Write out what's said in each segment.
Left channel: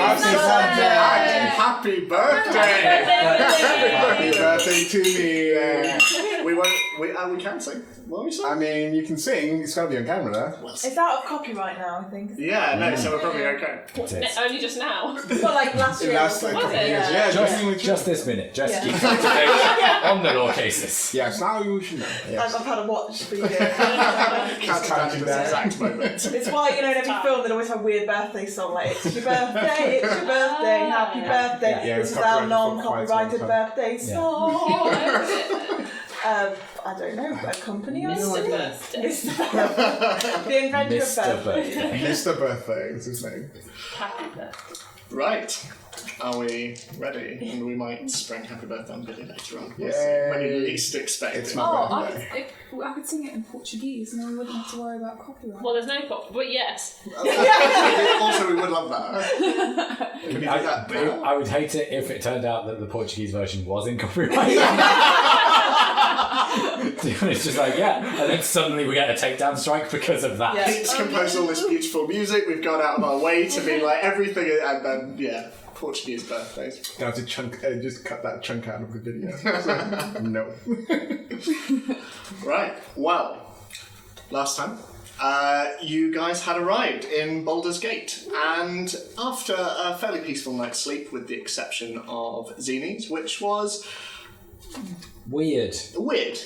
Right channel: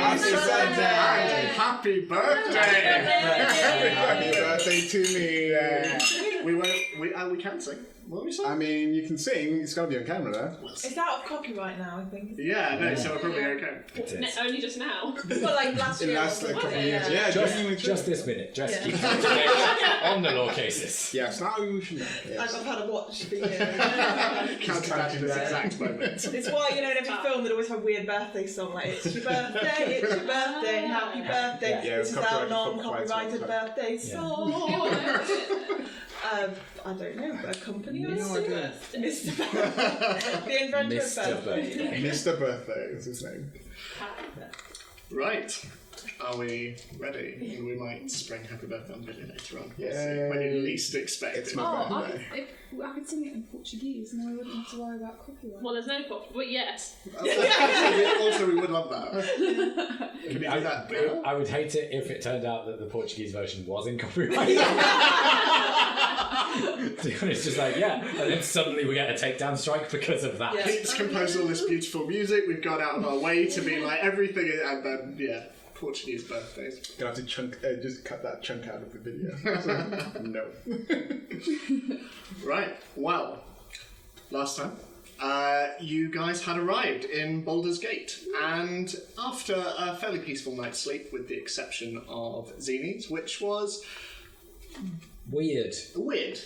Happy birthday! Happy birthday to me! We can sing. What are we saying? I mean, you can sing. It's got to be on camera, though. It's out of copyright now, I think. Yeah, no, so we're probably okay. Only just now. Well, like last year. Last couple of years. Yeah, just this minute. Just keep on the law cases. Yes, now you should know. Yes. I've had a watch video. Counting the exact moment. It's why, in every film they'd always have weird birthday song, like, it's your birthday, happy birthday. Yeah, this is our copyrighted non-copyrighted birthday song. I don't know, a company or something? The inventor of birthday. Mr. Birthday is his name. Happy birthday. Right. Are we ready? And we might spring happy birthday on Billy later on. Yay. When you least expect It's it. my birthday. I could sing it in Portuguese and then we wouldn't have to worry about copyright. Well, there's no copyright, but yes. Also, we would love that. Can you do that? I would hate it if it turned out that the Portuguese version was in copyright. It's just like, and then suddenly we get a takedown strike because of that. Pete's composed all this beautiful music. We've gone out of our way to be like everything, and then Portuguese birthdays. You have to just cut that chunk out of the video. No. Right. Well, last time you guys had a ride in Baldur's Gate, and after a fairly peaceful night's sleep, with the exception of Zini's, which was Weird.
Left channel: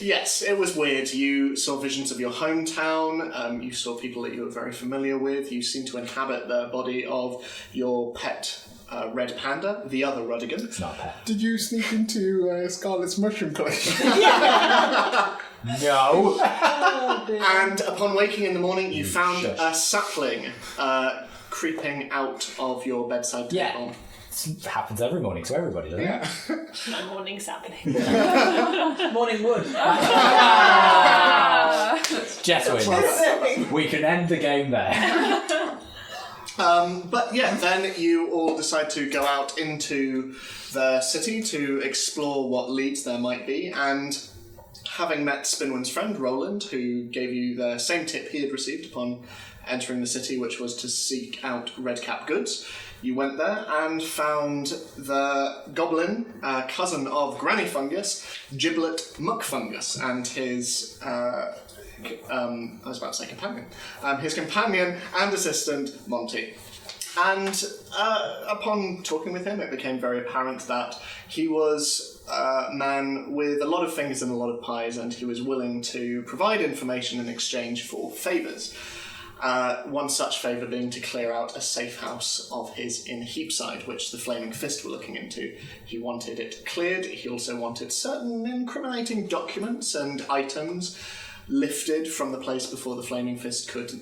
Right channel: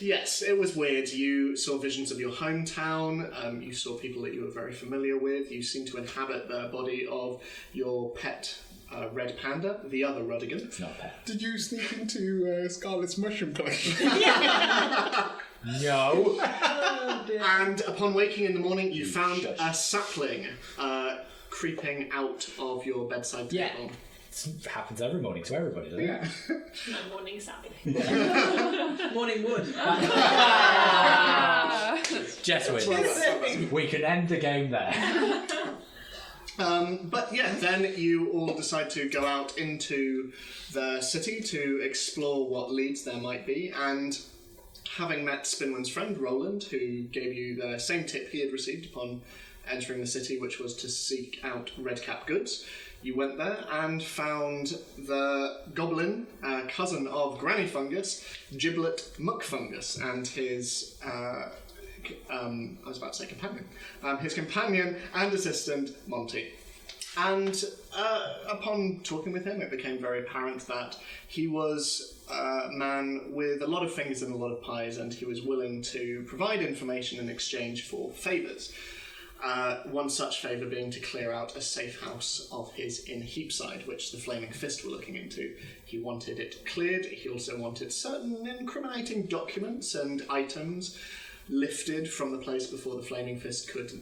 Yes, it was weird. You saw visions of your hometown, you saw people that you were very familiar with, you seemed to inhabit the body of your pet red panda, the other Rudigan. It's not a pet. Did you sneak into Scarlet's mushroom collection? No. And upon waking in the morning, you found a sapling creeping out of your bedside table. It happens every morning to everybody, doesn't it? My morning sapling. Morning wood. Jess wins. We can end the game there. But then you all decide to go out into the city to explore what leads there might be, and having met Spinwin's friend Roland, who gave you the same tip he had received upon entering the city, which was to seek out Redcap goods, you went there and found the goblin, cousin of Granny Fungus, Giblet McFungus, and his I was about to say companion. His companion and assistant, Monty. And upon talking with him, it became very apparent that he was a man with a lot of fingers and a lot of pies, and he was willing to provide information in exchange for favours. One such favour being to clear out a safe house of his in Heapside, which the Flaming Fist were looking into. He wanted it cleared. He also wanted certain incriminating documents and items lifted from the place before the Flaming Fist could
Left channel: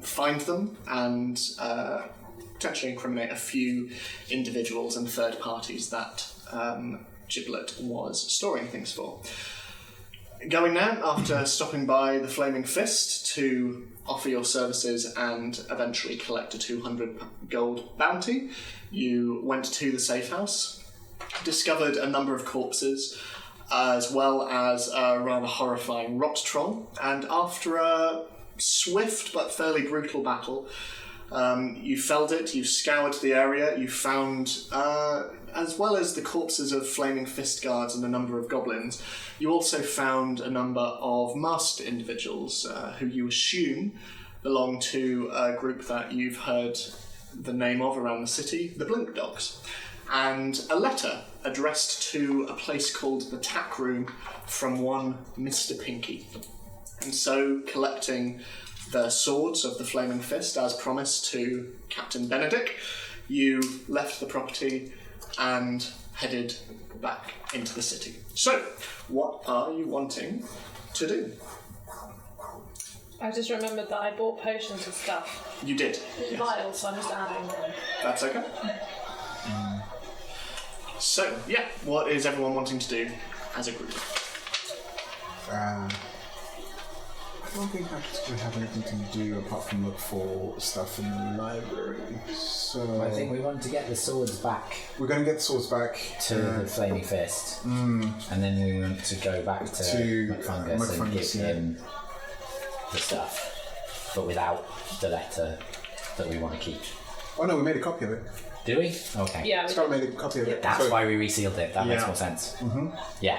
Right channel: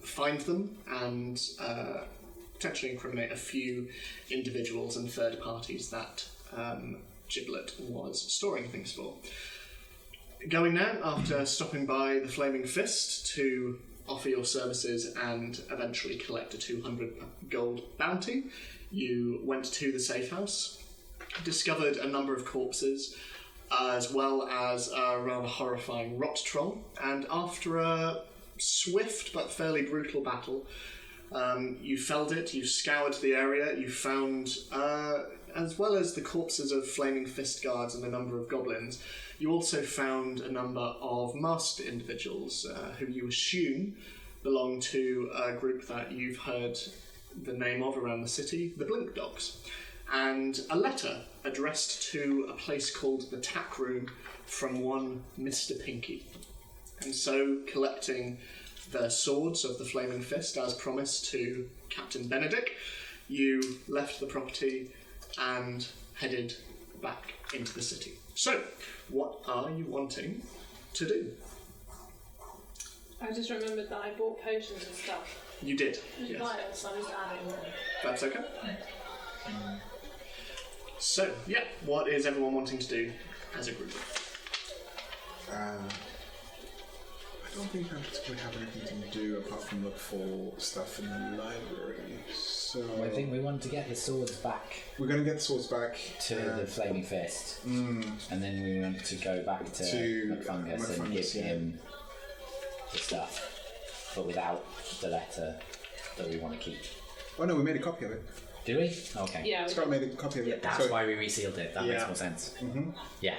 find them and potentially incriminate a few individuals and third parties that Giblet was storing things for. Going now, after stopping by the Flaming Fist to offer your services and eventually collect a 200 gold bounty, you went to the safe house, discovered a number of corpses, as well as a rather horrifying rot troll, and after a swift but fairly brutal battle, you felled it, you scoured the area, you found, as well as the corpses of Flaming Fist guards and a number of goblins, you also found a number of masked individuals who you assume belong to a group that you've heard the name of around the city, the Blink Dogs, and a letter addressed to a place called the Tack Room from one Mr. Pinky. And so, collecting the swords of the Flaming Fist as promised to Captain Benedict, you left the property and headed back into the city. So, what are you wanting to do? I just remembered that I bought potions and stuff. You did. Yes. Vials, so I'm just adding them. That's okay. So, what is everyone wanting to do as a group? I don't think we have anything to do apart from look for stuff in the library. So I think we want to get the swords back. We're going to get the swords back to the Flaming Fist, and then we want to go back to McFungus and give him the stuff, but without the letter that we want to keep. Oh no, we made a copy of it. Do we? Okay. Yeah, we Scott made a copy of it. That's So- why we resealed it. That makes Yeah. more sense. Yeah.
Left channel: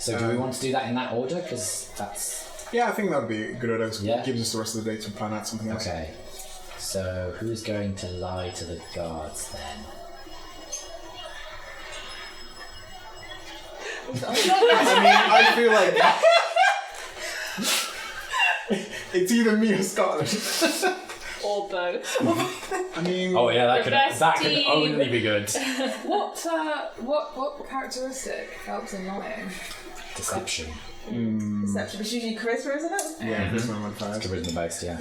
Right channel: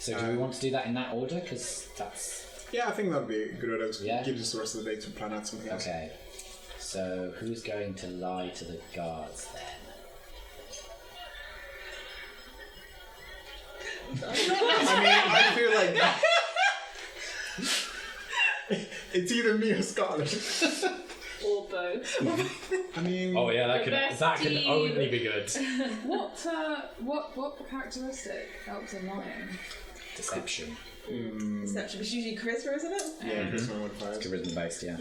So do we want to do that in that order? Because that's... Yeah, I think that would be a good order. It Yeah. gives us the rest of the day to plan out something else. Okay. So who's going to lie to the guards then? I mean, I feel like it's either me or Scotland. or both. I mean, Oh yeah, The best that could team. only be good. What characteristic helps in lying? Deception. Deception. It's usually charisma, isn't it? yeah, this one modifiers. Charisma based, yeah.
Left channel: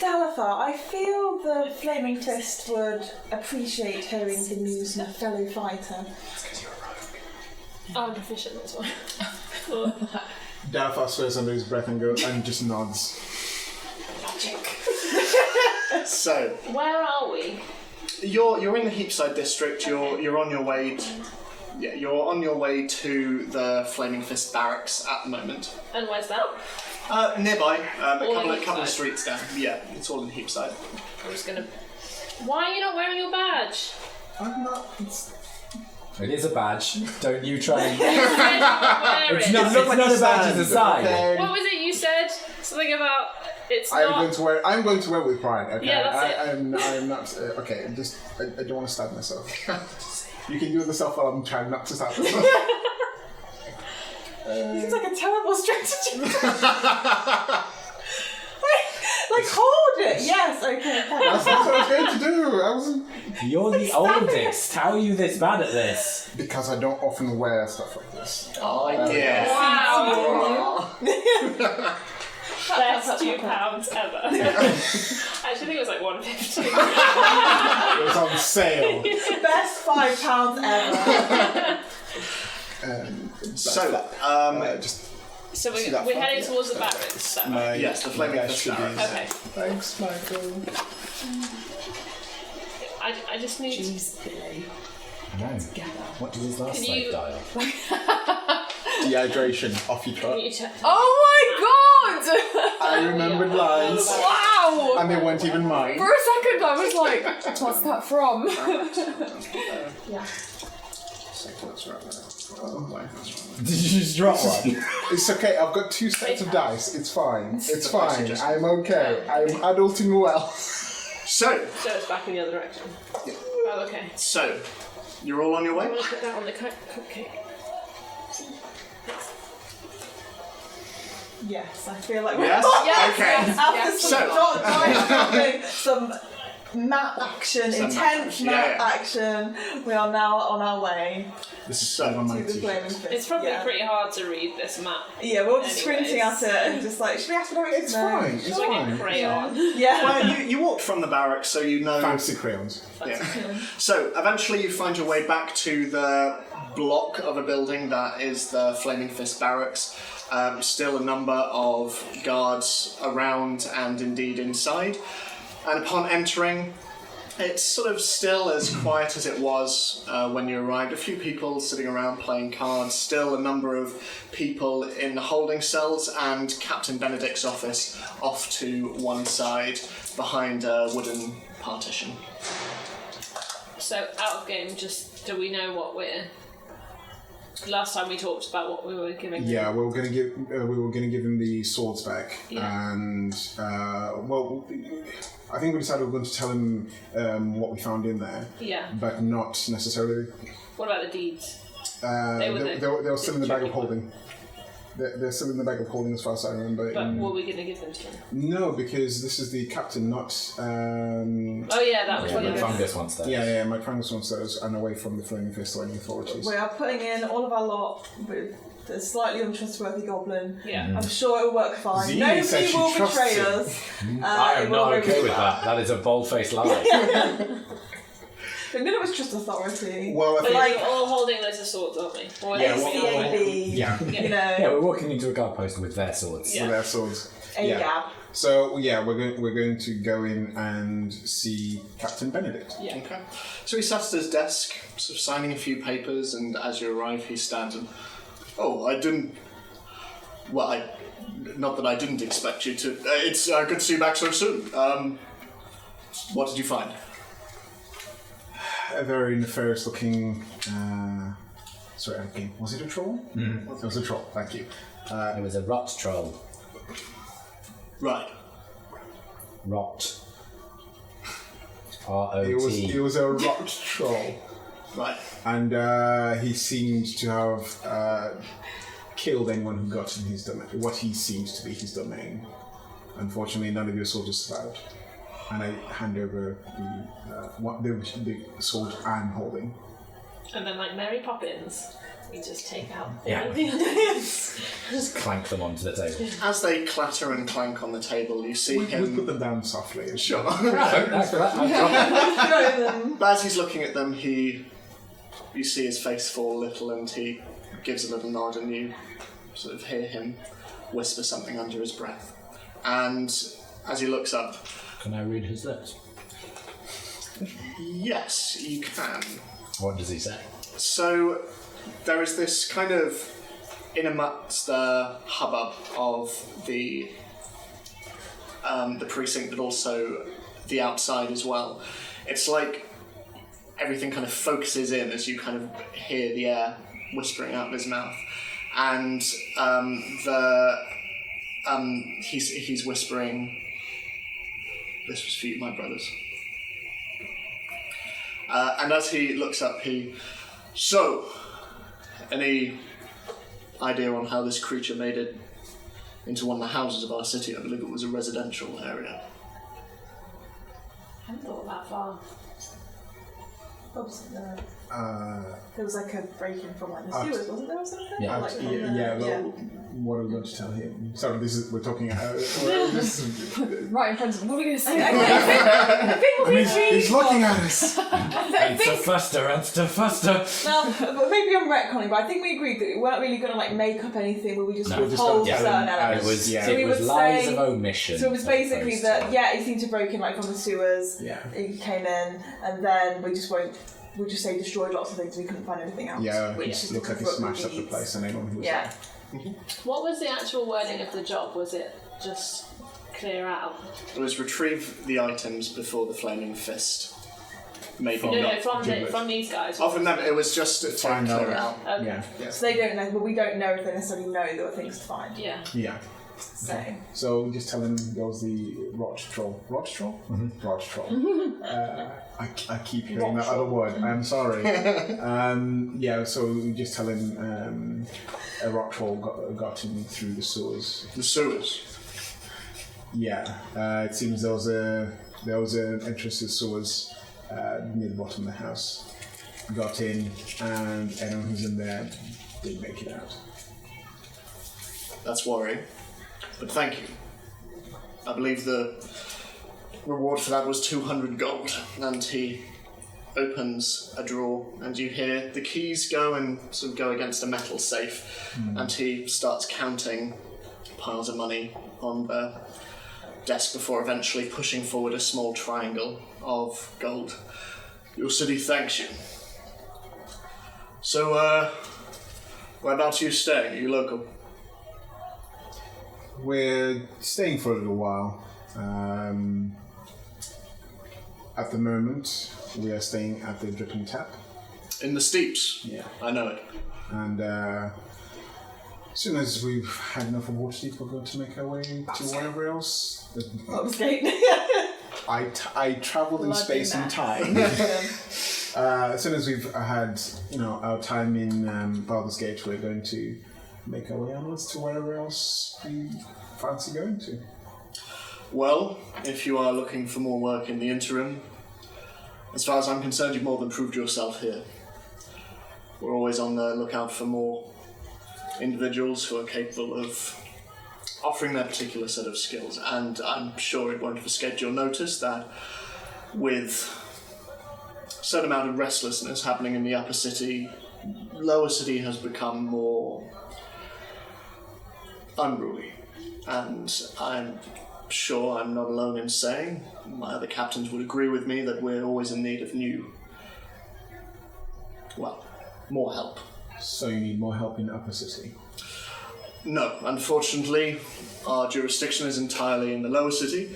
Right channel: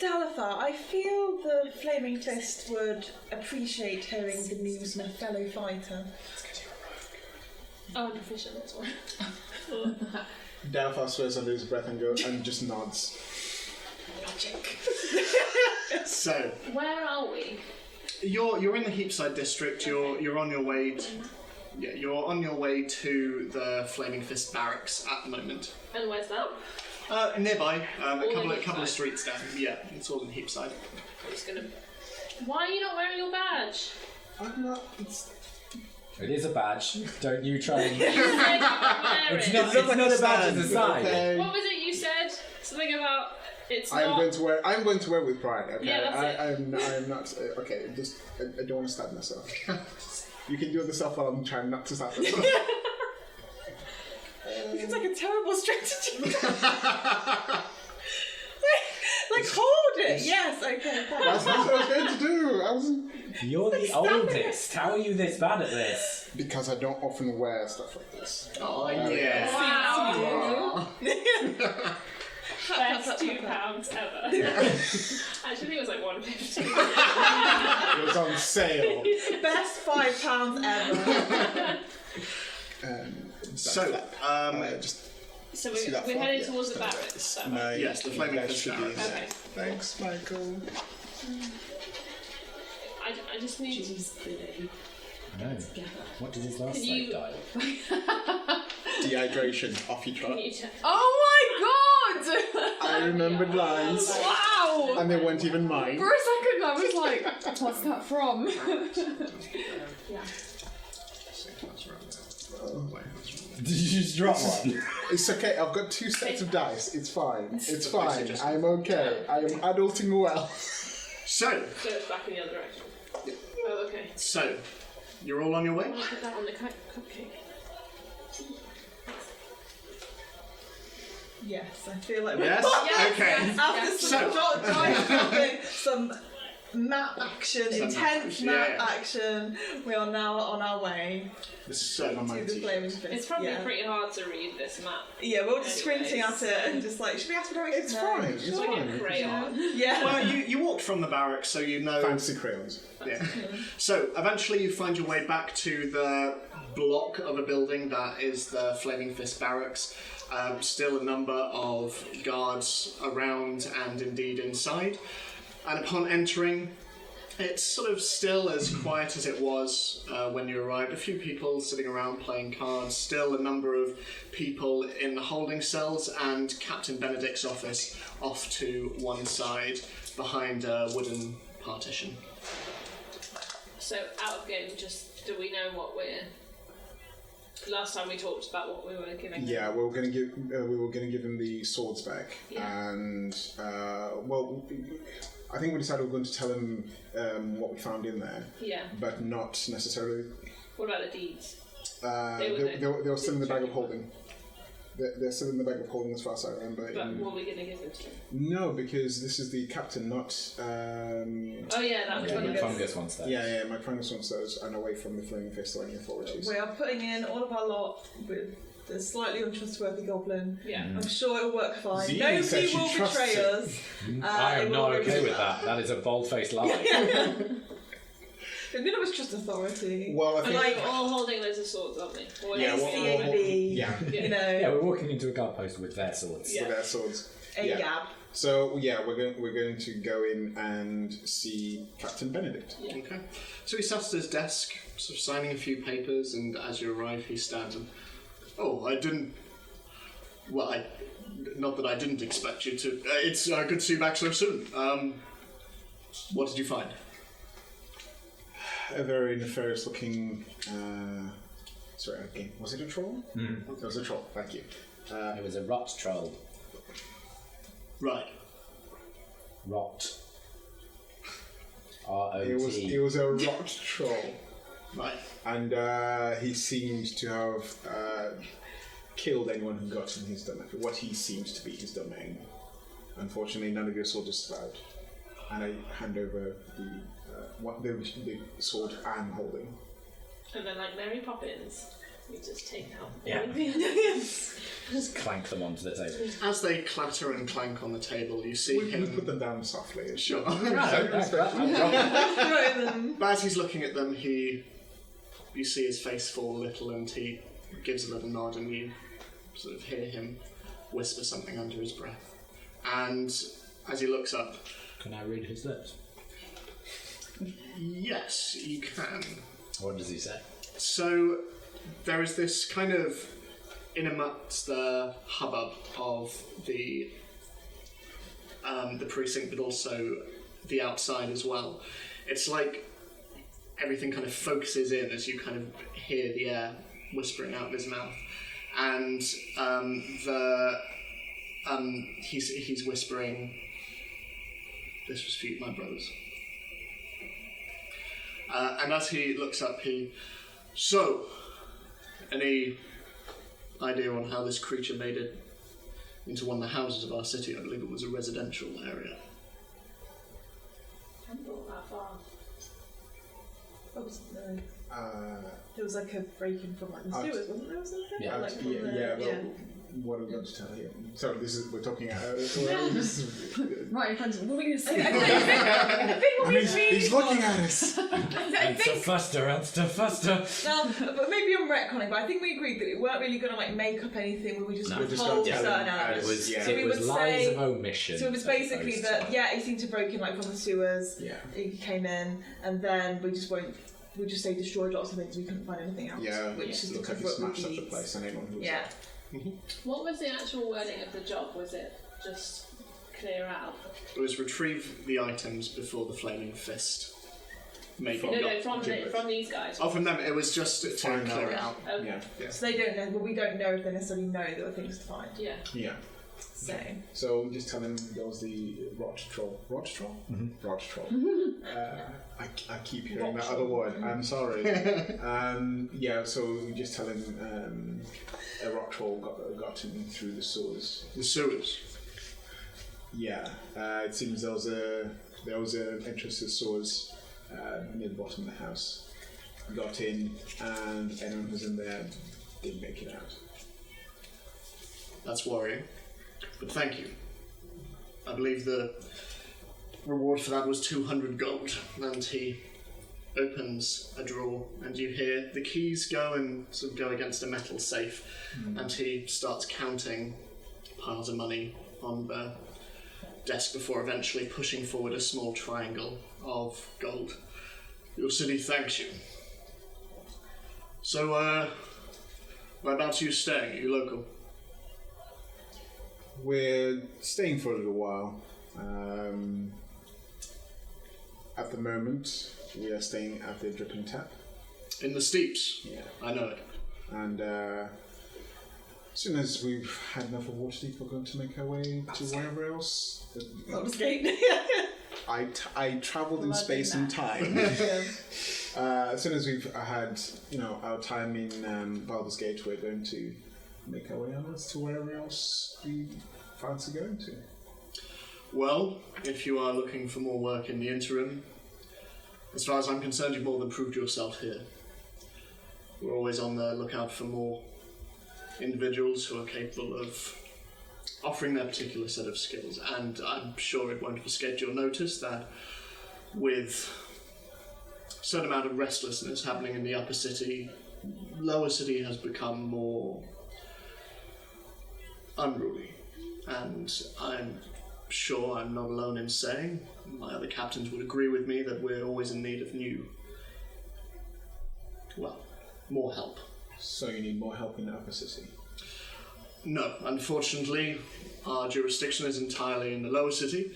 Dalafar, I feel the Flaming Fist would appreciate hearing the news from a fellow fighter. I'm proficient in this one. Dalfar swears under his breath and just nods. So, Where are we? you're in the Heapside district. You're on your way. You're on your way to the Flaming Fist barracks at the moment. And where's that? Nearby, a All in couple of Heapside. streets down. Yeah, it's all in Heapside. I'm just gonna. Why are you not wearing your badge? I'm not. It is a badge. Don't you try. You said you would wear It's it. not a badge as a sign. Okay. What was it you said? Something about it's I'm not. going to wear it with pride. Okay. Yeah, that's I'm not. Okay. Just. I don't want to stab myself. You can do it yourself while I'm trying not to stab myself. Seems like a terrible strategy. Like, hold it. Yes. Okay. That's what I was going to do. I was You're the oldest. How are you this bad at this? because I don't often wear stuff like this. Oh, yeah. Wow. Aw. Best £2 ever. Actually, I think it was like $1.50. It was on sale. Best £5 ever. So, Just. So See we're that heading front? Yeah. towards the barracks. So. yes, the Flaming that Fist should be- barracks. Okay. Thanks, Michael. I just need. I know. What did his last Can slave you- die of? Dehydration. Off you trot. Can you check? Oh my god! I remembered lines. Wow! And they weren't even mine. For a second I was like, what's that from? Did you just drop one? It's okay, I've got 2 sets of dice. It's fine. It's fine. I'm okay. I'm adulting well. So, So it's back in the other direction. Oh, okay. so, you're all on your way? I want to put that on the cupcake. Yes, I feel like Yes? Yes, Okay. yes. after some So- not dropping, some map action, Some intense map map action, yeah. action. We are now on our way This is So, on my to the t-shirt. Flaming Fist. It's probably yeah. pretty hard to read this map. Yeah, we're all just squinting Anyways. at it and just like, should we ask for directions? It's No. fine. It's It's like fine. a crayon. Yeah. Well, you walked from the barracks, so you know. Fancy crayons. Yeah. So eventually you find your way back to the block of a building that is the Flaming Fist barracks. Still a number of guards around and indeed inside. And upon entering, it's sort of still as quiet as it was when you arrived. A few people sitting around playing cards, still a number of people in holding cells, and Captain Benedict's office off to one side behind a wooden partition. So out of game, just do we know what we're? Last time we talked about what we were giving. Yeah, we were gonna give him the swords back, Yeah. and well, I think we decided we were going to tell him what we found in there, Yeah. but not necessarily. What about the deeds? They were were still in the bag of tricky one. holding. They're still in the bag of holding, as far as I remember. But were we going to give them to him? No, because this is the captain, not. Oh yeah, that was Yeah, one of McFungus wants those. Yeah, my Frangus wants those, and away from the Flaming Fist or any authorities. We are putting in all of our lot with the slightly untrustworthy goblin. Yeah. I'm sure it will work fine. Zee Nobody said she will trusts betray him. us. I it am will not go okay really with well. that. That is a bold-faced lie. But none of us trust authority. Well, I But think. like we're all holding loads of swords, aren't we? Or Yeah, at least well, we are. CAB, Yeah, you know, Yeah, we're walking into a guard post with their swords. Yeah. with their swords. AGAB. Yeah. So yeah, we're going to go in and see Captain Benedict. Yeah. Okay. So he sat at his desk, sort of signing a few papers, and as you arrive, he stands and, oh, I didn't. Well, not that I didn't expect you to. It's good to see you back so soon. What did you find? a very nefarious looking. Sorry, again, was it a troll? It was a troll. Thank you. It was a rot troll. Right. Rot. R-O-T. It was a rot troll. Right. And he seemed to have killed anyone who got in his domain. What he seems to be his domain. Unfortunately, none of your soldiers survived. And I hand over the sword I'm holding. And then, like Mary Poppins, we just take out Yeah. all the others. Just clank them onto the table. As they clatter and clank on the table, you see We him. put them down softly. Sure. Thanks for that. But as he's looking at them, you see his face fall a little, and he gives a little nod, and you sort of hear him whisper something under his breath. And as he looks up, Can I read his lips? yes, you can. What does he say? So there is this kind of, in amongst the hubbub of the precinct, but also the outside as well. It's like everything kind of focuses in as you kind of hear the air whispering out of his mouth, and he's whispering, "This was for you, my brothers." And as he looks up, so, any idea on how this creature made it into one of the houses of our city? I believe it was a residential area. I hadn't thought that far. Oops, no. There was like a break-in from like the sewers, wasn't there, or something? Yeah. Like, from What are we going to tell him? Sorry, we're talking. Right in front of them. What are we going to say? I think what we agreed He's looking was- at us. I think, faster. but maybe I'm retconning, but I think we agreed that we weren't really going to like make up anything where we just No. would Just hold don't certain tell him. elements. It was, Yeah. So we it was would lies say- of omission. So it was as basically opposed that, to- yeah, he seemed to break in like from the sewers. Yeah. He came in, and then we'll just say destroyed lots of things and we couldn't find anything else. Yeah, which it is looks like he what we smashed up the need. place and everyone who was Yeah. What was the actual wording of the job? Was it just clear out? It was retrieve the items before the flaming fist. Maybe No, not. from these guys. Oh, from them, it was just to Find clear out. out. Okay. Yeah. So they don't know, well, we don't know if they necessarily know there were things to find. Yeah. Yeah. So, So we just tell him there was the rot troll. Rot troll? Rot troll. I keep hearing that other word. I'm sorry. Yeah, so we just tell him a rot troll got in through the sewers. The sewers. Yeah. It seems there was an entrance to the sewers near the bottom of the house. Got in, and anyone who's in there didn't make it out. That's worrying. But thank you. I believe the reward for that was 200 gold. And he opens a drawer, and you hear the keys go and sort of go against a metal safe. And he starts counting piles of money on the desk before eventually pushing forward a small triangle of gold. Your city thanks you. So, whereabouts are you staying? Are you local? We're staying for a little while. At the moment, we are staying at the Dripping Tap. In the steeps? Yeah. I know it. And as soon as we've had enough of Waterdeep, we're going to make our way to wherever else. Baldur's Gate. I travelled in Bloody space and mad. time. As soon as we've had, our time in Baldur's Gate, we're going to make our way onwards to wherever else we fancy going to. Well, if you are looking for more work in the interim, as far as I'm concerned, you've more than proved yourself here. We're always on the lookout for more individuals who are capable of offering their particular set of skills, and I'm sure it won't have escaped your notice that with a certain amount of restlessness happening in the upper city, lower city has become more unruly, and I'm sure I'm not alone in saying, my other captains would agree with me, that we're always in need of more help. So you need more help in the upper city? No, unfortunately, our jurisdiction is entirely in the lower city,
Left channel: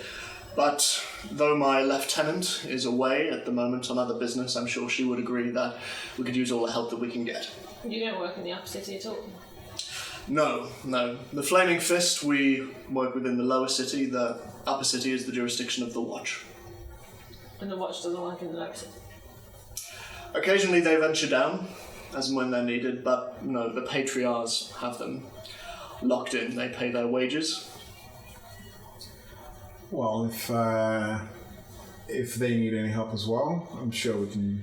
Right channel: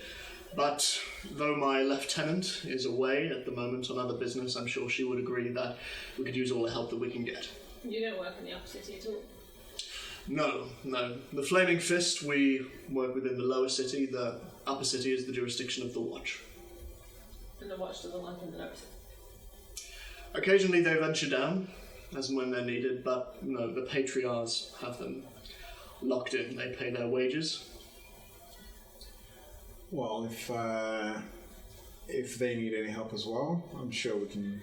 But though my lieutenant is away at the moment on other business, I'm sure she would agree that we could use all the help that we can get. You don't work in the upper city at all? No. The Flaming Fist, we work within the lower city. The upper city is the jurisdiction of the Watch. And the Watch doesn't work in the lower city? Occasionally they venture down, as and when they're needed, but no, the Patriarchs have them locked in. They pay their wages. Well, if they need any help as well, I'm sure we can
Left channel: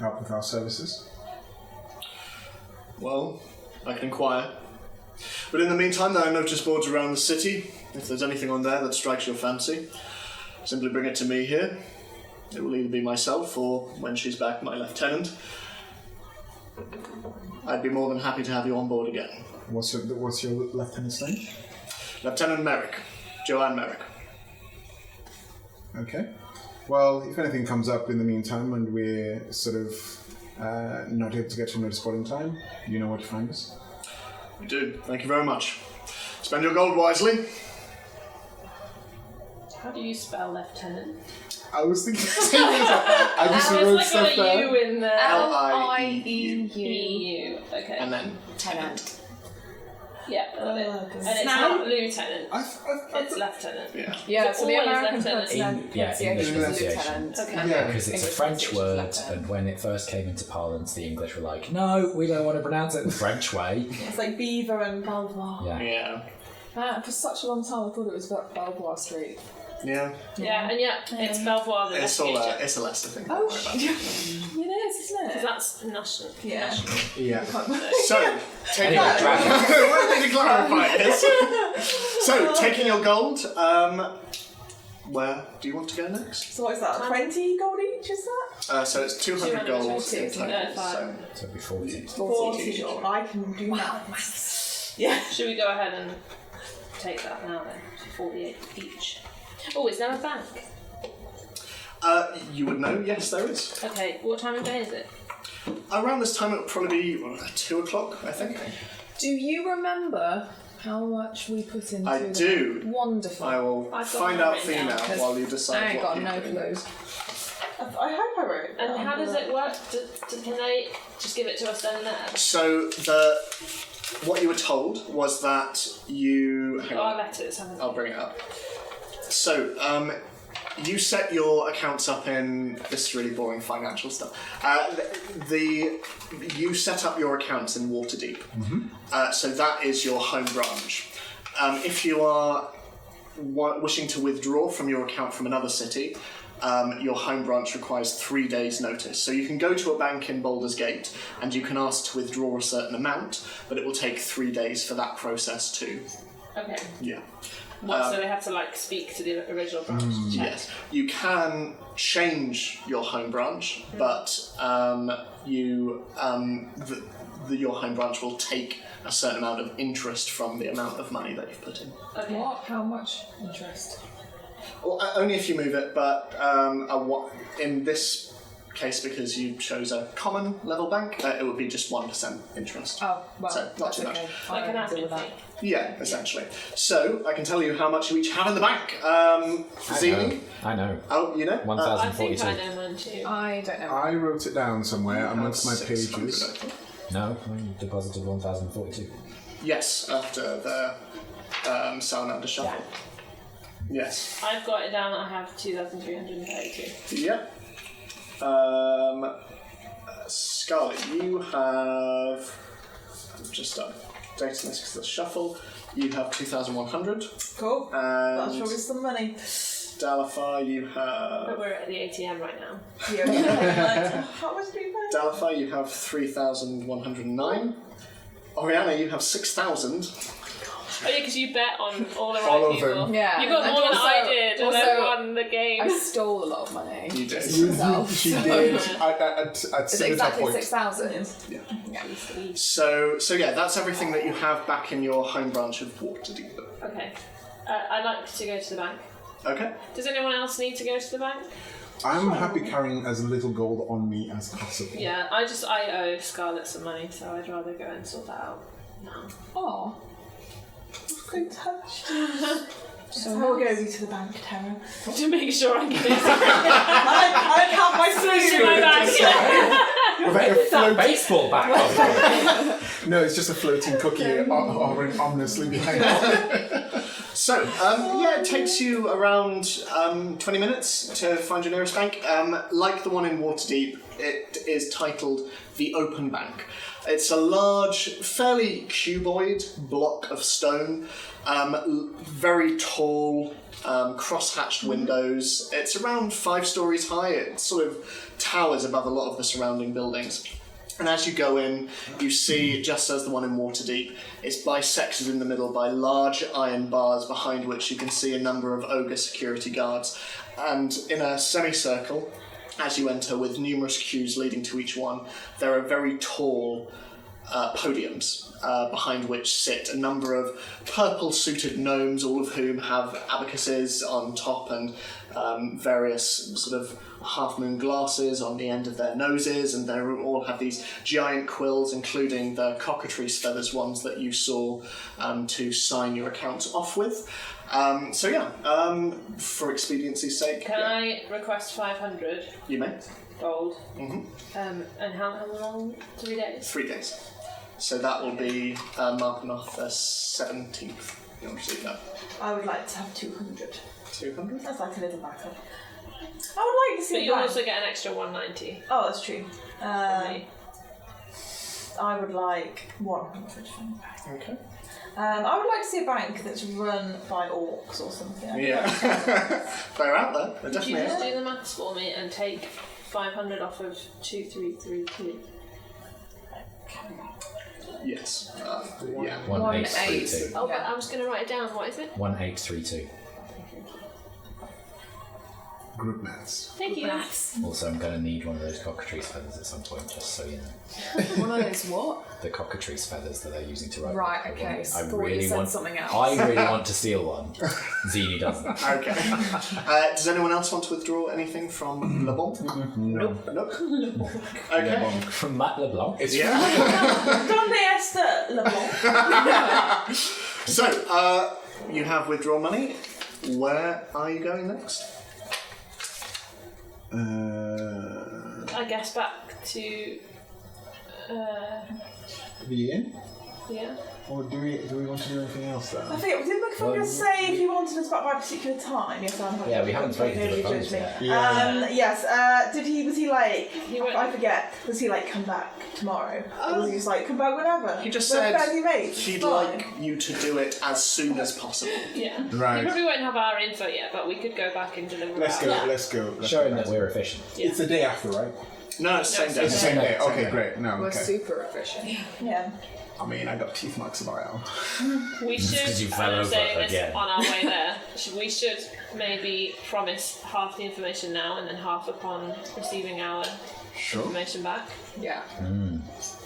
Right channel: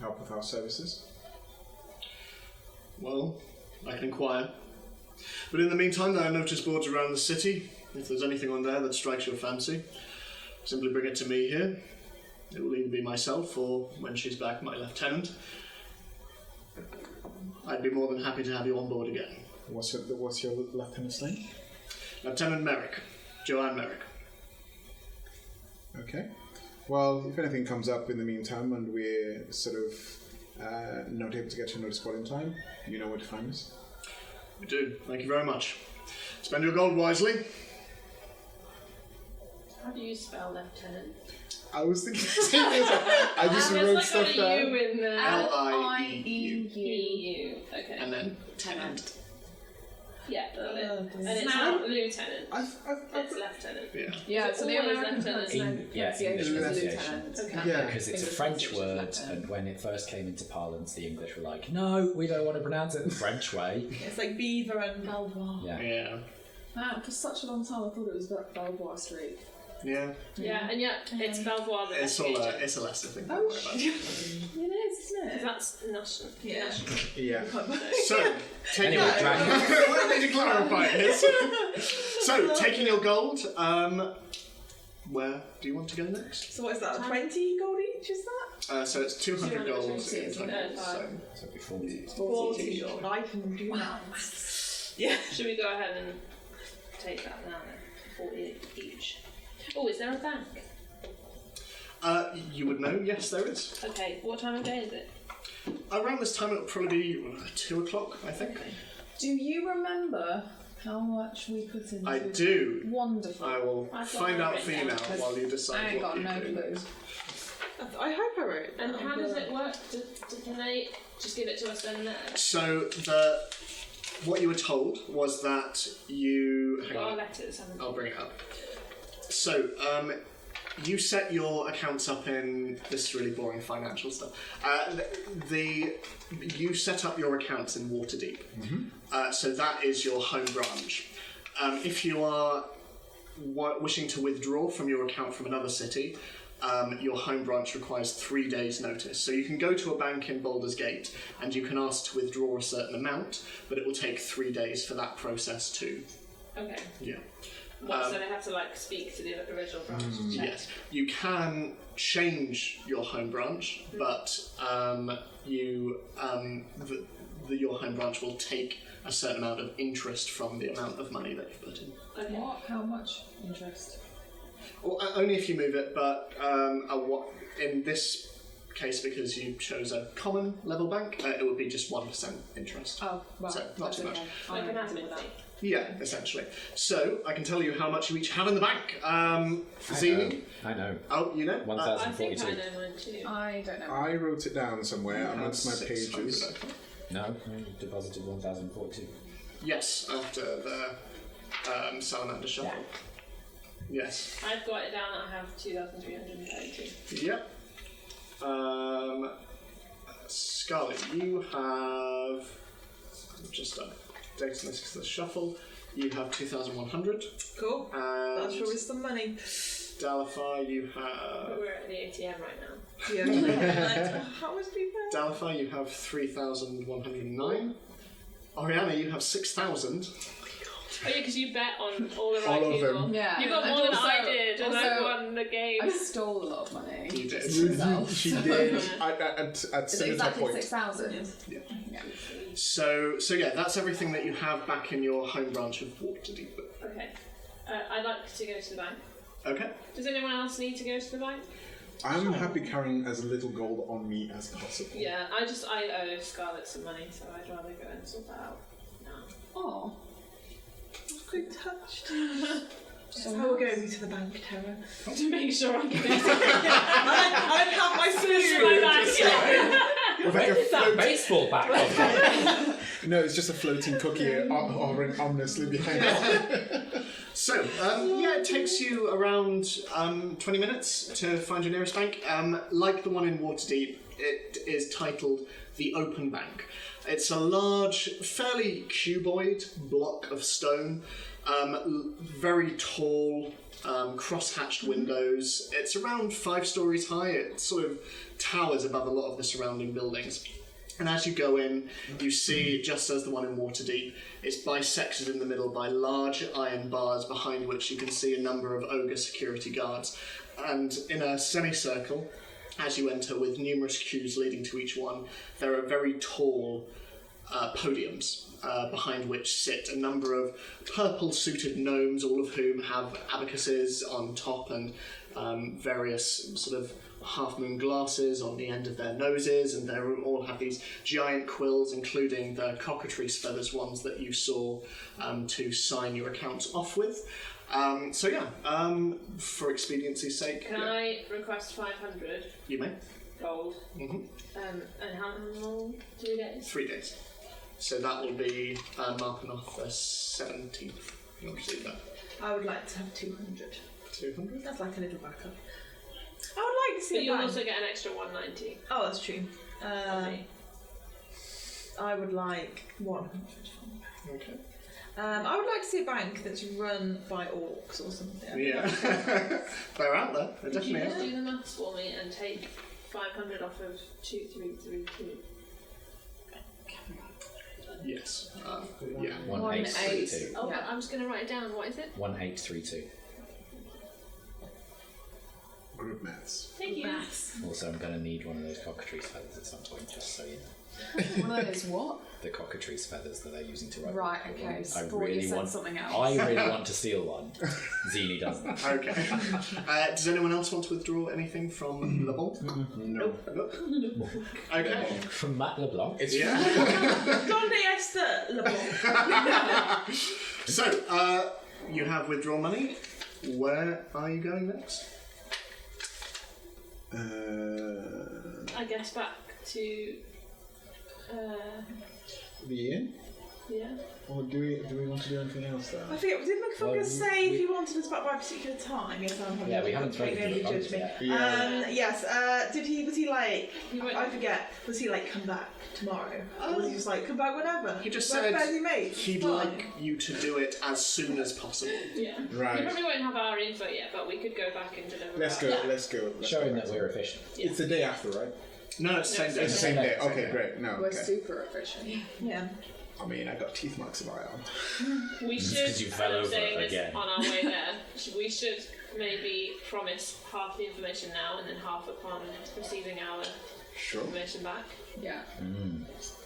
help with our services. Well, I can inquire. But in the meantime, there are notice boards around the city. If there's anything on there that strikes your fancy, simply bring it to me here. It will either be myself or, when she's back, my lieutenant. I'd be more than happy to have you on board again. What's your lieutenant's name? Lieutenant Merrick. Joanne Merrick. Okay. Well, if anything comes up in the meantime and we're sort of not able to get to a notice board in time, you know where to find us. We do. Thank you very much. Spend your gold wisely. How do you spell lieutenant? I was thinking the same thing. I just wrote stuff There's like a down. U in there. L-I-E-U. EU. Okay. And then Tenant. Yeah, got it. Oh, And it's not lieutenant. It's I, lieutenant. yeah. Yeah, so the Always American lieutenant. pronunciation is English lieutenant. Okay. yeah. Because it's a English French pronunciation is word, lieutenant. and when it first came into parlance, the English were like, no, we don't want to pronounce it the French way. It's like Beaver and Belvoir. Yeah. Yeah. For such a long time, I thought it was Belvoir Street. Yeah. Yeah, and yet it's Belvoir that It's all it's a Leicester thing. Oh, Don't worry about it. it is, isn't Because it? that's national. Yeah. Yeah. So, taking Anyway, dragon. we need to clarify this. So, taking your gold, where do you want to go next? So what is that? 20 gold each, is that? So it's 200 gold. 220, in isn't total, it? so. So it'd be 40. 40. I can do maths. Yeah. Should we go ahead and take that now then? 48 each. Oh, is there a bank? You would know, yes, there is. Okay, what time of day is it? Around this time, it would probably be 2 o'clock, I think. Do you remember how much we put into I the do. Wonderful. I will I've got find mine out for you written now down. while you decide. I ain't what got you no do. clue. I hope I wrote it And down. how does it work? Can they just give it to us then and there? So, what you were told was that you. Hang Got our on, letters, haven't I'll bring it up. So, you set your accounts up in this is really boring financial stuff. You set up your accounts in Waterdeep. So that is your home branch. If you are wishing to withdraw from your account from another city, your home branch requires 3 days' notice. So you can go to a bank in Baldur's Gate and you can ask to withdraw a certain amount, but it will take 3 days for that process too. Okay. Yeah. What, so they have to like speak to the original branch to check? Yes, you can change your home branch, but your home branch will take a certain amount of interest from the amount of money that you've put in. Okay. What? How much interest? Well, only if you move it, but in this case, because you chose a common level bank, it would be just 1% interest. Oh, well, So, not that's too much. okay. Like I an can deal admin with that. thing. Yeah, essentially. So I can tell you how much you each have in the bank. Zini? I know. Oh, you know? I think 1042. I know mine too. I don't know. I wrote it down somewhere amongst my 600, pages. I think. No, we deposited 1042. Yes, after the salamander shuffle. Yes. I've got it down that I have 2,332. Yep. Scarlet, you have. I've just done data this because of the shuffle. You have 2,100. Cool. And That's probably some money. Dalafar, you have. But we're at the ATM right now. Yeah. How much do you pay? Dalafar, you have 3,109. Oriana, you have 6,000. Oh yeah, because you bet on all the right All of people. them. Yeah. You got and more than also- I did, and I also, won the game. I stole a lot of money. You did. She So- did at Is it similar exactly point. 6,000? So yeah, that's everything that you have back in your home branch of Waterdeep. Okay. I'd like to go to the bank. Okay. Does anyone else need to go to the bank? I'm happy carrying as little gold on me as possible. Yeah, I owe Scarlett some money, so I'd rather go and sort that out now. Oh. So touched. So I'll go to the bank, Tara. To make sure I'm getting I count my food in my bag. With like a floating baseball bat. No, it's just a floating cookie hovering ominously behind it. So, it takes you around 20 minutes to find your nearest bank. Like the one in Waterdeep, it is titled the Open Bank. It's a large, fairly cuboid block of stone, very tall, cross-hatched windows. It's around 5 stories high. It sort of towers above a lot of the surrounding buildings. And as you go in, you see, just as the one in Waterdeep, it's bisected in the middle by large iron bars behind which you can see a number of ogre security guards. And in a semicircle, as you enter, with numerous queues leading to each one, there are very tall podiums behind which sit a number of purple-suited gnomes, all of whom have abacuses on top and various sort of half-moon glasses on the end of their noses, and they all have these giant quills, including the cockatrice feathers ones that you saw to sign your accounts off with. For expediency's sake. Can I request 500 You may. gold? Mm-hmm. And how long? 3 days? 3 days. So that will be marking off the 17th. You want to do that? I would like to have 200. 200? That's like a little backup. I would like to see But a you bank. also get an extra 190. Oh, that's true. from me. I would like 100. Okay. I would like to see a bank that's run by orcs or something. Yeah. They're out there. They're Could you definitely just out there. do the maths for me and take 500 off of 2332? Yes. Yeah. 1832. Oh, but I was going to write it down. What is it? 1832. Group maths. Thank you. Also, I'm going to need one of those cockatrice feathers at some point, just so you know. One of those what? The cockatrice feathers that they're using to write. Right, okay. I Thought really you said want something else. I really want to steal one. Zini doesn't. Okay. Does anyone else want to withdraw anything from Le Bon? Nope. Nope. Okay. From Matt LeBlanc. It's Donde está Le Bon? So, you have withdrawn money. Where are you going next? I guess back to. the inn? Yeah. Or do we want to do anything else there? I think, did McFungus say if you wanted us back by a particular time? Yes, I'm Yeah, we haven't spoken to the judge phones me. yet. Yeah. Yes, was he like, He went- I forget, was he like, come back tomorrow? Or was he just like, come back whenever? He just We're said fairly mates, he'd it's fine. like you to do it as soon as possible. Yeah. Right. We probably won't have our info yet, but we could go back and deliver. Let's go. ours. Let's go. Showing that we're efficient. Yeah. It's the day after, right? No, it's the same day. It's the same day. Same Okay, day. great. No, We're okay. super efficient. Yeah. I mean, I got teeth marks in my arm. We It's 'cause you should, fell I'm over saying this again. on our way there, we should maybe promise half the information now and then half upon receiving our Sure. information back. Yeah.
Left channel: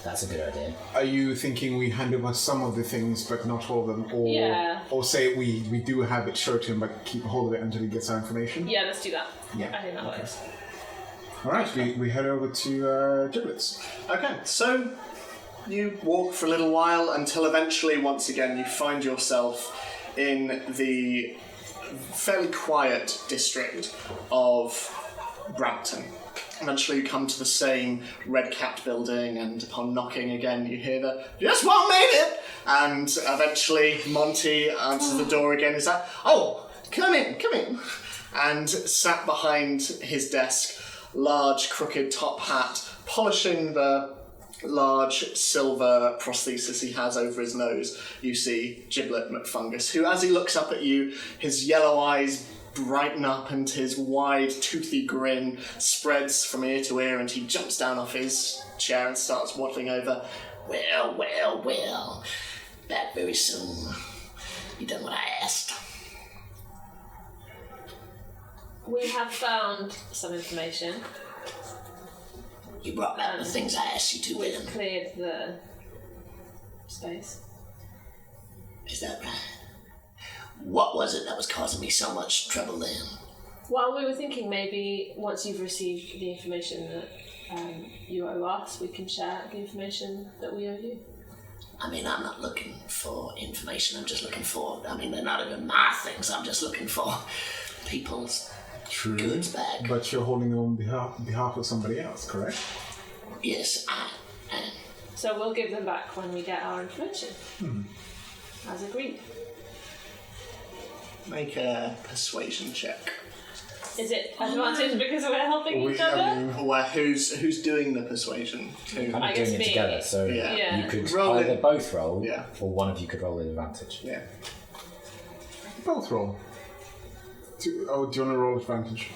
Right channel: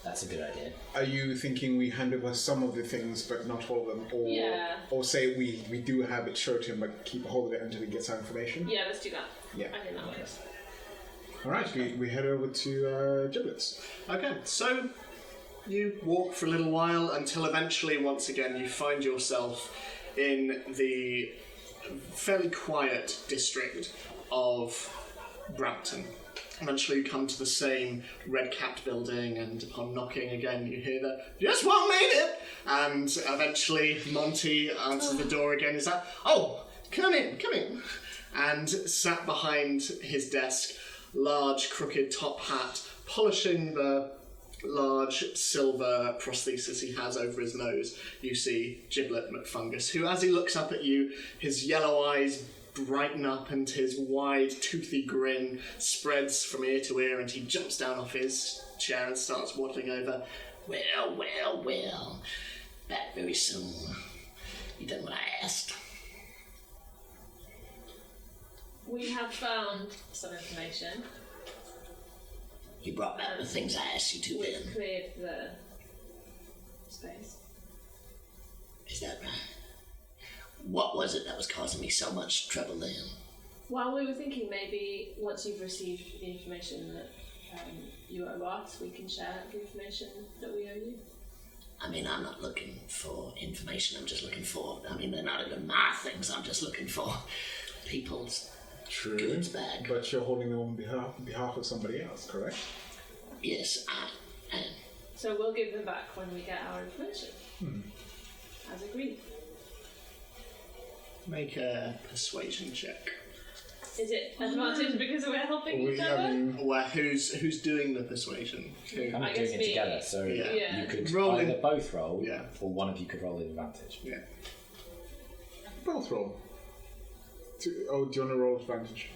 That's a good idea. Are you thinking we hand over some of the things but not all of them? Or, Yeah. or say we do have it, show it to him, but keep a hold of it until he gets our information? Yeah, let's do that. Yeah. I think that works. Alright, we head over to Giblets. Okay, so you walk for a little while until eventually, once again, you find yourself in the fairly quiet district of Brampton. Eventually you come to the same red-capped building, and upon knocking again you hear the, "Just what made it!" And eventually Monty answers the door again. Is that, "Oh, come in. And sat behind his desk, large crooked top hat, polishing the large silver prosthesis he has over his nose, you see Giblet McFungus, who, as he looks up at you, his yellow eyes brighten up and his wide, toothy grin spreads from ear to ear, and he jumps down off his chair and starts waddling over. Well, back very soon. You done what I asked. We have found some information. You brought back the things I asked you to, We've then. cleared the space. Is that right? What was it that was causing me so much trouble then? Well, we were thinking maybe once you've received the information that you owe us, we can share the information that we owe you. I mean, I'm not looking for information. I'm just looking for. I mean, they're not even my things. I'm just looking for people's goods back. But you're holding them on behalf of somebody else, correct? Yes, I am. So we'll give them back when we get our information. As agreed. Make a persuasion check. Is it advantage because we're helping each I other? mean, Well, who's doing the persuasion? Kind I of guess doing it me. together, so Yeah. you could Roll either in. both roll, Yeah. or one of you could roll with advantage. Yeah. both roll. Do you want to roll advantage?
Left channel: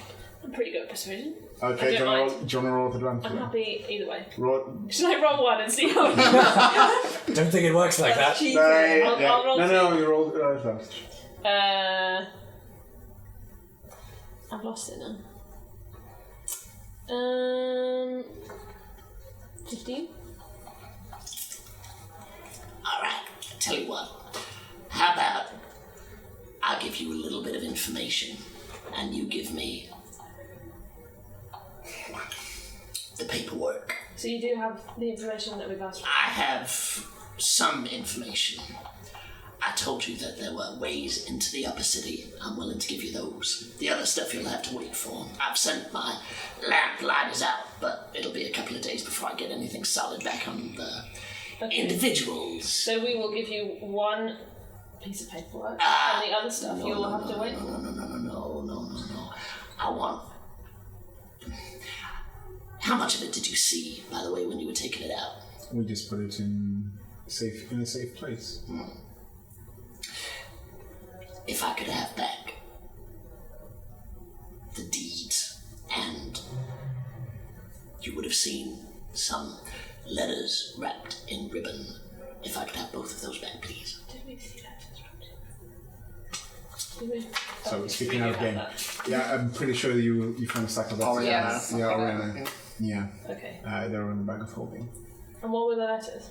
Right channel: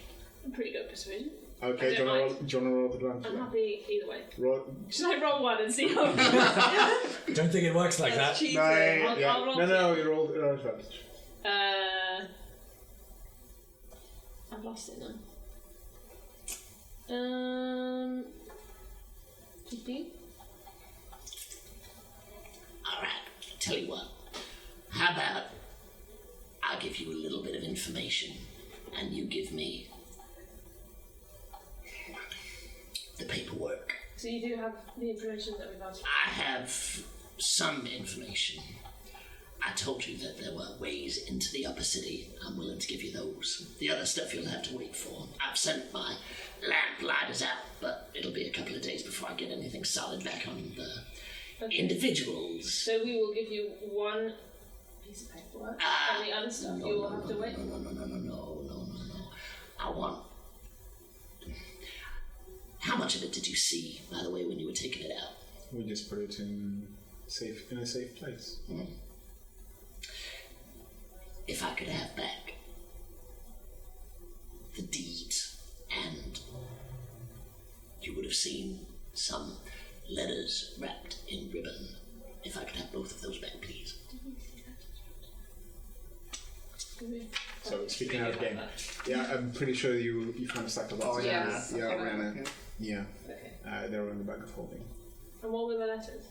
I'm pretty good at persuasion. Okay, do you want to roll with advantage? I'm happy either way. Roll. Should I roll one and see how it goes? Don't think it works like that. Cheating. No, I'll roll no, you roll advantage. I've lost it now. 15? Alright, tell you what. How about I give you a little bit of information and you give me the paperwork. So you do have the information that we've asked for? I have some information. I told you that there were ways into the upper city. I'm willing to give you those. The other stuff you'll have to wait for. I've sent my lamplighters out, but it'll be a couple of days before I get anything solid back on the individuals. So we will give you one piece of paperwork, and the other stuff you'll have to wait for. No. I want... How much of it did you see, by the way, when you were taking it out? We just put it in a safe place. If I could have back the deeds, and you would have seen some letters wrapped in ribbon. If I could have both of those back, please. Did we see that? So speaking out of game, yeah, I'm pretty sure that you found a stack of letters. Oriana. Yeah. Okay. They're in the bag of holding. And what were the letters?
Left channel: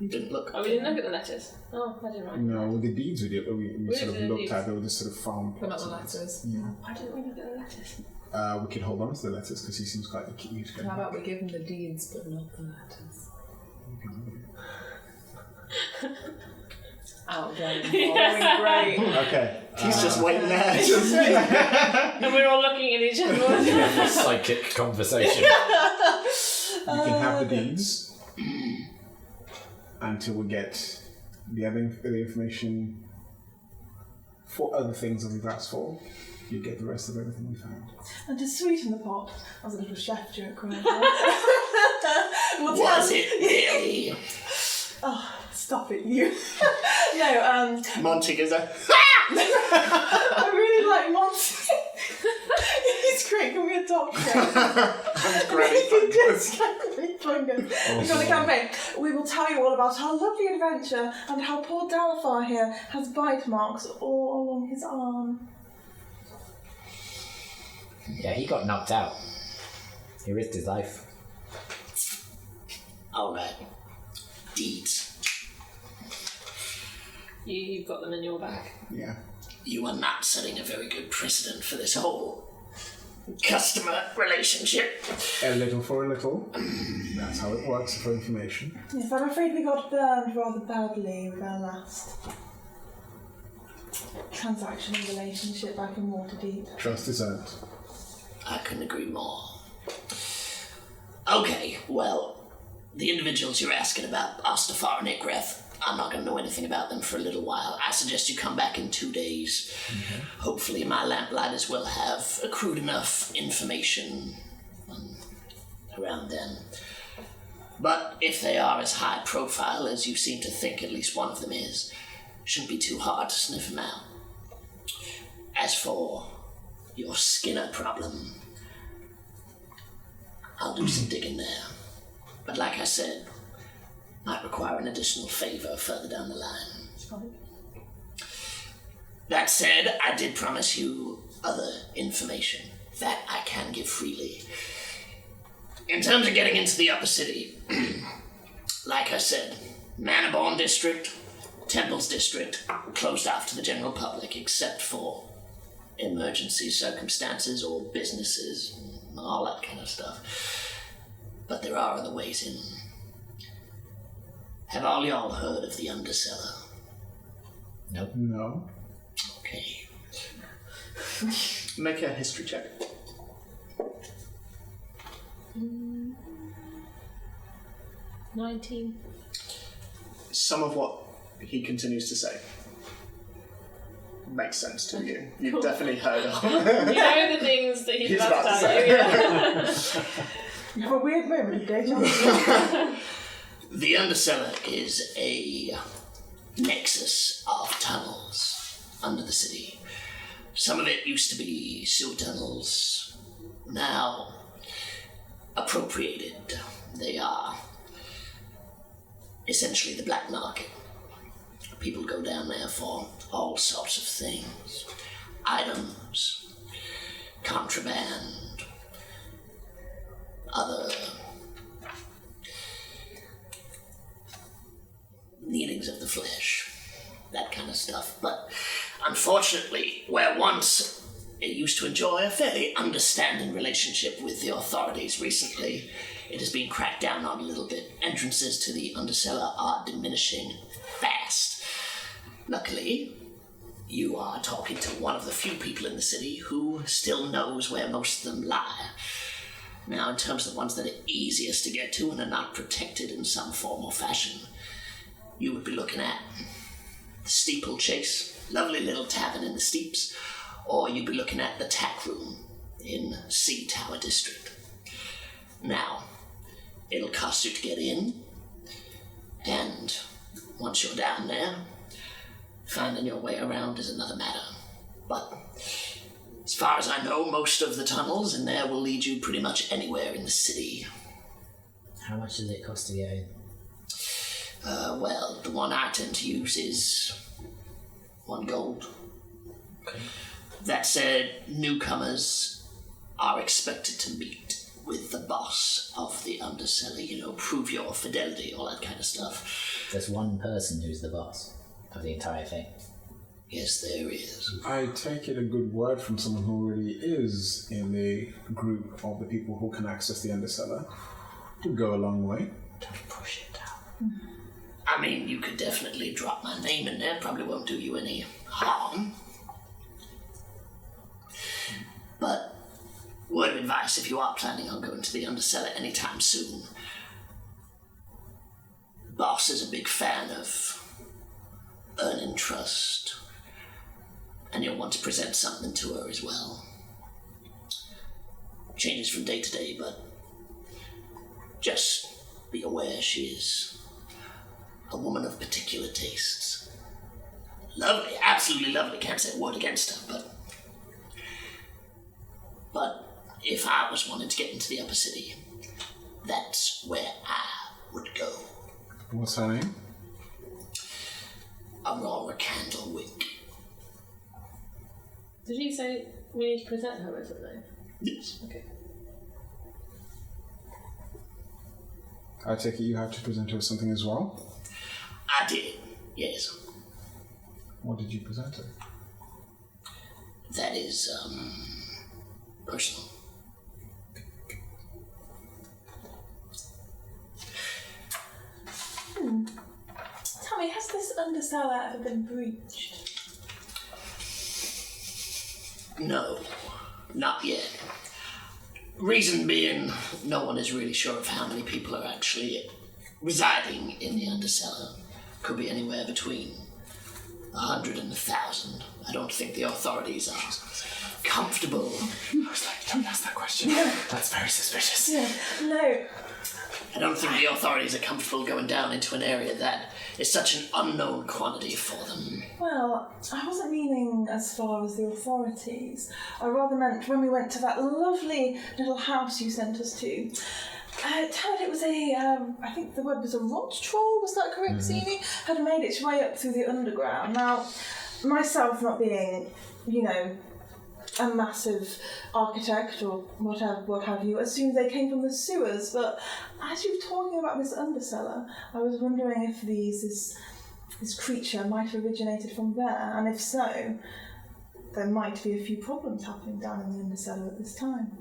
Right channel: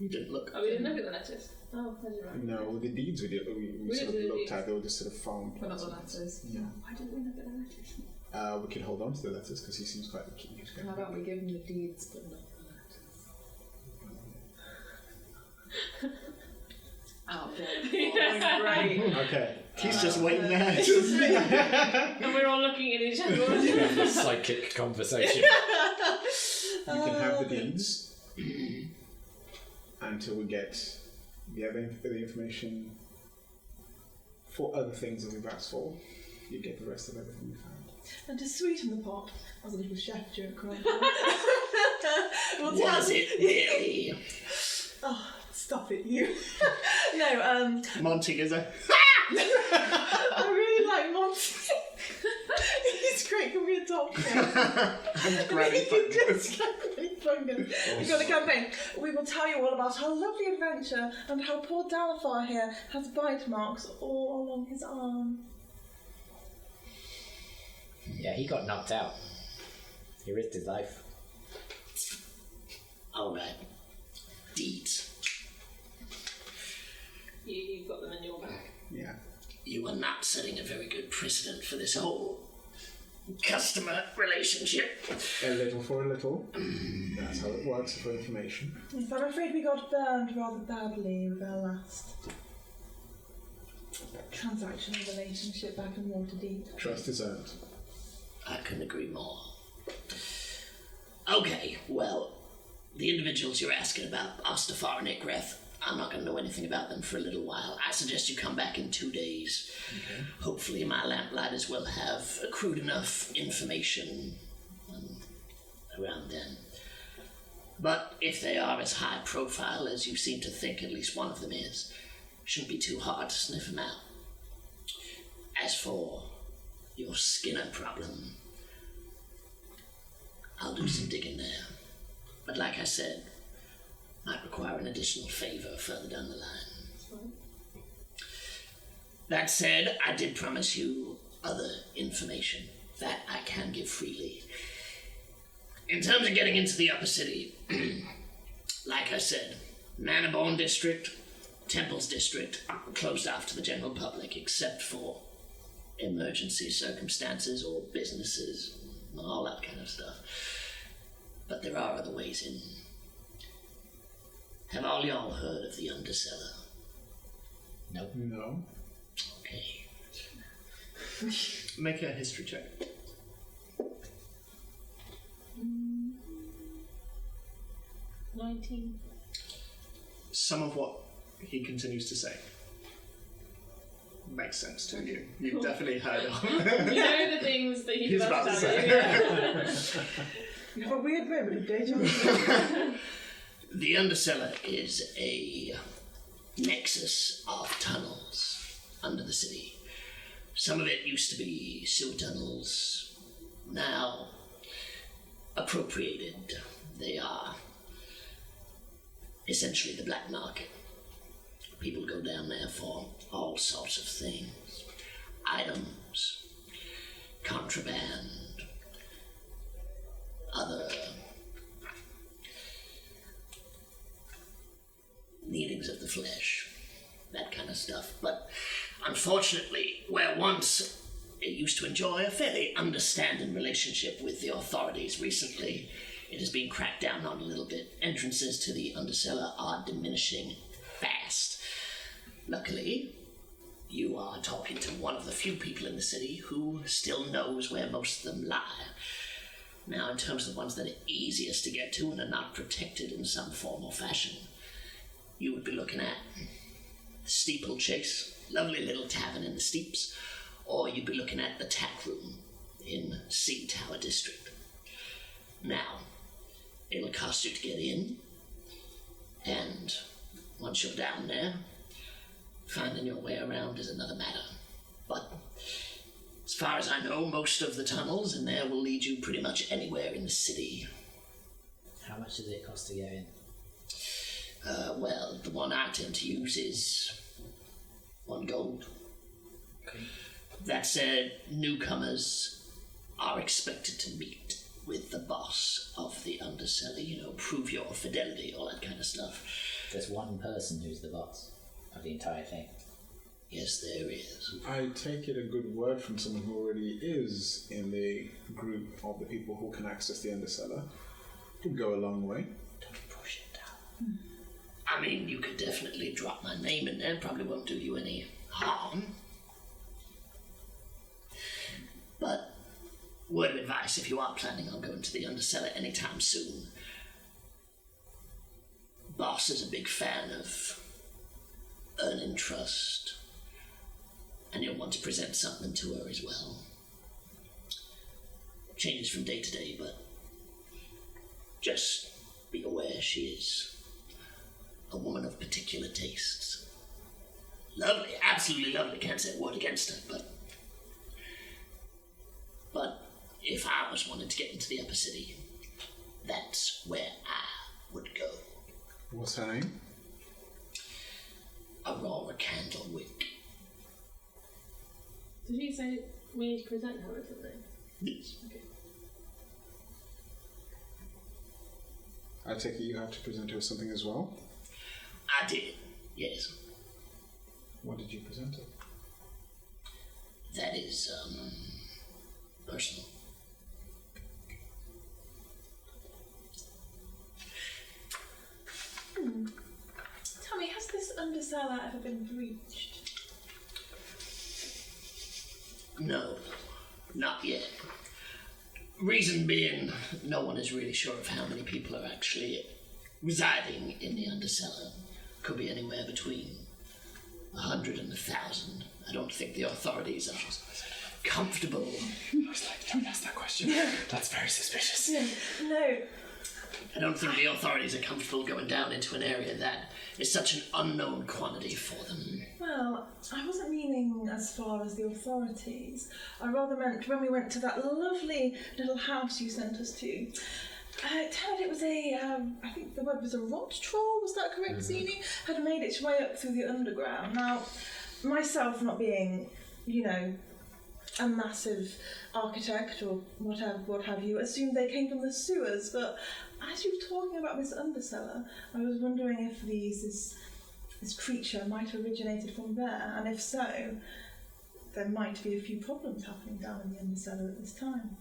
You didn't look. Oh, we didn't look at the letters. Oh, I didn't write. No, the deeds we did, we sort did of the looked deeds. at. They were just sort of found. But not plots the of letters. Yeah. Why didn't we look at the letters? We could hold on to the letters because he seems quite cute. How about we give him the deeds but not the letters? Out again. Great. Okay. He's just waiting there. And we're all looking at each other. Psychic conversation. You can have the deeds until we get the information for other things that we've asked for. You get the rest of everything we found. And to sweeten the pot, that was a little chef joke, remember? Was it really? Oh, stop it, you. No, Monty gives a. I really like Monty. He's great, can we adopt him? Granny Just McFungus. We've got the campaign. We will tell you all about our lovely adventure and how poor Dalafar here has bite marks all along his arm. Yeah, he got knocked out. He risked his life. Alright. Deeds. You've got them in your bag. Yeah. You are not setting a very good precedent for this whole customer relationship. A little for a little. That's how it works for information. Yes, I'm afraid we got burned rather badly with our last transactional relationship back in Waterdeep. Trust is earned. I couldn't agree more. Okay, well, the individuals you're asking about, Ostafar and Ikreth, I'm not going to know anything about them for a little while. I suggest you come back in 2 days. Hopefully my lamplighters will have accrued enough information around then. But if they are as high profile as you seem to think at least one of them is, shouldn't be too hard to sniff them out. As for your Skinner problem, I'll do some digging there. But like I said, might require an additional favour further down the line. That said, I did promise you other information that I can give freely. In terms of getting into the upper city, like I said, Manor District, Temples District, closed off to the general public except for emergency circumstances or businesses, all that kind of stuff. But there are other ways in. Have all y'all heard of the Undercellar? Nope. No. Okay. Make a history check. 19. Some of what he continues to say makes sense to you. You've definitely heard of. You know the things that he's about to tell you. Yeah. You have a weird moment of deja vu. The Undercellar is a nexus of tunnels under the city. Some of it used to be sewer tunnels, now appropriated. They are essentially the black market. People go down there for all sorts of things. Items, contraband, other needings of the flesh, that kind of stuff. But unfortunately, where once it used to enjoy a fairly understanding relationship with the authorities, recently it has been cracked down on a little bit. Entrances to the Undercellar are diminishing fast. Luckily, you are talking to one of the few people in the city who still knows where most of them lie. Now, in terms of the ones that are easiest to get to and are not protected in some form or fashion, you would be looking at the Steeplechase, lovely little tavern in the steeps, or you'd be looking at the Tack Room in Sea Tower District. Now, it'll cost you to get in, and once you're down there, finding your way around is another matter. But as far as I know, most of the tunnels in there will lead you pretty much anywhere in the city. How much does it cost to get in? Well, the one I tend to use is 1 gold. Okay. That said, newcomers are expected to meet with the boss of the Undercellar, prove your fidelity, all that kind of stuff. There's one person who's the boss of the entire thing. Yes, there is. I take it a good word from someone who already is in the group of the people who can access the Undercellar would go a long way. Don't push it down. I mean, you could definitely drop my name in there, probably won't do you any harm. But word of advice, if you are planning on going to the Undercellar anytime soon, boss is a big fan of earning trust, and you'll want to present something to her as well. Changes from day to day, but just be aware she is a woman of particular tastes. Lovely, absolutely lovely, can't say a word against her, but if I was wanting to get into the upper city, that's where I would go. What's her name? Aurora Candlewick. Did you say we need to present her or something? Yes. Okay. I take it you have to present her with something as well? I did, yes. What did you present her? That is, personal. Tell me, has this Undercellar ever been breached? No, not yet. Reason being, no one is really sure of how many people are actually residing in the Undercellar. Could be anywhere between 100 and 1,000. I don't think the authorities are comfortable. I was like, don't ask that question. That's very suspicious. Yeah, no. I don't think the authorities are comfortable going down into an area that is such an unknown quantity for them. Well, I wasn't meaning as far as the authorities. I rather meant when we went to that lovely little house you sent us to. Tell it was I think the word was a rot troll, was that correct, Zini? Had made its way up through the underground. Now, myself not being, a massive architect or what have you, assumed they came from the sewers, but as you were talking about this Undercellar, I was wondering if this creature might have originated from there, and if so, there might be a few problems happening down in the Undercellar at this time.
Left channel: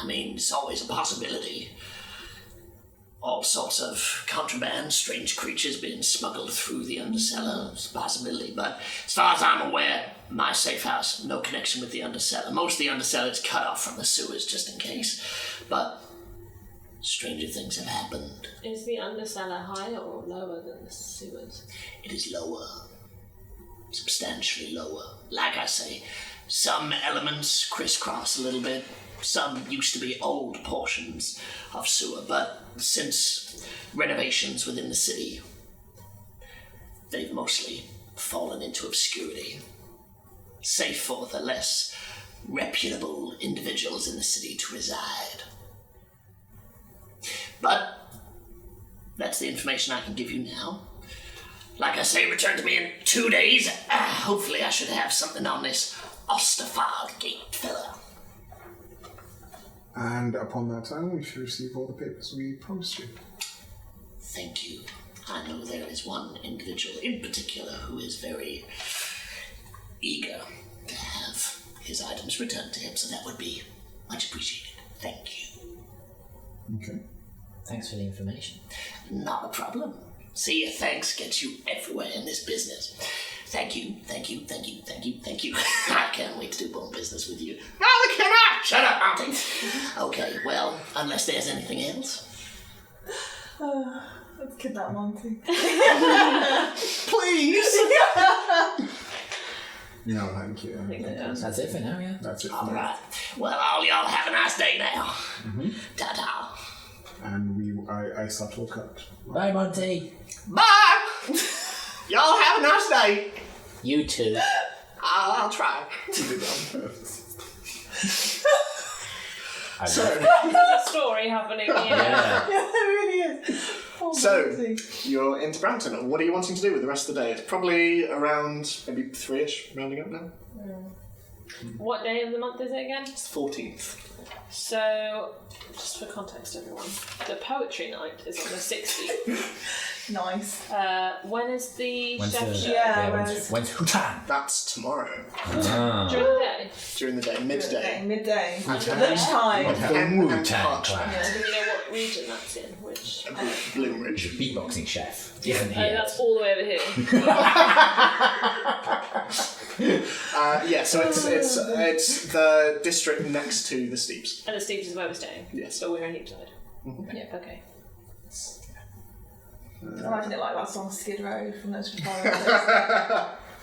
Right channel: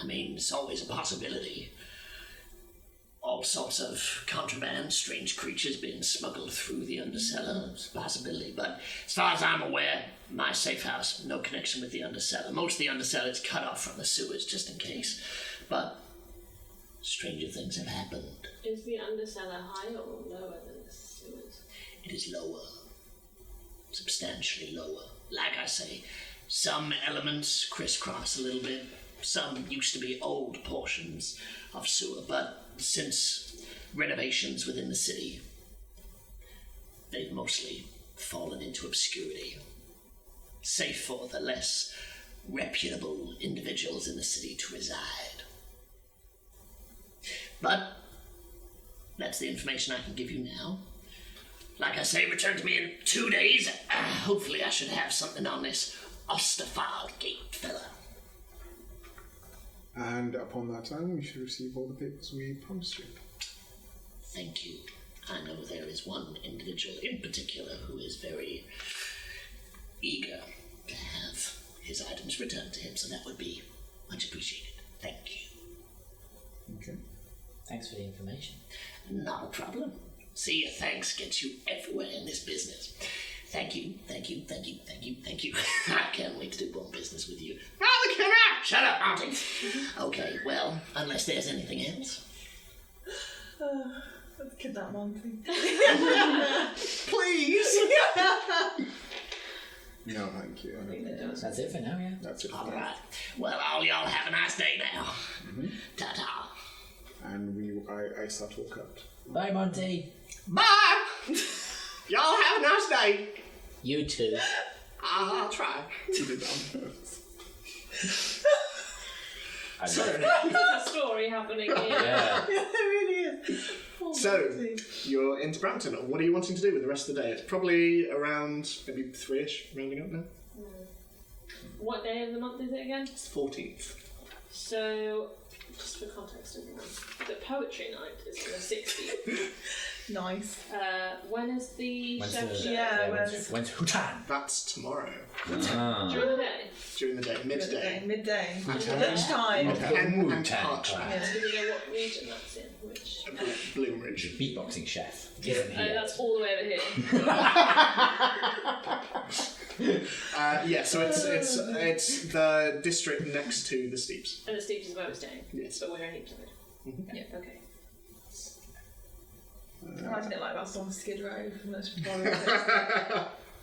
I mean, it's always a possibility. all sorts of contraband, strange creatures being smuggled through the undercellar. It's a possibility, but as far as I'm aware, my safe house, no connection with the undercellar. Most of the undercellar is cut off from the sewers, just in case. But stranger things have happened. Is the undercellar higher or lower than the sewers? It is lower. Substantially lower. Like I say, some elements crisscross a little bit. Some used to be old portions of sewer, but since renovations within the city, they've mostly fallen into obscurity, safe for the less reputable individuals in the city to reside. But that's the information I can give you now. Like I say, return to me in 2 days. Hopefully I should have something on this Osterfard gate fella. And upon that time, we should receive all the papers we promised you. Thank you. I know there is one individual in particular who is very eager to have his items returned to him, so that would be much appreciated. Thank you. Okay. Thanks for the information. Not a problem. See, thanks gets you everywhere in this business. Thank you, thank you, thank you, thank you, thank you. I can't wait to do more business with you. Neither can I! Shut up, Mounty! Okay, well, unless there's anything else. Let's kidnap Monty. Please! No, thank you. That's it for now, yeah. That's it for All now. right. Well, all y'all have a nice day now. Mm-hmm. Ta-ta. And I start to look up. Bye, Monty. Bye! Y'all have a nice day. You too. I'll try. To the downstairs. I love There's a story happening here. Yeah. Yeah, it really is. Poor So, Monty. you're into Brampton. What are you wanting to do with the rest of the day? It's probably around maybe 3-ish, rounding up now. What day of the month is it again? It's the 14th. So, just for context, everyone, the poetry night is on the 16th. Nice. When is the When's chef the show? Yeah, when's Hutan? That's tomorrow. Ah. During the day? During the day, midday. Midday. Wu-Tang. Lunchtime. Like The the Wu-Tang Wu-Tang Clan. Clan. Do we know what region that's in? Which? Bloomridge. He's a beatboxing chef. Different Oh, here. that's all the way over here. Yeah, so it's the district next to the Steeps. And the Steeps is where we're staying. Yes. So we're in Heapside. Mhm. Yeah, okay. I imagine it like that song Skid Row from those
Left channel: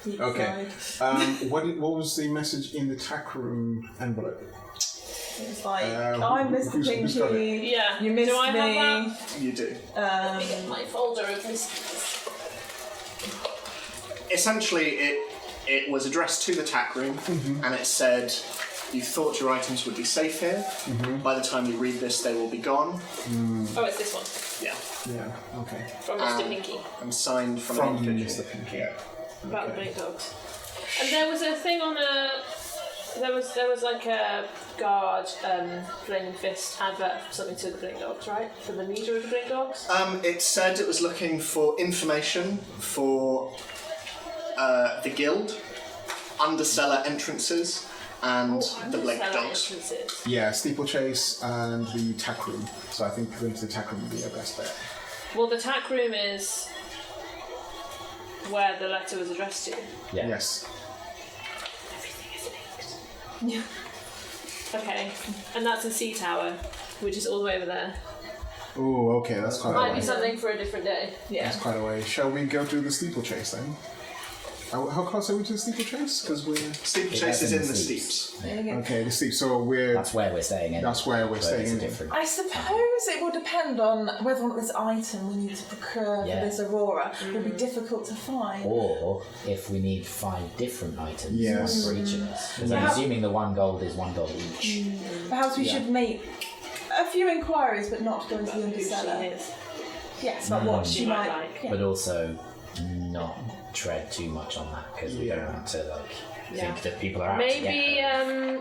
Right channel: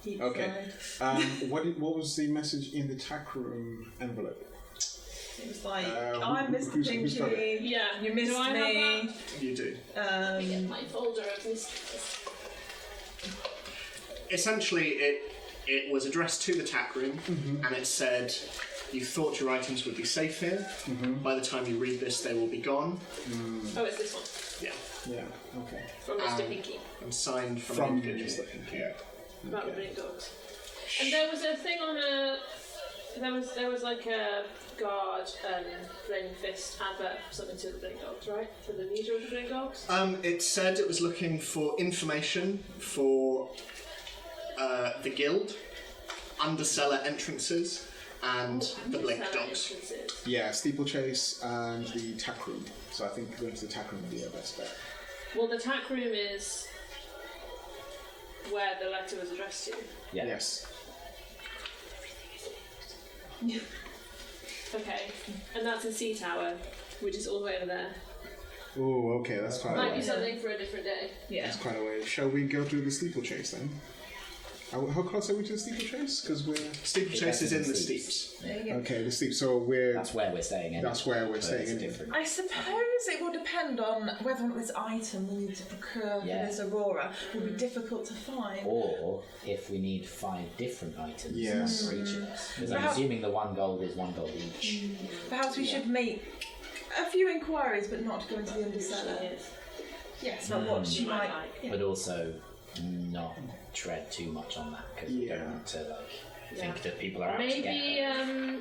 Keep Okay. Side. What was the message in the tack room envelope? It was like, who- I missed who's got it? Pinky. Yeah. You missed Do I me. have You do. that? Let me get my folder of mysteries. Essentially, it was addressed to the tack room, and it said, you thought your items would be safe here. By the time you read this, they will be gone. Oh, it's this one. Yeah. Yeah, okay. From Mr. Pinky. And signed from From the individual. Mr. Pinky. Yeah. About the blink dogs. And there was a thing on a... There was like a guard Flaming Fist advert for something to the blink dogs, right? For the leader of the blink dogs? It said it was looking for information for the guild, undercellar entrances, and the Blake Cellar dogs. entrances. Yeah, steeplechase and the tack room. So I think going to the tack room would be our best bet. Well, the tack room is where the letter was addressed to. Yeah. Yes. Everything is linked. Okay, and that's a sea tower, which is all the way over there. Oh, okay, that's quite a Might be way. something for a different day. Yeah. That's quite a way. Shall we go to the steeplechase then? How close are we to the steeplechase? Because we're... Steeplechase is in the Steeps. There you go. Okay, the steep. So we're... That's where we're staying in. That's where we're but staying it's a in. different. I suppose it will depend on whether or not this item we need to procure Yeah. for this Aurora will be difficult to find. Or if we need 5 different items, Yes. one for each of us. Because I'm Yeah. assuming the 1 gold is 1 gold each. Perhaps we Yeah. should make a few inquiries, but not go into the Who she undercellar. is. Yes, about what Mm. she She might might like. yeah. But also not tread too much on that because we don't want to think that people are out to Maybe get her.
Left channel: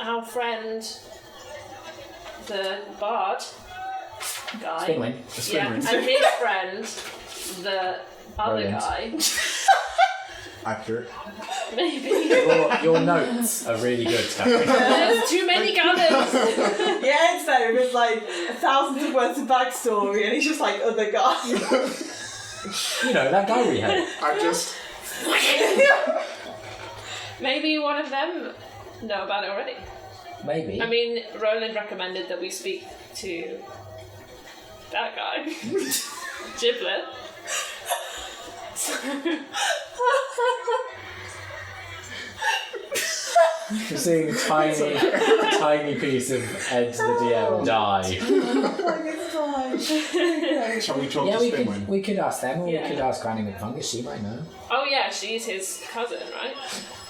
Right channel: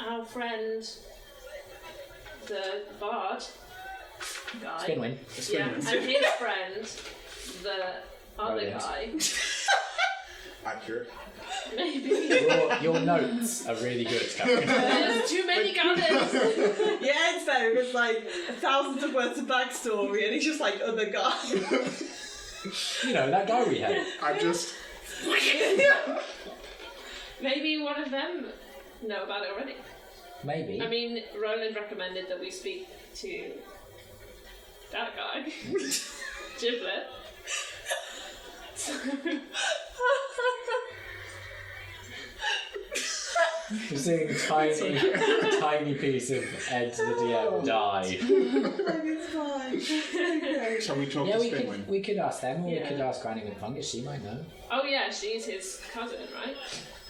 our friend, the bard guy, Spinwin. yeah, and his friend, the other Brilliant. guy, Accurate. Maybe. Your notes are really good, Catherine. There's too many colours. Yeah, it's there. There's like 1,000 of words of backstory, and he's just like other guy. You know, that guy we had. I just. Maybe one of them know about it already. Maybe. I mean, Roland recommended that we speak to that guy, Giblet. We're seeing a tiny piece of Ed the DM die. Like, it's fine. Okay. Shall we talk Yeah, to we Spinwin? could ask them, or Yeah. we could ask Granny McFungus. She might know. Oh yeah, she's his cousin, right?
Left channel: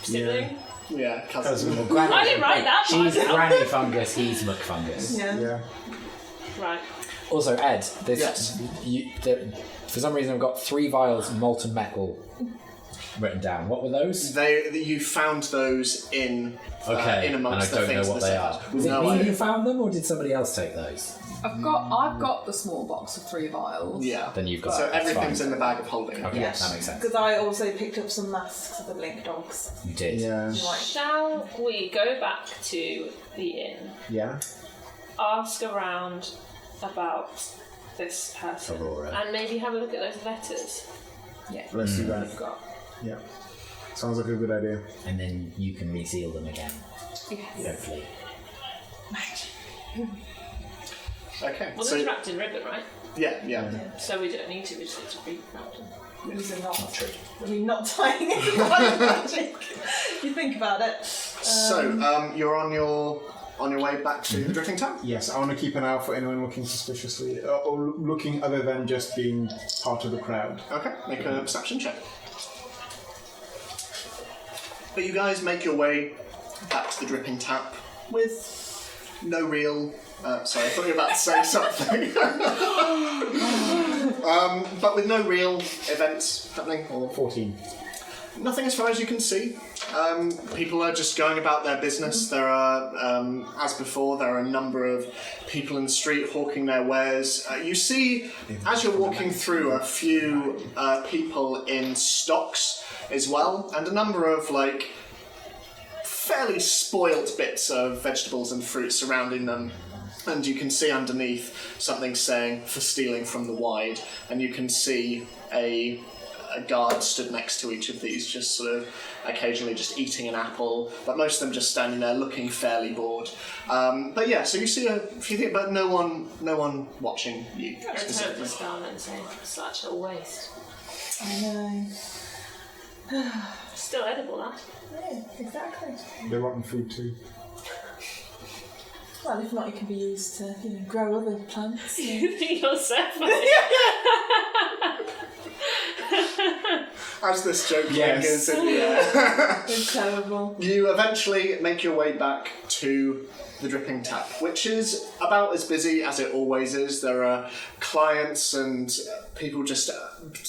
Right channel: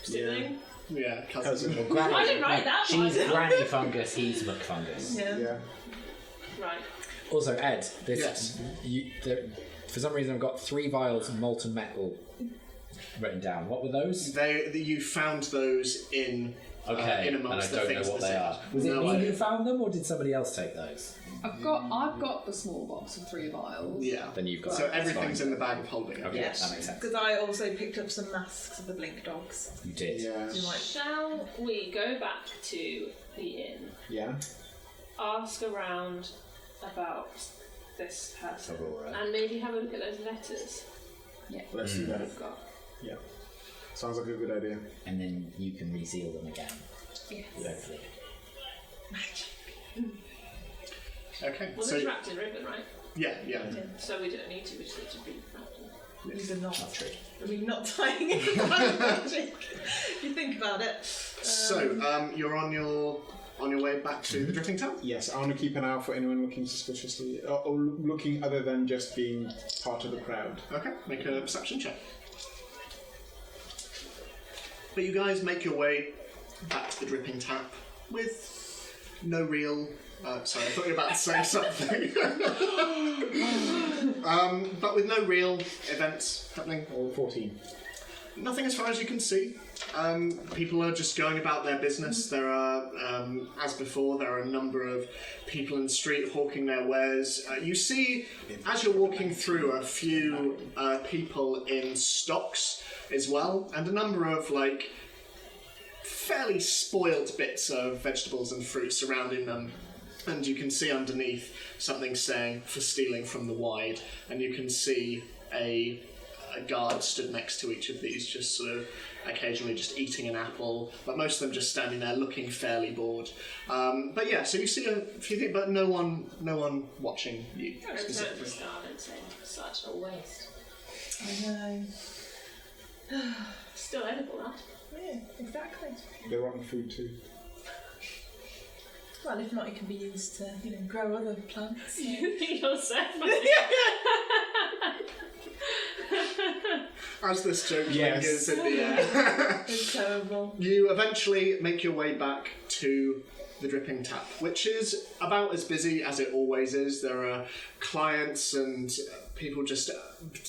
Sibling. Yeah, cousin. Well, Granny. I didn't write that She's part. Granny Fungus. He's McFungus. Yeah. Yeah. Right. Also, Ed, this Yes. for some reason I've got 3 vials of molten metal written down. What were those? You found those in. Okay, in and I amongst the don't know things what in they the are. set. Was it No me idea. who found them, or did somebody else take those? I've got the small box of 3 vials. Yeah. Then you've got So it. That's everything's fine. in the bag of holding. Okay, Yes. that makes sense. Because I also picked up some masks of the blink dogs. You did. Yeah. Right. Shall we go back to the inn, Yeah. ask around about this person, Aurora. and maybe have a look at those letters Let's do that. we've got? Yeah. Sounds like a good idea. And then you can reseal them again, Yes. hopefully. Okay. Well, So they're wrapped in ribbon, right? yeah. So we don't need to. We just need to re-wrap them. These are not. Not true. I mean, not tying it by magic. If you think about it. So you're on your way back to the Drifting Town. Yes, I want to keep an eye out for anyone looking suspiciously, or looking other than just being part of the crowd. Okay. Make a perception check. But you guys make your way back to the Dripping Tap with no real. Sorry, I thought you were about to say something. But with no real events happening, or 14. nothing as far as you can see. People are just going about their business. There are, as before, there are a number of people in the street hawking their wares. You see, as you're walking through, a few people in stocks as well, and a number of, like, fairly spoiled bits of vegetables and fruit surrounding them. And you can see underneath something saying, "For stealing from the wide," and you can see a guard stood next to each of these, just sort of occasionally just eating an apple, but most of them just standing there looking fairly bored. But yeah, so you see a few things, but no one watching you Return to specifically. Star and say, such a waste. I know. Still edible, that. Yeah, exactly. They're rotten food too. Well, if not, it can be used to, grow other plants. You think you're so funny? As this joke Yes. lingers in the air. It's terrible. You eventually make your way back to the Dripping Tap, which is about as busy as it always is. There are clients and people just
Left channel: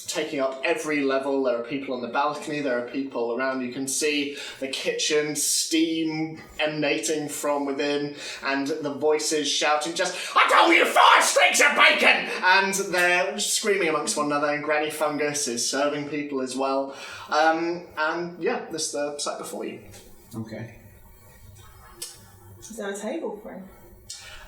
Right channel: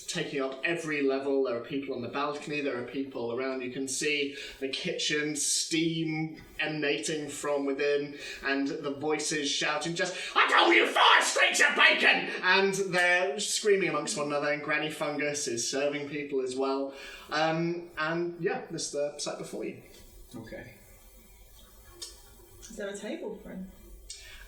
taking up every level. There are people on the balcony, there are people around. You can see the kitchen, steam emanating from within, and the voices shouting just, "I told you 5 streaks of bacon!" And they're screaming amongst one another, and Granny Fungus is serving people as well. And yeah, this is the sight before you. Okay. Is there a table for him?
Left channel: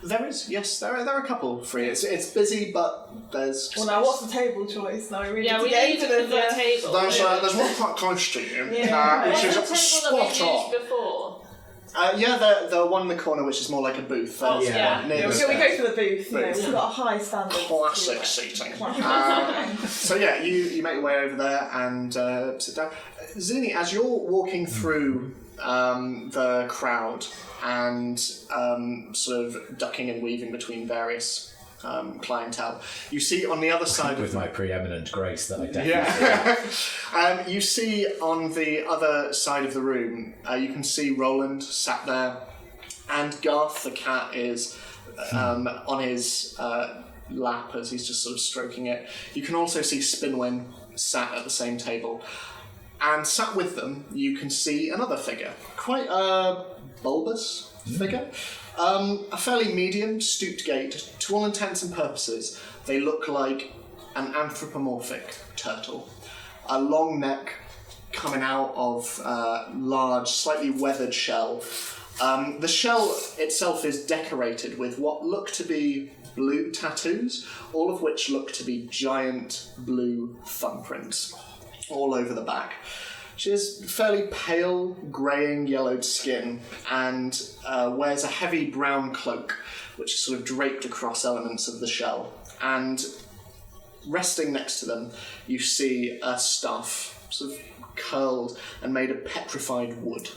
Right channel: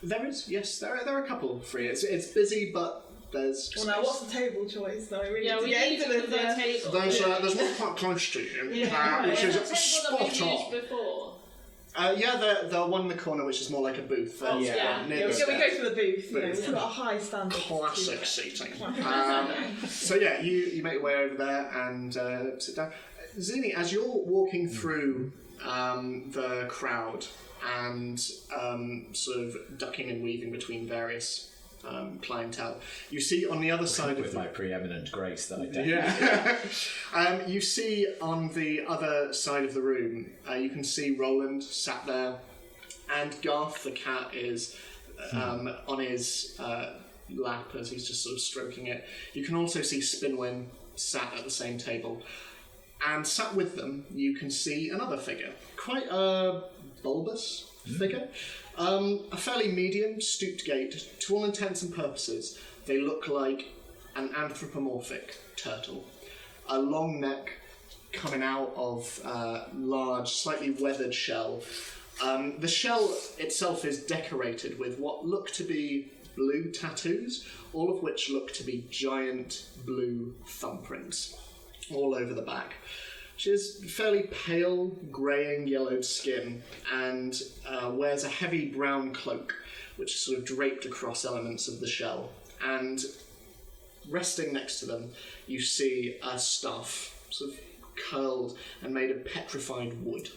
There is, yes. There are a couple free. It's busy, but there's. Well, now what's the table choice? Now we really Yeah, need we to get need into the this. table. There's one quite close to you, Yeah, which is What's the table that spot we on. used before? Yeah, the one in the corner, which is more like a booth. Oh, yeah. near Yeah, the we go for the booth. Booth. We've got a high standard. classic seating. Classic. So yeah, you make your way over there and sit down. Zini, as you're walking through the crowd and sort of ducking and weaving between various clientele, you see on the other side With my preeminent grace that I definitely yeah. You see on the other side of the room, you can see Roland sat there, and Garth the cat is on his lap as he's just sort of stroking it. You can also see Spinwin sat at the same table, and sat with them you can see another figure, quite a bulbous figure. A fairly medium, stooped gait. To all intents and purposes, they look like an anthropomorphic turtle. A long neck, coming out of a large, slightly weathered shell. The shell itself is decorated with what look to be blue tattoos, all of which look to be giant blue thumbprints all over the back. She has fairly pale, greying, yellowed skin and wears a heavy brown cloak, which is sort of draped across elements of the shell. And resting next to them, you see a staff, sort of curled and made of petrified wood.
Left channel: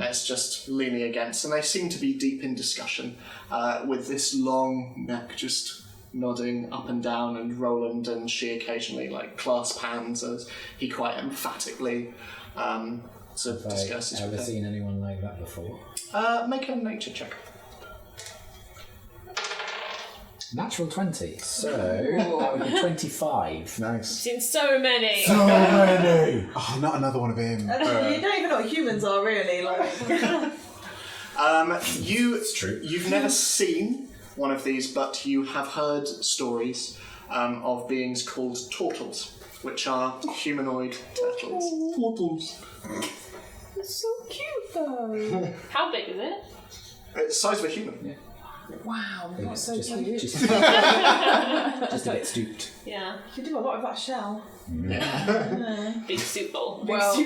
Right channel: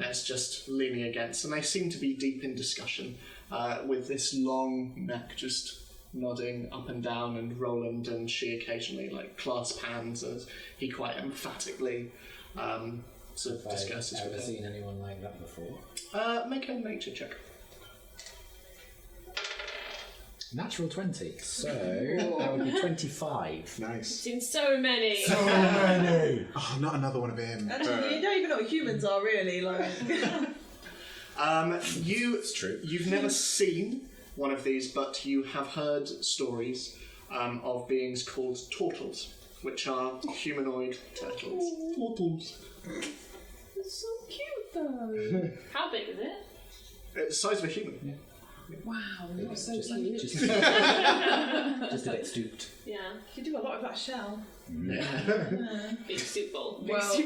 It's just leaning against, and they seem to be deep in discussion, with this long neck just nodding up and down, and Roland and she occasionally clasp hands as he quite emphatically sort of discusses. Have I ever seen anyone like that before? Make a nature check. Natural 20, so that would be 25. Nice. Seen so many. So many! Oh, not another one of him. And you don't even know what humans are, really. It's true. You've never seen one of these, but you have heard stories of beings called turtles, which are humanoid turtles. Turtles. It's so cute though. How big is it? It's the size of a human. Yeah. Wow, that's so just, cute. just a bit stooped. Yeah. You do a lot of that shell. Big soup bowl. Well,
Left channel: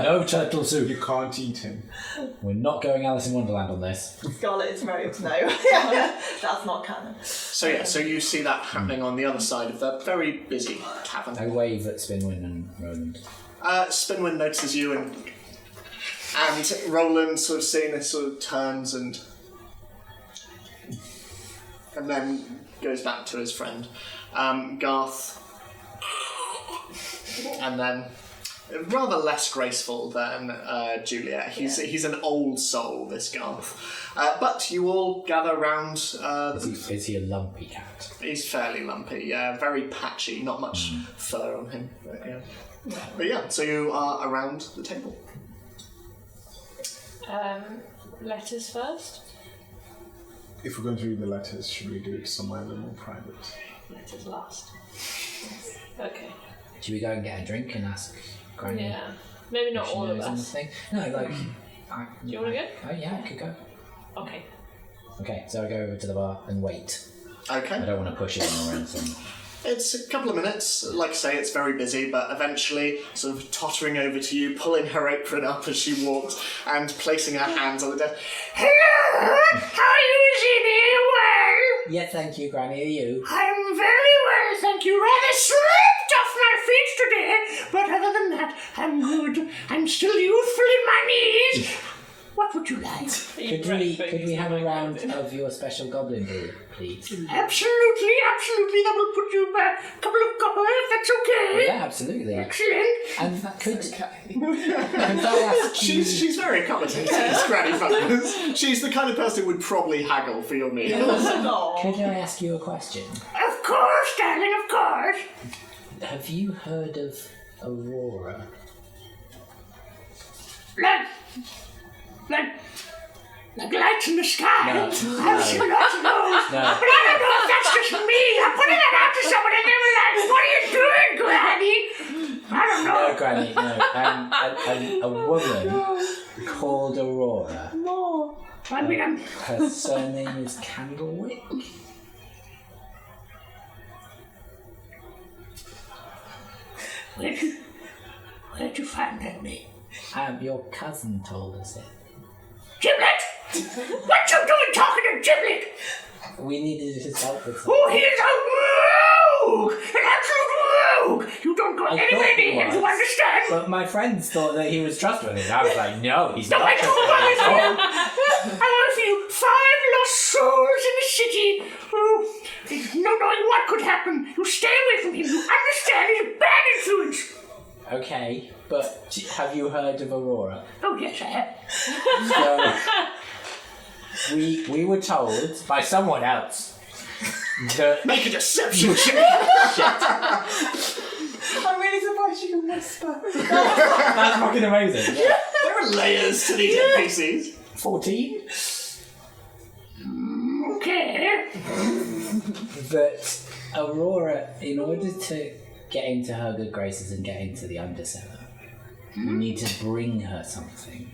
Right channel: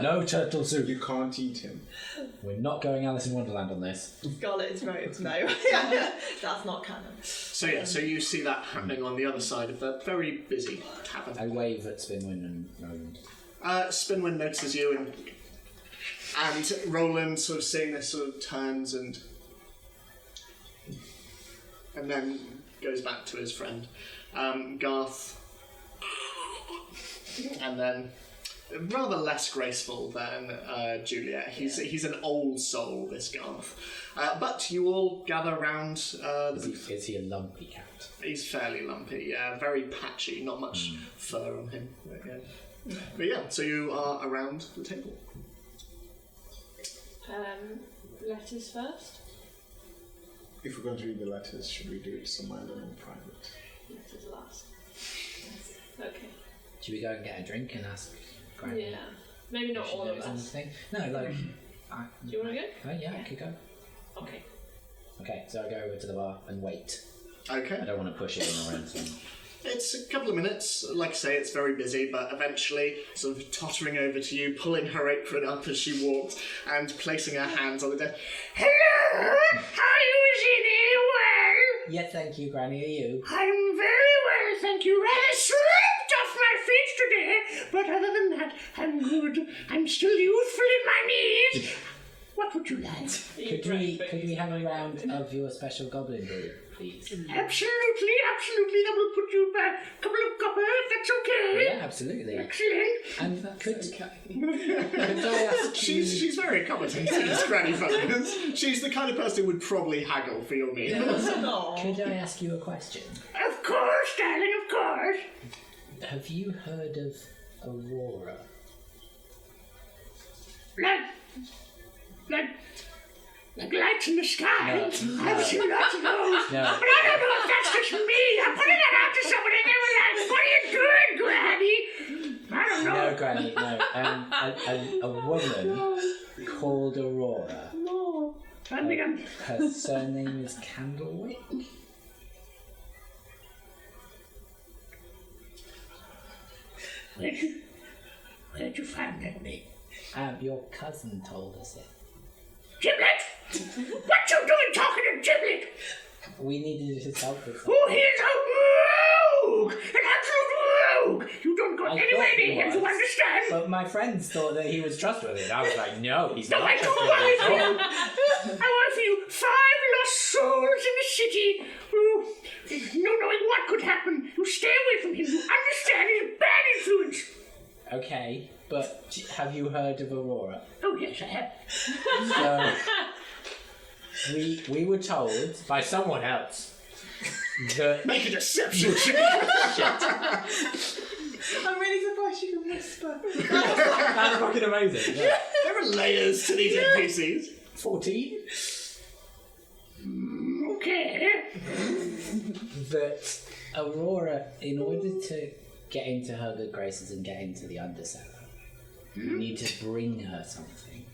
No turtle soup. You can't eat him. We're not going Alice in Wonderland on this. Scarlet is very no. That's not canon. So you see that happening on the other side of that very busy I tavern. wave at Spinwin and Roland. Spinwin notices you, and Roland, sort of seeing this, sort of turns and then goes back to his friend. Garth, and then rather less graceful than Juliet. He's an old soul, this Garth. But you all gather around. Is he a lumpy cat? He's fairly lumpy, yeah, very patchy, not much fur on him. But yeah, so you are around the table. Letters first? If we're going to read the letters, should we do it somewhere a little more private? Letters last. Okay. Should we go and get a drink and ask Granny? Yeah. Maybe not if she all of knows us. anything? No, like. Do you want to go? Oh yeah, I could go. Okay. Okay, so I go over to the bar and wait. I Okay. don't want to push in or anything. It's a couple of minutes. Like I say, it's very busy, but eventually, sort of tottering over to you, pulling her apron up as she walks, and placing her hands on the desk. Hello! Are you sitting well? Yeah, thank you, Granny. Are you? I'm very well, thank you. Rather slipped off my feet today, but other than that, I'm good. I'm still youthful in my knees. What would you like? Could we have a round of your special goblin brew, please? Absolutely. That will put you back a couple of copper, if that's okay. Yeah, absolutely. Excellent. And could okay. I ask you? She's very accommodating, Granny McFungus. She's the kind of person who would probably haggle for your meal. Could I ask you a question? Of course, darling, of course. Have you heard of Aurora? Like lights in the sky. No. Absolutely. No. No. But I don't know if that's just me. I'm putting it out to someone and they were like, what are you doing, Granny? I don't know. No, Granny, no. A woman called Aurora. No. Her surname is Candlewick. Where did you find that name? Your cousin told us it. Giblet? What you doing talking to Giblet? We needed his help with something. Oh, he's a rogue! An absolute rogue! You don't go I anywhere thought he near him, was. you understand? But my friends thought that he was trustworthy. And I was like, no, he's No, not I don't trustworthy at all. I want for you 5 lost souls in the city who, no knowing what could happen, you stay away from him. You understand? He's a bad influence. Okay, but have you heard of Aurora? Oh, yes, I have. So, we were told by someone else that... Make a deception. I'm really surprised you can whisper. That's fucking amazing. Yeah. There are layers to these NPCs. 14? Okay. That Aurora, in order to get into her good graces and get into the Undercellar, You need to bring her something.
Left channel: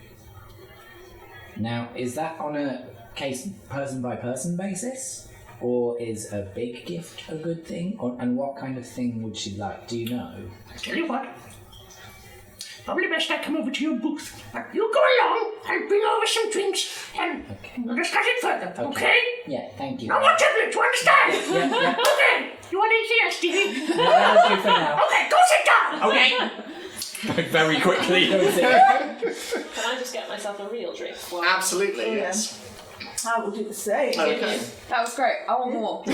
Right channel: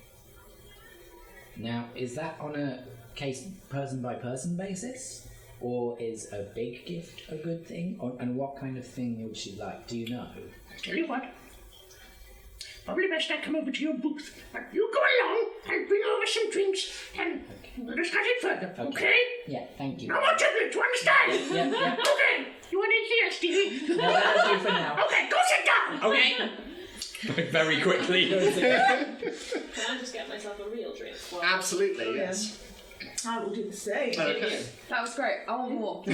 Now, is that on a person by person basis? Or is a big gift a good thing? And what kind of thing would she like? Do you know? I'll tell you what. Probably best I come over to your booth. You go along, I'll bring over some drinks, and we'll discuss it further, okay? Yeah, thank you. No more tablets, you understand? Yeah. Okay. You want anything else, Stevie? No, that's good for now. Okay, go sit down. Okay. Very quickly. Can I just get myself a real drink? Absolutely, yes. I will do the same. Okay. That was great. I want more.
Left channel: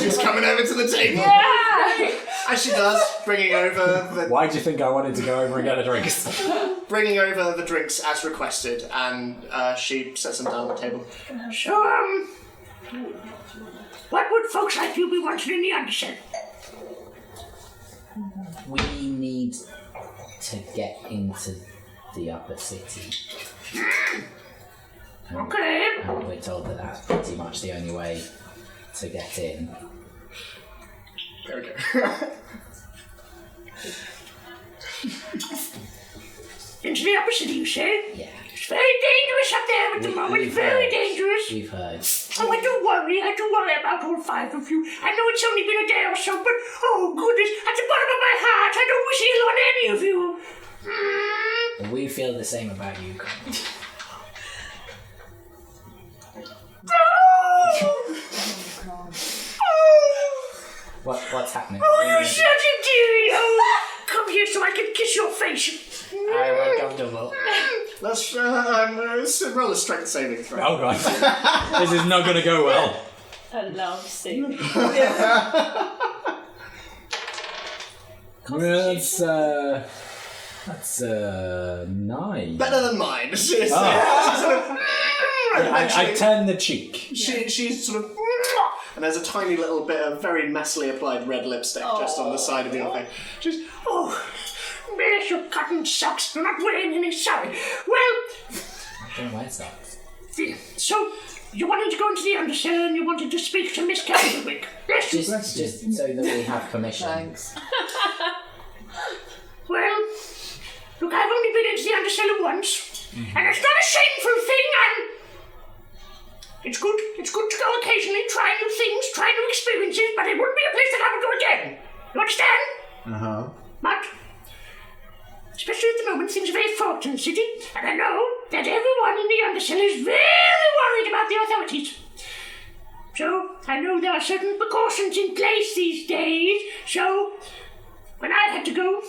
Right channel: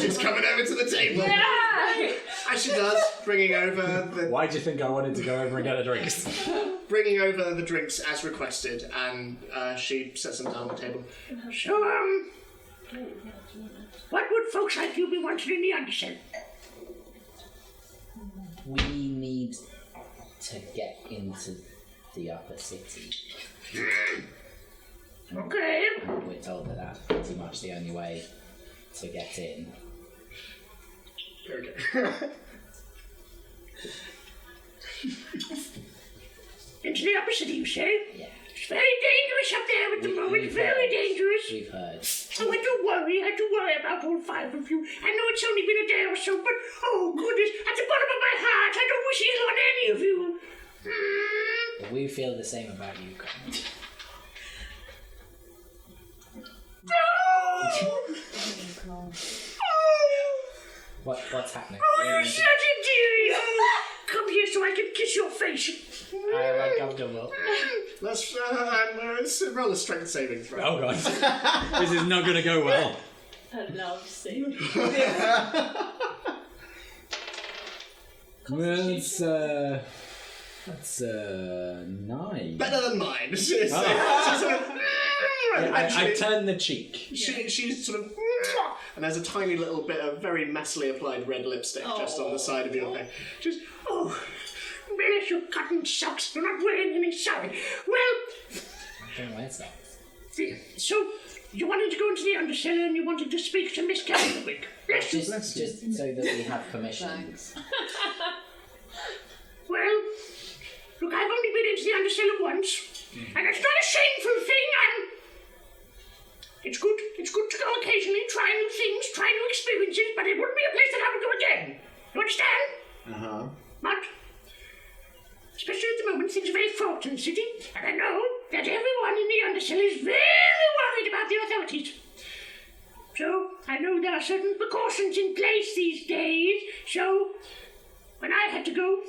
She's coming over to the table. Yeah! As she does, bringing over Why do you think I wanted to go over and get a drink? bringing over the drinks as requested, and she sets them down on the table. So, what would folks like you be wanting in the underset? We need to get into the upper city. Okay. And we're told that that's pretty much the only way to get in. There we go. Into the upper city, you say? Yeah. It's very dangerous up there at the moment. Very dangerous. We've heard. Oh, I do worry about all 5 of you. I know it's only been a day or so, but oh goodness, at the bottom of my heart, I don't wish ill on any of you. We feel the same about you, Colin. What's happening? Oh, you're such a dearie. Oh, come here so I can kiss your face. I'm uncomfortable. Let's roll a strength saving throw. Oh god. This is not going to go well. A love scene. That's 9. Better than mine. I turn the cheek. She's sort of, and there's a tiny little bit of very messily applied red lipstick just on the side of your face. Just, oh, bless your cotton socks. You're not wearing any, sorry. Well, I don't wear socks. so you wanted to go into the undercellar and you wanted to speak to Miss Castlewick. Yes. Just so that we have permission. Thanks. Well, look, I've only been into the undercellar once, and it's not a shameful thing. It's good to go occasionally, try new things, try new experiences, but it wouldn't be a place that I would go again. You understand? But, especially at the moment, things are very fraught in the city, and I know that everyone in the undercellar is very worried about the authorities. So, I know there are certain precautions in place these days, so when I had to go,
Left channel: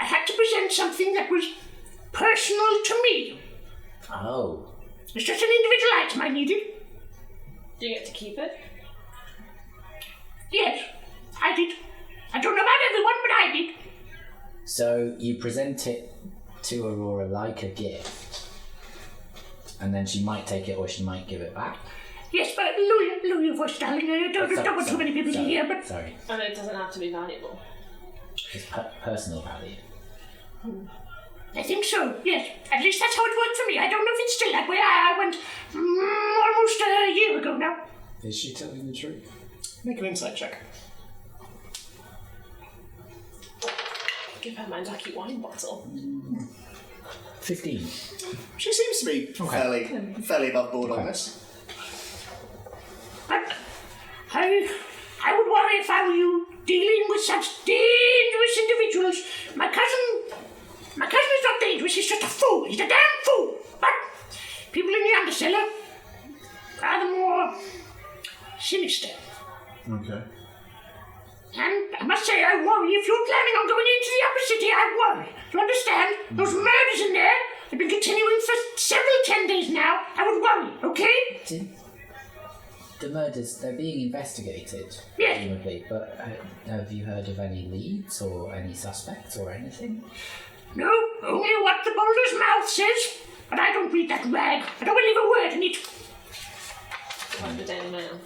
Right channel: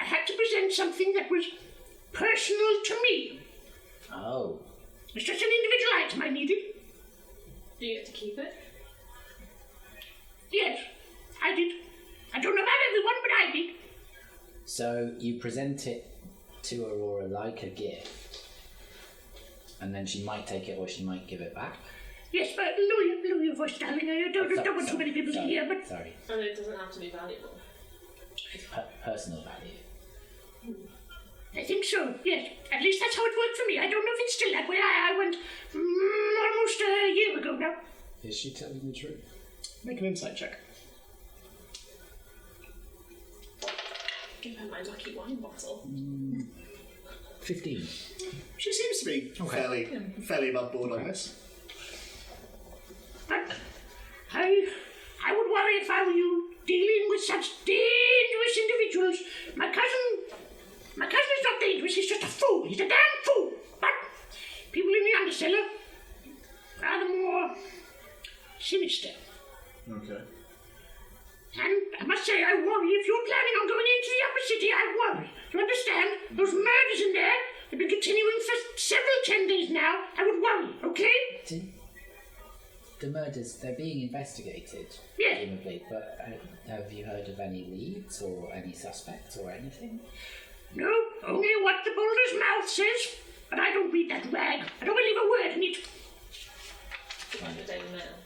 I had to present something that was personal to me. Oh. It's just an individual item I needed. Do you get to keep it? Yes, I did. I don't know about everyone, but I did. So you present it to Aurora like a gift, and then she might take it or she might give it back? Yes, but lower your voice, darling. I don't want too many people to hear, but... Sorry. And it doesn't have to be valuable. It's personal value. I think so, yes. At least that's how it worked for me. I don't know if it's still that way. I went almost a year ago now. Is she telling the truth? Make an insight check. Give her my lucky wine bottle. 15. She seems to be fairly above board on this. But I would worry if I were you dealing with such dangerous individuals. My cousin is not dangerous, he's just a fool. He's a damn fool. But people in the undercellar are more sinister. Okay. And I must say, I worry if you're planning on going into the upper city, I worry. You understand? Those murders in there have been continuing for several 10 days now. I would worry, okay? The murders, they're being investigated, Yes. presumably, but have you heard of any leads or any suspects or anything? No, only what the boulder's mouth says. But I don't read that rag. I don't believe a word in it. Like the Daily Mail.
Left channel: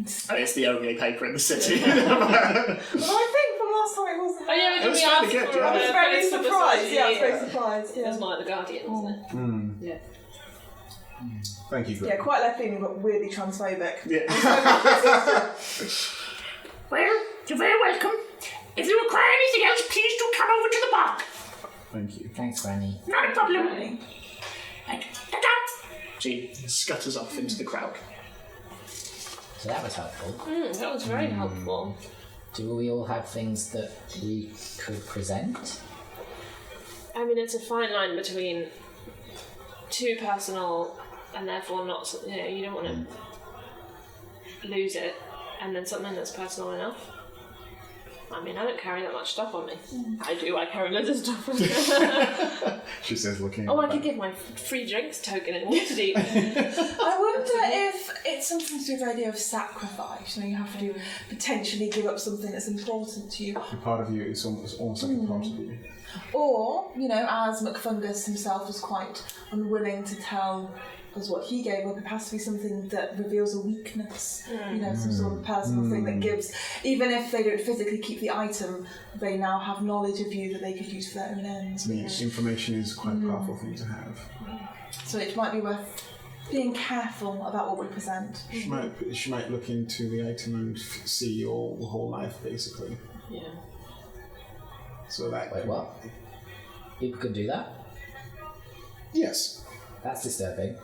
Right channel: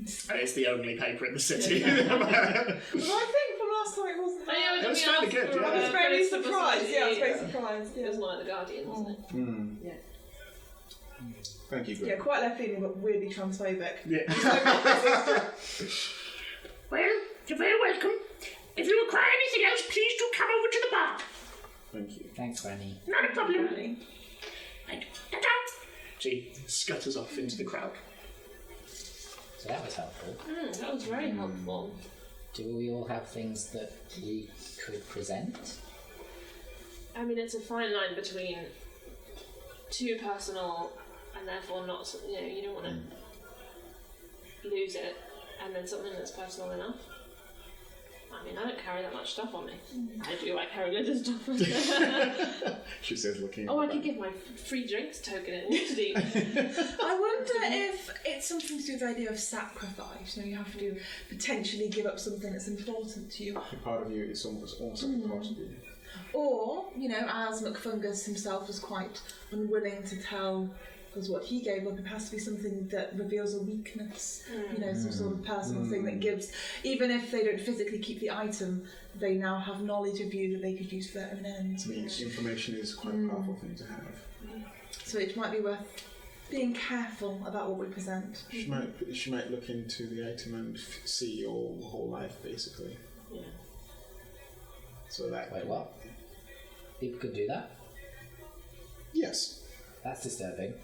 It's the only paper in the city. But I think from last time it wasn't. Oh yeah, That's we asked really good, for yeah. I was very political surprised. society, Yeah, I was very surprised. It Yeah. was more like the Guardian, wasn't it? Yeah. Thank you, Yeah, Greg. quite left feeling, but weirdly transphobic. Yeah. Well, you're very welcome. If you require anything else, please do come over to the bar. Thank you. Thanks, Granny. Not a problem. She scutters off into the crowd. So that was helpful. That was very helpful. Do we all have things that we could present? I mean, it's a fine line between too personal and therefore not, you don't want to lose it, and then something that's personal enough. I mean, I don't carry that much stuff on me. I do, I carry loads of stuff. She says, looking. I could give my free drinks token in Waterdeep. I wonder if it's something to do with the idea of sacrifice. You have to potentially give up something that's important to you. A part of you is almost like a part of you. Or, as McFungus himself was quite unwilling to tell us what he gave up, it has to be something that reveals a weakness, some sort of personal thing that gives, even if they don't physically keep the item, they now have knowledge of you that they could use for their own ends. Information is quite a powerful thing to have. So it might be worth being careful about what we present. She might look into the item and see your whole life, basically. Yeah. So that. Wait, what? People could do that? Yes. That's disturbing.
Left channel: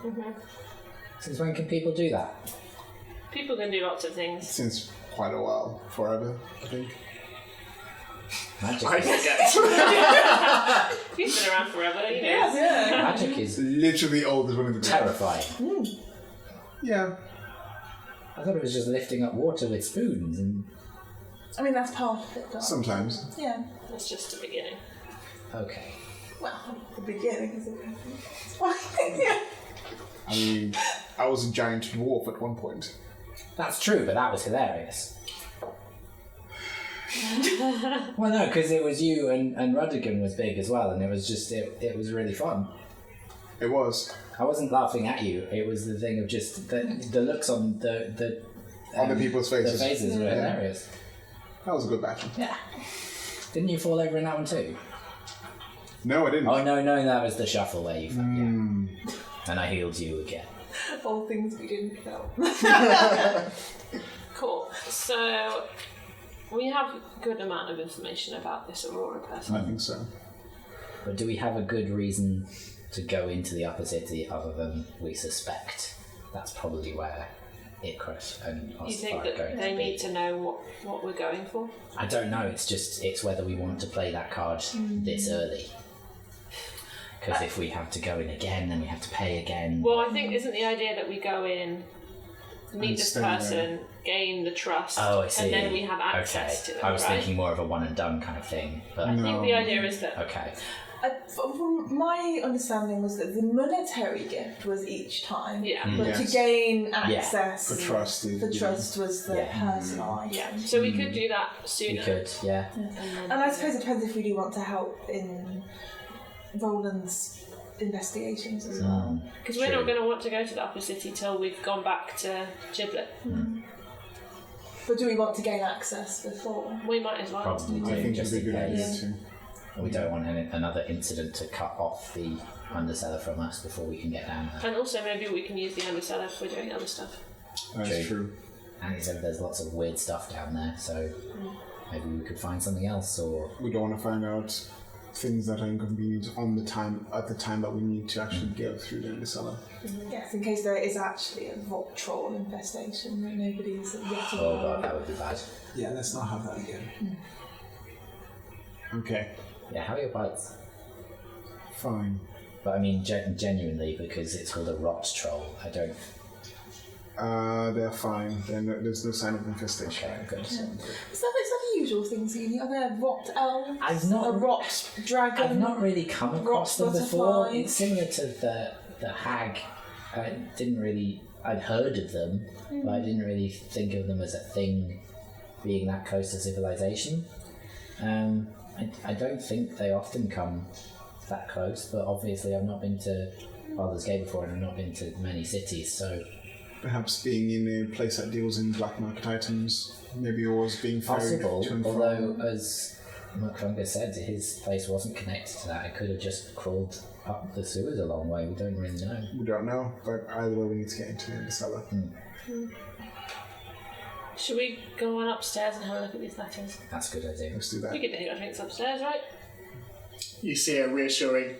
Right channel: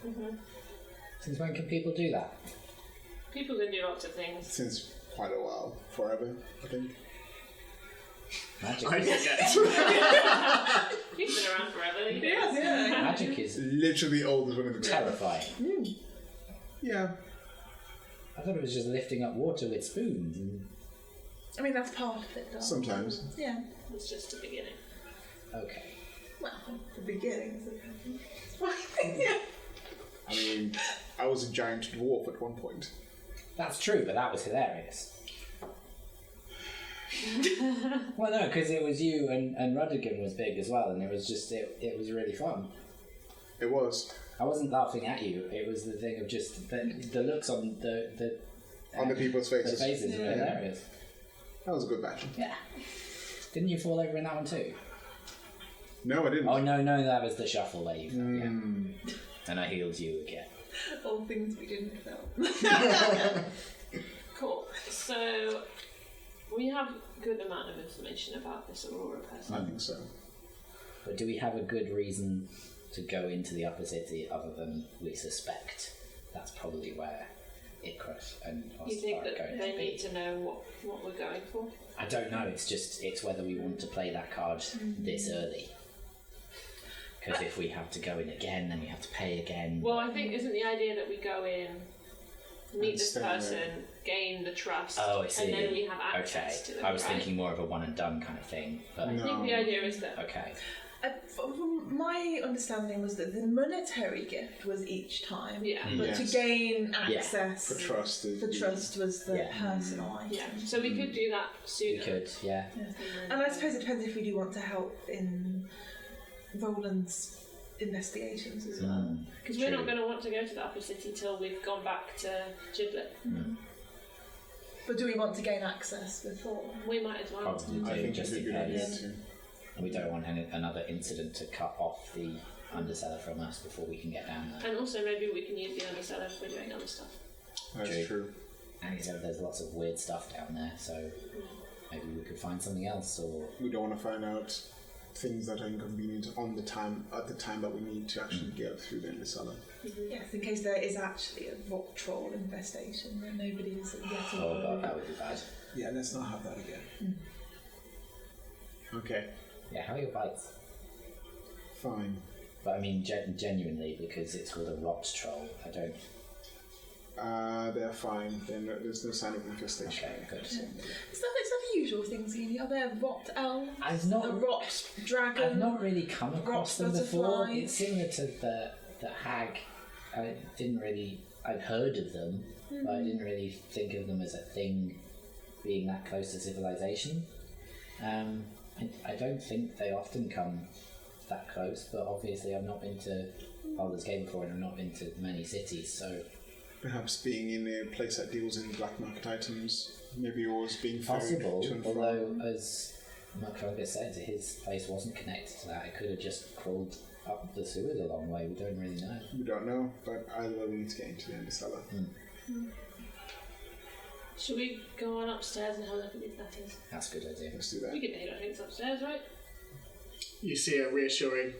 Since when can people do that? People can do lots of things. Since quite a while. Forever, I think. Magic. I forget. He's been around forever, Magic is Literally old as one of the terrifying. Yeah. I thought it was just lifting up water with spoons and... I mean, that's part of it, though. Sometimes. Yeah. That's just the beginning. Okay. Well, the beginning is I mean, I was a giant dwarf at one point. That's true, but that was hilarious. Well, no, because it was you and Rudigan was big as well, and it was just, it was really fun. It was. I wasn't laughing at you, it was the thing of just the looks on the people's faces. The faces were hilarious. That was a good battle. Yeah. Didn't you fall over in that one too? No, I didn't. Oh, no, that was the shuffle where you fell, yeah. And I healed you again. All things we didn't feel. Cool. So, we have a good amount of information about this Aurora person. I think so. But do we have a good reason to go into the upper city other than we suspect that's probably where Icarus and You think Ossifer are that going they to be? need to know what we're going for? I don't know, it's whether we want to play that card this early. Because if we have to go in again, then we have to pay again. Well, I think isn't the idea that we go in, meet this stay there. person, gain the trust, Oh, I see. and then we have access to them, I was right? thinking more of a one and done kind of thing. But I think the idea is that okay. From my understanding was that the monetary gift was each time, but Yes. to gain access, The trust is. the trust was the Yeah. personal item. yeah. So we could do that sooner. We could, yeah. And I suppose it depends if we do want to help in Roland's investigations as well. Because we're not going to want to go to the upper city till we've gone back to Giblet. But do we want to gain access before? We might as well. Probably I do, think just it'd be in a good idea case. too. We don't want another incident to cut off the underseller from us before we can get down there. And also maybe we can use the underseller if we're doing other stuff. That's true. And he said there's lots of weird stuff down there, so maybe we could find something else, or... We don't want to find out things that are inconvenient at the time that we need to actually get through the cellar. Yes, in case there is actually a rock troll infestation that nobody is yet Oh aware god, of. that would be bad. Yeah, let's not have that again. Okay, Yeah, how are your bites? fine. But I mean, genuinely, because it's called a rot troll, I don't... They're fine. There's no sign of infestation. Okay, good. Is that the usual things, Edie? Are there rot elves? I've not- A rot dragon? I've not really come across them before. butterfly. It's similar to the hag. I didn't really... I'd heard of them, but I didn't really think of them as a thing being that close to civilization. I don't think they often come that close, but obviously I've not been to Baldur's Gate before and I've not been to many cities, so... Perhaps being in a place that deals in black market items, maybe yours being ferried Possible, to and from. although as McFungus said, his place wasn't connected to that. It could have just crawled up the sewers a long way. We don't really know. We don't know, but either way we need to get into the cellar. Should we go on upstairs and have a look at these letters? That's a good idea. Let's do that. We could take our drinks upstairs, right? You see a reassuring.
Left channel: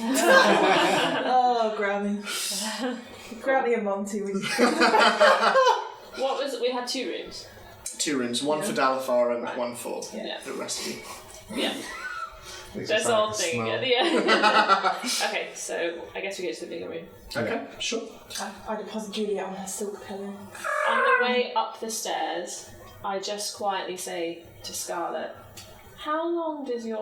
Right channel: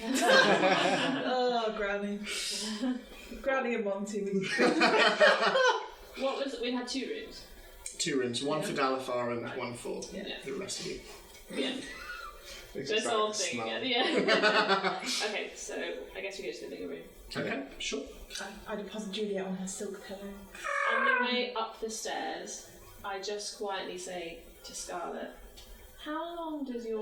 Oh, Granny. Granny and Monty. What was it? We had 2 rooms. 2 rooms, one for Dalifar and one for Yeah. the rest of you. Yeah. Makes This it sound whole like a thing smell. at the end. Okay, so I guess we go to the bigger room. Okay, sure. I deposit Juliet on her silk pillow. On the way up the stairs, I just quietly say to Scarlet, "How long does you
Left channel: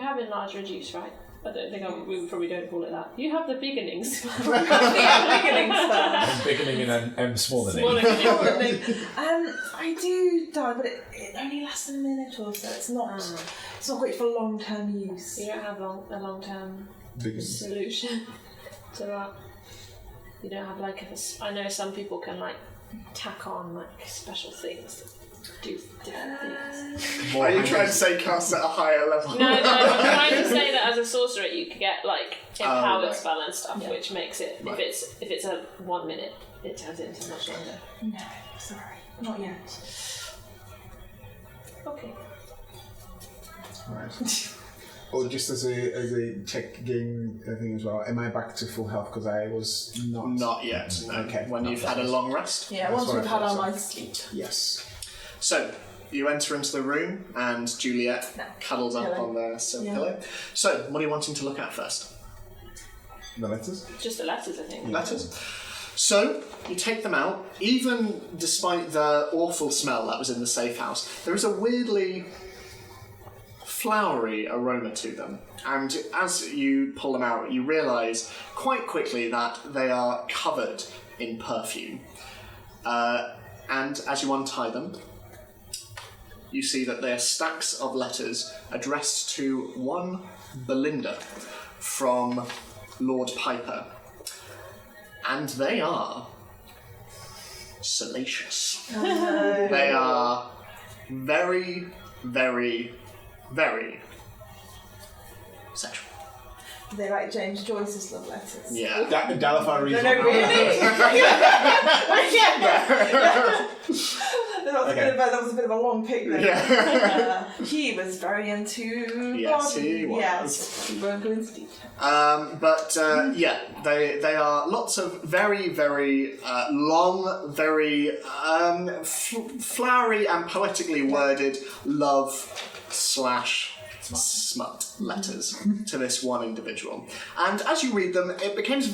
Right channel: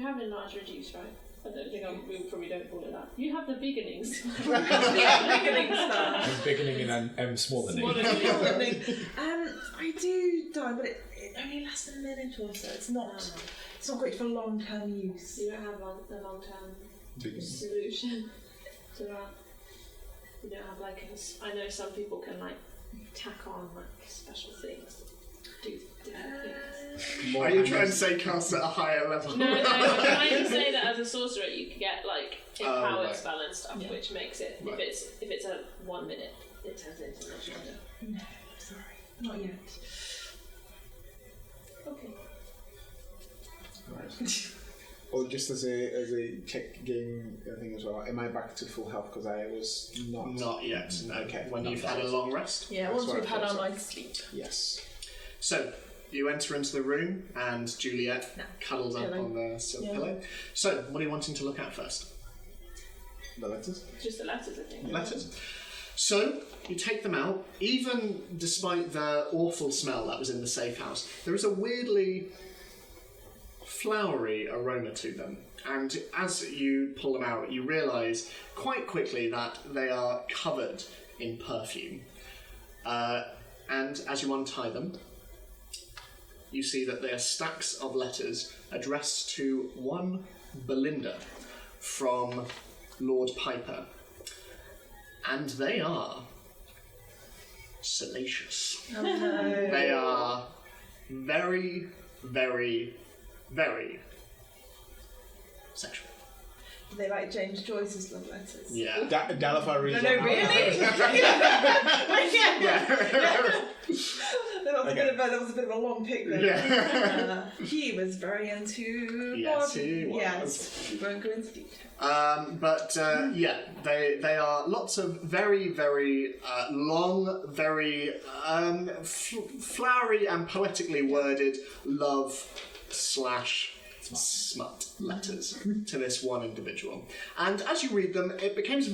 have enlarged reduce, right? I don't think we probably don't call it that. You have the beginnings. Beginning spell. Beginning and smaller Smaller I do die, but it only lasts a minute or so. It's not great for long-term use. You don't have a long-term Beginnings. solution to that. You don't have like I know some people can like tack on like special things that do different things. Are you trying to say cast at a higher level? No, I'm trying to say that as a sorcerer you could get like empowered right. spell and stuff, Yeah. which makes it Right. if it's a 1 minute, it turns it into much longer. No, sorry, not yet. Okay. Right. Oh, just as a check game thing as well. Am I back to full health? Because I was not. Not yet. No. Okay. When you've had a long rest. Yeah, That's once what we've I had our thought so. night's sleep. Yes. So, you enter into the room and Juliet cuddles up Pillow. on the silk Yeah. pillow. So, what are you wanting to look at first? The letters. Just the letters, I think. Letters. So, you take them out. Even despite the awful smell that was in the safe house, there is a weirdly flowery aroma to them. And as you pull them out, you realise quite quickly that they are covered in perfume. And as you untie them, you see that they are stacks of letters addressed to one Belinda from Lord Piper. And they are salacious. Oh, no. They are very, very, very sexual. They like James Joyce's love letters. Yeah. Dalifar reads. No, really? That was a bit of a long pick then. Yeah. He was very into Yes, body. he was. Yes, we won't go into detail. Yeah, they are lots of very, very long, very flowery and poetically worded love / smut letters to this one individual. And as you read them, it becomes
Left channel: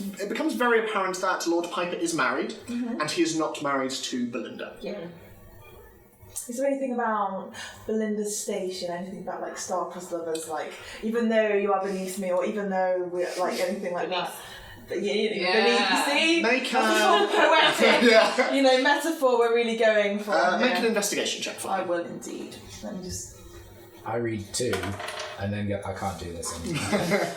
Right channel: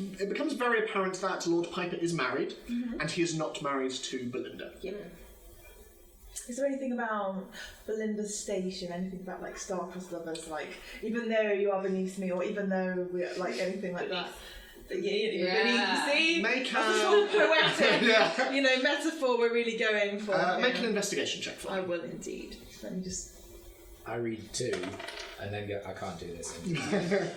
very apparent that Lord Piper is married, and he is not married to Belinda. Yeah. Is there anything about Belinda's station, anything about like star-crossed lovers, like even though you are beneath me, or even though we're like anything like that? Yeah. Beneath, you see? Make That's a full poetic, yeah. metaphor we're really going for. Make an investigation check for I me. will indeed. Let me just. I read 2 and then go, I can't do this anymore.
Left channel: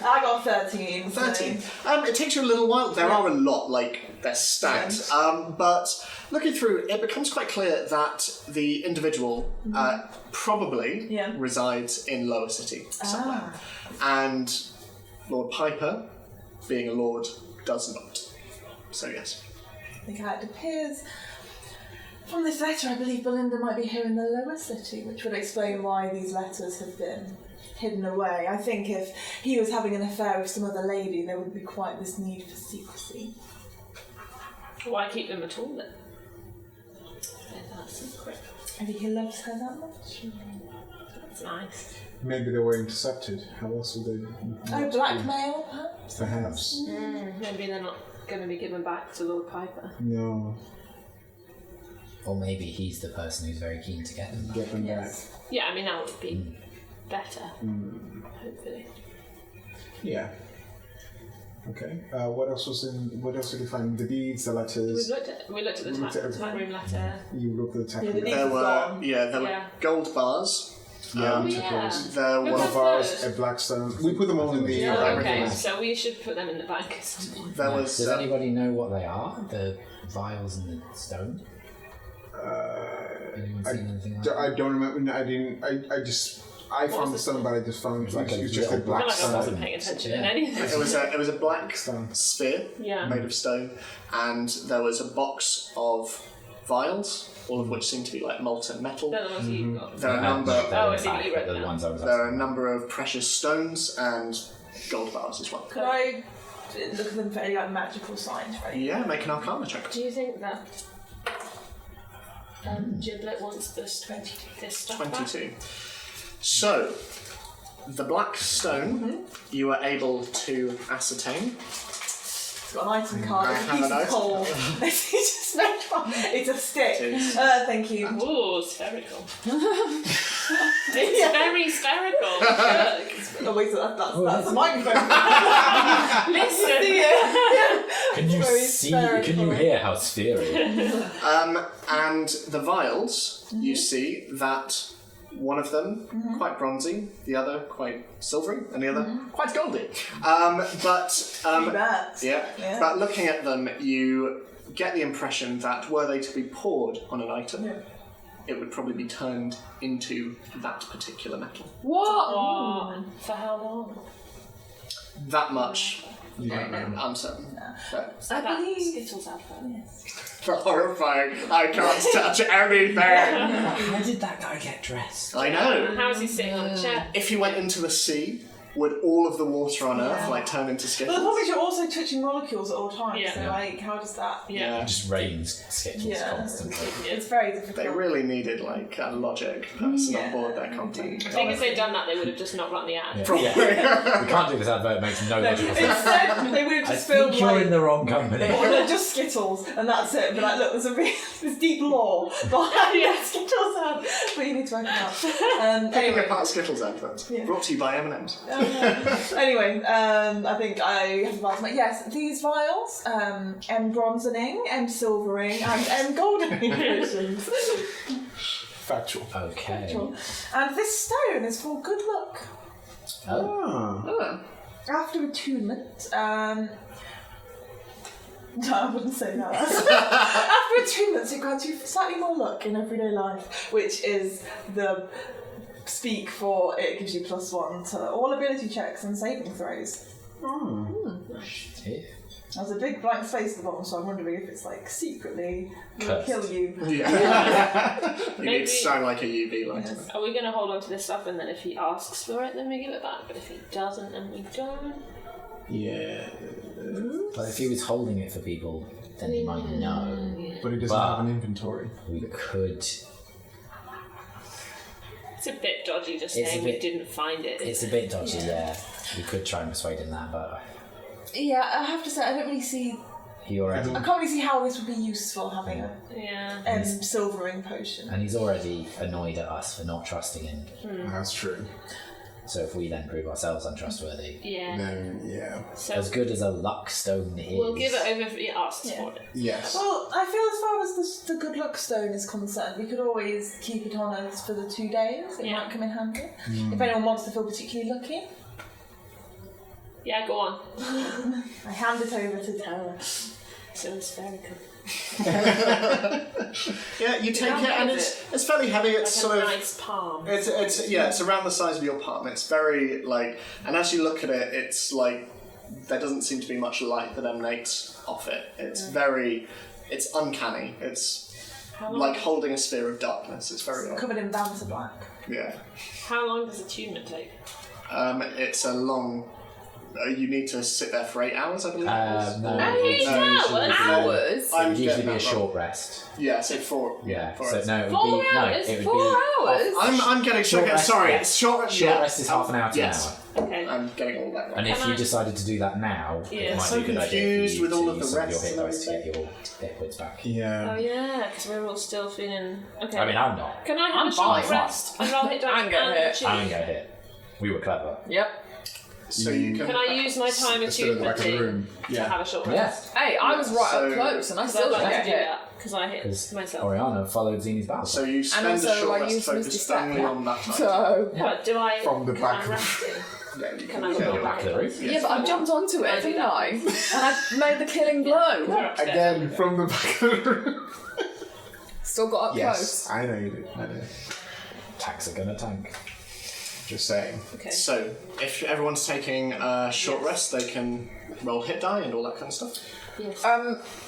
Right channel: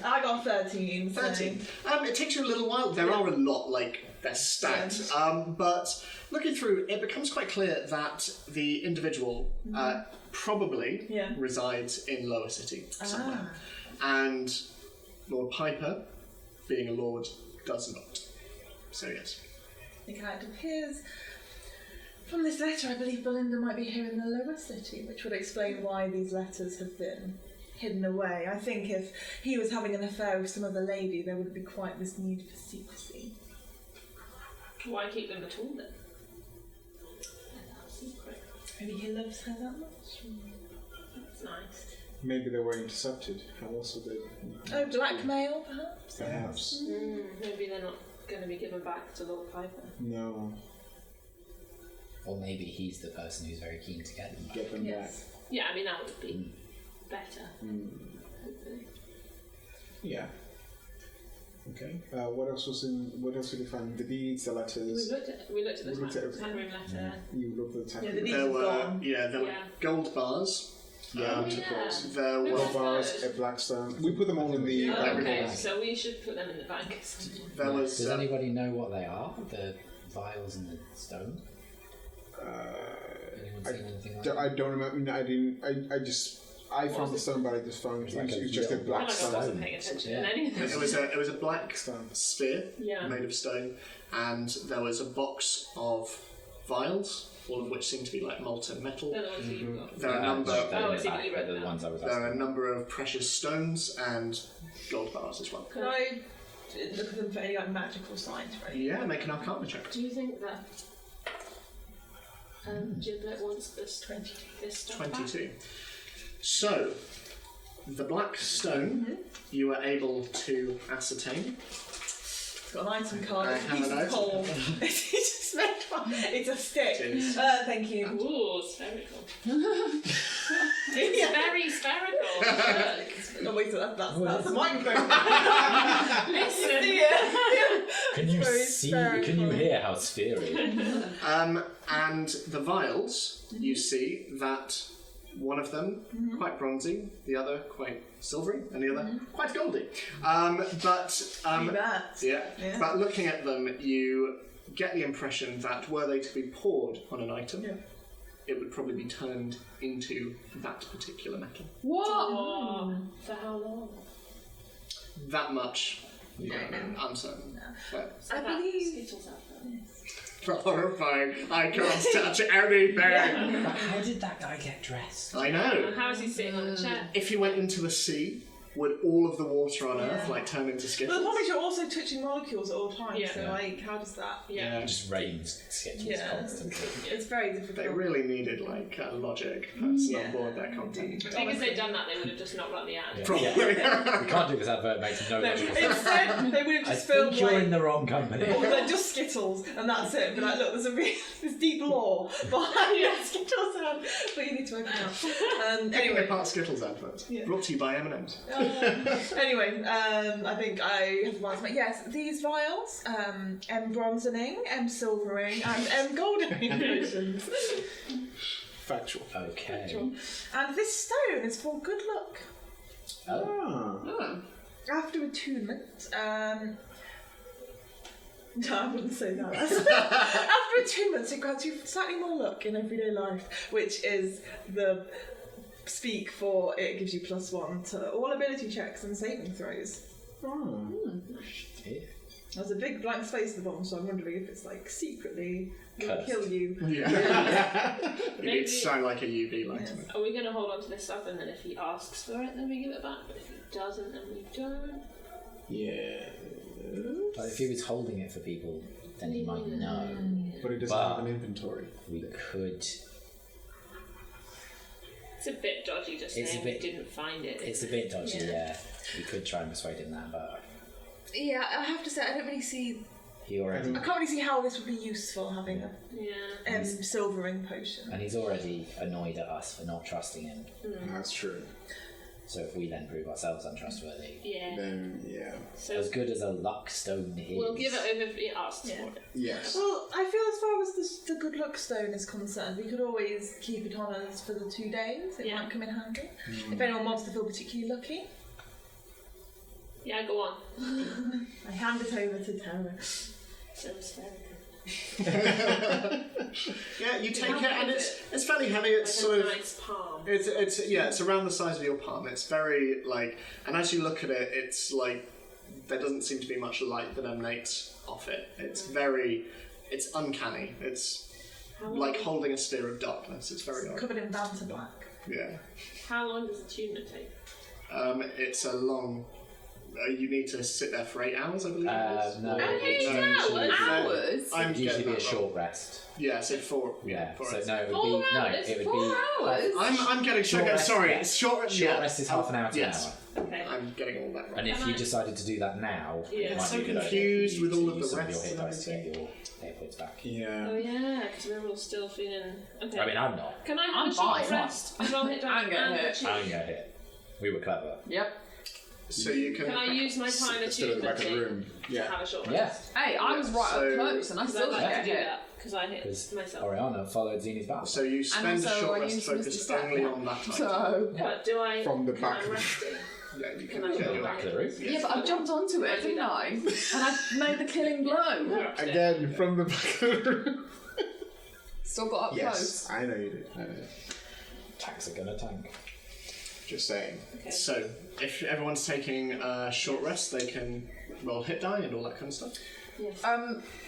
I got 13. so- 13. It takes you a little while. There are a lot, like, they're stacked. But looking through, it becomes quite clear that the individual probably resides in Lower City somewhere. And Lord Piper, being a lord, does not. So, yes. I think it appears from this letter, I believe Belinda might be here in the Lower City, which would explain why these letters have been hidden away. I think if he was having an affair with some other lady, there would be quite this need for secrecy. Why keep them at all then? That's secret. Maybe he loves her that much. That's nice. Maybe they were intercepted. How else would they? Oh, blackmail, perhaps? Perhaps. Maybe they're not going to be given back to Lord Piper. No. Or maybe he's the person who's very keen to get them back. Get them Yes. Yeah, I mean that would be better. Hopefully. Yeah. Okay. What else was in? What else did you find? The deeds, the letters. We looked at the We looked at tap room letter. You looked at the tap. Yeah, the deeds There have were, gone. there were Yeah. gold bars. Yeah, we took yeah. those. There Look was at Bars, those. a Blackstone. We put them all in the. Oh, Oh, okay. okay, so we should put them in the bank. there was Does anybody know what they are? The vials and the stone? Anyone seen anything like that? I don't remember. I didn't. I found the stone, but I just found it like a was just a little I feel black like I stone. wasn't paying attention in any of this. it was a black Stone. spear Yeah. made of stone, and there was a box of vials, all of which seem to be like molten metal. They're the ones you've got. There are a number. I see that you read the that. ones I was There are a asking. number of precious stones and gold bars as well. Could I look at them for any like magical signs, right? Yeah, make an Arcana check. Do you think that Giblet wants this stuff back? 22. So, the black stone you are able to ascertain. It's got an item card, I it's a have piece a of note. coal. It's just made from- it's a stick. It is. Thank you. Ooh, spherical. Yeah. Very spherical. Look. Oh wait, so that's a microphone. Listen. Yeah. Can you Very see? spherical. Can you hear how spherical? And the vials, you see that one of them quite bronzy, the other quite silvery, and the other quite goldy. But looking at them, you get the impression that were they to be poured on an item, it would probably be turned into that particular metal. What? Oh, for how long? That much, You don't know. uncertain. But I believe. Skittles advert. horrifying, I can't touch anything. How did that guy get dressed? I know. How is he sitting on the chair? If he went into the sea, would all of the water on Earth like turn into But skittles? the problem is you're also touching molecules at all times. Yeah. So like, how does that? Yeah. It just rains skittles Yeah. constantly. It's very difficult. They really needed like a logic person on board their content. I think if they'd done that, they would have just not run the ad. Yeah. We can't do this advert. It makes no logical sense. Instead, they would have I just think filmed you're like. in the wrong company. Or they're just Skittles, and that's it. But like, look, there's deep lore behind Skittles ad, but you need to work it out. Anyway, Anyway, part Skittles advert. Yeah. Brought to you by M&M's. anyway, I think I have advised my yes. These vials, M bronzening, M silvering, and M goldening potions. Factual. Okay. And this stone is for good luck. Oh. Ah. After attunement, no, I wouldn't say that. After attunement, it grants you slightly more luck in everyday life, which is the speak for it gives you +1 to all ability checks and saving throws. Yeah. There's a big blank space at the bottom, so I'm wondering if it's like secretly will Cursed. kill you. Yeah. Maybe- It's shine like a UV light. Yes. Are we going to hold on to this stuff and then if he asks for it, then we give it back? But if he doesn't, then we don't? Yeah. But if he was holding it for people, then he might know. But he doesn't But- have an inventory. We could. It's a bit dodgy just It's a saying bit- we didn't find it. It's a bit dodgy, yeah. We could try and persuade him that, but Yeah, I have to say, I don't really see. he already. I can't really see how this would be useful having a Yeah. silvering potion. And he's already annoyed at us for not trusting him. That's true. So if we then prove ourselves untrustworthy, Yeah. Then, yeah. So as good as a luck stone is. we'll give it over if he asks Yeah. for it. Yes. Well, I feel as far as the good luck stone is concerned, we could always keep it on us for the 2 days. It Yeah. might come in handy. If anyone wants to feel particularly lucky, Yeah, go on. I hand it over to Tara. So it's spherical. Yeah, you take How it, big and is it's fairly heavy. Like It's a sort of nice palm. it's around the size of your palm. It's very like, and as you look at it, it's like there doesn't seem to be much light that emanates off it. It's it's uncanny. It's How long, like holding a sphere of darkness. It's very odd. Covered in banter black. Yeah. how long does attunement take? It's a long. You need to sit there for 8 hours, I believe. No, Eight hours? Hours? I'm it'd usually getting be a that short wrong. rest. Yeah, so 4. Yeah. four So hours. no, it would 4 be hours? no. It would 4 be. hours? I'm getting Short okay, rest, sorry. yeah. It's short. Short yeah. rest is half an hour to Yes. an hour. Okay. I'm getting all that And right. if Can you I- decided to do that now, Yeah. it might So be a good idea for confused you with all to of use the some of your rests hit and dice to get everything. your hit points back. Yeah. Oh yeah, because we're all still feeling. Okay. I mean, I'm not. Can I have I'm a short fine. rest? And roll hit dice I'm gonna hit. achieve? I'm gonna hit. We were clever. Yep. So you can. Can I use my time It's still at the back of the attunement room. to Yeah. have a short Yeah. rest? Hey, I was right up So- close and I Because still I'd didn't like get to do hit. that because I hit Because myself. Oriana followed Zini's battle. So you And spend a also short I rest used Misty focused Step only now. on that time. So. But do I? From the can back I of- rest it? Yeah, you Can can I do go that. back of the roof. Yeah, but I jumped onto I it, do didn't that. I? And I made the killing blow. Again, from the back of the room. Still got up Yes, close. I know you did. I know. Tanks are gonna tank. Just saying. Okay. So if everyone's taking a short rest, they can roll hit die and all that kind of stuff. Yes.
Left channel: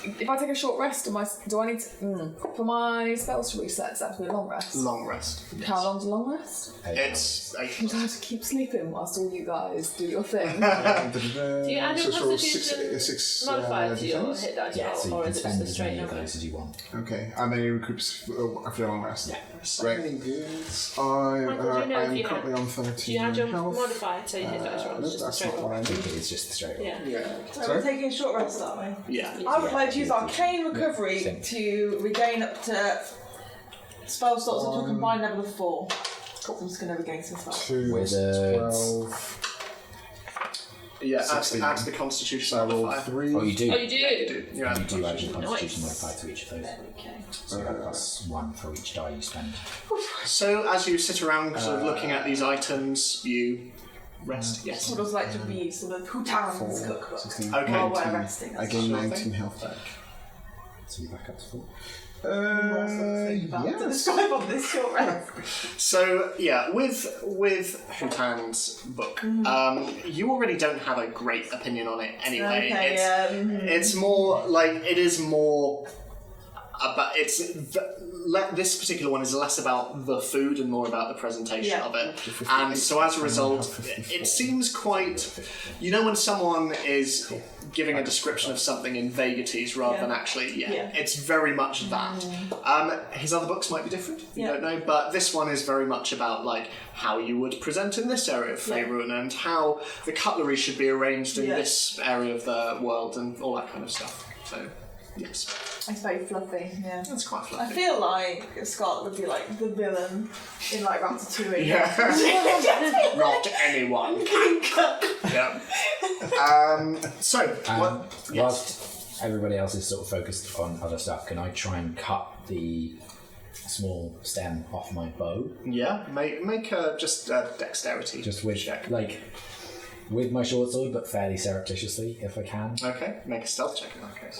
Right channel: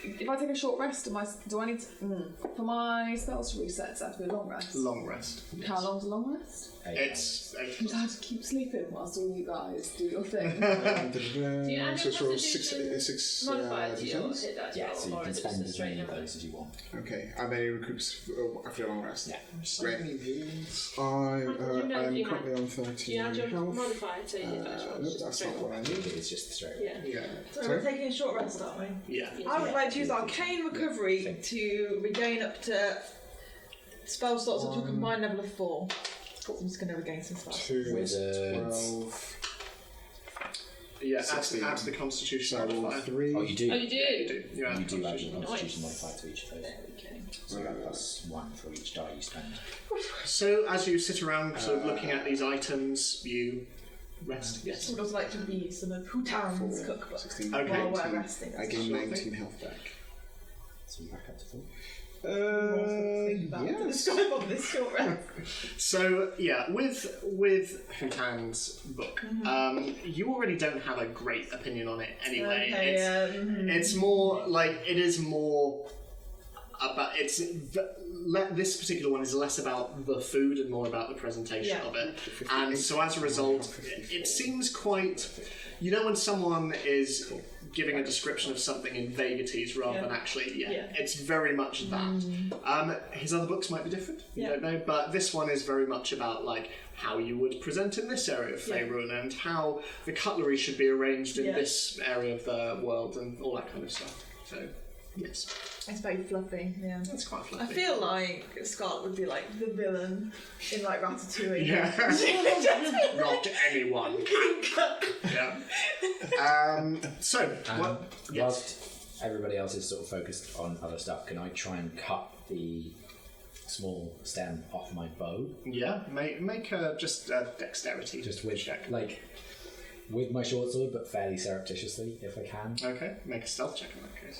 If I take a short rest, do I need to, for my spells to reset? Does that have to be a long rest? Long rest. How long's a long rest? It's Because I have to keep sleeping whilst all you guys do your thing. Do you add your constitution six modifier to your d10s? hit dice Yeah, roll, so you or can is it spend just a as straight many of number? those as you want. Okay, and then he recoups after a long rest. Yeah. so Great. many beings. I Michael, do you know I if am you currently on 13 Do you add your health. modifier to your hit dice roll? No, It's just a that's straight not roll. what I I need. think it is just the straight roll. Yeah. Yeah. So we're taking a short rest, aren't we? Yeah. I would Yeah, like to use Arcane Recovery same. to regain up to spell slots up to a combined level of 4. So I'm just going to regain some spells. 2, Wizards. 12. Yeah, add 16. to the constitution So I rolled modifier. 3. Oh, you do? Oh, you do? Yeah, You do add your Nice. constitution modifier to each of those. There we go. So you have +1 for each die you spend. So as you sit around sort of looking at these items, you rest. Yes. I'd also like to read some of Hutan's 4, cookbook 16, Okay. while we're 19. resting. I gain 19 health back. So you're back up to 4. To Yes. describe on this short rest. So yeah, with Hutan's book, you already don't have a great opinion on it anyway. Okay, it's, yeah. it's more like it is more about this particular one is less about the food and more about the presentation Yeah. of it. And so as a result, it seems quite. You know when someone is giving a description of something in vagaries rather than actually, it's very much that. His other books might be different, you don't know, but this one is very much about like how you would present in this area of Faerun and how the cutlery should be arranged in this area of the world and all that kind of stuff. So, yes, It's very fluffy, yeah. that's quite I fluffy. feel like Scarlet would be like the villain in like Ratatouille. Yeah. Not anyone. Yeah. So, what? Whilst everybody else is sort of focused on other stuff, can I try and cut the small stem off my bow? Yeah, make just dexterity. Just with, check. like, with my short sword, but fairly surreptitiously, if I can. Okay, make a stealth check in that case.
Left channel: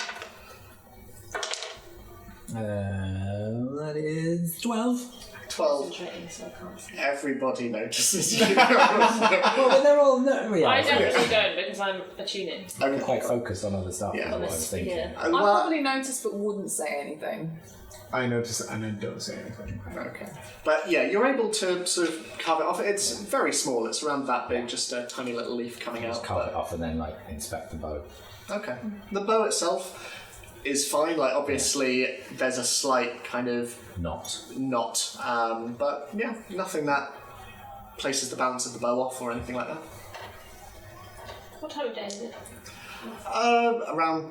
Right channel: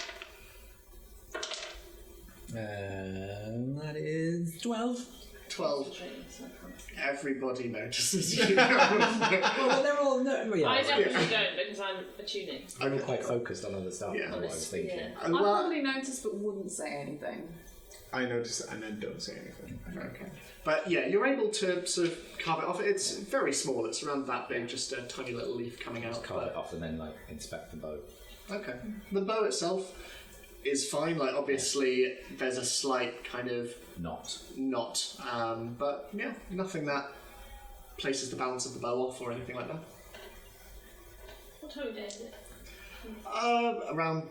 That is 12. 12. Concentrating, so I can't see. Everybody notices you. Well, but they're all yeah. I definitely don't because I'm attuning. I'm quite focused on other stuff. Yeah. is what I was thinking. Yeah. I probably noticed but wouldn't say anything. I notice it and I don't say anything. Okay. But yeah, you're able to sort of carve it off. It's very small. It's around that big, just a tiny little leaf coming Just out. carve it off and then like inspect the bow. Okay. The bow itself is fine. Like obviously, there's a slight kind of Not. knot, but yeah, nothing that places the balance of the bow off or anything like that. What time of day is it? Around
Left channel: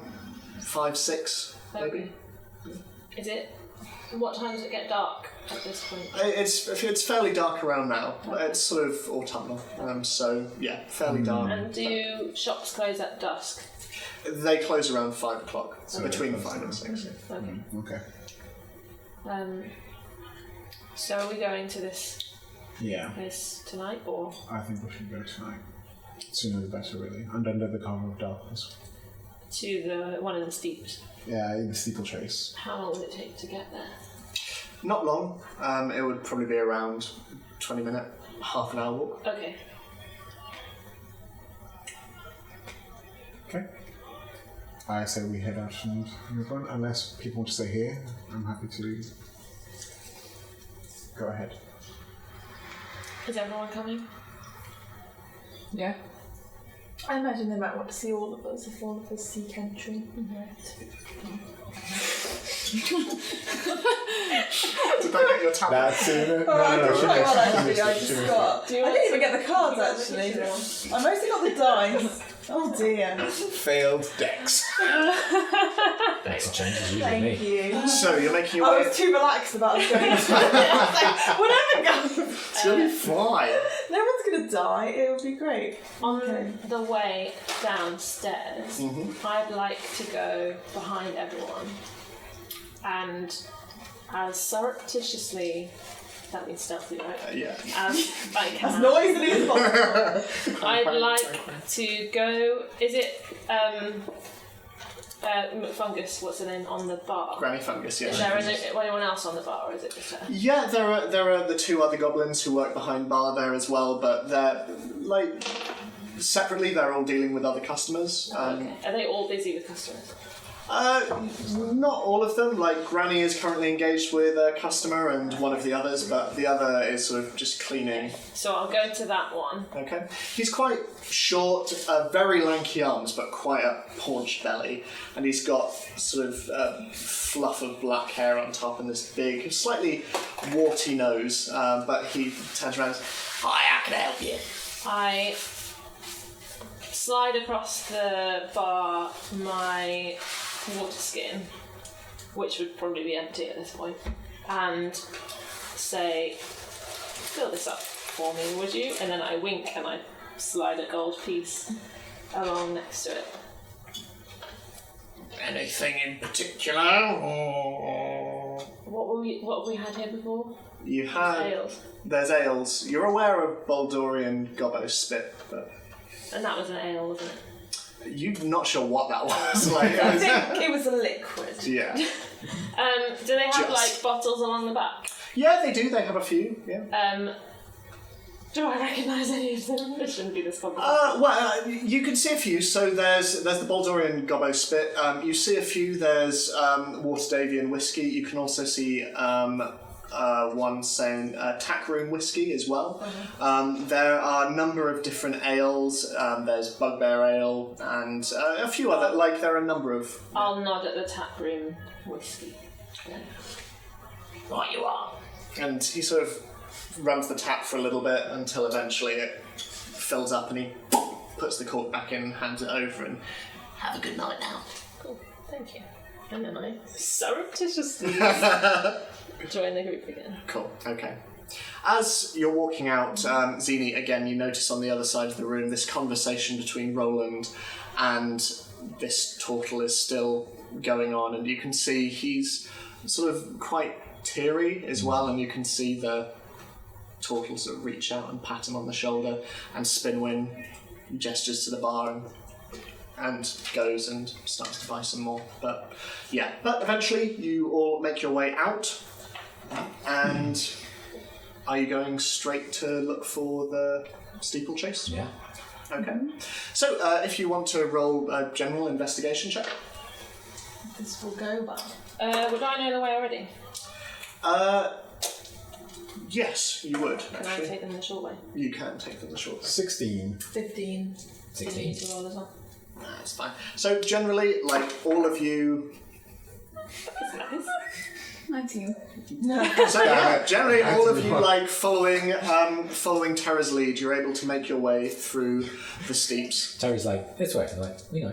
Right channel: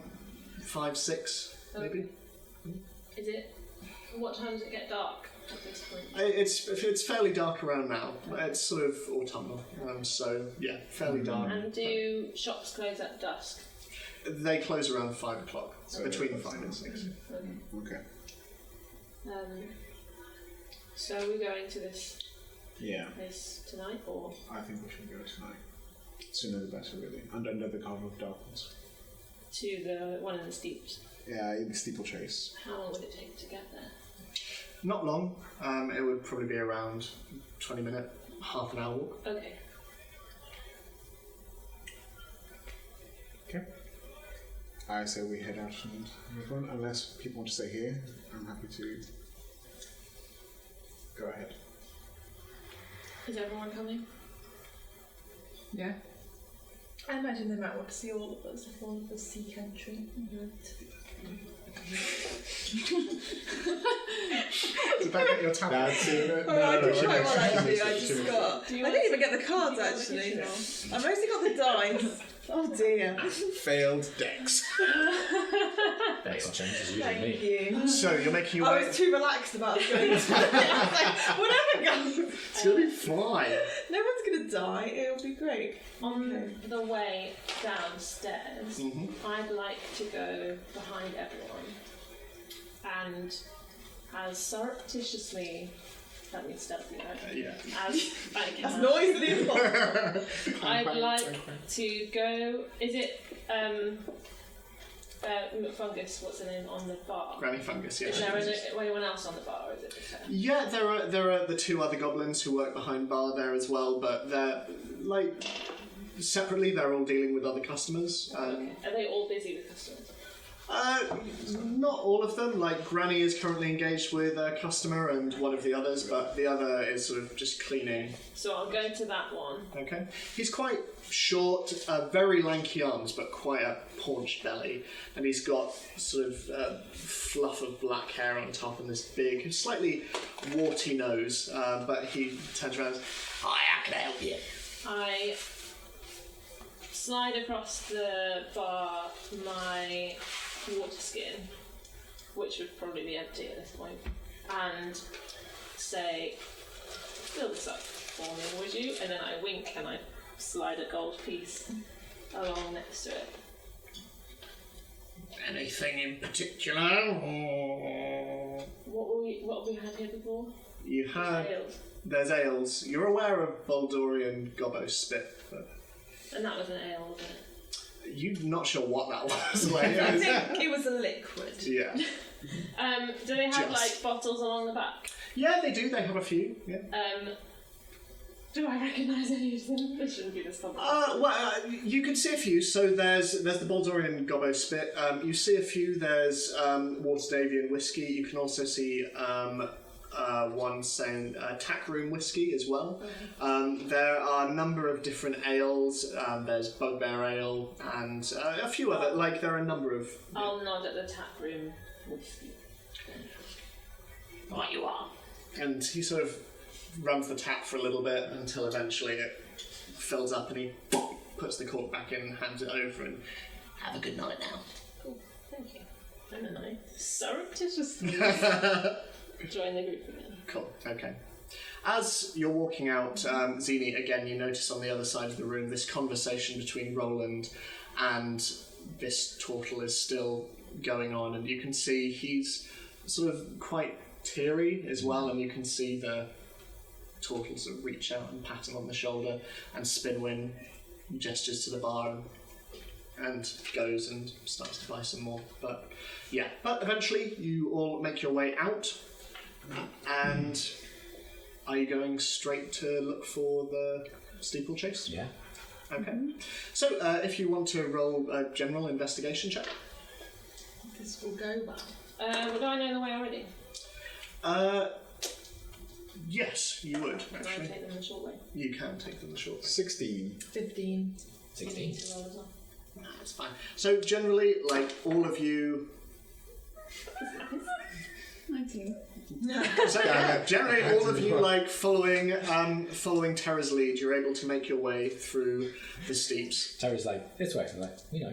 5, 6, maybe. Okay. Is it? What time does it get dark at this point? It's fairly dark around now. It's sort of autumnal, so yeah, fairly dark. And do shops close at dusk? They close around 5 o'clock, so Okay. between 5 and 6. Okay. Okay. So are we going to this Yeah, place tonight or? I think we should go tonight. Sooner the better, really. And under the cover of darkness. To the one in the steeps. Yeah, in the steeplechase. How long would it take to get there? Not long. It would probably be around 20 minute, half an hour walk. Okay. Okay. I say we head out and move on. Unless people want to stay here, I'm happy to go ahead. Is everyone coming? Yeah. I imagine they might want to see all of us if all of us seek entry. Did that get your tab? That's it. Oh, I did quite well actually. I just got. Do you I want didn't to- even get the cards actually. I mostly got the dice. Oh dear. Failed decks. Makes a change as usually Thank me. you. So you're making your I way. was too relaxed about us going. I was like, whatever goes. It's really fly. No one's gonna die. It'll be great. On Okay. the way downstairs, I'd like to go behind everyone and as surreptitiously, that means stealthy, right? Yeah. As I As can. noisily as possible. I'd like to go. Is it McFungus? What's her name on the bar? Granny Fungus, yeah. Is there anyone else on the bar, or is it just her? Yeah, there are the 2 other goblins who work behind bar there as well, but they're like separately. They're all dealing with other customers. Okay. Are they all busy with customers? Not all of them. Like Granny is currently engaged with a customer and one of the others, but the other is sort of just cleaning. So I'll go to that one. Okay. He's quite short, very lanky arms, but quite a paunched belly, and he's got sort of fluff of black hair on top and this big, slightly warty nose. But he turns around and says, Hi, how can I help you? I slide across the bar my water skin, which would probably be empty at this point, and say, fill this up for me, would you? And then I wink and I slide a gold piece along next to it. Anything in particular, or...? What have we had here before? You have... Ales. There's ales. You're aware of Baldorian Gobbo Spit, but... And that was an ale, wasn't it? You're not sure what that was. Like, I think it was a liquid. yeah. Do they have Just. like bottles along the back? Yeah, they do. They have a few, yeah. Do I recognise any of them? It shouldn't be this complicated. You can see a few. So there's the Baldorian Gobbo Spit. You see a few. There's Waterdavian whiskey. You can also see one saying tackroom whiskey as well. There are a number of different ales. There's Bugbear Ale and a few other. Like there are a number of. I'll nod at the taproom whiskey. Then. Right you are. And he sort of runs the tap for a little bit until eventually it fills up, and he puts the cork back in, hands it over, and Have a good night now. Cool, thank you. And then I surreptitiously join the group again. cool. Okay. As you're walking out, Zini, again, you notice on the other side of the room this conversation between Roland and this turtle is still going on, and you can see he's sort of quite teary as well, and you can see the turtle sort of reach out and pat him on the shoulder, and Spinwin gestures to the bar and goes and starts to buy some more. But eventually you all make your way out, and are you going straight to look for the steeplechase? Yeah. Okay. So if you want to roll a general investigation check. This will go well. Would I know the way already? Yes, you would. Can I Actually, take them the short way? you can take them the short way. 16. 15. 16. Need to roll as well. That's fine. So generally, like all of you. That's nice. 19. So yeah, generally all of you like following Terra's lead. You're able to make your way through the steeps. Terry's like, this way. I'm like, we know.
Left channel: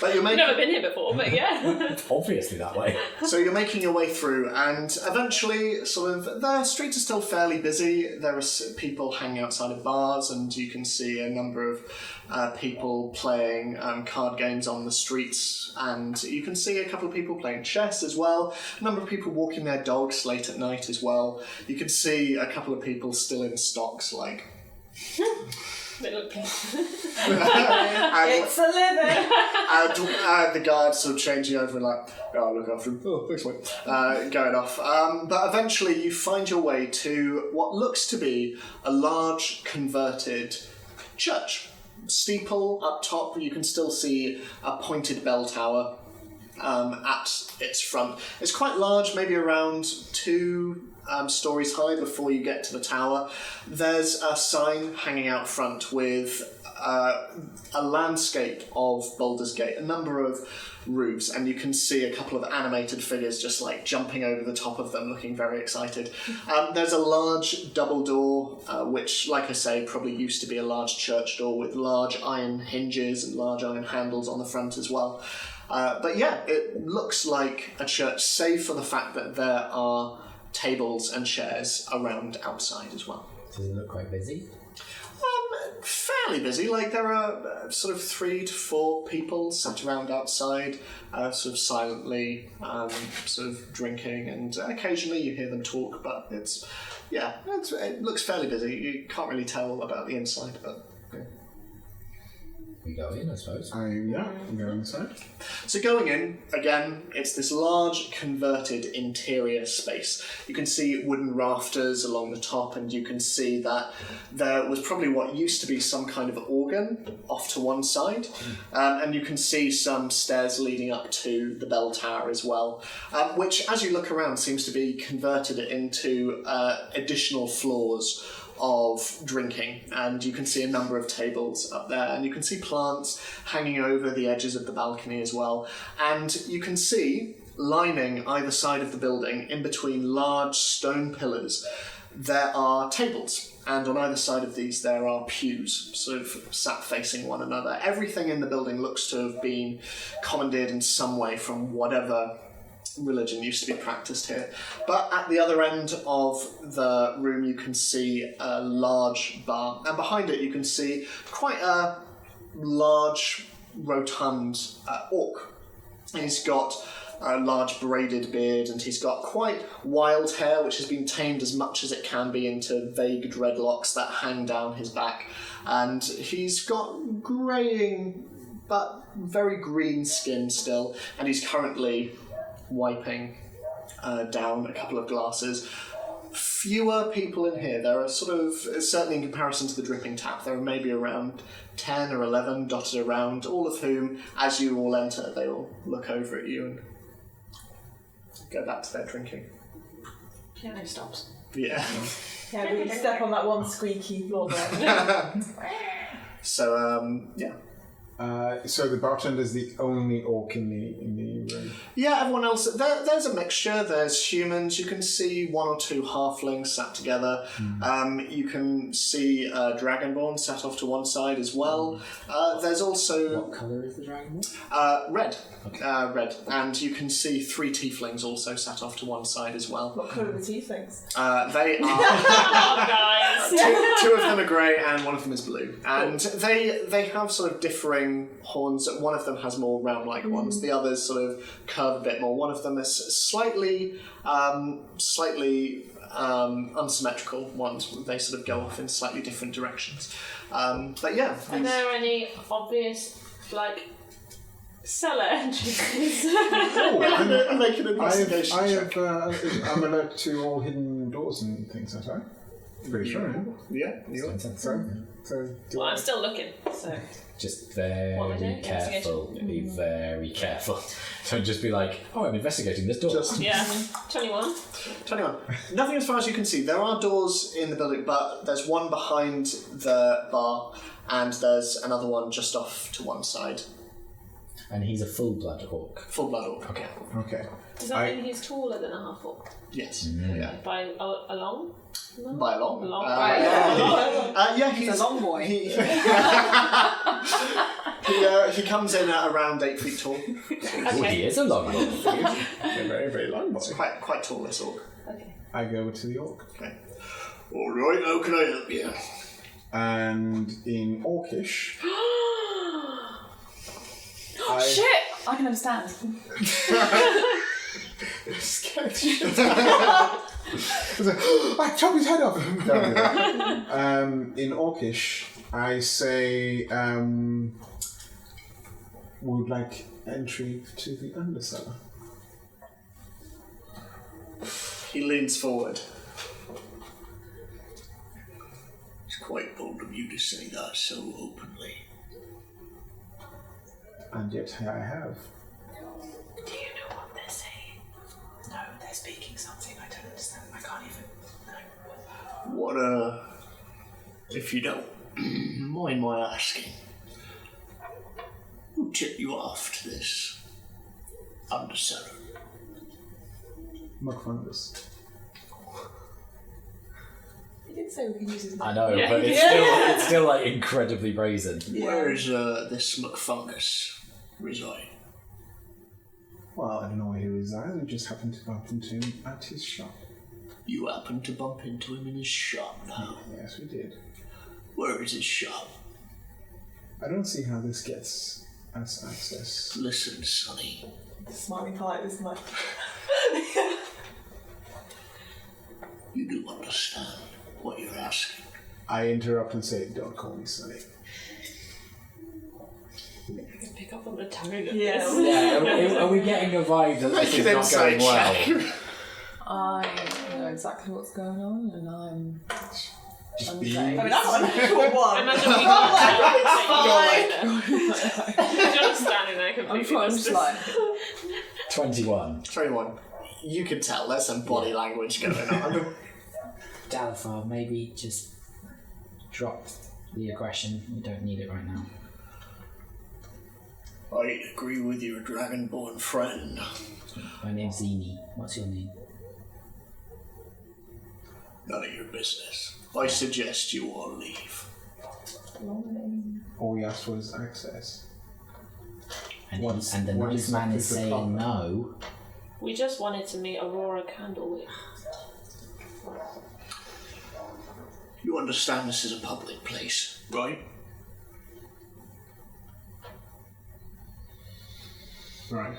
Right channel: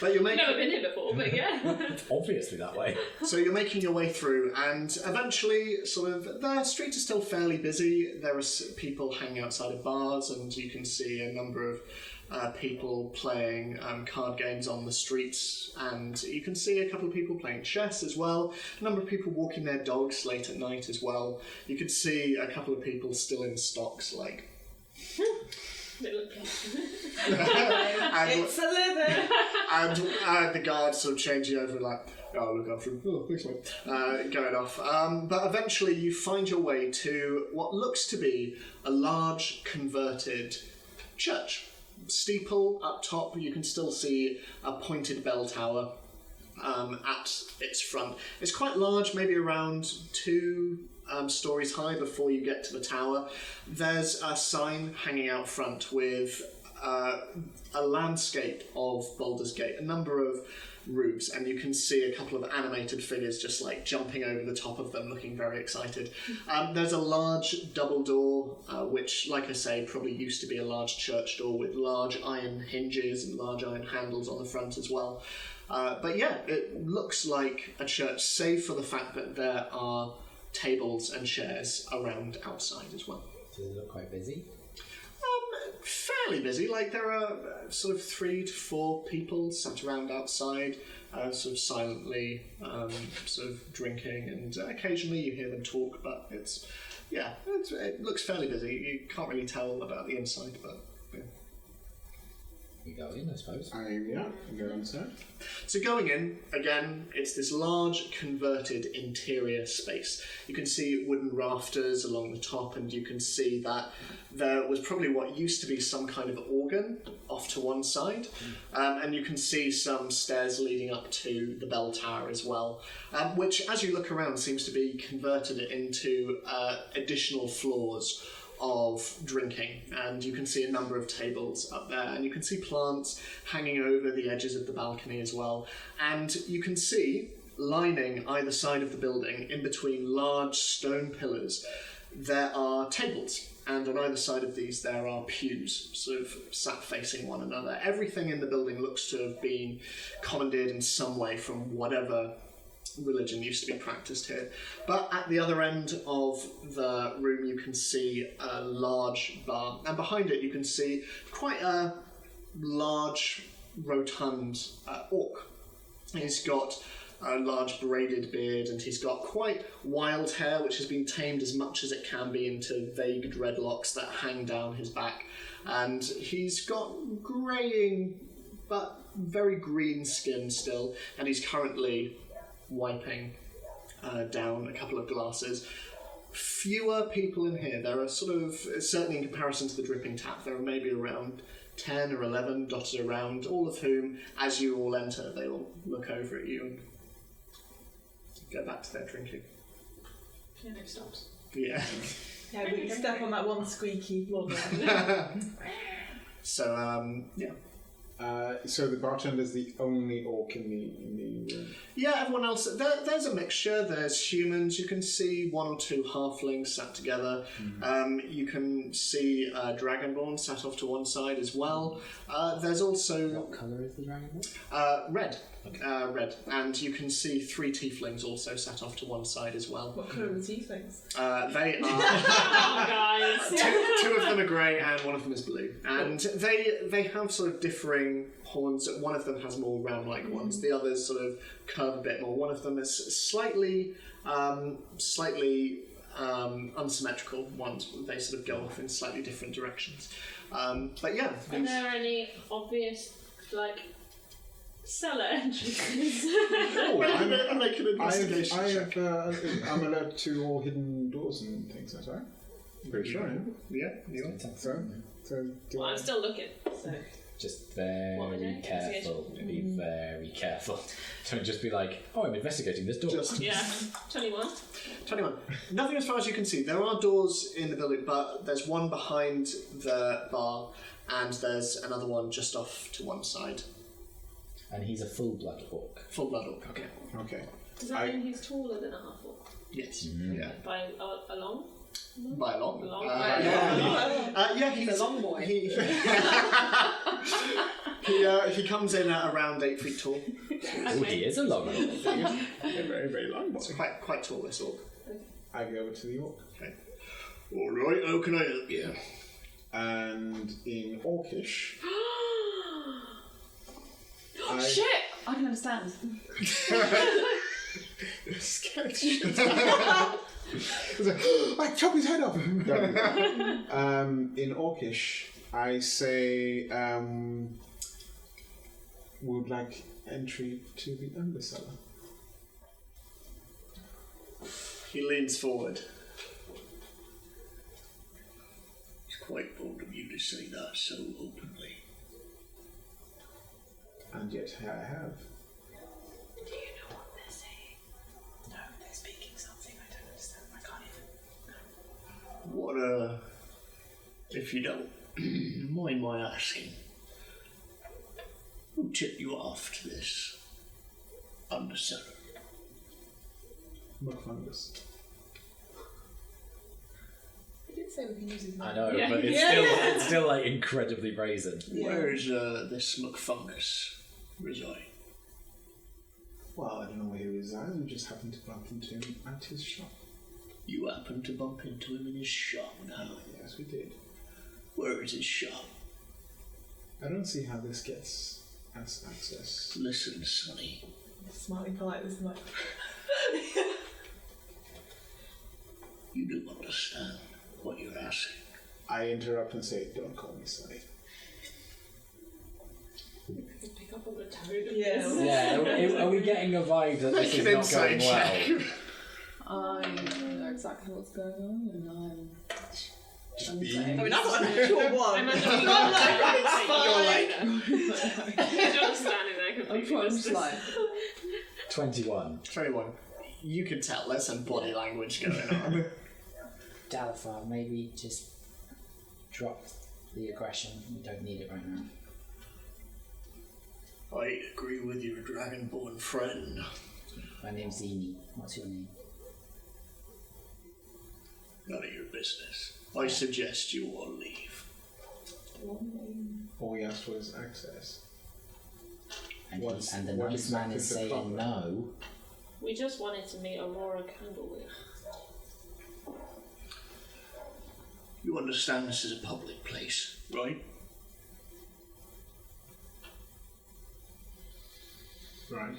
But you're I've making. never been here before, but yeah. It's obviously that way. So you're making your way through, and eventually, sort of, the streets are still fairly busy. There are people hanging outside of bars, and you can see a number of people playing card games on the streets, and you can see a couple of people playing chess as well. A number of people walking their dogs late at night as well. You can see a couple of people still in stocks, like. They look peaceful. and, It's a living! and the guards sort of changing over and like, oh, look after him. Oh, thanks, mate. Going off. But eventually you find your way to what looks to be a large converted church. Steeple up top, you can still see a pointed bell tower at its front. It's quite large, maybe around 2 stories high before you get to the tower. There's a sign hanging out front with a landscape of Baldur's Gate, a number of roofs, and you can see a couple of animated figures just like jumping over the top of them, looking very excited. There's a large double door, which, like I say, probably used to be a large church door with large iron hinges and large iron handles on the front as well. But yeah, it looks like a church, save for the fact that there are tables and chairs around outside as well. Does it look quite busy? Fairly busy. Like there are sort of 3 to 4 people sat around outside, sort of silently, sort of drinking, and occasionally you hear them talk. But it looks fairly busy. You can't really tell about the inside, but. Yeah. We go in, I suppose. Go inside. So going in, again, it's this large converted interior space. You can see wooden rafters along the top, and you can see that there was probably what used to be some kind of organ off to one side, and you can see some stairs leading up to the bell tower as well, which, as you look around, seems to be converted into additional floors of drinking, and you can see a number of tables up there, and you can see plants hanging over the edges of the balcony as well, and you can see lining either side of the building, in between large stone pillars, there are tables, and on either side of these there are pews, sort of sat facing one another. Everything in the building looks to have been commandeered in some way from whatever religion used to be practiced here. But at the other end of the room you can see a large bar, and behind it you can see quite a large, rotund orc. He's got a large braided beard, and he's got quite wild hair which has been tamed as much as it can be into vague dreadlocks that hang down his back, and he's got greying but very green skin still, and he's currently wiping down a couple of glasses. Fewer people in here. There are sort of, certainly in comparison to the dripping tap, there are maybe around 10 or 11 dotted around, all of whom, as you all enter, they all look over at you and go back to their drinking. Piano stops. Yeah. Yeah, we step on that one squeaky floor there. So, yeah. So the bartender's the only orc in the room. Yeah, everyone else, there's a mixture. There's humans. You can see one or two halflings sat together. You can see Dragonborn sat off to one side as well. There's also... What colour is the Dragonborn? Red. Red. And you can see 3 tieflings also sat off to one side as well. What colour are the tieflings? They are... Oh, guys. two of them are grey and one of them is blue. And they have sort of differing horns. One of them has more round-like ones. The others sort of curve a bit more. One of them is slightly unsymmetrical ones. They sort of go off in slightly different directions. But yeah. Are there any obvious, like, cellar entrances? Make an investigation check. I'm alert to all hidden doors and things, aren't I? Pretty sure, Yeah, you are. So Well, I'm still looking, so... Just What am I very doing? careful. Be very careful. Don't just be like, oh, I'm investigating this door. Yeah, 21. 21. Nothing as far as you can see. There are doors in the building, but there's one behind the bar, and there's another one just off to one side. And he's a full-blood orc. Full blood orc. Okay. okay. Does that mean he's taller than a half-orc? Yes. Yeah. By a long? No? By a long. Yeah, He's a long boy. He comes in at around 8 feet tall. Oh, he is a long orc. A very, very long boy. So quite tall, this orc. Okay. I go over to the orc. Okay. All right. How can I help you? And in Orcish, Shit! I can understand. scared. I was like, I chop his head off. In Orcish, I say, would like entry to the undercellar. He leans forward. It's quite bold of you to say that so openly. And yet I have. Do you know what they're saying? No, they're speaking something I don't understand. I can't even. No. What, if you don't mind my asking, who tipped you off to this undercellar? McFungus. He did say we can use his name. I know, Yeah. but it's still like incredibly brazen. Where's this McFungus reside? Well, I don't know where he resides. We just happened to bump into him at his shop. You happened to bump into him in his shop now. Yes, we did. Where is his shop? I don't see how this gets us access. Listen, Sonny. Smartly polite, this much. You do understand what you're asking. I interrupt and say, don't call me Sonny. pick up on the tone of Yeah. this. Yeah, are we getting a vibe that this Make is an not going insight well? check. I know exactly what's going on, and I'm Just be. unfazed. I mean, I'm not a natural one. Imagine we I'm got like, You're just standing there completely. I'm trying to like. 21. 21. You can tell there's some body language going on. Dalifar, maybe just drop the aggression. We don't need it right now. I agree with your dragonborn friend. My name's Zini. What's your name? None of your business. I suggest you all leave. All we asked for is access. And, What's- and the what nice man exactly is is the saying problem? no. We just wanted to meet Aurora Candlewick. You understand this is a public place, right? Right.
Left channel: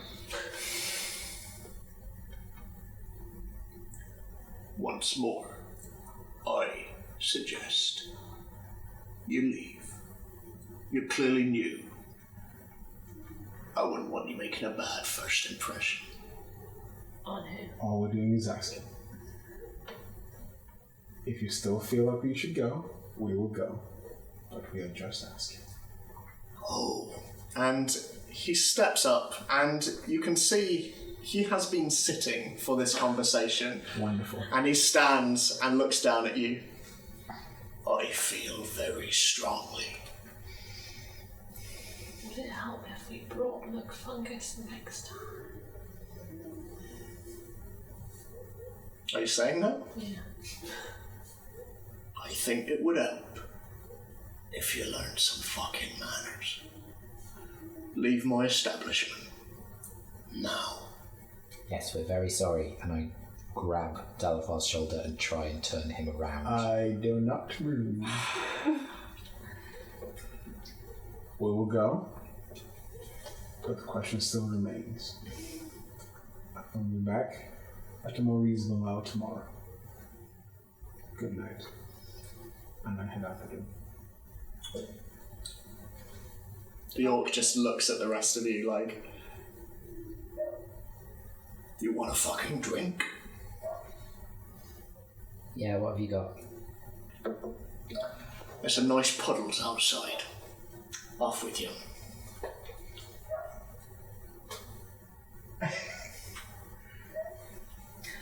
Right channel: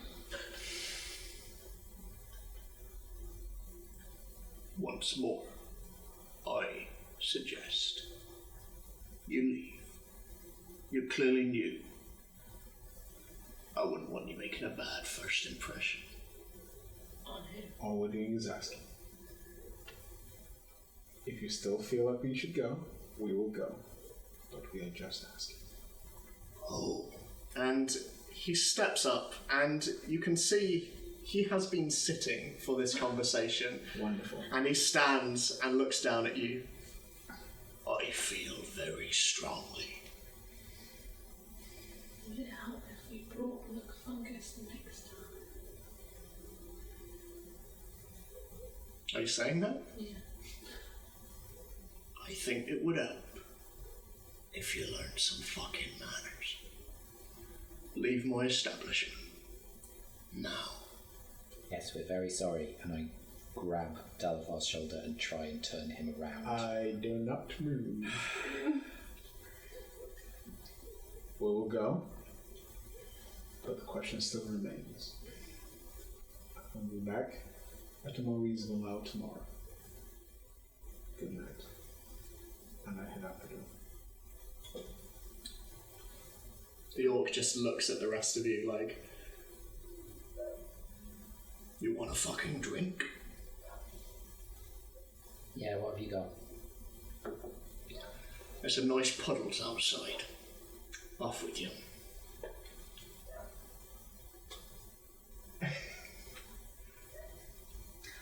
Once more, I suggest you leave. You're clearly new. I wouldn't want you making a bad first impression. On who? All we're doing is asking. If you still feel like we should go, we will go. But we are just asking. Oh. And he steps up, and you can see he has been sitting for this conversation. Wonderful. And he stands and looks down at you. I feel very strongly. Would it help if we brought McFungus next time? Are you saying that? Yeah. I think it would help if you learned some fucking manners. Leave my establishment now. Yes, we're very sorry. And I grab Dalafar's shoulder and try and turn him around. I do not move. We will go, but the question still remains. I'll be back at a more reasonable hour tomorrow. Good night. And I head out the door. The orc just looks at the rest of you like, you want a fucking drink? Yeah, what have you got? There's some nice puddles outside. Off with you.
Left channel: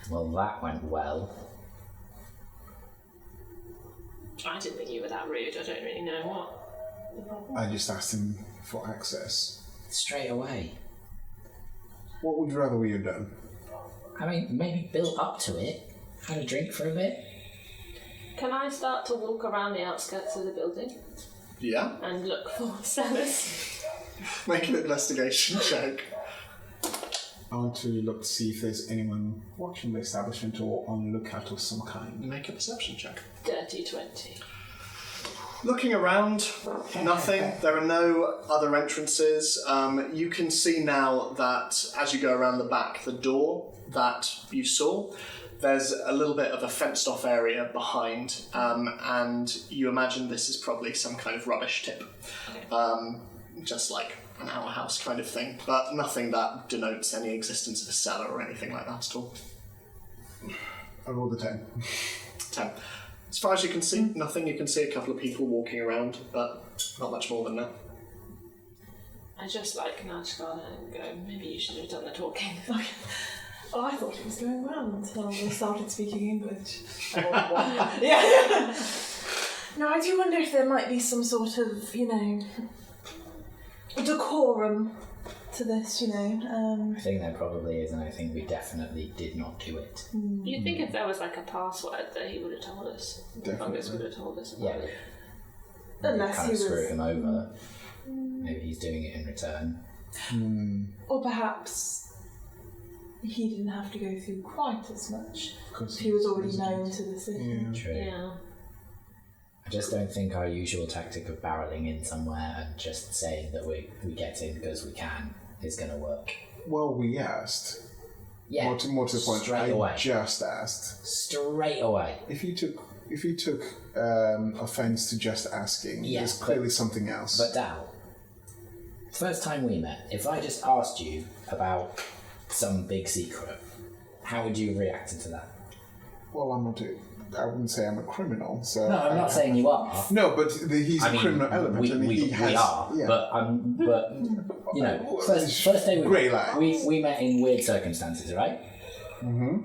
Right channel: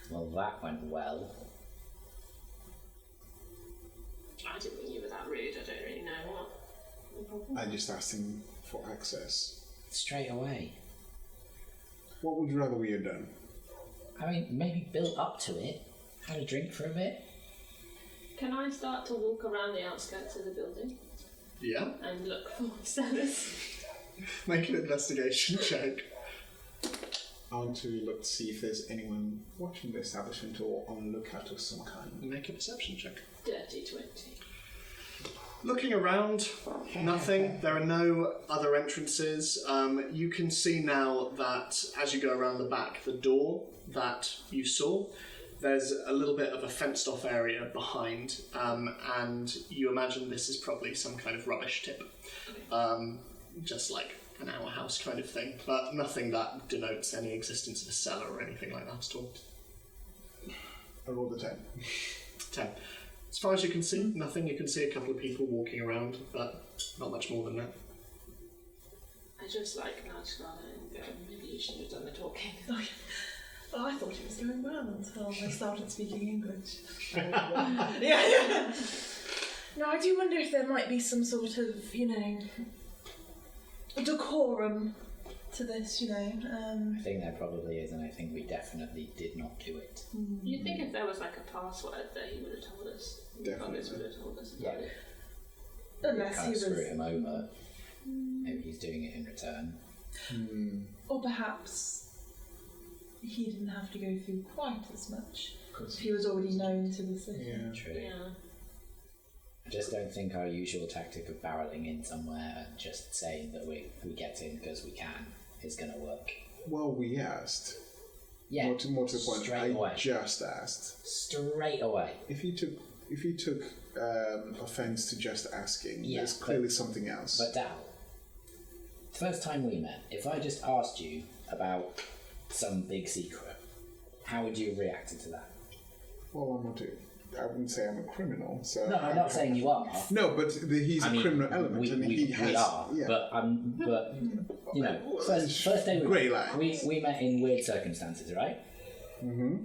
Well, that went well. I didn't think you were that rude. I don't really know what. I just asked him for access. Straight away. What would you rather we had done? I mean, maybe build up to it. Had a drink for a bit. Can I start to walk around the outskirts of the building Yeah? and look for sellers? Make an investigation check. I want to look to see if there's anyone watching the establishment or on lookout of some kind. Make a perception check. Dirty 20. Looking around, nothing. There are no other entrances. You can see now that as you go around the back, the door that you saw, there's a little bit of a fenced-off area behind, and you imagine this is probably some kind of rubbish tip, just like an outhouse kind of thing, but nothing that denotes any existence of a cellar or anything like that at all. I rolled a 10. 10. As far as you can see, nothing. You can see a couple of people walking around, but not much more than that. I just like nudge Scarlet and go, maybe you should have done the talking. Oh, I thought it was going well until they started speaking English. Yeah. No, I do wonder if there might be some sort of, decorum to this, I think there probably is, and I think we definitely did not do it. You'd think if there was like a password that he would have told us. Definitely. McFungus would have told us. Yeah. Unless kind he of screw was- him over. Maybe he's doing it in return. Or perhaps he didn't have to go through quite as much. Because He was already known to the city. Yeah. True. Yeah. I just don't think our usual tactic of barreling in somewhere and just saying that we get in because we can is going to work. Well, we asked. Yeah. More to the point, Straight I away. just asked. Straight away. If you took offence to just asking, Yeah, there's clearly something else. But Dal, first time we met, if I just asked you about some big secret, how would you have reacted to that? Well, I wouldn't say I'm a criminal, so... No, I'm not saying you are. No, but he's a criminal element, we, and we, he has... we are, yeah. but you know, first day Grey lines. we met in weird circumstances, right? Mm-hmm.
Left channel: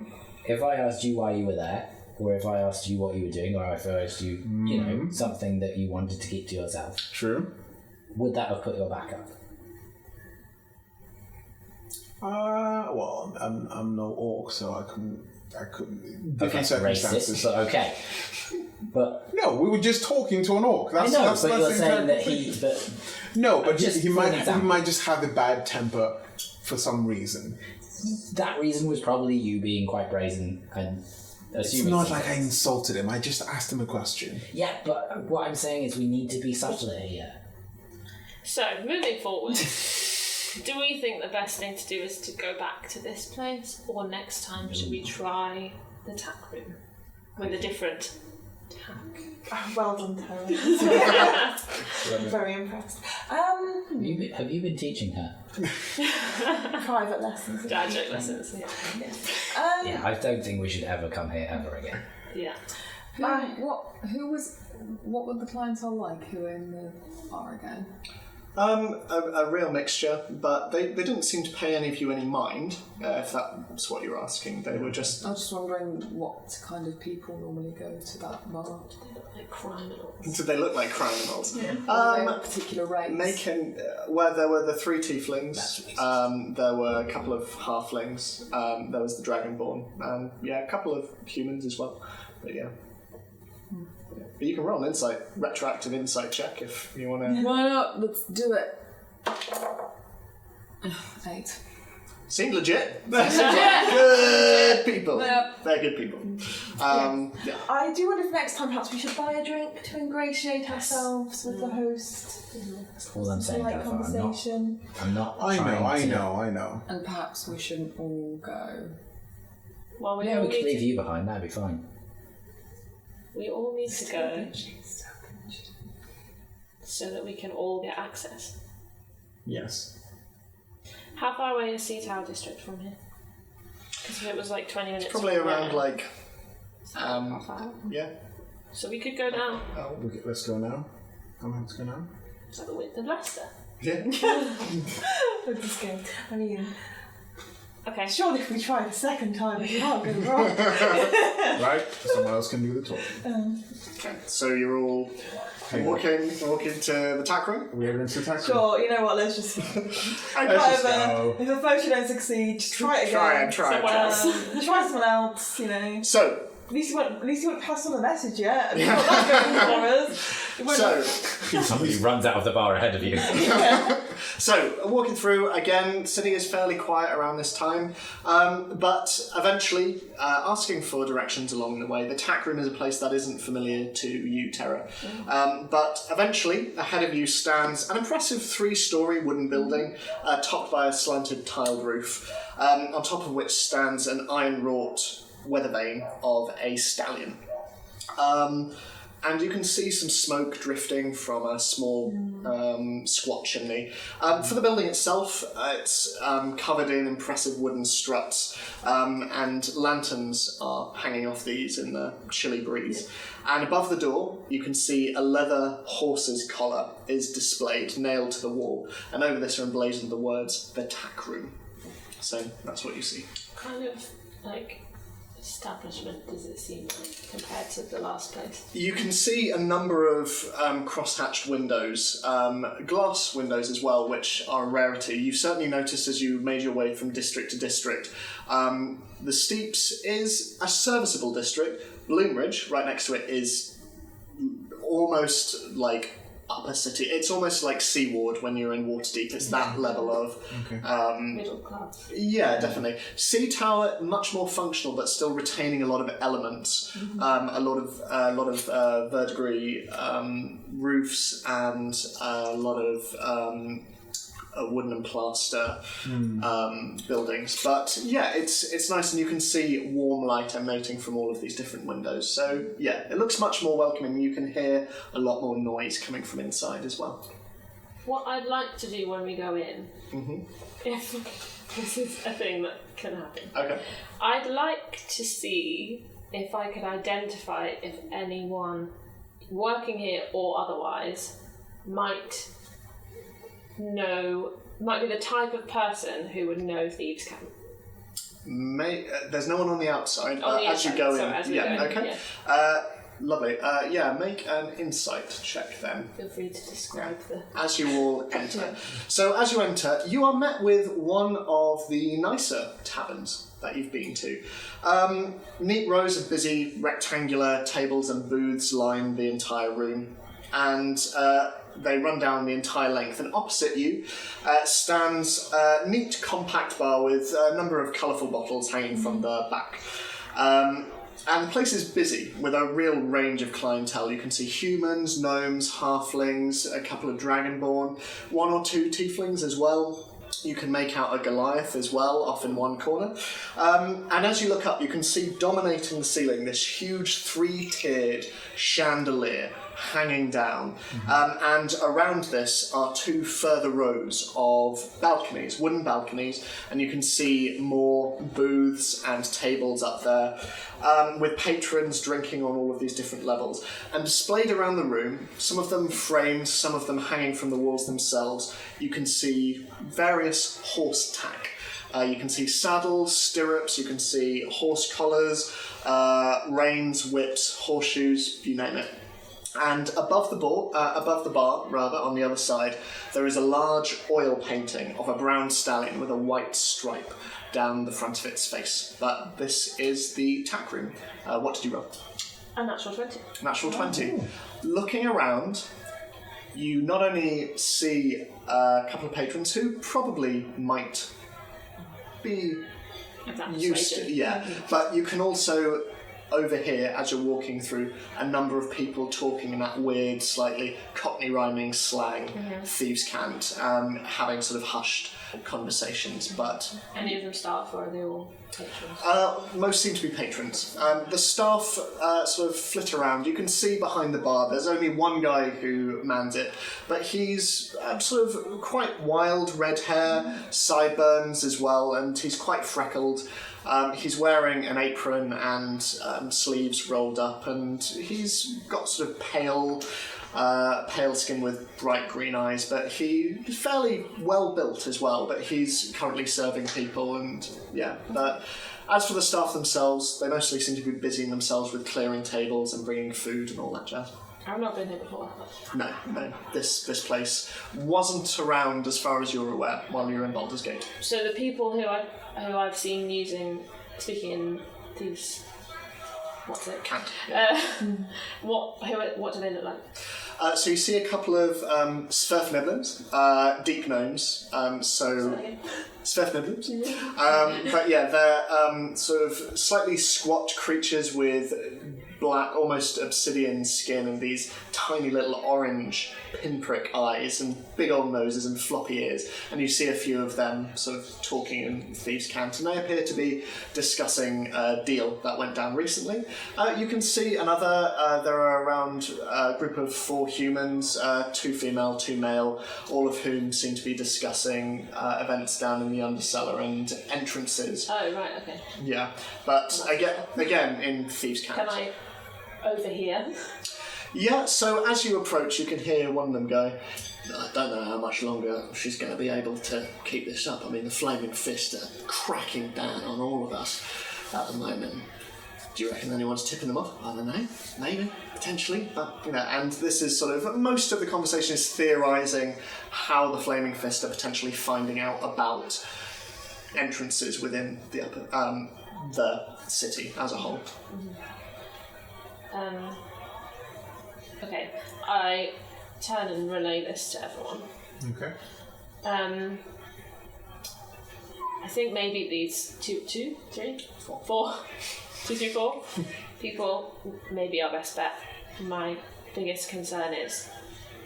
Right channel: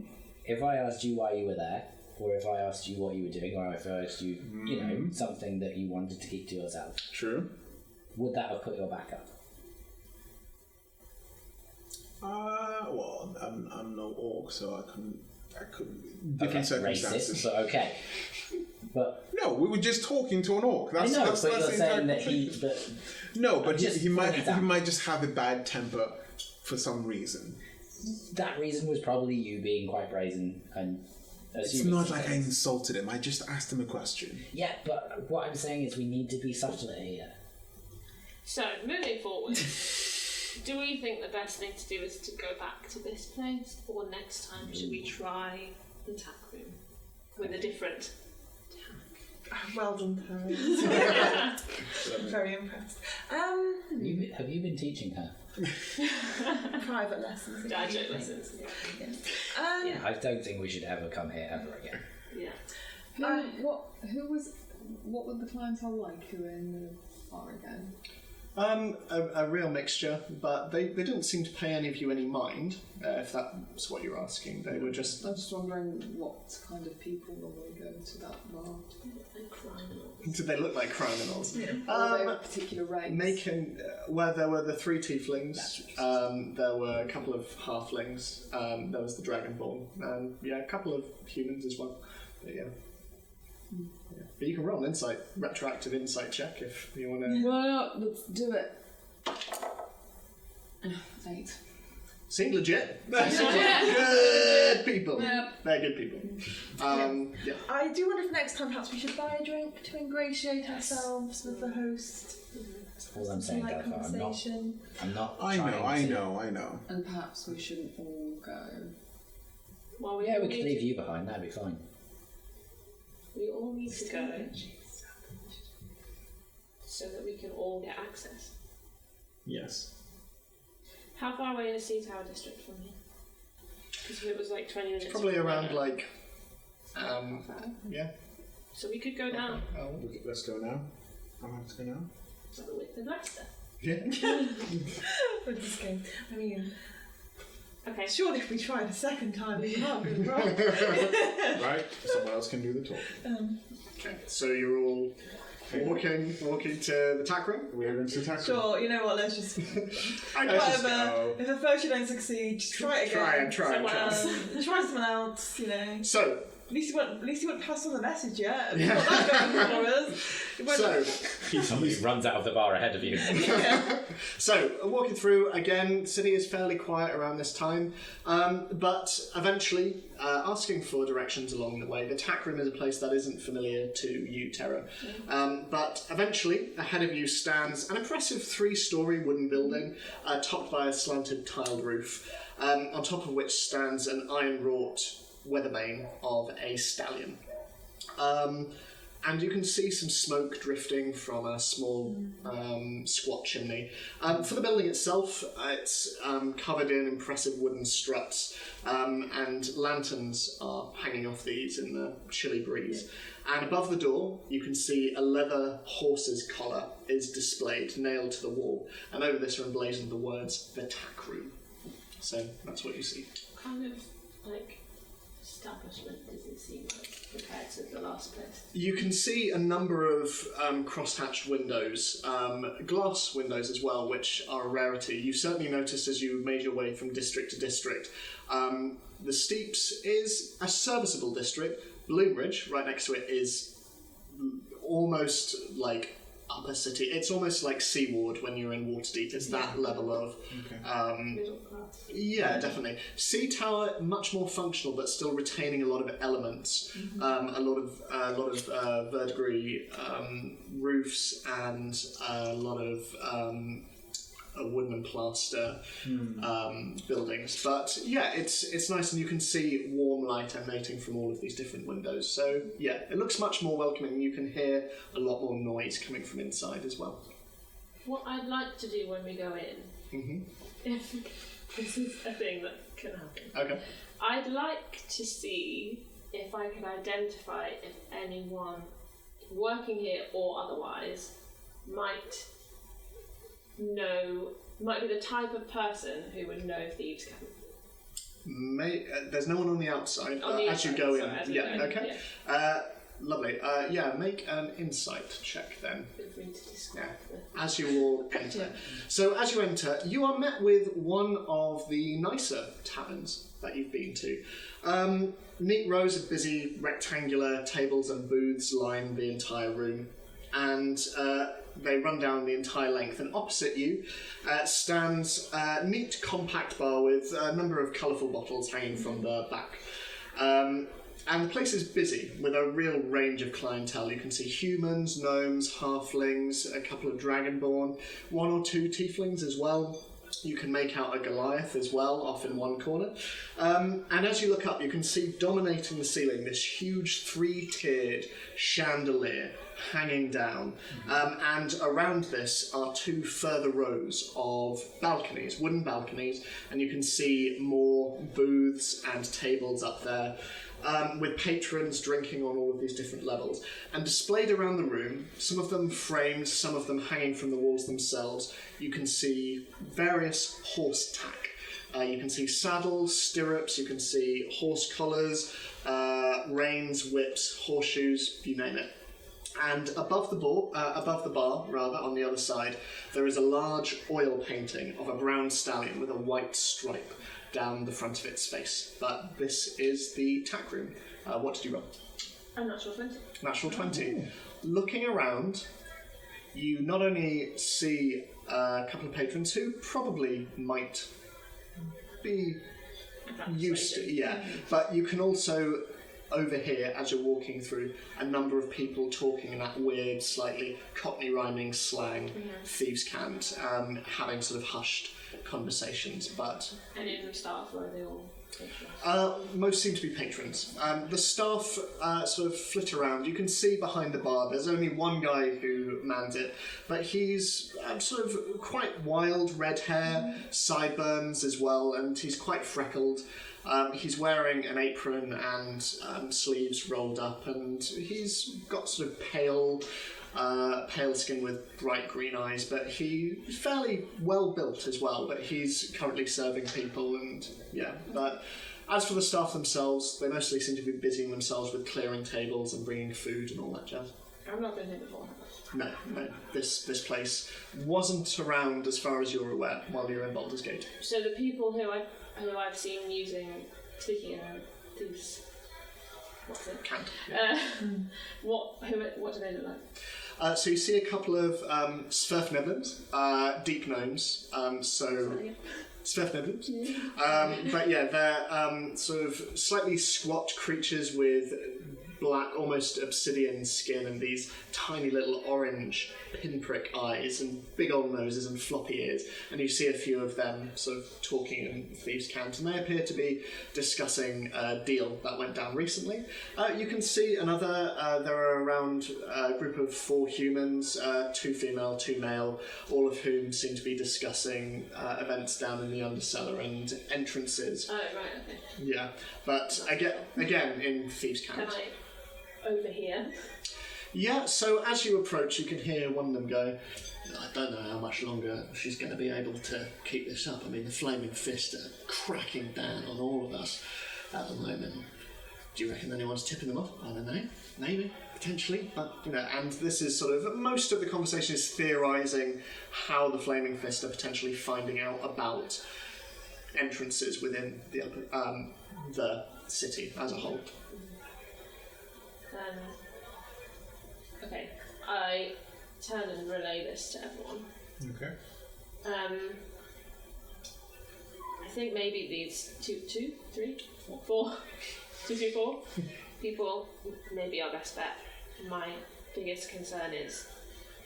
If I asked you why you were there, or if I asked you what you were doing, or if I asked you, you know, something that you wanted to keep to yourself, True. would that have put your back up? Well, I'm no orc, so I couldn't. Okay, Different circumstances. racist, but okay. But No, we were just talking to an orc. I know, that's but you're the saying entire that he. But No, but Just he for might an example. just have a bad temper for some reason. that reason was probably you being quite brazen and It's assuming. not some like I things. insulted him. I just asked him a question. Yeah, but what I'm saying is we need to be subtler here. So, moving forward, do we think the best thing to do is to go back to this place, or next time should we try the tack room with a different tack? Well done, Tara. I'm very impressed. Have you been teaching her? Private lessons. Graduate lessons. Yeah. Yeah, I don't think we should ever come here ever again. Yeah. What were the clientele like who were in the bar again? A real mixture, but they didn't seem to pay any of you any mind, if that's what you're asking. They were just... I was just wondering what kind of people normally go to that bar. They look like criminals. Did they look like criminals? Yeah. Or they were particular race. Well, there were the 3 tieflings, there were a couple of halflings, there was the dragonborn, a couple of humans as well, but yeah. But you can roll an retroactive insight check if you want to. Why not? Let's do it. 8. Seem legit. Good people. Yep. They're good people. Yeah. I do wonder if next time perhaps we should buy a drink to ingratiate ourselves with the host. That's all I'm saying, Like Jennifer. conversation. I'm not. I trying to- know. And perhaps we shouldn't all go. Well, we Yeah, all we could need leave you behind. That'd be fine. we all need to go so that we can all get access. Yes. How far away is Sea Tower District from here? Because if it was like 20 minutes. Probably from around there, like. half hour. Yeah. So we could go down. Oh. Okay, let's go now. How long to go now? Is that the width of Leicester? Yeah. With this game. I mean, Okay. surely if we try the second time, we can't go wrong. Right? Someone else can do the talking. Okay. So you're all walking to the tack room. We're going to attack. Sure, you know what, let's just... Let's just go. If the first you don't succeed, just try it again. Try it. Try someone else, you know. So. At least you won't pass on the message yet. And yeah. That's going for us. It won't Somebody runs out of the bar ahead of you. So, walking through, again, city is fairly quiet around this time, but eventually, asking for directions along the way. The tack room is a place that isn't familiar to you, Terra. But eventually, ahead of you stands an impressive 3-storey wooden building, topped by a slanted tiled roof, on top of which stands an iron-wrought weather vane of a stallion. And you can see some smoke drifting from a small squat chimney. For the building itself, it's covered in impressive wooden struts, and lanterns are hanging off these in the chilly breeze. And above the door, you can see a leather horse's collar is displayed, nailed to the wall, and over this are emblazoned the words, "The Tack Room." So that's what you see. Kind of like establishment does it seem like compared to the last place? You can see a number of cross-hatched windows, glass windows as well, which are a rarity. You certainly noticed as you made your way from district to district. The Steeps is a serviceable district. Bloomridge, right next to it, is almost like upper city. It's almost like Seaward when you're in Waterdeep. It's that level of... Middle class. Yeah, definitely. Sea Tower, much more functional, but still retaining a lot of elements. A lot of verdigris roofs and a lot of wooden and plaster buildings. But yeah, it's nice, and you can see warm light emanating from all of these different windows. So yeah, it looks much more welcoming. You can hear a lot more noise coming from inside as well. What I'd like to do when we go in, if this is a thing that can happen, Okay. I'd like to see if I could identify if anyone working here or otherwise might be the type of person who would know Thieves' Camp. There's no one on the outside. On the as inside, you go sorry, in. as we go in, Okay. yeah. Lovely. Make an insight check then. Feel free to describe the... As you all enter. So as you enter, you are met with one of the nicer taverns that you've been to. Neat rows of busy rectangular tables and booths line the entire room, and they run down the entire length. And opposite you stands a neat compact bar with a number of colourful bottles hanging from the back. And the place is busy with a real range of clientele. You can see humans, gnomes, halflings, a couple of dragonborn, one or two tieflings as well. You can make out a Goliath as well, off in one corner. And as you look up, you can see dominating the ceiling this huge three-tiered chandelier hanging down. And around this are two further rows of balconies, wooden balconies, and you can see more booths and tables up there with patrons drinking on all of these different levels. And displayed around the room, some of them framed, some of them hanging from the walls themselves, you can see various horse tack. You can see saddles, stirrups, you can see horse collars, reins, whips, horseshoes, you name it. And above the bar, on the other side, there is a large oil painting of a brown stallion with a white stripe down the front of its face. But this is the tack room. What did you roll? A natural 20. Natural 20. Looking around, you not only see a couple of patrons who probably might be used to, but you can also overhear, as you're walking through, a number of people talking in that weird, slightly Cockney rhyming slang, Thieves' Cant, having sort of hushed conversations. But any of them staff, or are they all patrons? Most seem to be patrons. The staff sort of flit around. You can see behind the bar there's only one guy who mans it, but he's sort of quite wild, red hair, sideburns as well, and he's quite freckled. He's wearing an apron and sleeves rolled up, and he's got sort of pale skin with bright green eyes, but he's fairly well built as well, but he's currently serving people, and but as for the staff themselves, they mostly seem to be busying themselves with clearing tables and bringing food and all that jazz. I've not been here before. No. This place wasn't around as far as you're aware while you were in Baldur's Gate. So the people who I've seen speaking in these, what's it? Cant. What do they look like? So you see a couple of Sverfniblins, deep gnomes. Sverfniblins. But yeah, they're sort of slightly squat creatures with black, almost obsidian skin and these tiny little orange pinprick eyes and big old noses and floppy ears. And you see a few of them sort of talking in Thieves' Cant, and they appear to be discussing a deal that went down recently. You can see another, there are around a group of 4 humans, 2 female, 2 male, all of whom seem to be discussing events down in the Undercellar and entrances. Oh, right, okay. Yeah, but again in Thieves' Cant. Can I overhear? Yeah, so as you approach, you can hear one of them go, I don't know how much longer she's going to be able to keep this up. I mean, the Flaming Fist are cracking down on all of us at the moment. Do you reckon anyone's tipping them off? I don't know. Maybe. Potentially. But, and this is sort of, most of the conversation is theorising how the Flaming Fist are potentially finding out about entrances within the city as a whole. Okay, I turn and relay this to everyone. Okay. I think maybe these 4 people maybe our best bet. My biggest concern is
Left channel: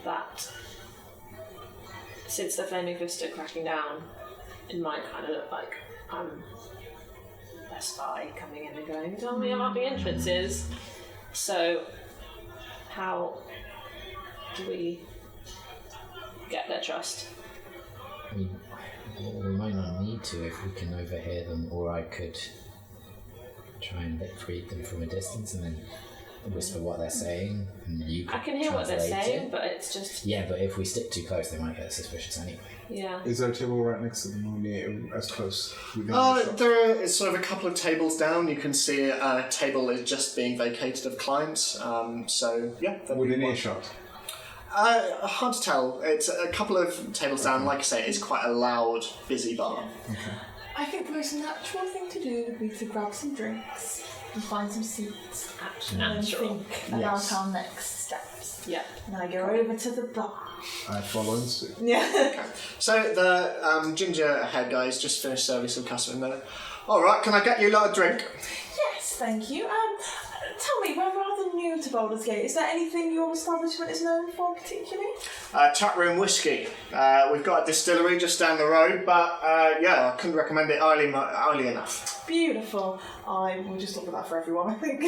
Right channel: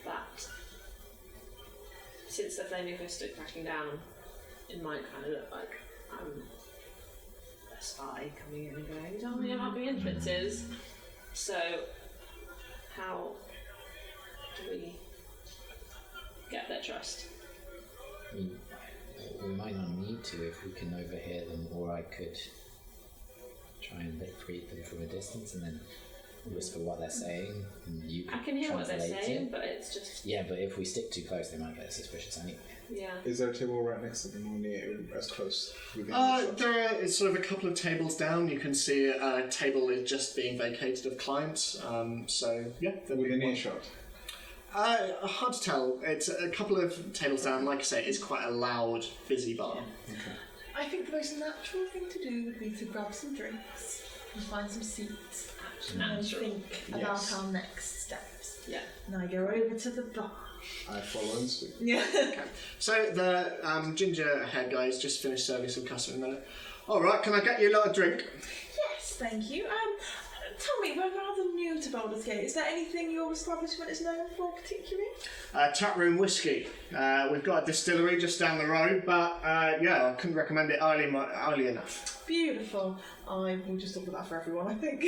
that since the Flaming Fist are cracking down, it might kind of look like I'm a spy coming in and going, tell me about the entrances. So how do we get their trust. I mean, we might not need to if we can overhear them, or I could try and read them from a distance and then whisper what they're saying, and you could I can hear what they're translate saying, it. but it's just Yeah, but if we stick too close, they might get suspicious anyway. yeah. Is there a table right next to them, or near, as close within earshot? There is sort of a couple of tables down. You can see a table is just being vacated of clients. So yeah, that'd be Within one. earshot? Hard to tell. It's a couple of tables down. Like I say, it's quite a loud, busy bar. I think the most natural thing to do would be to grab some drinks and find some seats and then Natural. think about Yes. our next steps. Yeah. Now go over to the bar. I follow in suit. Yeah. So the ginger hair guys just finished serving some customers. And they're like, all right, can I get you a lot of drink? Yes, thank you. Tell me, we're rather new to Baldur's Gate. Is there anything your establishment is known for particularly? Chat room whiskey. We've got a distillery just down the road, but yeah, I couldn't recommend it highly enough. Beautiful. I will just order that for everyone, I think.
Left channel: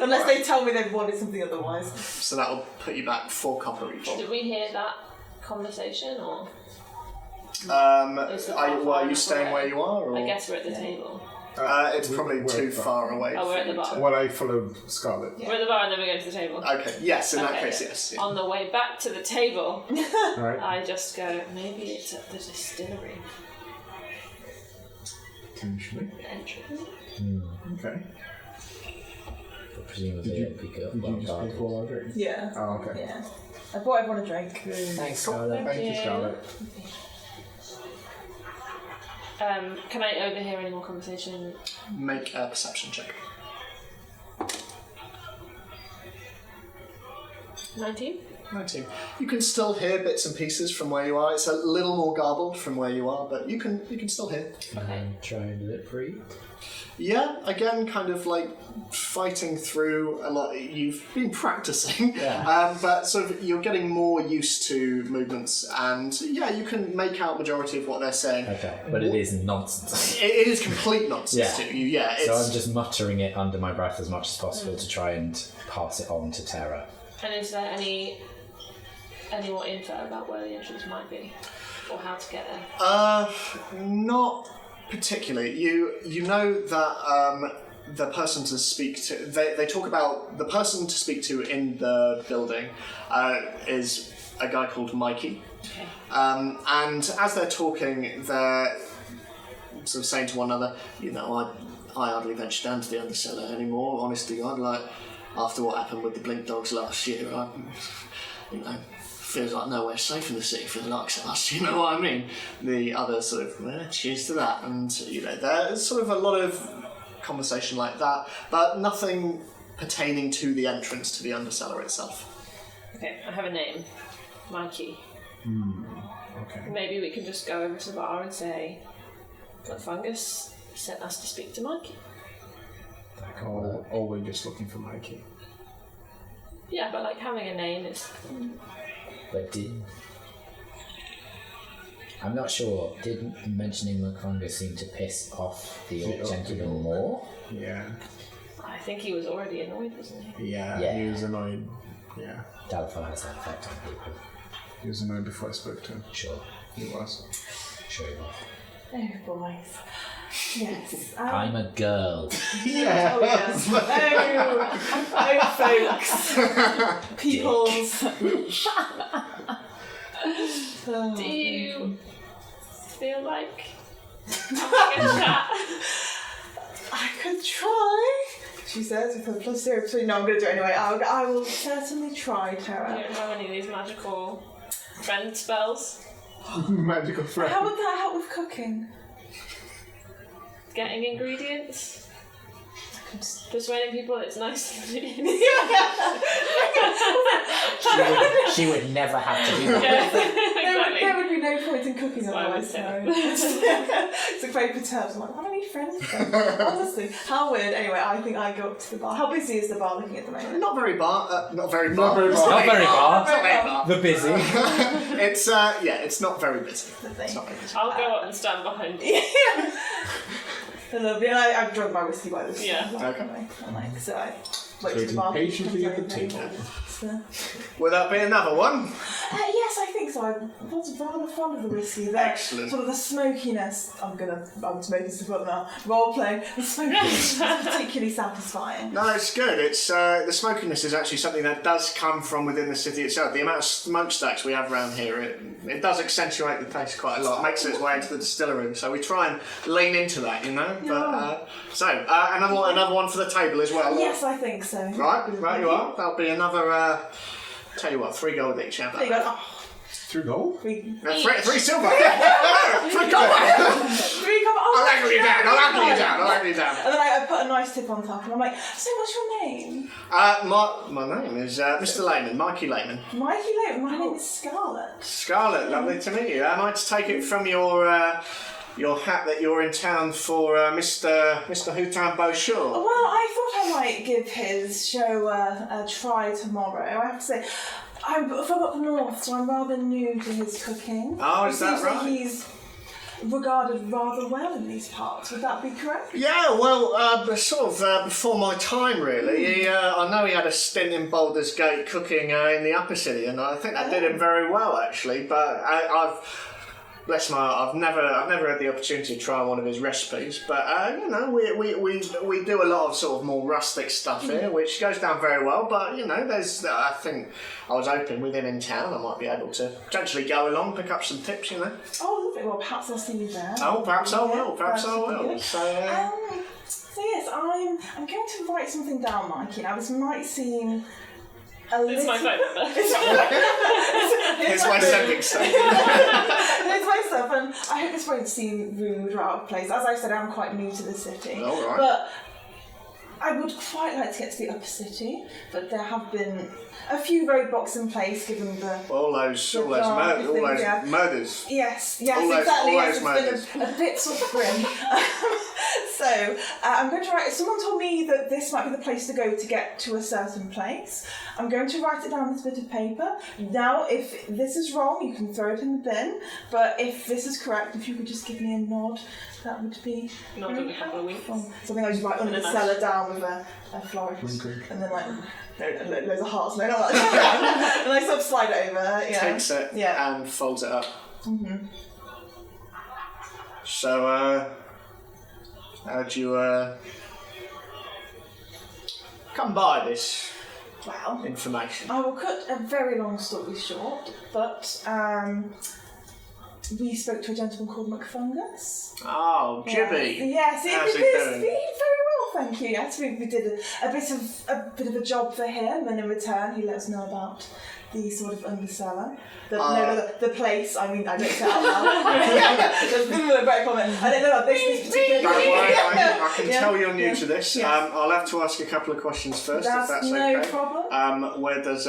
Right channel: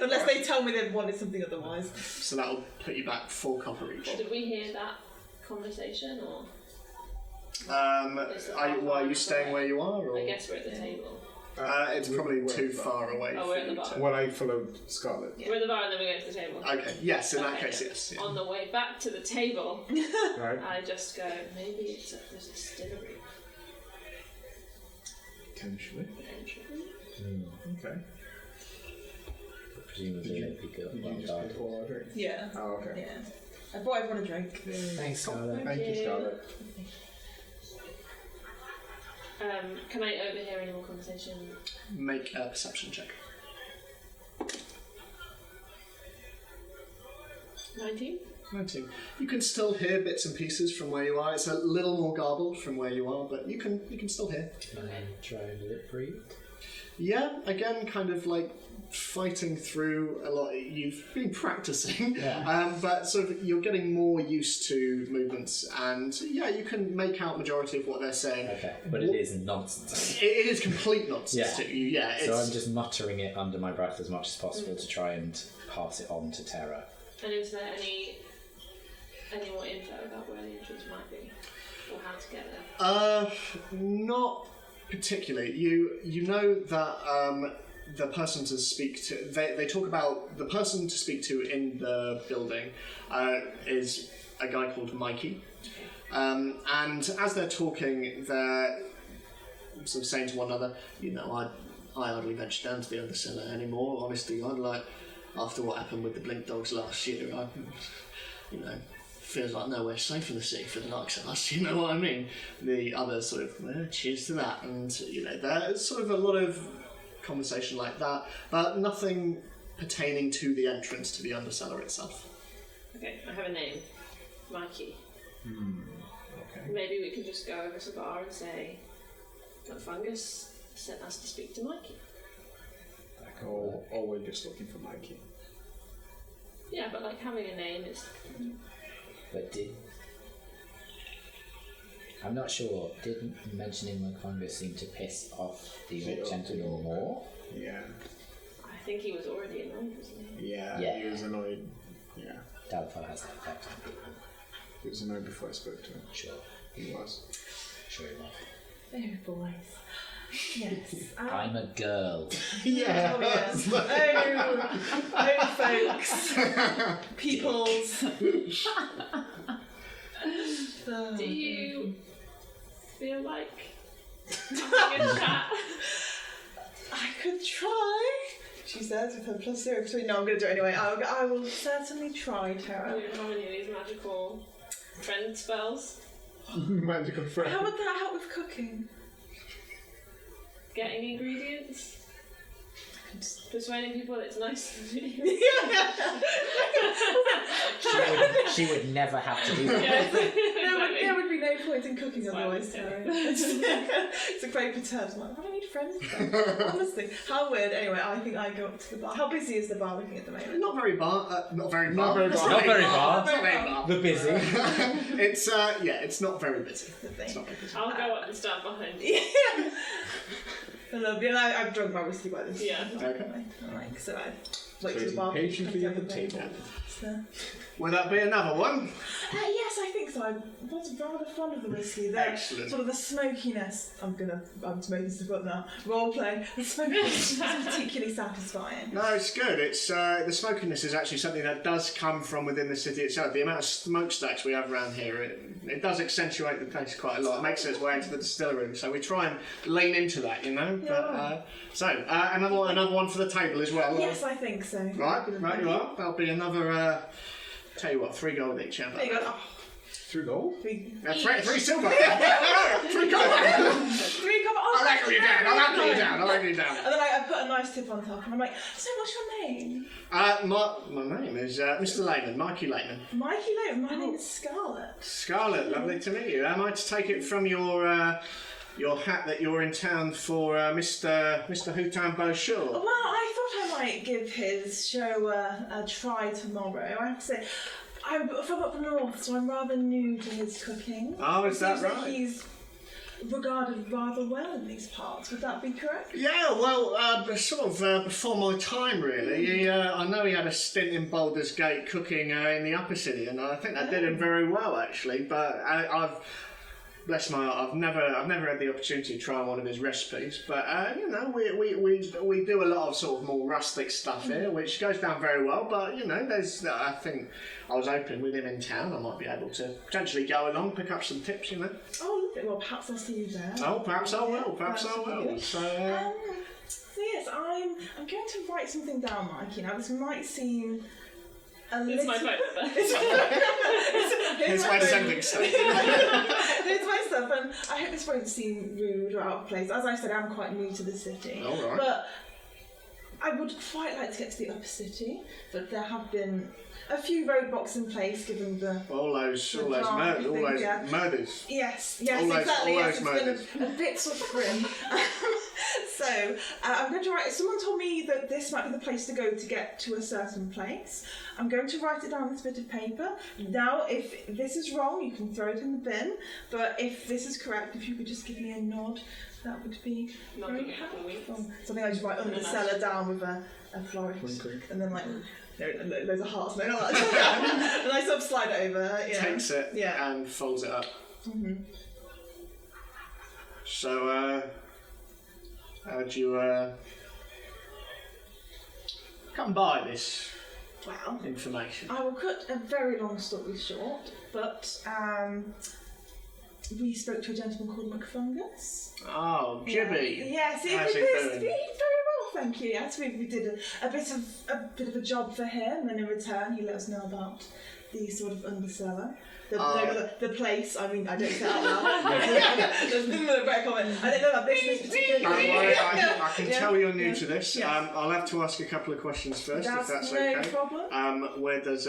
Unless they tell me they've wanted something otherwise. So that'll put you back 4 copper each. Did we hear that conversation, or Are you staying where you are? Or? I guess we're at the table. It's probably we're too at the bar. far away. Oh, we're at the for you bar. Well, I followed Scarlet. We're at the bar and then we go to the table. Okay, yes, in that Okay, case, yeah. yes. Yeah. On the way back to the table, Alright. I just go, maybe it's at the distillery Potentially. entrance. Okay. But presumably it'll be good. Did Well you just pay guarded. for all our drinks? Yeah. Oh, okay. Yeah. I bought everyone a drink. Thanks, Scarlett. Thank you, Yeah. Scarlet. Can I overhear any more conversation? Make a perception check. 19? 19. You can still hear bits and pieces from where you are. It's a little more garbled from where you are, but you can still hear. And try and lip read. Yeah, again, kind of like fighting through a lot. You've been practicing, but sort of you're getting more used to movements, and yeah, you can make out majority of what they're saying. Okay, but it is nonsense. It is complete nonsense Yeah. to you. Yeah, it's, So I'm just muttering it under my breath as much as possible to try and pass it on to Terra. And is there any more info about where the entrance might be? Or how to get there? Not particularly. You know that the person to speak to. They talk about the person to speak to in the building is a guy called Mikey. Okay. And as they're talking, they're sort of saying to one another, you know, I hardly venture down to the undercellar anymore. Honestly, God, like after what happened with the Blink Dogs last year, feels like nowhere safe in the city for the likes of us. You know what I mean? The other sort of, well, cheers to that, and there's sort of a lot of conversation like that, but nothing pertaining to the entrance to the undercellar itself. Okay, I have a name. Mikey. Okay. Maybe we can just go over to the bar and say, McFungus sent us to speak to Mikey. That could Or, work. or we're just looking for Mikey. Yeah, but like having a name is... But I'm not sure. Did mentioning McFungus seem to piss off the The old orc gentleman did. more? Yeah. I think he was already annoyed, wasn't he? Yeah. Yeah. He was annoyed. Yeah. Dalifar has that effect on people. He was annoyed before I spoke to him. Sure. He was. Sure enough. Oh, boys. Yes. I'm a girl. Yeah. Oh, yes. Oh, folks. Peoples. Do you feel like having a chat? I could try, she says with her plus 0 between. No, I'm going to do it anyway. I will certainly try, You Tara. don't have any of these magical friend spells? Magical friend. How would that help with cooking? Getting ingredients? Persuading people it's nice to do. She would never have to do that. Yeah, There exactly. would be no point in cooking That's why I otherwise. was So. It's a very perturbed. I'm like, I need friends. Honestly, how weird. Anyway, I think I go up to the bar. How busy is the bar looking at the moment? Not very bar. Not very Not bar. very It's bar. Not very bar. Not very bar. The busy. It's it's not very busy. It's not very busy. I'll go up and stand behind you. I love it. I've drunk my whiskey by this. Yeah. Anyway, I like so. wait till the Waiting bar patiently comes at the over. table. So- Will that be another one? yes, I think so. I was rather fond of the whiskey. The Excellent. sort of the smokiness. I'm smoking stuff up now. Role playing. The smokiness is particularly satisfying. No, it's good. It's the smokiness is actually something that does come from within the city itself. The amount of smokestacks we have around here, it does accentuate the taste quite a lot. It makes its way into the distillery, so we try and lean into that, you know. But another one for the table as well. Yes, I think so. Right, you are. That'll be another. Tell you what, 3 gold each. How about There you go. that? Oh, 3 gold? Three silver. 3 3 gold. copper. I'll angle you down. I'll angle you down. And then I put a nice tip on top, and I'm like, so what's your name? My name is Mr. Layman, Mikey Layman. Mikey Lane. My name is Scarlett. Scarlett, lovely to meet you. Am I to take it from your hat that you're in town for Mr. Houtin Beauchor? Well, I thought I might give his show a try tomorrow. I have to say, I'm from up north, so I'm rather new to his cooking. Oh, It is that seems right? he's regarded rather well in these parts. Would that be correct? Yeah, well, before my time, really. I know he had a stint in Baldur's Gate cooking in the upper city, and I think that did him very well, actually. But I've never had the opportunity to try one of his recipes, but you know, we do a lot of sort of more rustic stuff here, which goes down very well. But you know, I think I was hoping with him in town, I might be able to potentially go along, pick up some tips, you know. Oh, lovely. Well, perhaps I'll see you there. Oh, perhaps I will. Perhaps I that should be will. good. So, So yes, I'm going to write something down, Mikey. Now this might seem a little. It's my phone number. here's my sending stuff. There's my stuff, and I hope this won't seem rude or out of place. As I said, I'm quite new to the city. All right. But I would quite like to get to the upper city, but there have been a few roadblocks in place given the... All those murders. Yes, All those- exactly. all Yes, those it's been a bit sort of grim. So I'm going to write. Someone told me that this might be the place to go to get to a certain place. I'm going to write it down on this bit of paper. Now, if this is wrong, you can throw it in the bin. But if this is correct, if you could just give me a nod, that would be Nod very and a couple of winks. helpful. Something I just write under the And a cellar down with a flourish, Wink, wink. and then like. Loads of hearts, no, not that. And I sort of slide it over, yeah. Takes it Yeah. and folds it up. Mm-hmm. So, how'd you come by this Well, information? I will cut a very long story short, but we spoke to a gentleman called McFungus. Oh, Jibby. Yes, How's it it was going? very well, thank you. Yes, we did a bit of a job for him, and in return he let us know about the sort of underseller. The place. I mean, I don't say it out loud. There's been a great comment. I don't know about this particular. Don't worry, I can Yeah, tell you're new yeah, to this. yeah. I'll have to ask a couple of questions first, That's if that's no okay. problem. Where does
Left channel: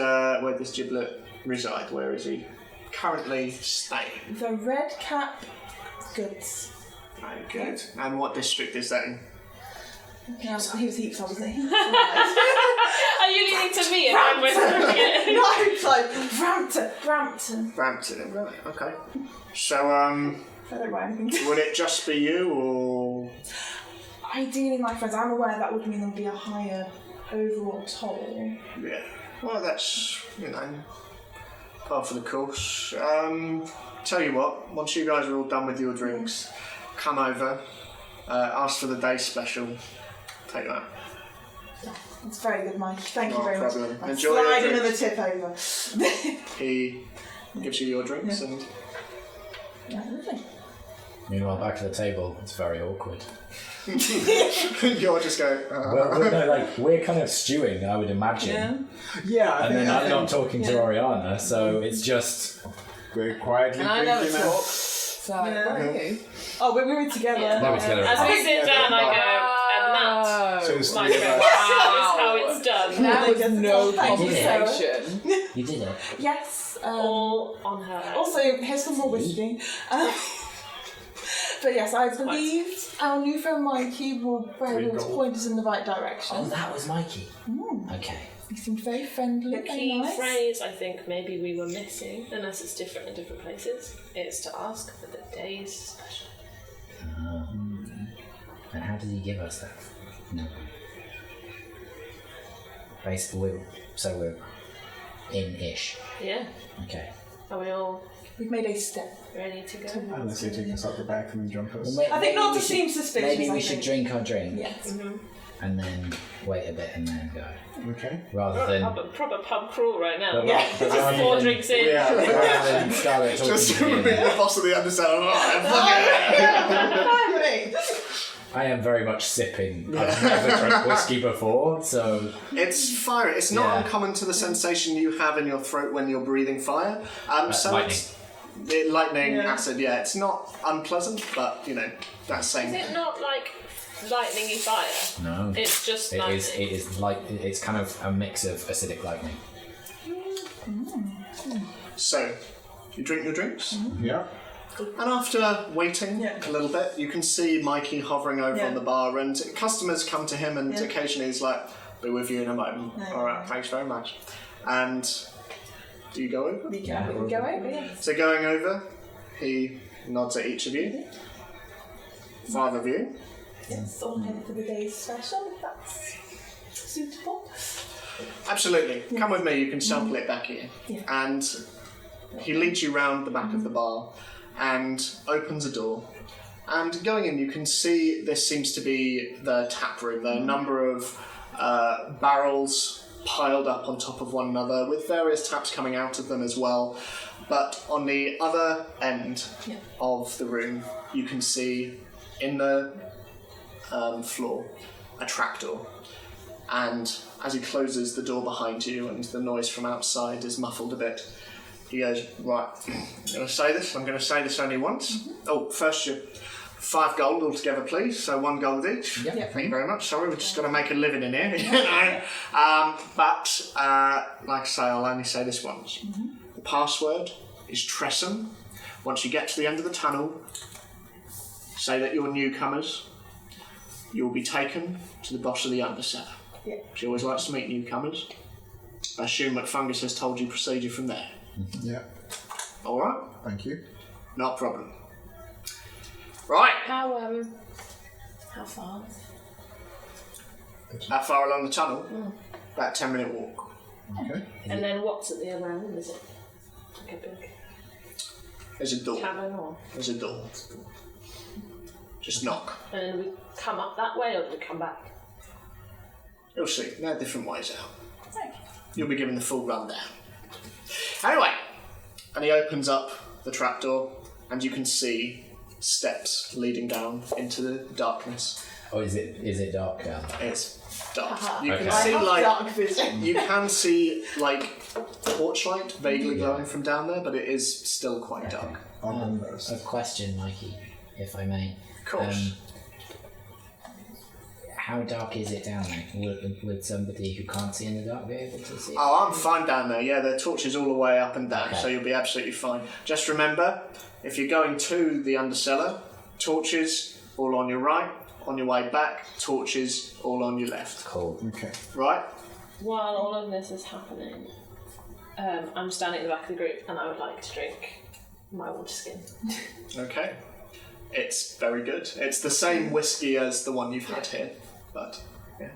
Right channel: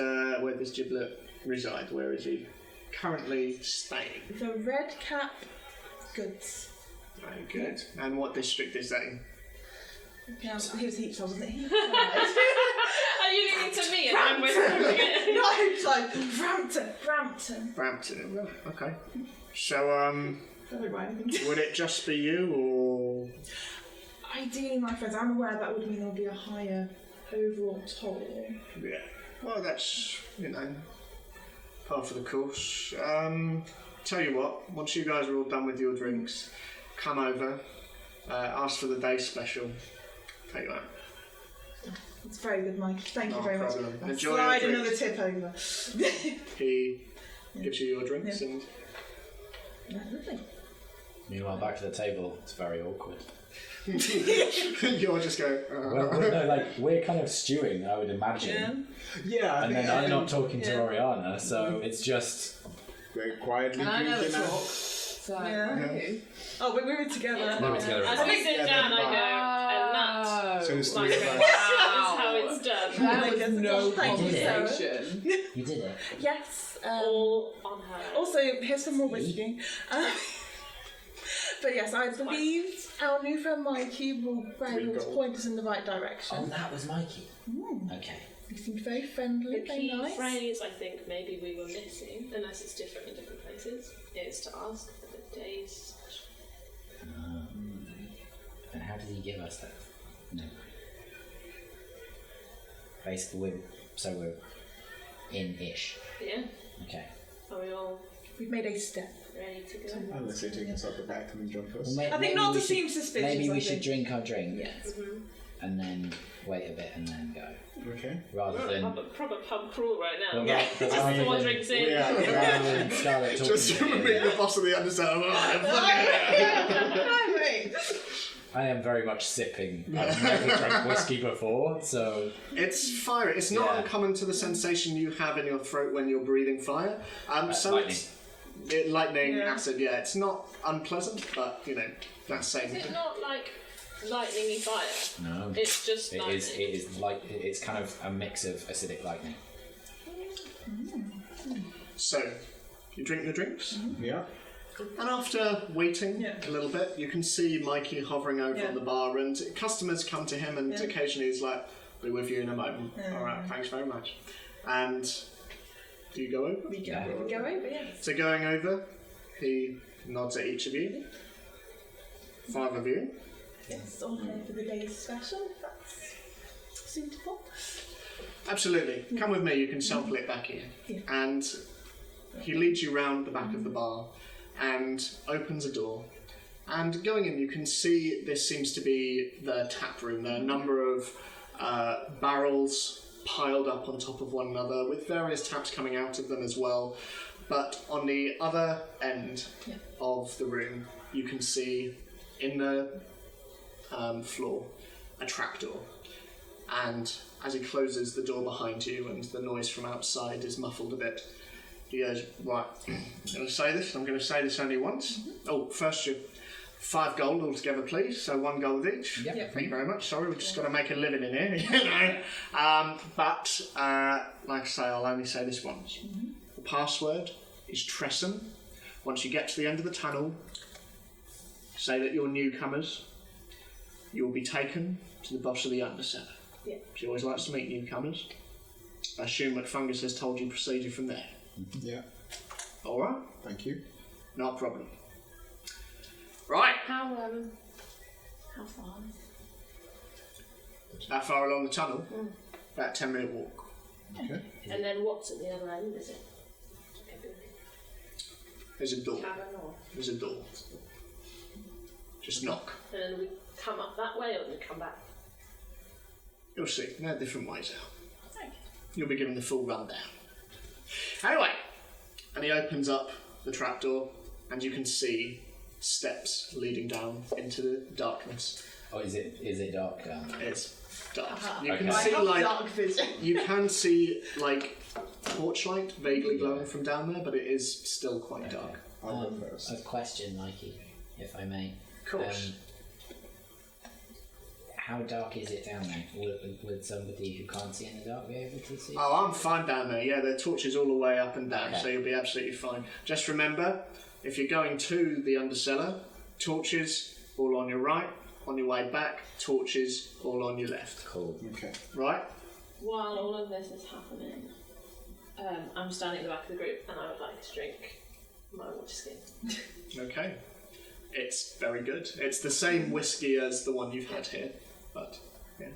Giblet reside? Where is he currently staying? The Red Cap Goods. Very good. And what district is that in? Yeah, he was heaps, wasn't he? Are you leaning to me and I'm whispering it? No, it's like Brampton. Brampton. Right. Okay. So, I don't write anything. would it just be you, or? Ideally, my friends, I'm aware that would mean there would be a higher overall toll. Yeah. Well, that's, you know, part for the course. Tell you what, once you guys are all done with your drinks, come over, ask for the day special. Take that. It's very good, Mike. Thank you No very problem. much. Enjoy Slide your another drinks. tip over. He gives you your drinks, Yeah. and Yeah, lovely. Meanwhile, back to the table, it's very awkward. you're just going. No, we're kind of stewing, I would imagine. Yeah, I And think then I'm not talking to Yeah. Oriana, so it's just. very quietly And I never drinking talk. now. So, Yeah. where are you? Oh, we were together. Yeah. They were together As as we sit down, I go, and that. So it's Like, three that of us. is how it's done. That was no Thank you, conversation. You did it. Yes. All on her. Also, here's some more whiskey. But yes, I believe our new friend Mikey will be able to gold. point us in the right direction. Oh, that was Mikey. Okay. He seemed very friendly, The very key nice. phrase I think maybe we were missing, unless it's different in different places, is to ask for the day's special. And how did he give us that? No. Basically, we're in-ish. Yeah. Okay. Are we all We've made a step. ready to go? Unless they take us out the back and jump us. Well, I think not to seem suspicious. Maybe I we should think. drink our drink Yes. and then wait a bit and then go, Okay. rather than Proper pub crawl right now. But Yeah. but rather Just 4 than- drinks in. rather than Scarlett talking Just to to me. be the boss of the undersell. I am very much sipping. I've never drank whiskey before, so It's fire. It's not Yeah. uncommon to the sensation you have in your throat when you're breathing fire. So lightning. lightning, acid. Yeah, it's not unpleasant, but that's Is saying. it not like lightningy fire? no. It's just It lightning. is. It is like it's kind of a mix of acidic lightning. So, you drink your drinks, Yeah. and after waiting Yeah. a little bit, you can see Mikey hovering over Yeah. on the bar, and customers come to him, and Yeah. occasionally he's like, "Be with you in a moment." Yeah. All right, thanks very much. And do you go over? We go over, yes. So going over, he nods at each of you. 5 of you. Yes, all here for the day's special, if that's suitable. Absolutely. Come with me, you can sample it back here. Yeah. And he leads you round the back of the bar and opens a door. And going in, you can see this seems to be the tap room. There are a number of barrels piled up on top of one another with various taps coming out of them as well. But on the other end of the room, you can see in the floor a trapdoor. And as he closes the door behind you and the noise from outside is muffled a bit, he goes, "Right, I'm going to say this only once. Oh, first you 5 gold altogether, please, so 1 gold each. Yep. Yep. Thank you very much. Sorry, we've just got to make a living in here. But like I say, I'll only say this once. The password is Tressum. Once you get to the end of the tunnel, say that you're newcomers. You will be taken to the boss of the undercellar. Yeah. She always likes to meet newcomers. I assume McFungus has told you procedure from there. Yeah. All right, Thank you. not a problem. Right, How far? that far along the tunnel, about 10-minute walk. Okay. And then what's at the other end? Is it like a big There's a door. cavern or? There's a door. Just knock. And then we come up that way or do we come back? You'll see. There are different ways out. You'll be given the full rundown. Anyway, and he opens up the trapdoor, and you can see steps leading down into the darkness. Oh, is it dark down there? It's dark. Haha. You can Okay. see Dark vision. you can see torchlight vaguely glowing from down there, but it is still quite dark. I'll bring those. A question, Mikey, if I may. Of course. How dark is it down there? Would somebody who can't see in the dark be able to see? Oh, I'm fine down there. Yeah, the torches all the way up and down, Okay. so you'll be absolutely fine. Just remember, if you're going to the undercellar, torches all on your right. On your way back, torches all on your left. Cool. Okay. Right? While all of this is happening, I'm standing at the back of the group and I would like to drink my water skin. Okay. It's very good. It's the same whiskey as the one you've had here, but yeah.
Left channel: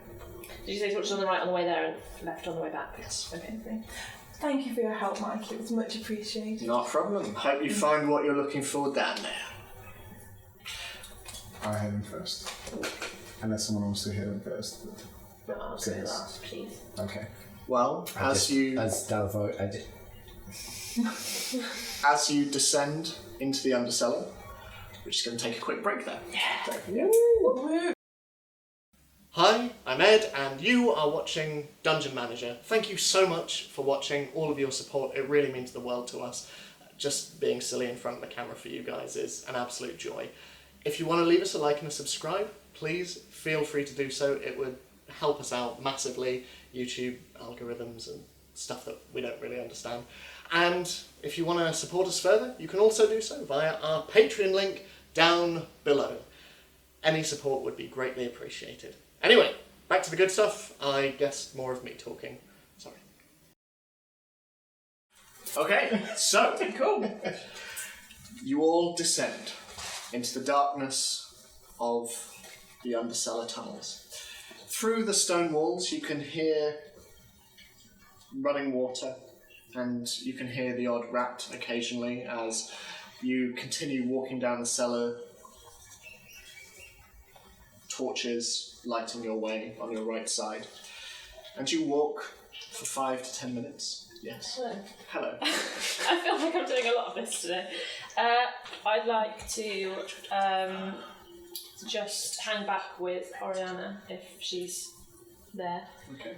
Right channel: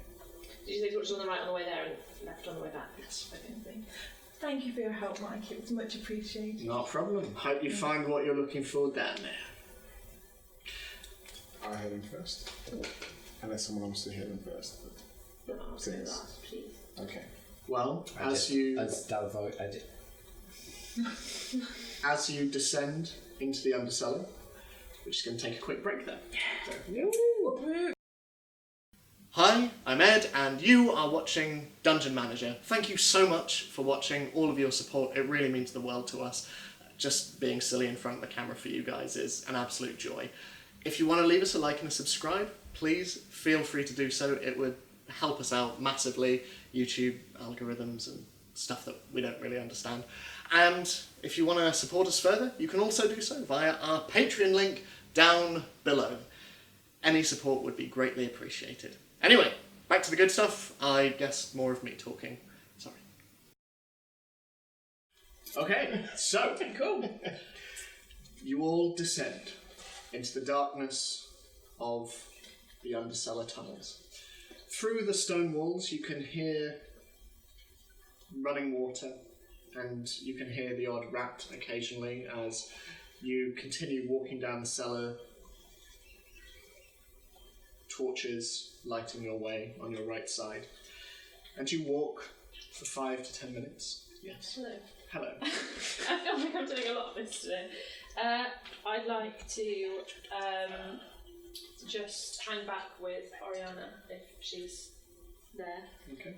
Did you say torches on the right on the way there and left on the way back? Yes. Okay. Thank you for your help, Mike. It was much appreciated. Not a problem. Hope you find what you're looking for down there. I'll head in first. Unless someone wants to head in first. No, I'll go last, please. Okay. Well, As Dalvo, as you descend into the undercellar, we're just going to take a quick break there. Yeah. Hi, I'm Ed, and you are watching Dungeon Manager. Thank you so much for watching, all of your support. It really means the world to us. Just being silly in front of the camera for you guys is an absolute joy. If you want to leave us a like and a subscribe, please feel free to do so. It would help us out massively. YouTube algorithms and stuff that we don't really understand. And if you want to support us further, you can also do so via our Patreon link down below. Any support would be greatly appreciated. Anyway, back to the good stuff. I guess more of me talking. Sorry. Okay, so cool. You all descend into the darkness of the undercellar tunnels. Through the stone walls, you can hear running water, and you can hear the odd rat occasionally as you continue walking down the cellar, torches lighting your way on your right side. And you walk for 5 to 10 minutes. Yes. Hello. Hello. I feel like I'm doing a lot of this today. I'd like to just hang back with Oriana if she's there. Okay.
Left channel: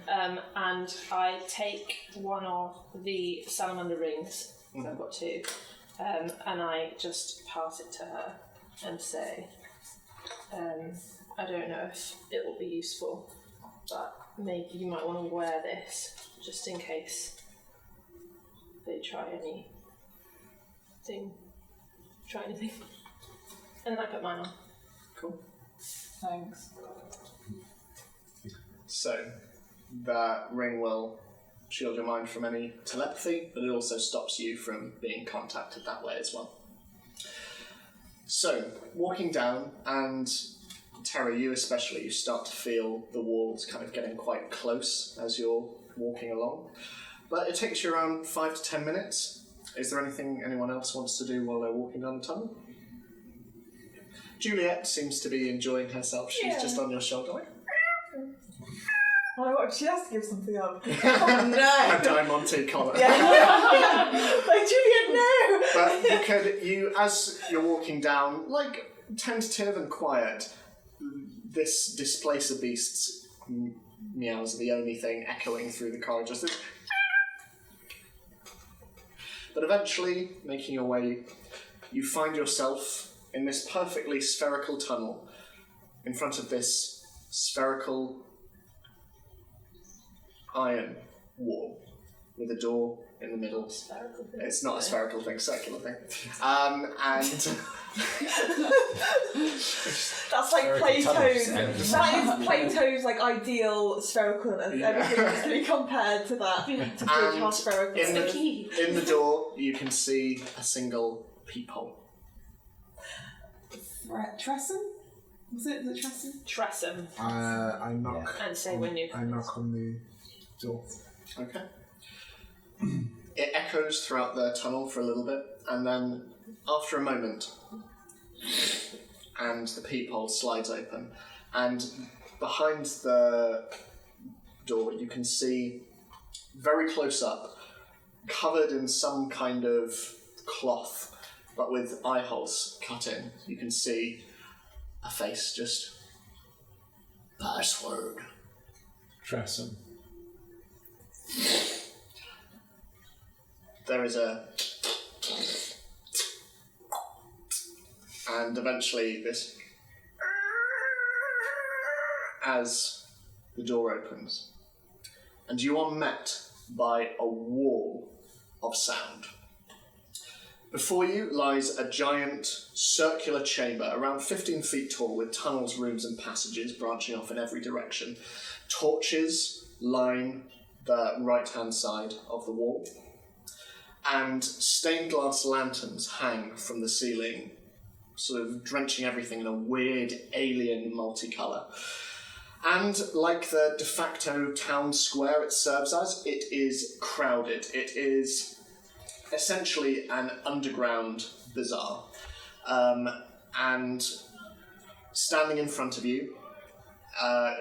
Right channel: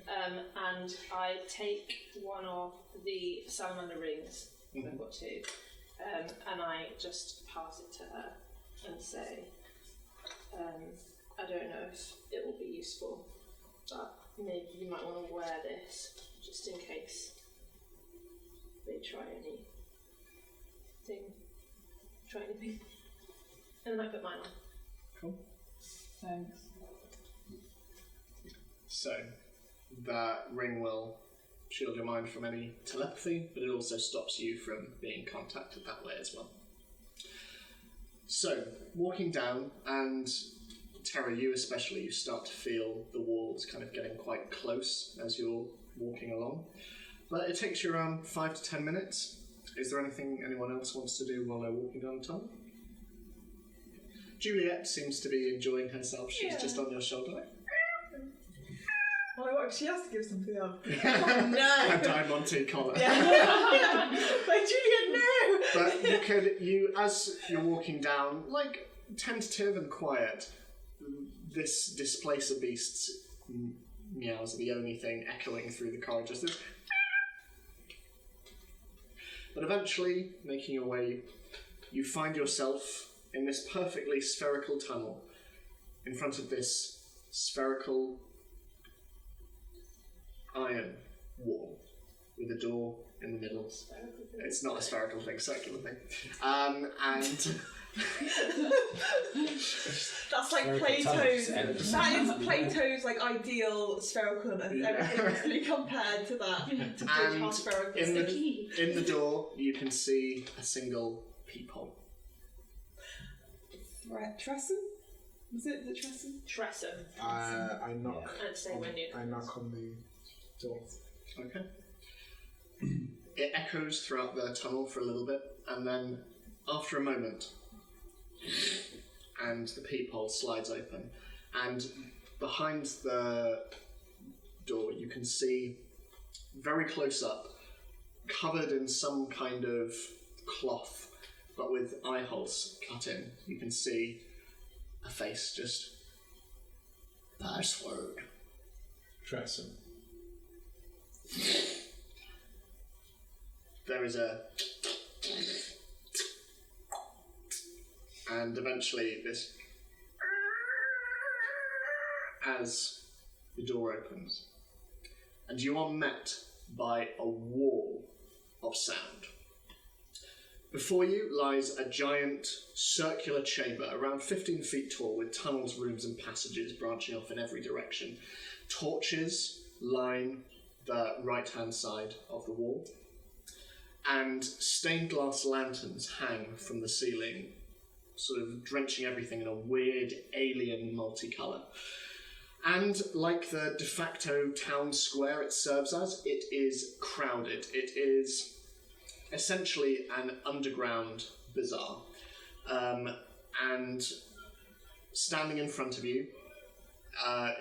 And I take one of the salamander rings, so I've got 2, and I just pass it to her and say, I don't know if it will be useful, but maybe you might want to wear this just in case they try anything. And then I put mine on. Cool. Thanks. So, that ring will shield your mind from any telepathy, but it also stops you from being contacted that way as well. So, walking down, and Terra, you especially, you start to feel the walls kind of getting quite close as you're walking along. But it takes you around 5 to 10 minutes. Is there anything anyone else wants to do while they're walking down the tunnel? Juliet seems to be enjoying herself. She's just on your shoulder like... Oh, she has to give something up. Oh no! A Diamante collar. Yeah. Like, Juliet, no! But as you're walking down, like, tentative and quiet, this displacer beast's meows are the only thing echoing through the corridors. But eventually, making your way, you find yourself in this perfectly spherical tunnel in front of this spherical iron wall with a door in the middle. Spherical thing. It's not a spherical thing, circular thing. And That's like Spherical Plato's. tunnels. That is Plato's like ideal sphericalness. Everything has to be compared to that. To judge how spherical in it is. in the door, you can see a single peephole. Tressum? Was it the Tressum? Tressum. I knock. And say when you. I knock on the door. Okay. It echoes throughout the tunnel for a little bit, and then after a moment, and the peephole slides open, and behind the door you can see, very close up, covered in some kind of cloth, but with eye holes cut in, you can see a face just... Password. Tressum. There is a... And eventually this... As the door opens. And you are met by a wall of sound. Before you lies a giant circular chamber, around 15 feet tall, with tunnels, rooms and passages branching off in every direction. Torches line the right-hand side of the wall, and stained glass lanterns hang from the ceiling, sort of drenching everything in a weird alien multicolour. And like the de facto town square it serves as, it is crowded. It is essentially an underground bazaar. And standing in front of you,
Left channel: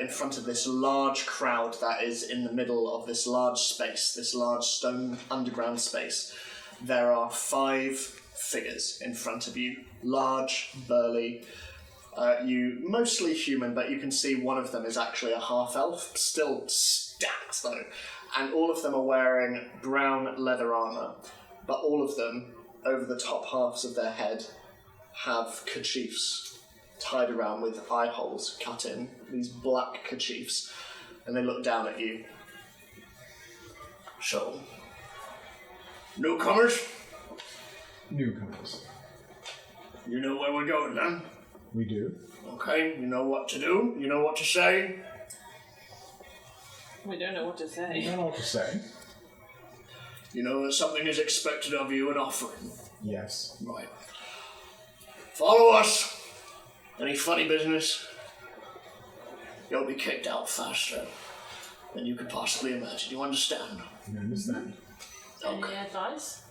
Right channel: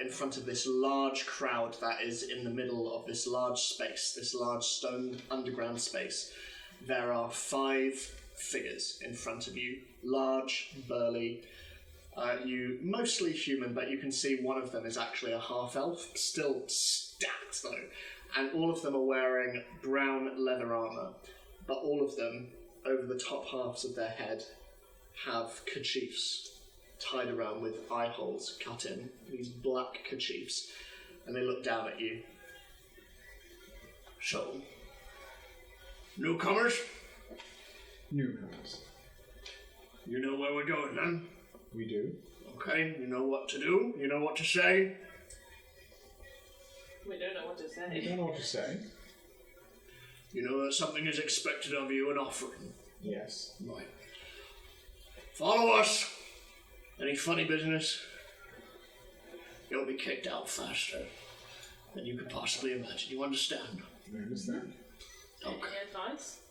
in front of this large crowd that is in the middle of this large space, this large stone underground space, there are 5 figures in front of you. Large, burly, you mostly human, but you can see one of them is actually a half-elf, still stacked though, and all of them are wearing brown leather armour, but all of them, over the top halves of their head, have kerchiefs tied around with eye holes cut in, these black kerchiefs, and they look down at you. So, newcomers, Newcomers. you know where we're going then? We do. Okay, you know what to do, you know what to say. We don't know what to I say. don't know what to say. You know that something is expected of you, an offering. Yes. Right. Follow us. Any funny business, you'll be kicked out faster than you can could possibly imagine. You understand? I understand. Any advice?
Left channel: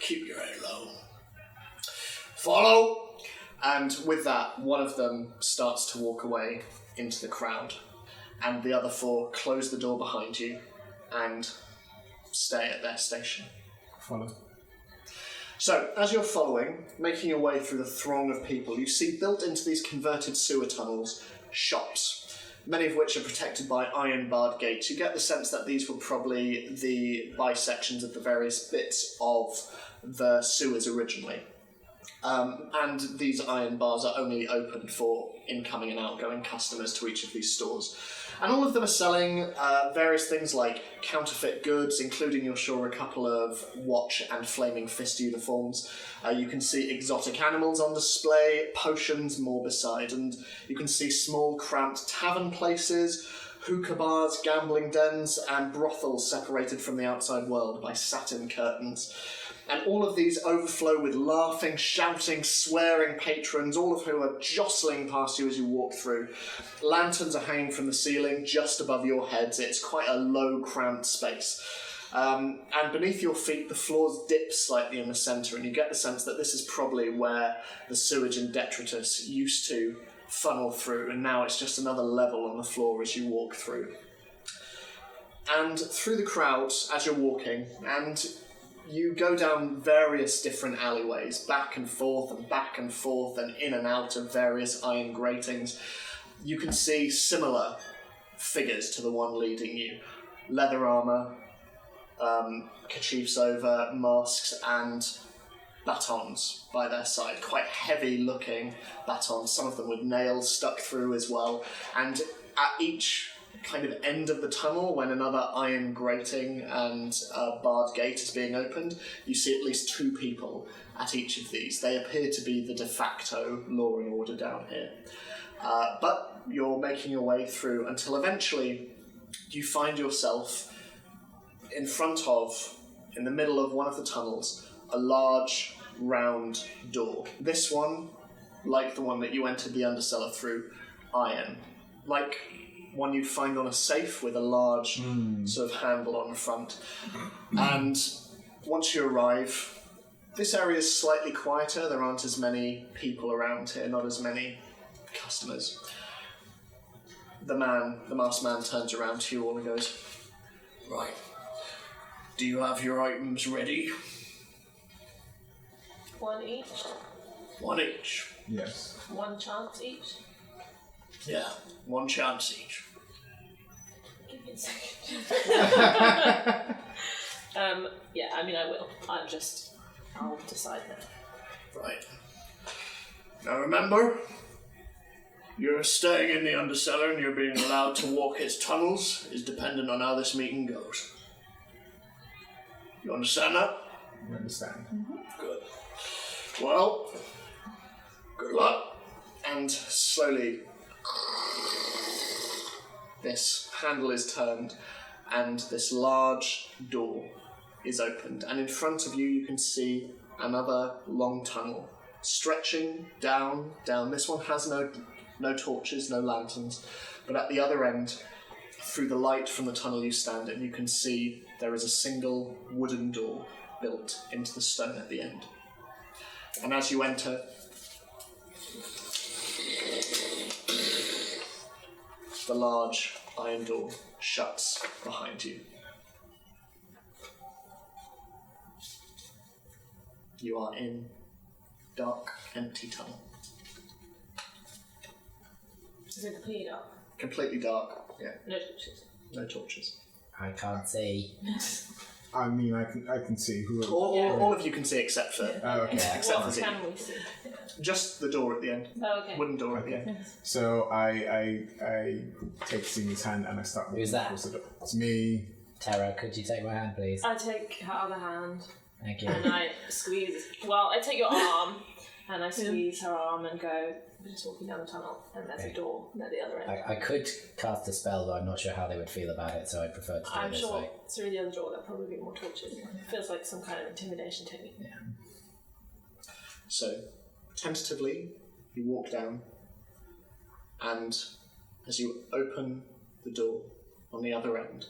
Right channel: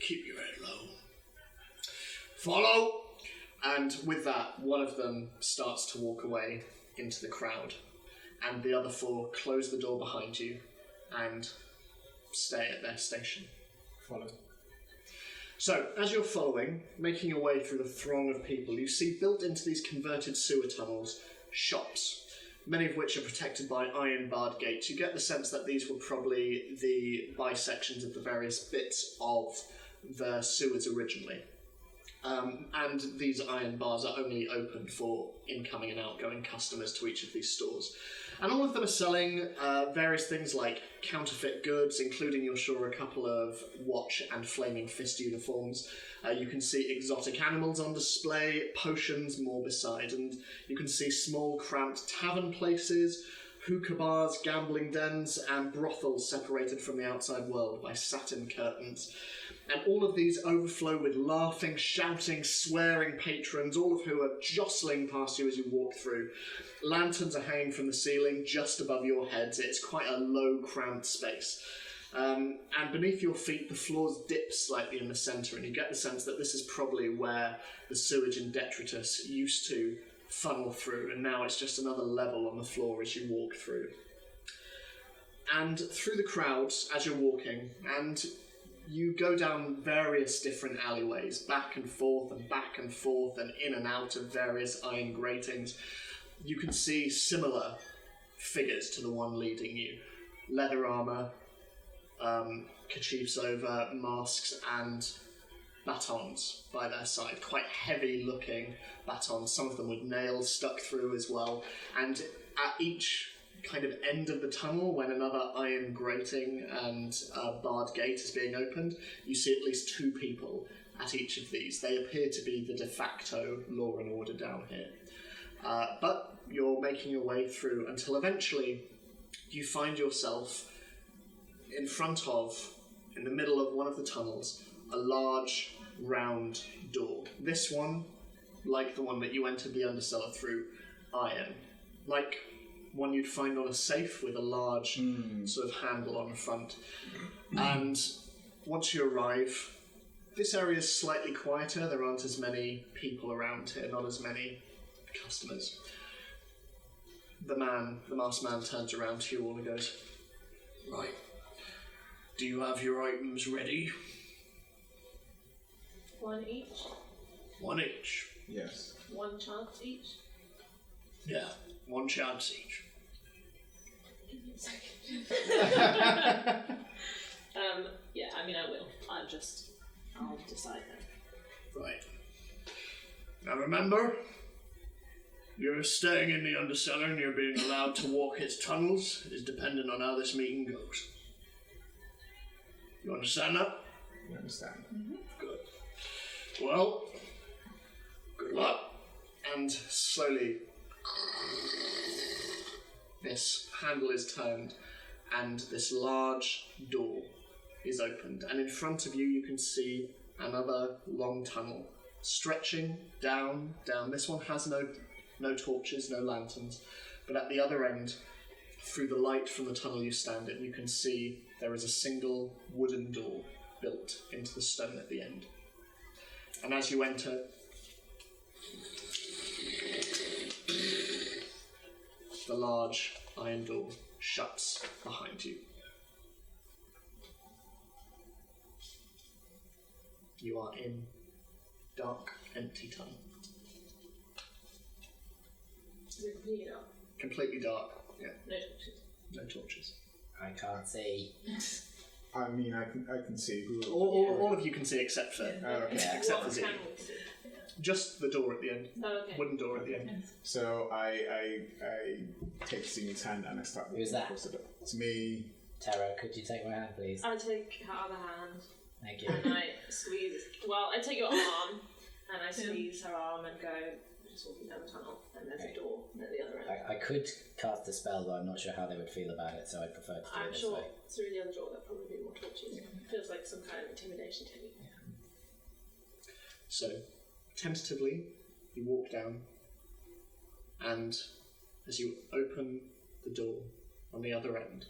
Keep your head low. Follow! And with that, one of them starts to walk away into the crowd, and the other four close the door behind you and stay at their station. Follow. So, as you're following, making your way through the throng of people, you see built into these converted sewer tunnels shops, many of which are protected by iron-barred gates. You get the sense that these were probably the bisections of the various bits of the sewers originally. And these iron bars are only open for incoming and outgoing customers to each of these stores. And all of them are selling various things like counterfeit goods, including, you're sure, a couple of watch and flaming fist uniforms. You can see exotic animals on display, potions, more beside, and you can see small, cramped tavern places, hookah bars, gambling dens, and brothels separated from the outside world by satin curtains. And all of these overflow with laughing, shouting, swearing patrons, all of who are jostling past you as you walk through. Lanterns are hanging from the ceiling just above your heads. It's quite a low, cramped space. And beneath your feet, the floors dip slightly in the centre, and you get the sense that this is probably where the sewage and detritus used to funnel through, and now it's just another level on the floor as you walk through. And through the crowds, as you're walking, and you go down various different alleyways, back and forth and in and out of various iron gratings. You can see similar figures to the one leading you. Leather armour, kerchiefs over, masks, and batons by their side. Quite heavy looking batons, some of them with nails stuck through as well. And at each kind of end of the tunnel, when another iron grating and barred gate is being opened, you see at least two people at each of these. They appear to be the de facto law and order down here. But you're making your way through until eventually you find yourself in front of, in the middle of one of the tunnels, a large round door. This one, like the one that you entered the undercellar through, iron. Like one you'd find on a safe with a large sort of handle on the front. And once you arrive, this area is slightly quieter. There aren't as many people around here, not as many customers. The masked man turns around to you all and goes, Right. Do you have your items ready? One each? One each. Yes. One chance each? Yeah, one chance each. Give me a second. Yeah, I mean, I will. I'll decide that. Right. Now remember, you're staying in the undercellar and you're being allowed to walk its tunnels is dependent on how this meeting goes. You understand that? You understand. Good. Well, good luck. and slowly this handle is turned and this large door is opened, and in front of you you can see another long tunnel stretching down. This one has no torches, no lanterns, but at the other end, through the light from the tunnel you stand in, you can see there is a single wooden door built into the stone at the end. And as you enter, the large iron door shuts behind you. You are in dark, empty tunnel. Is it completely dark? Completely dark, yeah. No torches. No torches. I can't see. I mean, I can see who. All of you can see except for Okay. except for What Z. can we see? Just the door at the end. Oh, okay. Wooden door at the end. So I take Sini's hand and I start walking Who's that? towards the door. It's me. Tara, could you take my hand, please? I take her other hand Thank you. and I squeeze. Well, I take your arm and I squeeze her arm and go. We're just walking down the tunnel, and there's Okay. a door at the other end. I could cast a spell, but I'm not sure how they would feel about it, so I'd prefer to do I'm it this sure way. through the other door there'll probably be more torches. It feels like some kind of intimidation technique. So, tentatively, you walk down, and as you open the door on the other end,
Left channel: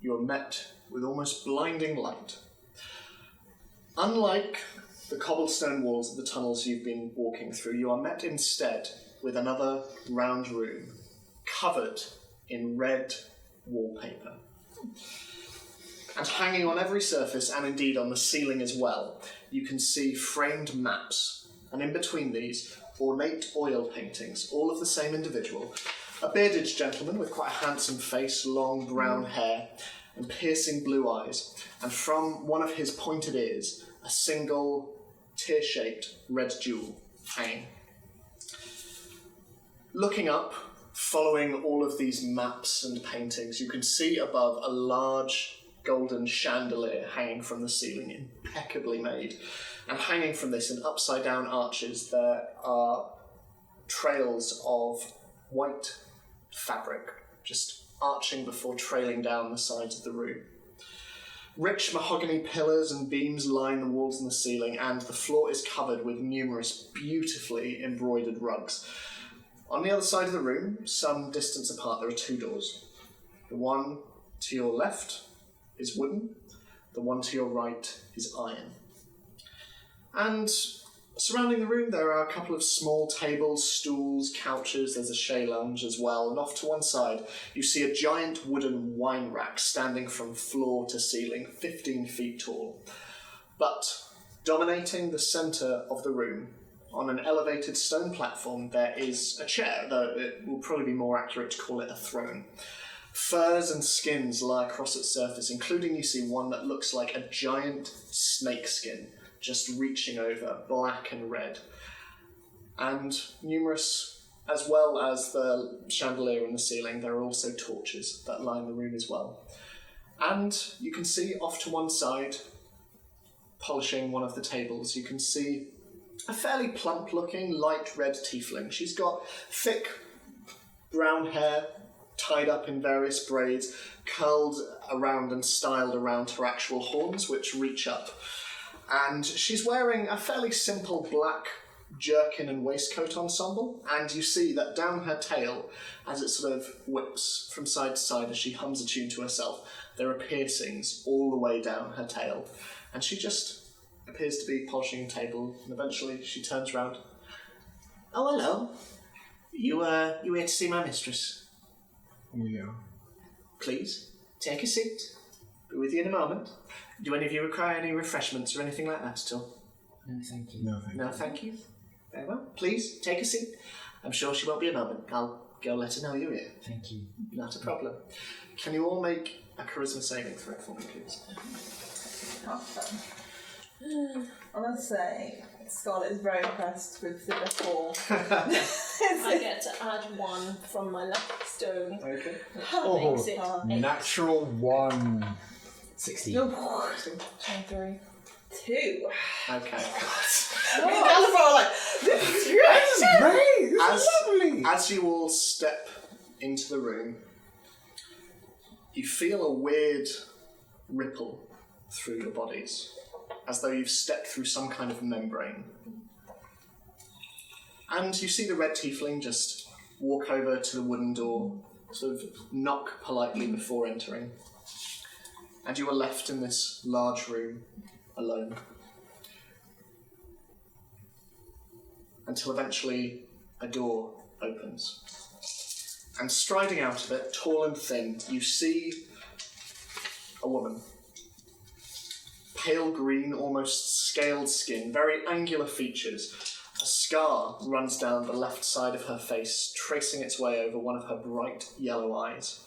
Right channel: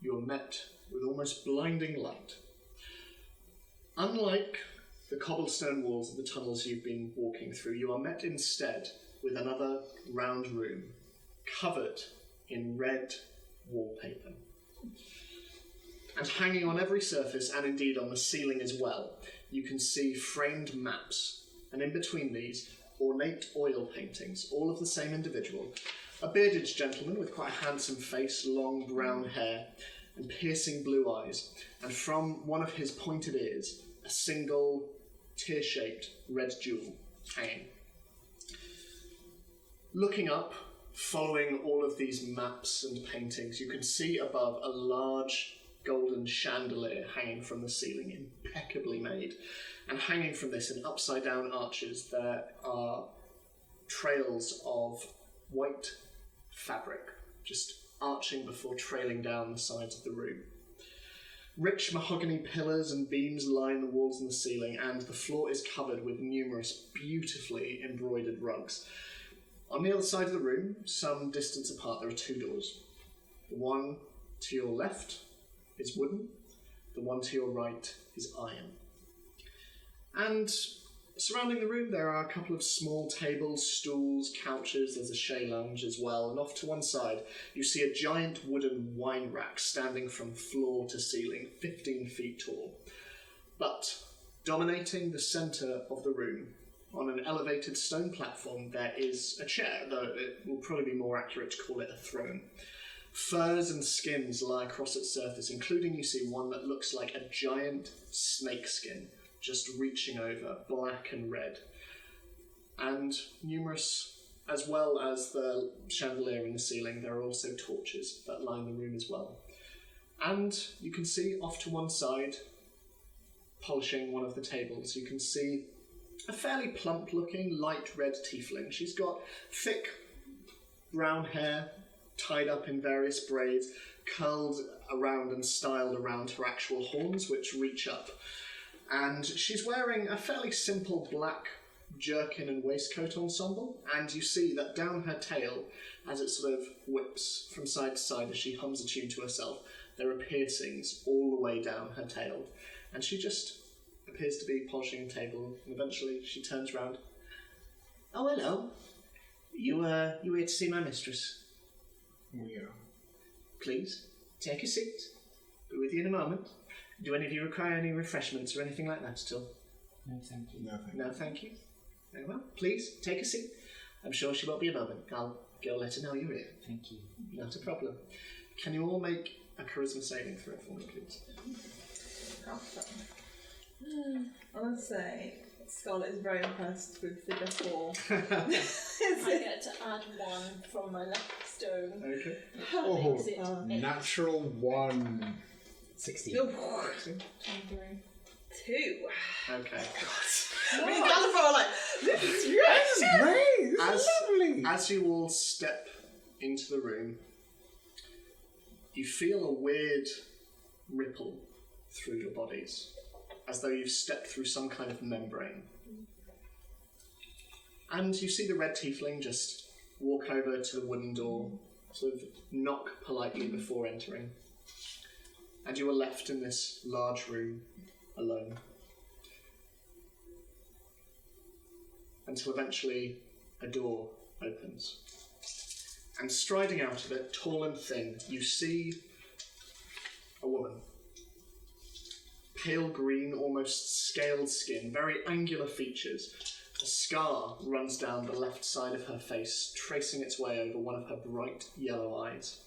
you are met with almost blinding light. Unlike the cobblestone walls of the tunnels you've been walking through, you are met instead with another round room covered in red wallpaper. And hanging on every surface, and indeed on the ceiling as well, you can see framed maps, and in between these, ornate oil paintings, all of the same individual, a bearded gentleman with quite a handsome face, long brown hair, and piercing blue eyes, and from one of his pointed ears, a single tear-shaped red jewel hanging. Looking up, following all of these maps and paintings, you can see above a large golden chandelier hanging from the ceiling, impeccably made. And hanging from this in upside-down arches, there are trails of white fabric, just arching before trailing down the sides of the room. Rich mahogany pillars and beams line the walls and the ceiling, and the floor is covered with numerous beautifully embroidered rugs. On the other side of the room, some distance apart, there are two doors. The one to your left is wooden, the one to your right is iron. And surrounding the room, there are a couple of small tables, stools, couches, there's a chaise lounge as well, and off to one side, you see a giant wooden wine rack standing from floor to ceiling, 15 feet tall. But dominating the centre of the room, on an elevated stone platform, there is a chair, though it will probably be more accurate to call it a throne. Furs and skins lie across its surface, including you see one that looks like a giant snake skin, just reaching over, black and red. And numerous, as well as the chandelier in the ceiling, there are also torches that line the room as well. And you can see off to one side, polishing one of the tables, you can see a fairly plump-looking, light red tiefling. She's got thick brown hair, tied up in various braids, curled around and styled around her actual horns, which reach up. And she's wearing a fairly simple black jerkin and waistcoat ensemble, and you see that down her tail, as it sort of whips from side to side as she hums a tune to herself, there are piercings all the way down her tail. And she just appears to be polishing a table, and eventually she turns round. "Oh, hello. You here to see my mistress?" We are. "Please, take a seat. Be with you in a moment. Do any of you require any refreshments or anything like that at all?" No, thank you. No, thank "No, you. thank you. Very well. Please, take a seat. I'm sure she won't be a moment. I'll go let her know you're here." Thank you. "Not a problem. Can you all make a charisma saving throw for me, please?" Awesome. I must say, Scarlett is very impressed with the decor. I get to add 1 from my lucky stone. Okay. That makes it 8. Natural 1. 16. 23. 2. Okay. Me and Jasper are like, this is great! This is great! This is lovely! As you all step into the room, you feel a weird ripple through your bodies, as though you've stepped through some kind of membrane. And you see the red tiefling just walk over to the wooden door, sort of knock politely before entering. And you are left in this large room, alone. Until eventually a door opens. And striding out of it, tall and thin, you see a woman. Pale green, almost scaled skin, very angular features. A scar runs down the left side of her face, tracing its way over one of her bright yellow eyes.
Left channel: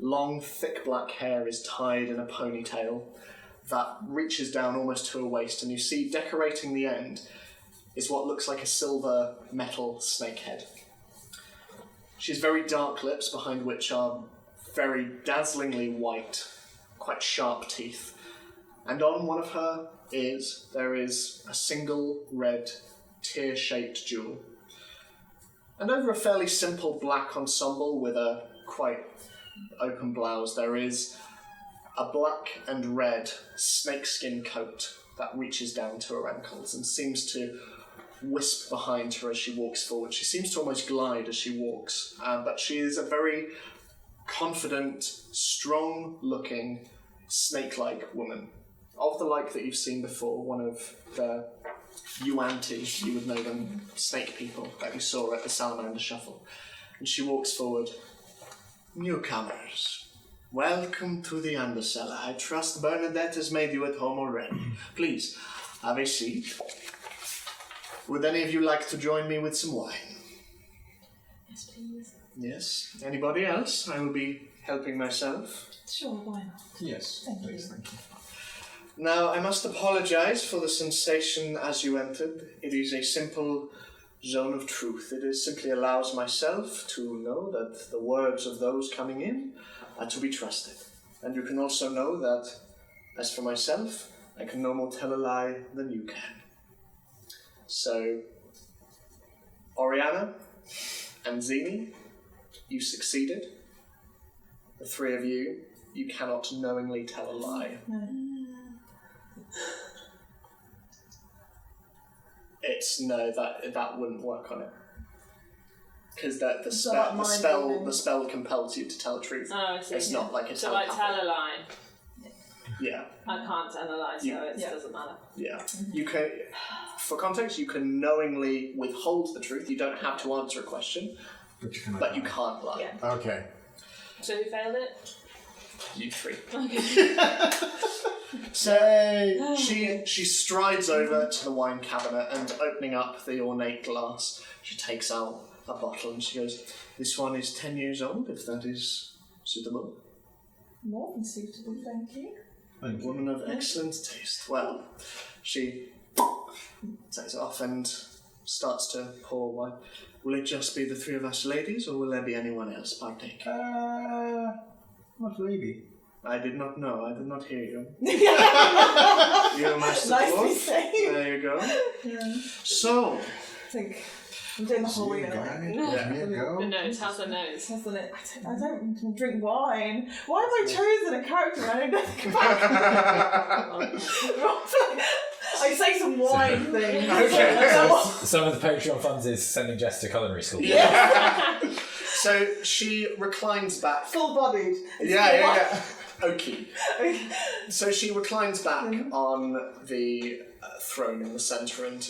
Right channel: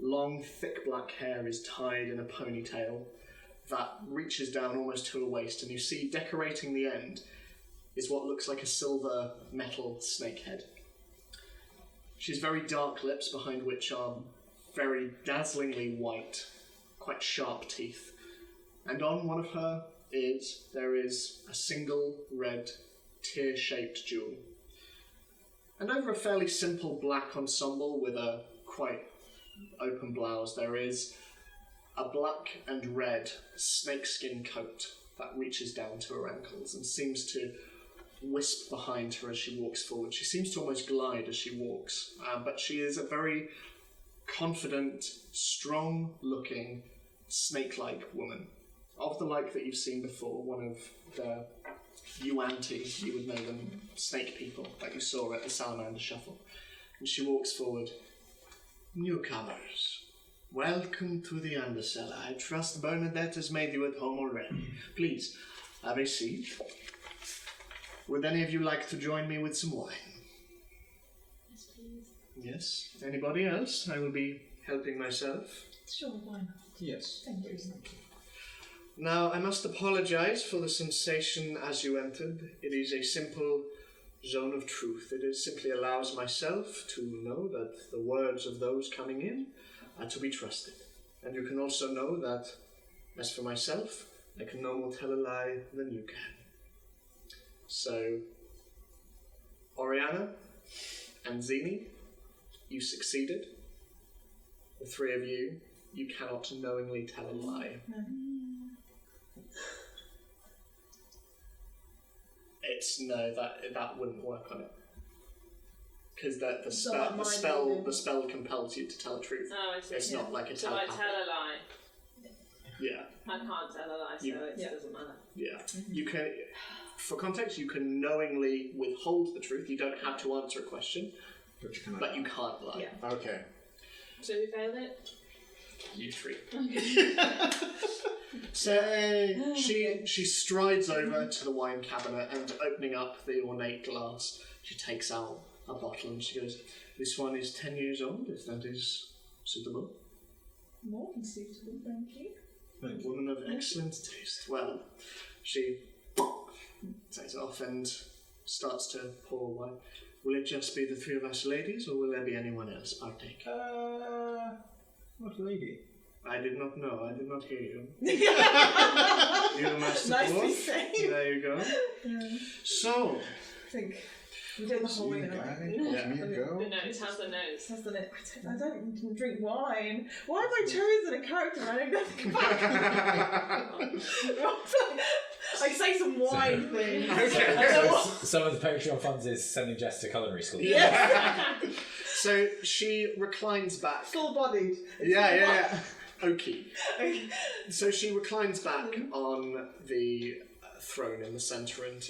Long, thick black hair is tied in a ponytail that reaches down almost to her waist, and you see decorating the end is what looks like a silver metal snake head. She has very dark lips, behind which are very dazzlingly white, quite sharp teeth. And on one of her ears, there is a single red, tear-shaped jewel. And over a fairly simple black ensemble with a quite open blouse, there is a black and red snakeskin coat that reaches down to her ankles and seems to wisp behind her as she walks forward. She seems to almost glide as she walks, but she is a very confident, strong-looking, snake-like woman. Of the like that you've seen before, one of the Yuan-Ti, you would know them, snake people that you saw at the Salamander Shuffle. And she walks forward. Newcomers, welcome to the Undercellar. I trust Bernadette has made you at home already. Please, have a seat. Would any of you like to join me with some wine? Yes, please. Yes. Anybody else? I will be helping myself. Sure, why not? Yes, Thank please, you. thank you. Now, I must apologize for the sensation as you entered. It is a simple zone of truth. It simply allows myself to know that the words of those coming in are to be trusted. And you can also know that, as for myself, I can no more tell a lie than you can. So, Oriana and Zini, you succeeded. The three of you, you cannot knowingly tell a lie. No. That wouldn't work on it. Because the So like mind reading. spell compels you to tell the truth. Oh, I see. It's not like a So I telepathy. tell a lie. Yeah, I can't tell a lie, so You- it Yeah. doesn't matter. yeah. You can, for context, you can knowingly withhold the truth. You don't have to answer a question, But you can. but you can't lie. Yeah. Okay. So who failed it? You three. Okay. So she strides over to the wine cabinet and opening up the ornate glass, she takes out a bottle and she goes, "This one is 10 years old, if that is suitable." More than suitable, thank you. Thank you. Woman of excellent taste. Well, she takes it off and starts to pour wine. Will it just be the three of us ladies, or will there be anyone else partake? What lady? I did not know. I did not hear you. You must Nicely saved. There you go. Yeah. So, I think I'm doing the whole See you reading. guys. Yeah. Here you go. The nose, how's the nose? Hasn't it? I don't drink wine. Why have I chosen a character I know nothing about? I say some wine things. Some of the Patreon funds is sending Jess to culinary school. so she reclines back. Full-bodied. Yeah. Okay. Okay. So she reclines back on the throne in the centre and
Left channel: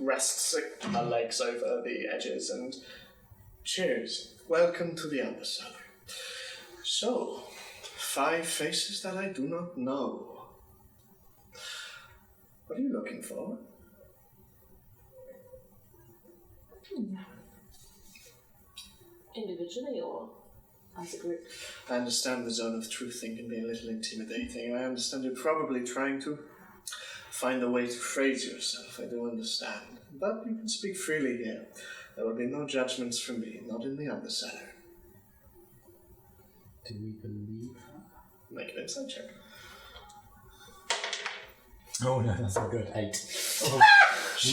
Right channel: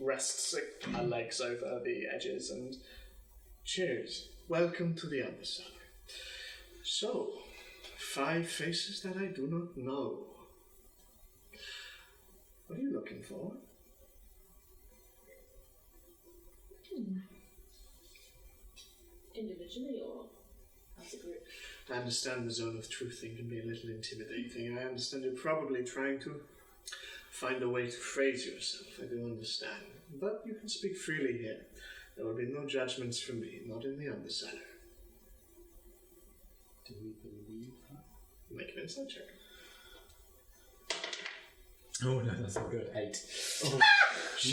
rests her legs over the edges and cheers. Welcome to the Undercellar. So, 5 faces that I do not know. What are you looking for? Individually or as a group? I understand the zone of truth thing can be a little intimidating. I understand you're probably trying to find a way to phrase yourself. I do understand. But you can speak freely here. There will be no judgments from me, not in the Undercellar. Do we believe her? Make an insight check. Oh no, that's not good. 8.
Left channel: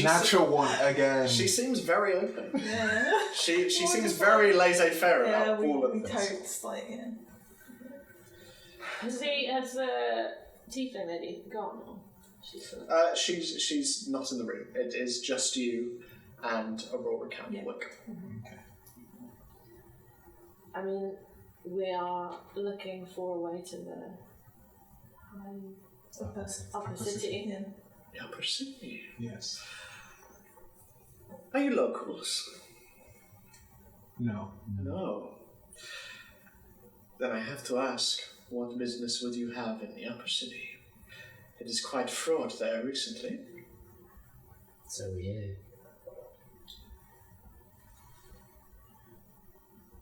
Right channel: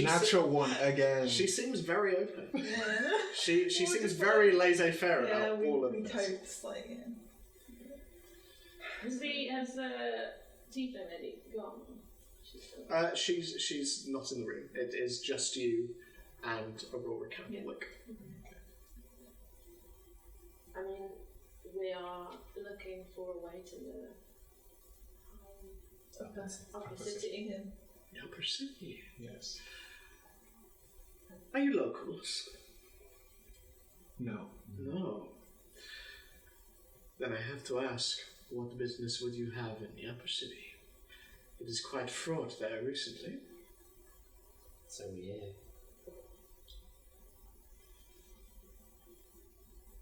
Natural one again. She seems very open. Yeah. She seems very laissez-faire Yeah, about all of we this. totes, like, yeah. Has the tiefling lady gone? Or she's still She's not in the room. It is just you and Aurora Candlewick. I mean, we are looking for a way to the upper city. Yeah. The Upper City. Yes. Are you locals? No. No. Then I have to ask, what business would you have in the Upper City? It is quite fraught there recently. So we hear.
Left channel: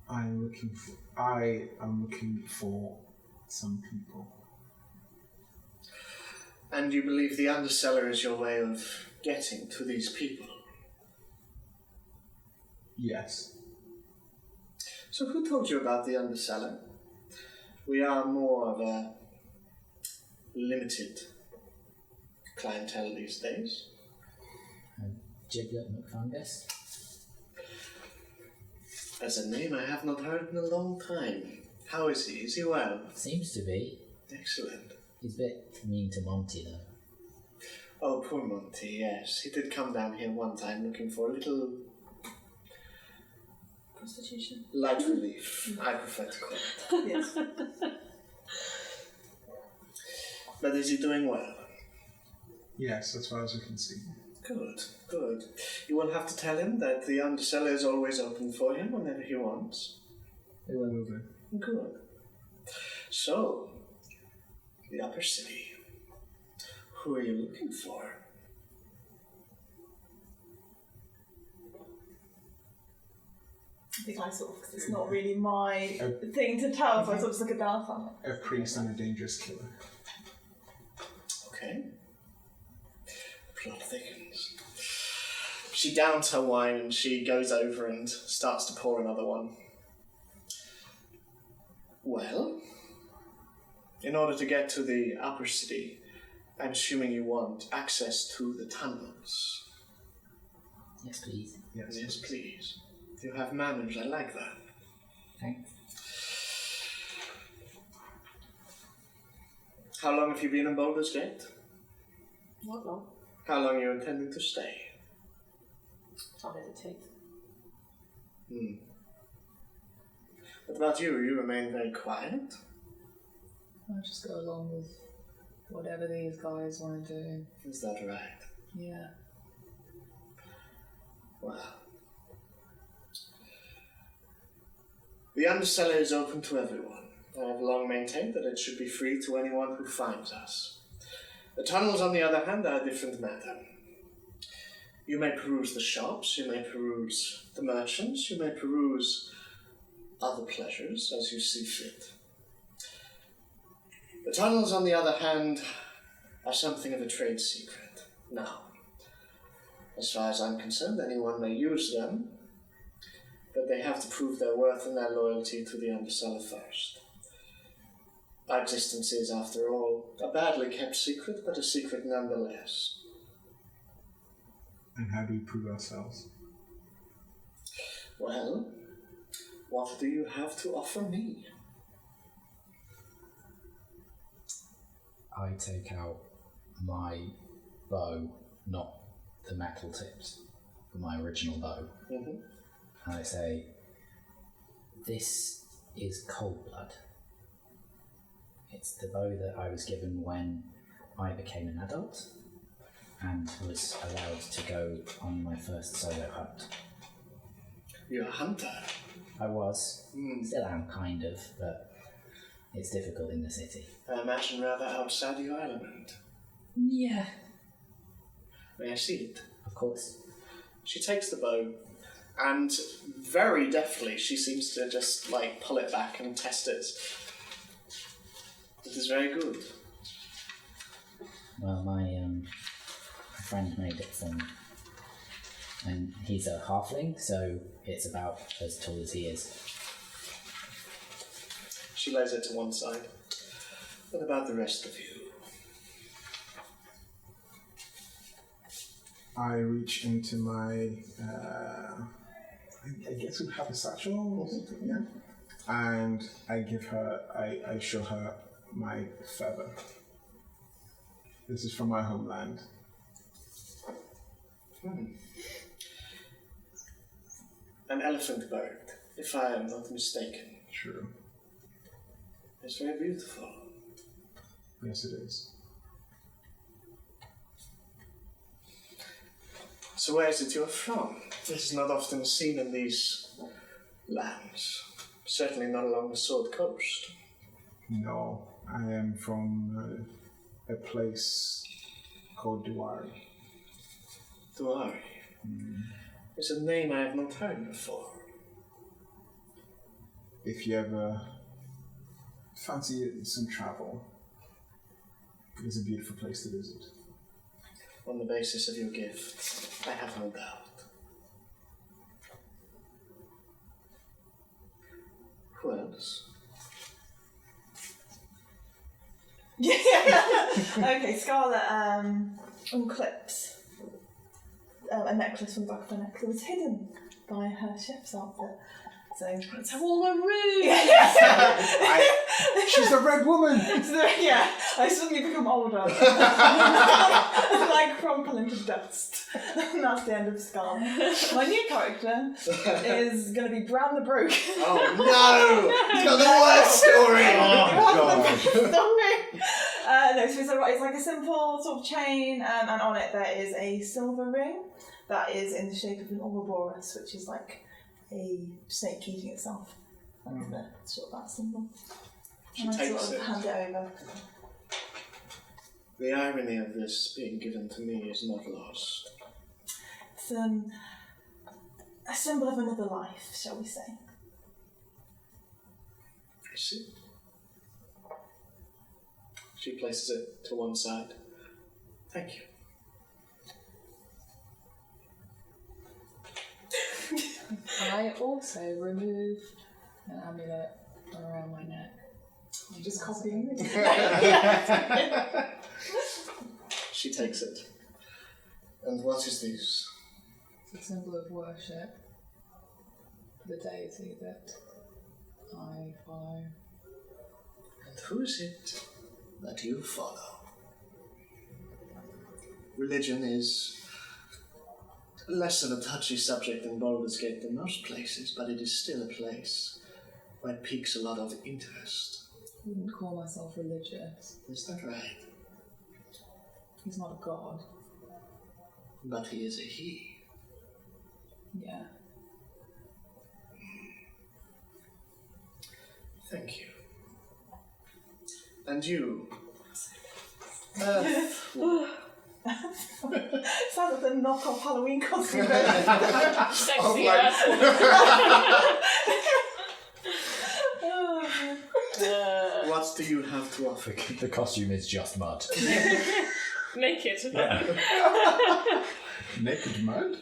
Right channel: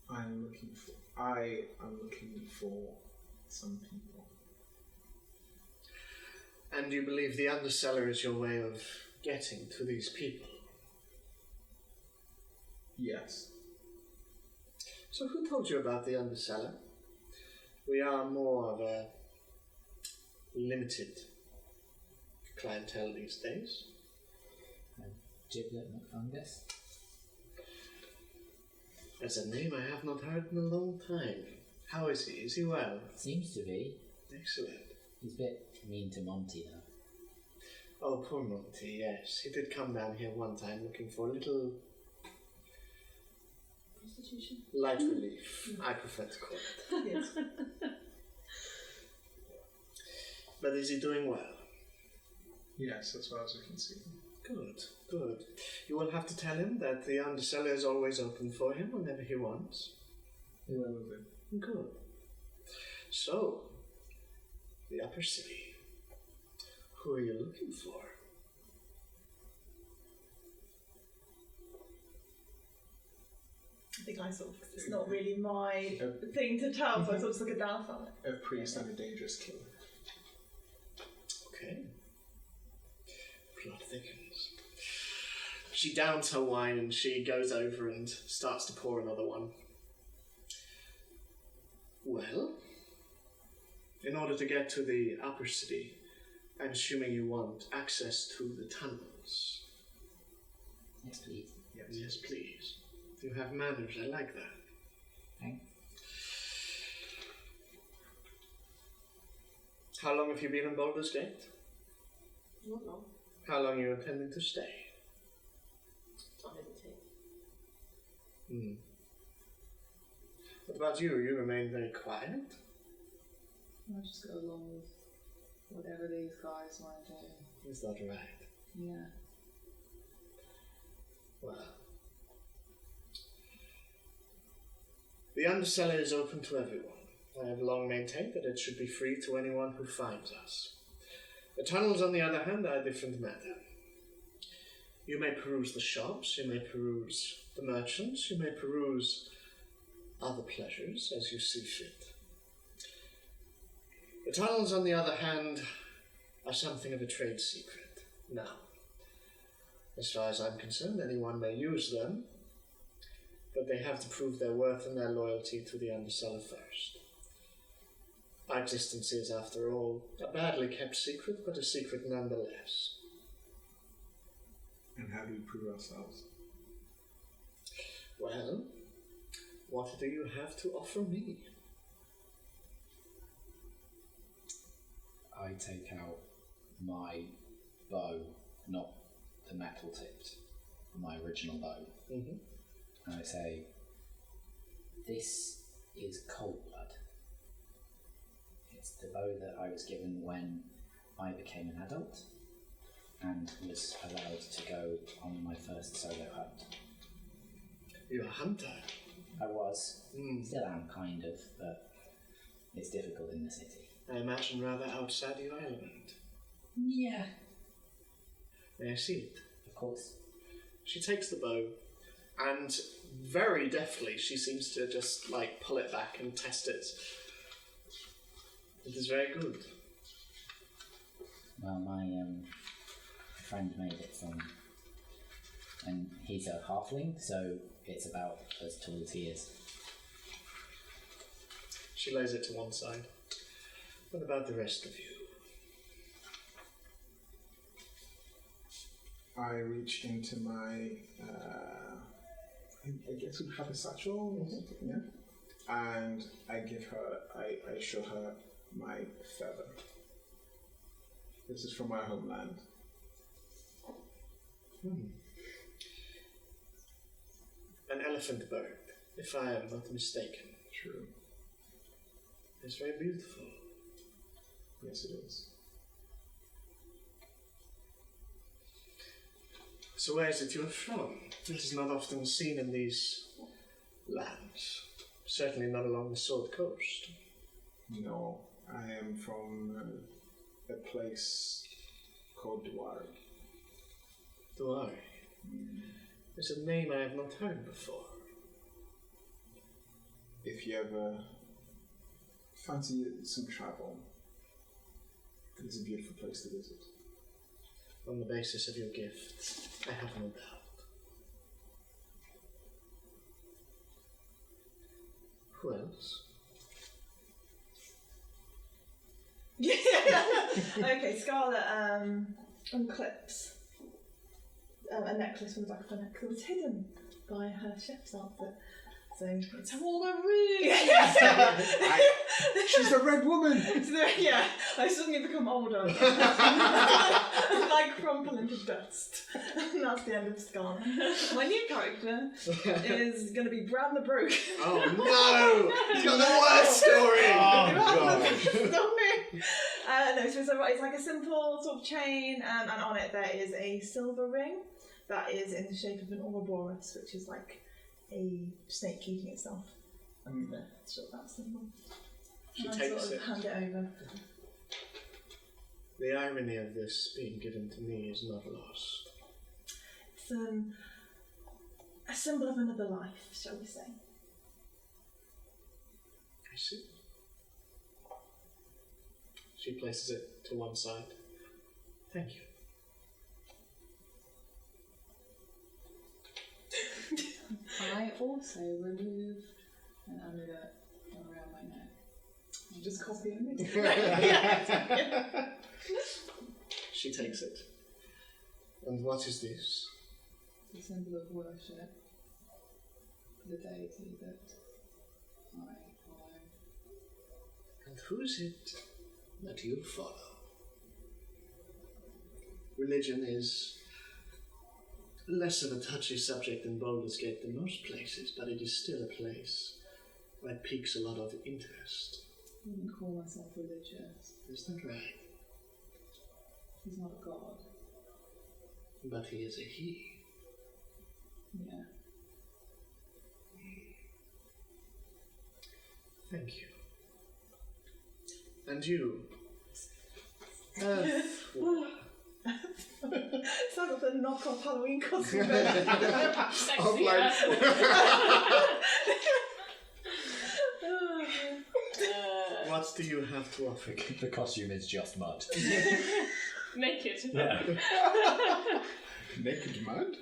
I am looking for some people. And you believe the Undercellar is your way of getting to these people? Yes. So who told you about the Undercellar? We are more of a limited clientele these days. Giblet McFungus? That's a name I have not heard in a long time. How is he? Is he well? Seems to be. Excellent. He's a bit mean to Monty though. Oh, poor Monty, yes. He did come down here one time looking for a little Prostitution. Light relief, I prefer to call it. Yes. But is he doing well? Yes, as far as we can see. Good, good. You will have to tell him that the undercellar is always open for him whenever he wants. We will do. Good. So, the upper city. Who are you looking for? I think I sort of, 'cause it's not really my thing to tell, so I sort of just look at Dalphon. A priest and a dangerous killer. Okay. Plot thickens. She downs her wine and she goes over and starts to pour another one. Well, in order to get to the upper city, I'm assuming you want access to the tunnels. Yes, please. Yes, please. You have manners, I like that. Thanks. How long have you been in Baldur's Gate? Not long. How long are you intending to stay? Time it takes. What about you? You remain very quiet. I'll just go along with whatever these guys want to do. Is that right? Yeah. Well, the undercellar is open to everyone. I have long maintained that it should be free to anyone who finds us. The tunnels, on the other hand, are a different matter. You may peruse the shops, you may peruse the merchants, you may peruse other pleasures as you see fit. The tunnels, on the other hand, are something of a trade secret. Now, as far as I'm concerned, anyone may use them, but they have to prove their worth and their loyalty to the undercellar first. Our existence is, after all, a badly kept secret, but a secret nonetheless. And how do we prove ourselves? Well, what do you have to offer me? I take out my bow, not the metal tipped, but my original bow. Mm-hmm. And I say, this is cold blood. It's the bow that I was given when I became an adult and was allowed to go on my first solo hunt. You're a hunter. I was, still am kind of, but it's difficult in the city. I imagine rather outside your element. Yeah. May I see it? Of course. She takes the bow, and very deftly she seems to just pull it back and test it. This is very good. Well, my friend made it from, and he's a halfling, so it's about as tall as he is. She lays it to one side. What about the rest of you? I reach into my, I guess we have a satchel or something, yeah? And I give her, I show her my feather. This is from my homeland. An elephant bird, if I am not mistaken. True. It's very beautiful. Yes, it is. So where is it you're from? This is not often seen in these lands. Certainly not along the Sword Coast. No, I am from a place called Duari. Duari. It's a name I have not heard before. If you ever fancy some travel, it's a beautiful place to visit. On the basis of your gift, I have no doubt. Who else? Yeah. Okay, Scarlet unclips a necklace from the back of her neck that was hidden by her chef's outfit. So it's all a ruse. She's the red woman! Yeah, I suddenly become older. And I crumple into dust. And that's the end of Scar. My new character is going to be Bran the Broke. Oh no! He's got the worst story! No, so it's like a simple sort of chain, and on it there is a silver ring that is in the shape of an Ouroboros, which is like a snake eating itself. It's sort of that simple. She And I takes sort of it. hand it over. The irony of this being given to me is not lost. It's a symbol of another life, shall we say. I see. She places it to one side. Thank you. I also removed an amulet around my neck. I'm just copying it. She takes it. And what is this? It's a symbol of worship for the deity that I follow. And who is it that you follow? Religion is less of a touchy subject than Baldur's Gate than most places, but it is still a place where it piques a lot of interest. I wouldn't call myself religious. Is that right? He's not a god. But he is a he. Yeah. Thank you. And you? Sounds like the knockoff Halloween costume. Sexy What do you have to offer? The costume is just mud. Naked. Naked mud?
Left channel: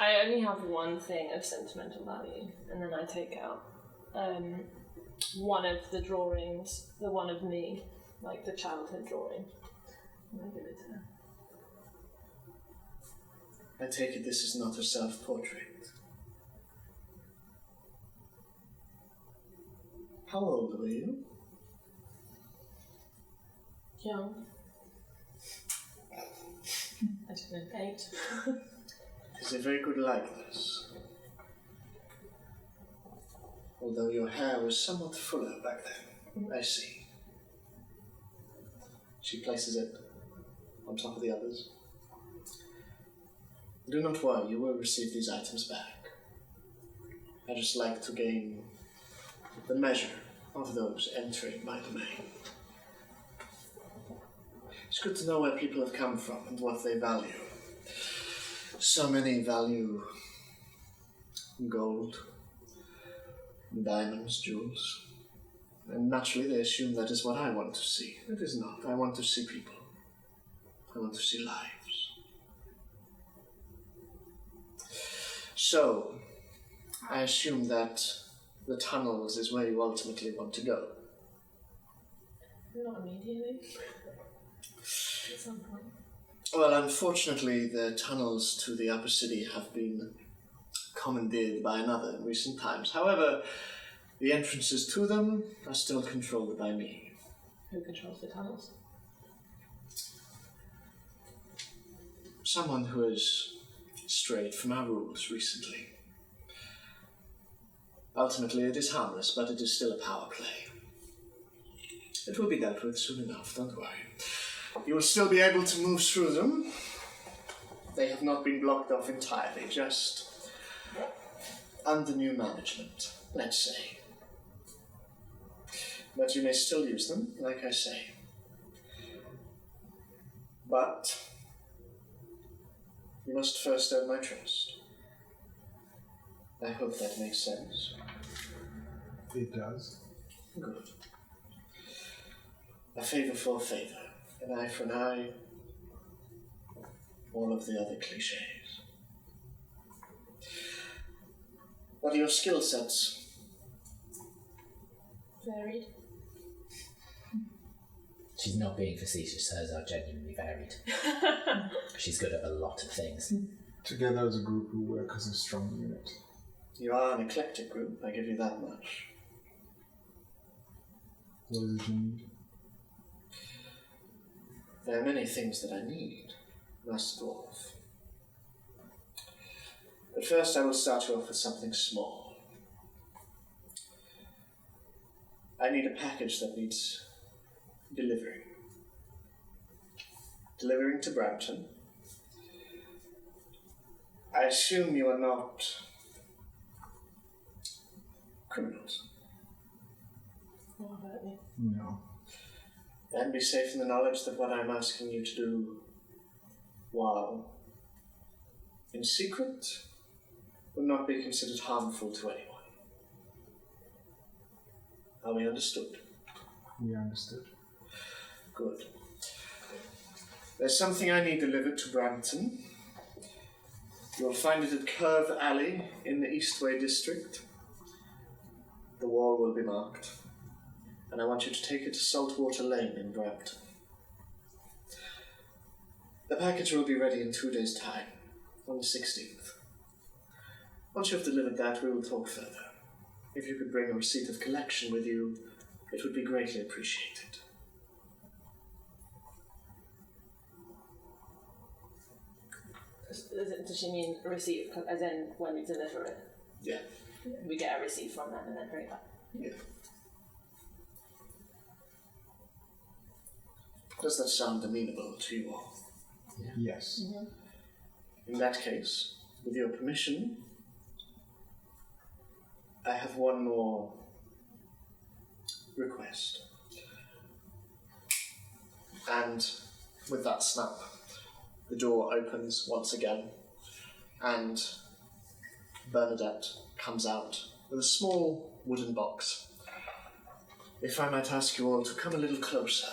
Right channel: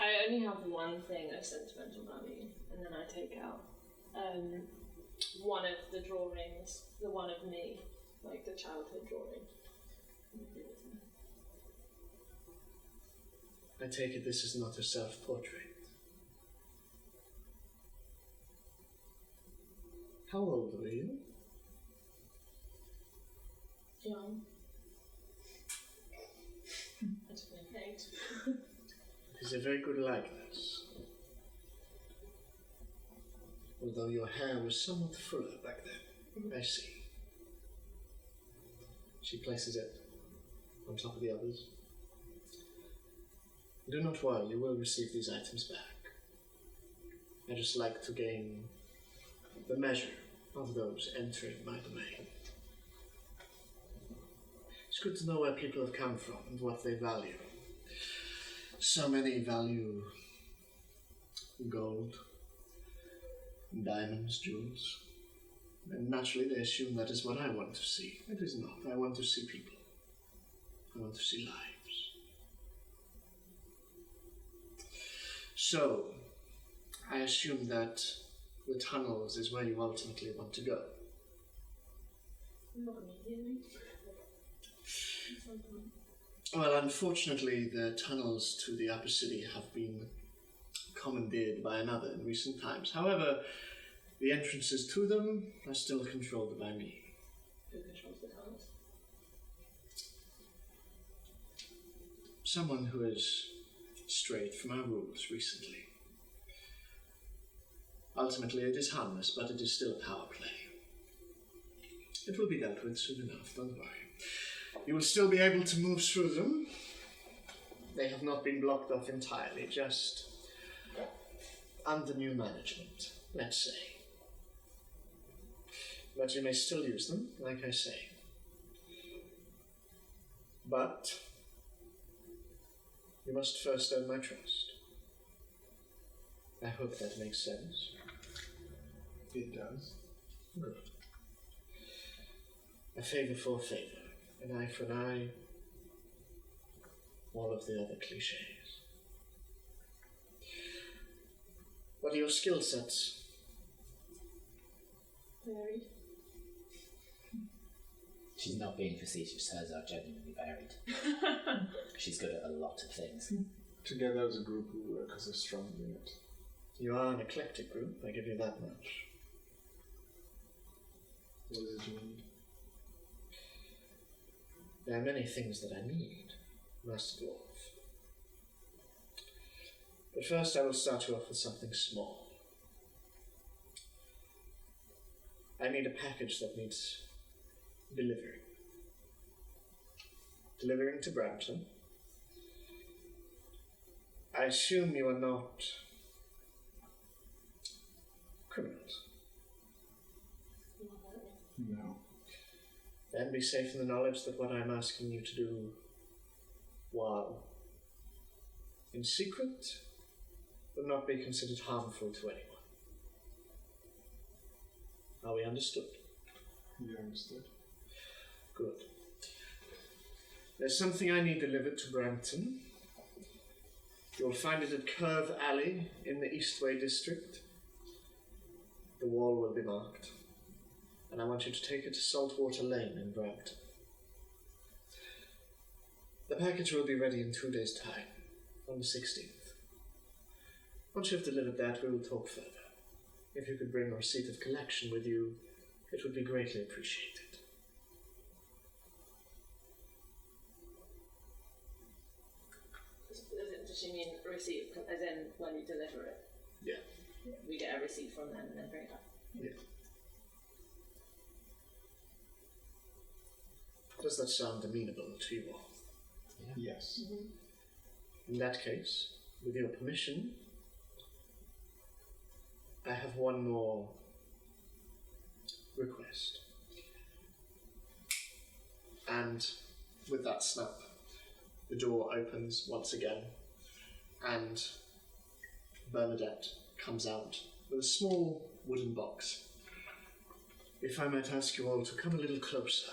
I only have one thing of sentimental value, and then I take out one of the drawings, the one of me, like the childhood drawing, and I give it to her. I take it this is not a self-portrait. How old were you? Young. I don't know, 8. It is a very good likeness. Although your hair was somewhat fuller back then. I see. She places it on top of the others. Do not worry, you will receive these items back. I just like to gain the measure of those entering my domain. It's good to know where people have come from and what they value. So many value gold, diamonds, jewels. And naturally they assume that is what I want to see. It is not. I want to see people. I want to see lives. So, I assume that the tunnels is where you ultimately want to go. Not immediately. At some point. Well, unfortunately, the tunnels to the upper city have been commandeered by another in recent times. However, the entrances to them are still controlled by me. Who controls the tunnels? Someone who has strayed from our rules recently. Ultimately, it is harmless, but it is still a power play. It will be dealt with soon enough, don't worry. You will still be able to move through them. They have not been blocked off entirely, just under new management, let's say. But you may still use them, like I say. But you must first earn my trust. I hope that makes sense. It does. Good. A favour for a favour. An eye for an eye. All of the other cliches. What are your skill sets? Varied. She's not being facetious, hers are genuinely varied. She's good at a lot of things. Together as a group, we work as a strong unit. You are an eclectic group, I give you that much. What is it you need? There are many things that I need, Master Dwarf. But first I will start you off with something small. I need a package that needs delivering. Delivering to Brampton. I assume you are not criminals. No. Then be safe in the knowledge that what I'm asking you to do, while in secret, will not be considered harmful to anyone. Are we understood? We understood. Good. There's something I need delivered to Brampton. You'll find it at Curve Alley in the Eastway district. The wall will be marked, and I want you to take it to Saltwater Lane in Brampton. The package will be ready in 2 days' time, on the 16th. Once you have delivered that, we will talk further. If you could bring a receipt of collection with you, it would be greatly appreciated. Does she mean a receipt, as in when we deliver it? Yeah. We get a receipt from them and then bring it back. Yeah. Does that sound amenable to you all? Yes. In that case, with your permission, I have one more request. And with that snap, the door opens once again, and Bernadette comes out with a small wooden box. If I might ask you all to come a little closer.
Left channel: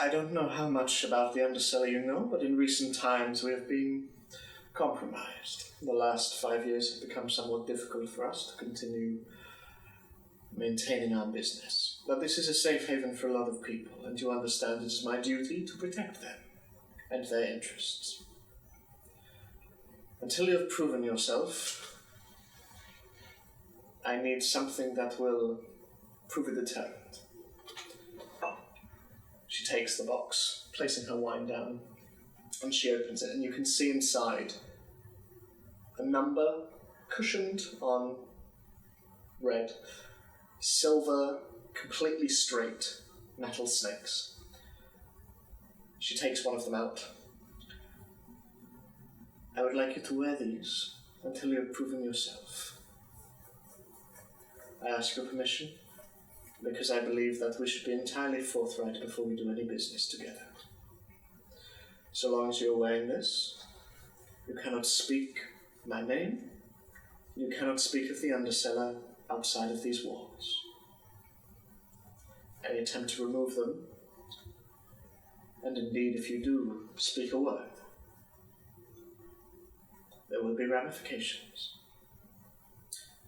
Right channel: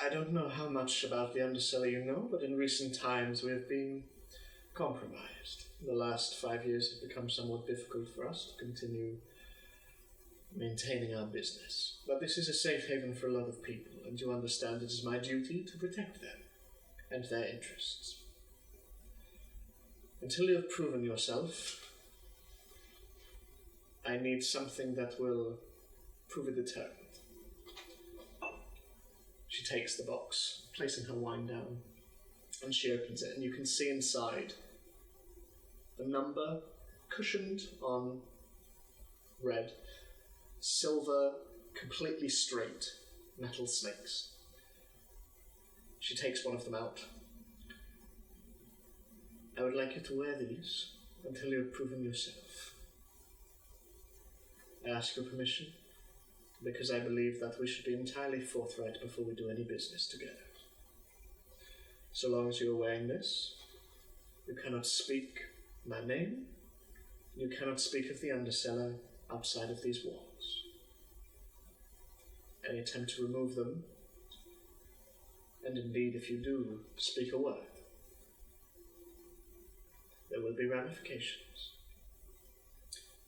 I don't know how much about the Underseller you know, but in recent times we have been compromised. The last 5 years have become somewhat difficult for us to continue maintaining our business. But this is a safe haven for a lot of people, and you understand it is my duty to protect them and their interests. Until you have proven yourself, I need something that will prove a deterrent. She takes the box, placing her wine down, and she opens it, and you can see inside a number cushioned on red, silver, completely straight metal snakes. She takes one of them out. I would like you to wear these until you have proven yourself. I ask your permission because I believe that we should be entirely forthright before we do any business together. So long as you're wearing this, you cannot speak my name, you cannot speak of the Underseller outside of these walls. Any attempt to remove them, and indeed if you do speak a word, there will be ramifications.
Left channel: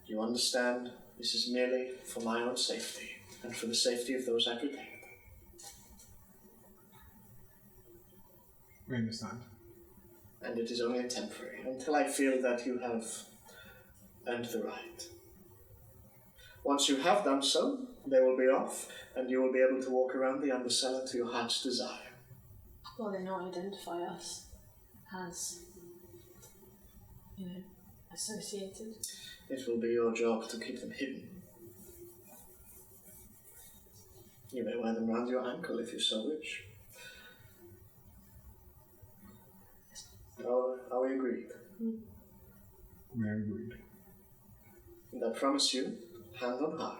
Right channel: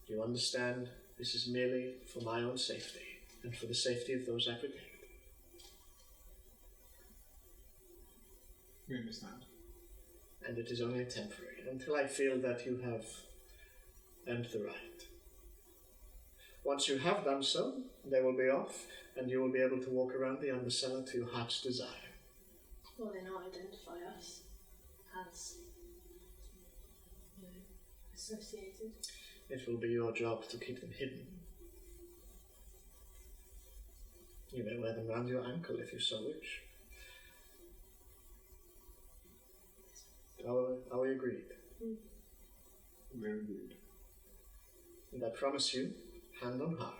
You understand this is merely for my own safety and for the safety of those I protect. We understand. And it is only temporary, until I feel that you have earned the right. Once you have done so, they will be off, and you will be able to walk around the Underseller to your heart's desire. Will they not identify us as, associated? It will be your job to keep them hidden. You may wear them round your ankle if you so wish. Are we agreed? We are agreed. And I promise you, hand on heart,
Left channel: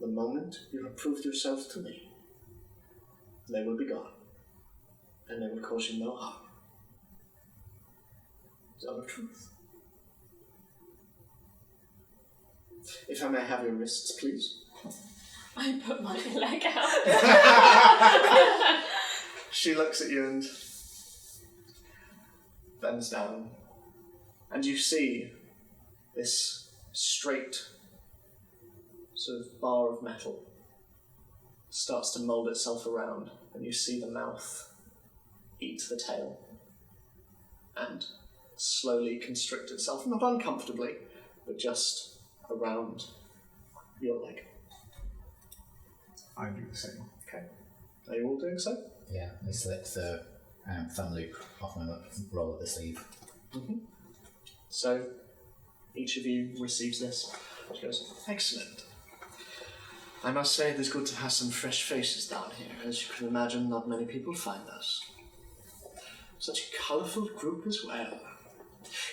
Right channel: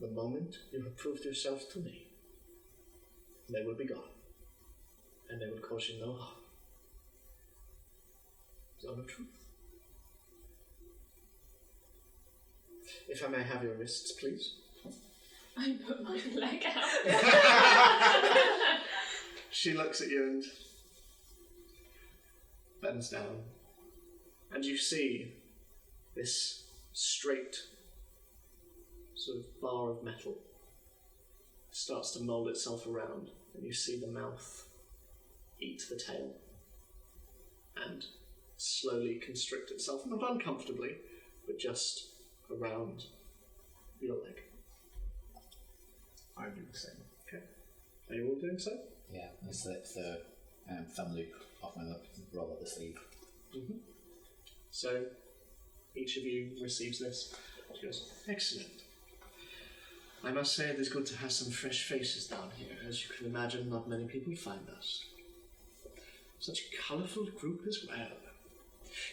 the moment you have proved yourself to me, they will be gone, and they will cause you no harm. It's all the truth. If I may have your wrists, please. I put my leg out. She looks at you and bends down, and you see this straight sort of bar of metal starts to mold itself around, and you see the mouth eat the tail and slowly constrict itself, not uncomfortably, but just around your leg. I do the same. Okay. Are you all doing so? Yeah, I slip the thumb loop off my roll of the sleeve. So, each of you receives this. She goes, excellent. I must say it is good to have some fresh faces down here. As you can imagine, not many people find us. Such a colourful group as well.